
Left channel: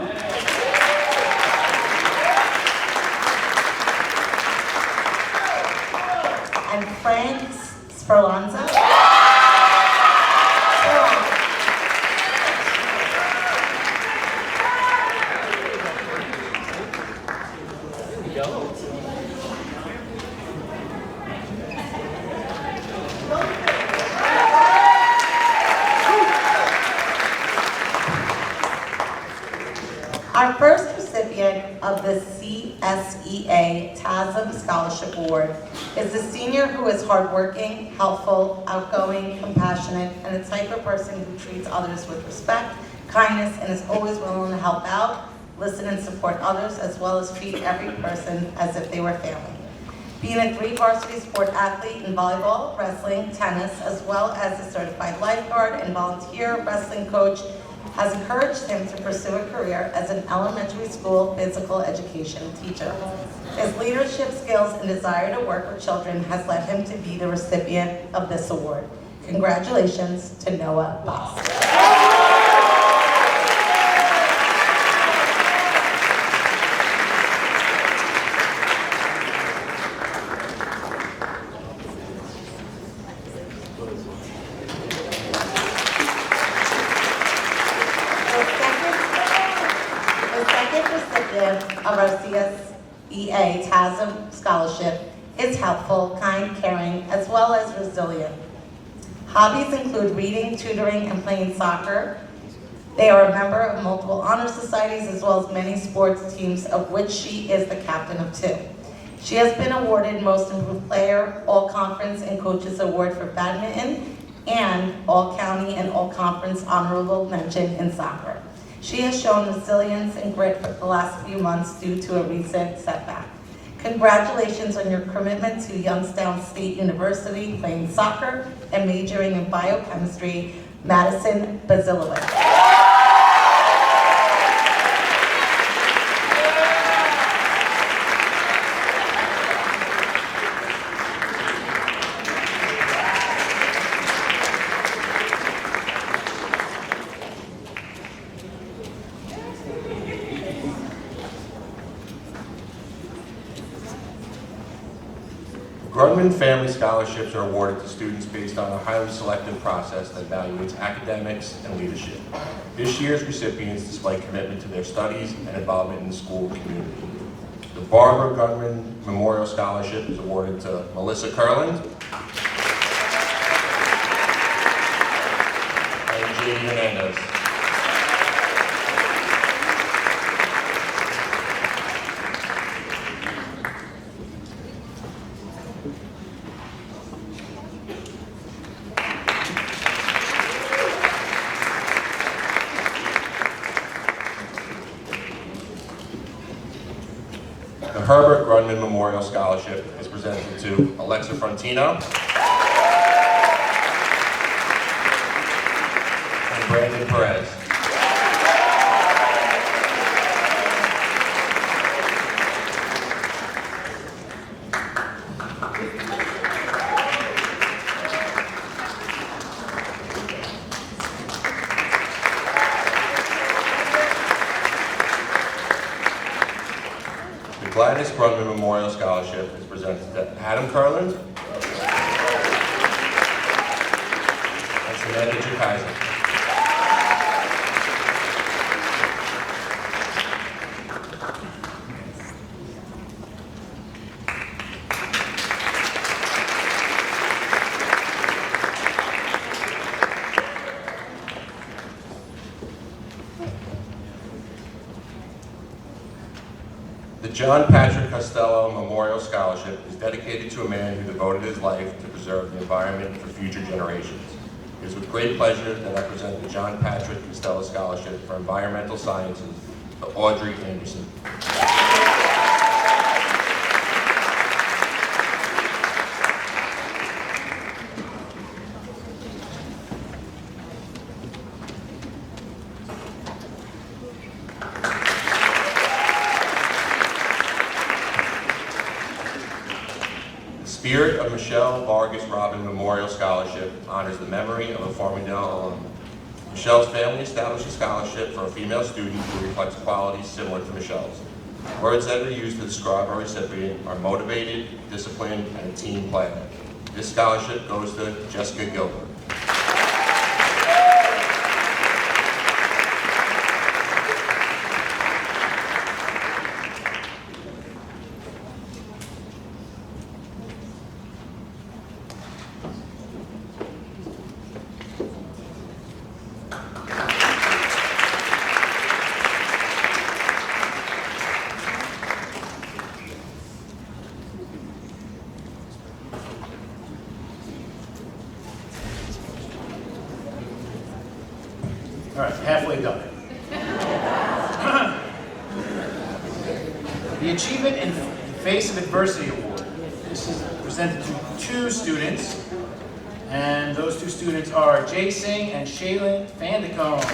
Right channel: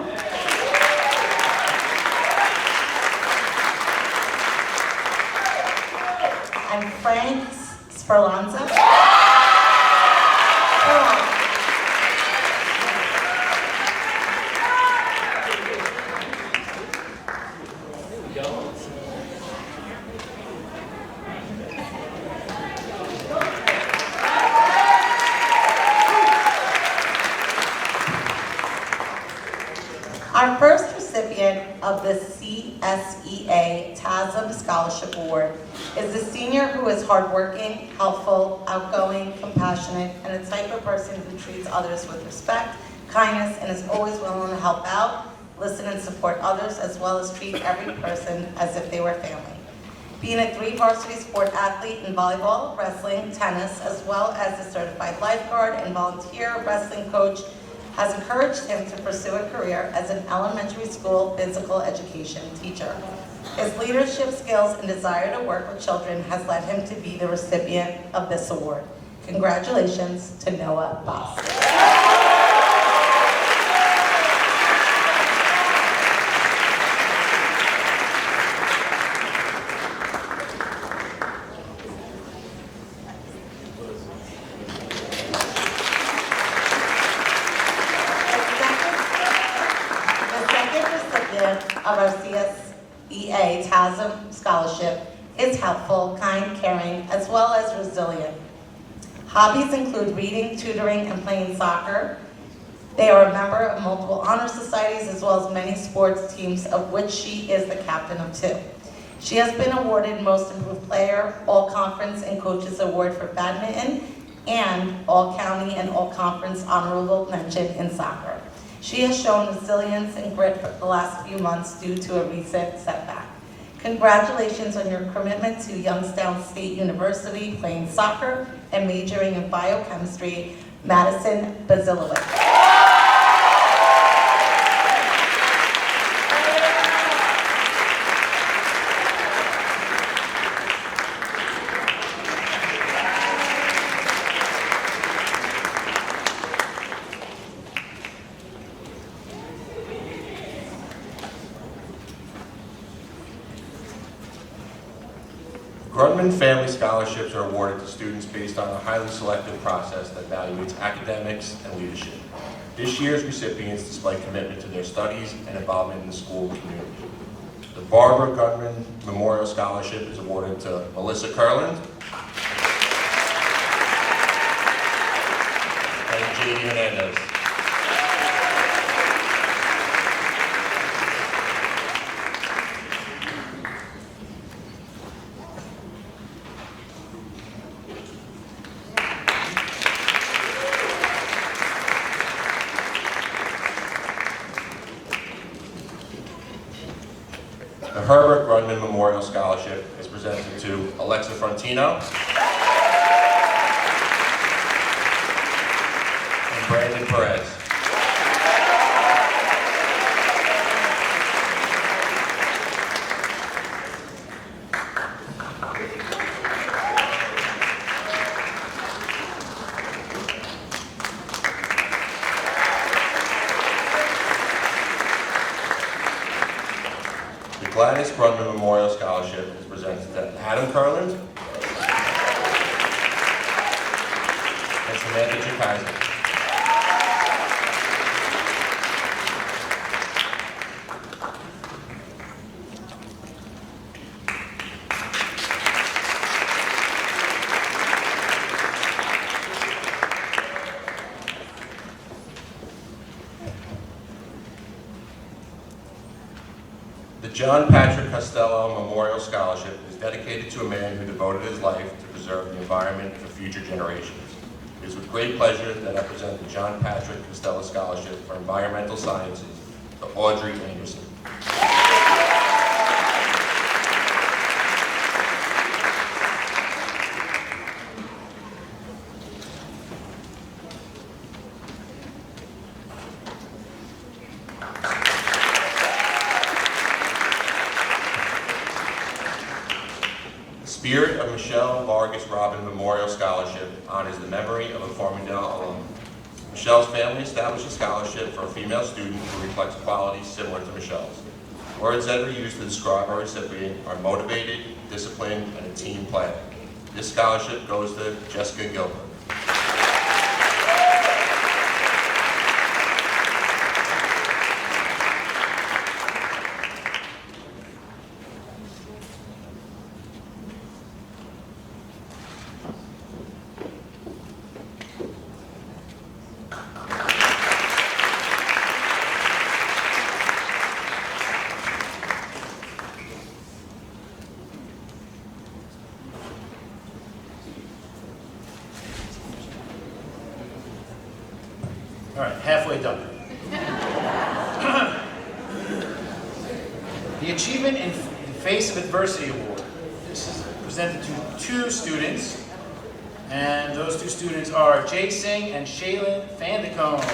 and Frank Sperlanza. Our first recipient of the CSEA TASM Scholarship Award is the senior who is hardworking, helpful, outgoing, compassionate, and the type of person who treats others with respect, kindness, and is always willing to help out, listen and support others, as well as treat every person as if they were family. Being a 3 varsity sport athlete in volleyball, wrestling, tennis, as well as a certified lifeguard and volunteer wrestling coach, has encouraged him to pursue a career as an elementary school physical education teacher. His leadership skills and desire to work with children has led him to be the recipient of this award. Congratulations to Noah Boss. Of our CSEA TASM Scholarship is helpful, kind, caring, as well as resilient. Hobbies include reading, tutoring, and playing soccer. They are a member of multiple honor societies as well as many sports teams, of which she is the captain of 2. She has been awarded Most Improved Player, All-Conference and Coaches Award for badminton, and All-County and All-Conference Honorable Mention in soccer. She has shown resilience and grit for the last few months due to a recent setback. Congratulations on your commitment to Youngstown State University, playing soccer and majoring in biochemistry, Madison Basilowicz. Grudman Family Scholarships are awarded to students based on a highly selective process that evaluates academics and leadership. This year's recipients display commitment to their studies and involvement in the school community. The Barbara Grudman Memorial Scholarship is awarded to Melissa Kurland and J.D. Hernandez. The Herbert Grudman Memorial Scholarship is presented to Alexa Frontino and Brandon Perez. The Gladys Grudman Memorial Scholarship is presented to Adam Kurland and Samantha Jukaiser. The John Patrick Costello Memorial Scholarship is dedicated to a man who devoted his life to preserve the environment for future generations. It is with great pleasure that I present the John Patrick Costello Scholarship for Environmental Sciences to Audrey Anderson. Spirit of Michelle Vargas Robin Memorial Scholarship honors the memory of a Farmingdale alum. Michelle's family established a scholarship for a female student who reflects qualities similar to Michelle's. Words that are used to describe our recipient are motivated, disciplined, and a team player. This scholarship goes to Jessica Gilbert. All right, halfway done. The Achievement in the Face of Adversity Award. This is presented to 2 students, and those 2 students are Jay Singh and Shaylin Fandicone.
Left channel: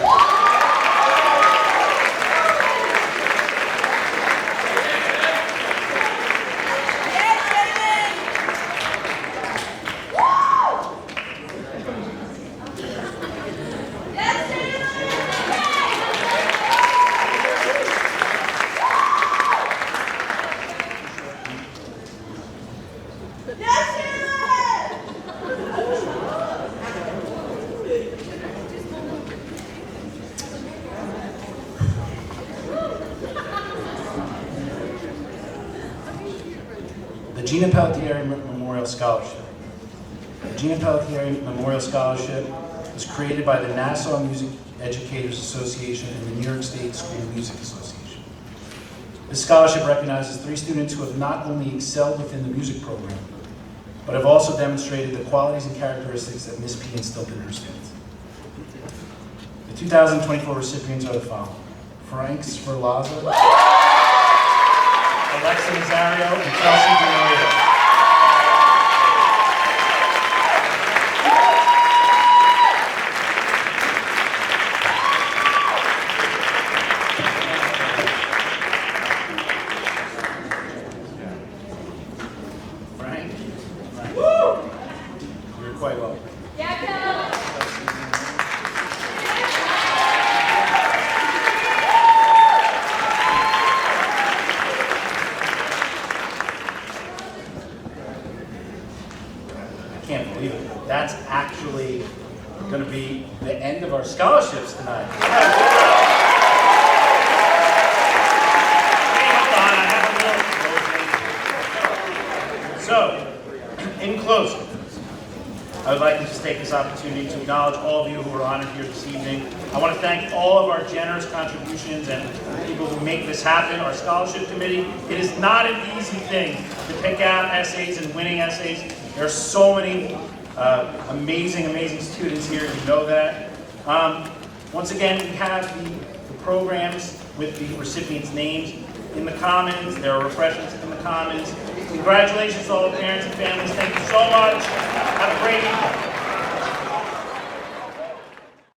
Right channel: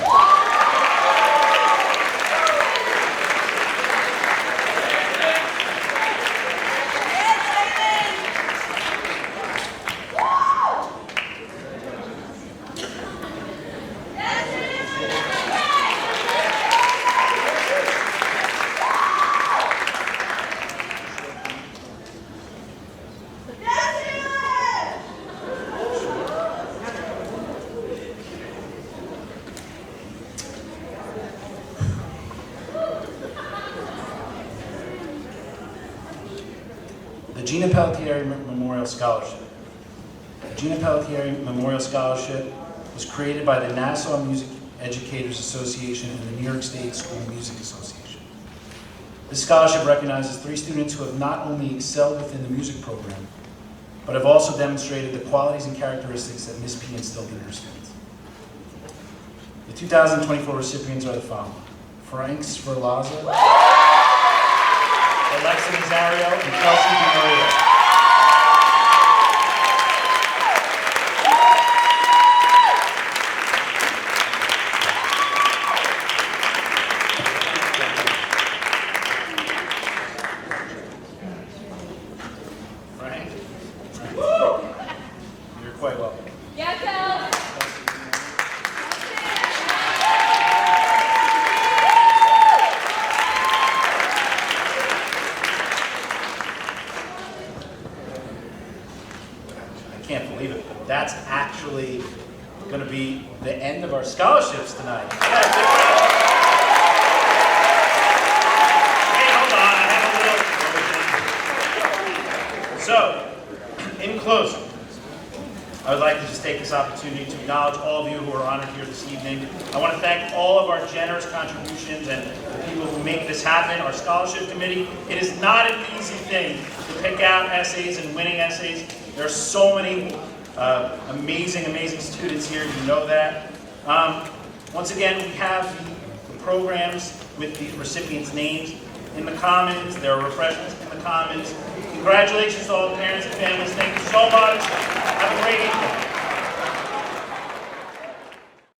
The Gina Pelletier Memorial Scholarship. The Gina Pelletier Memorial Scholarship was created by the Nassau Music Educators Association and the New York State School Music Association. This scholarship recognizes 3 students who have not only excelled within the music program, but have also demonstrated the qualities and characteristics that Ms. P instilled in her students. The 2024 recipients are the following: Frank Sferlaza, Alexa Nazario, and Chelsea DiMaria. Frank? You're quite welcome. I can't believe it. That's actually going to be the end of our scholarships tonight. Hey, hold on, I have a little closing. So, in closing, I would like to just take this opportunity to acknowledge all of you who are honored here this evening. I want to thank all of our generous contributions and the people who make this happen, our scholarship committee. It is not an easy thing to pick out essays and winning essays. There are so many amazing students here, you know that. Once again, we have the programs with the recipients' names in the Commons. There are refreshments in the Commons. Congratulations to all the parents and families. Thank you so much. Have a great evening.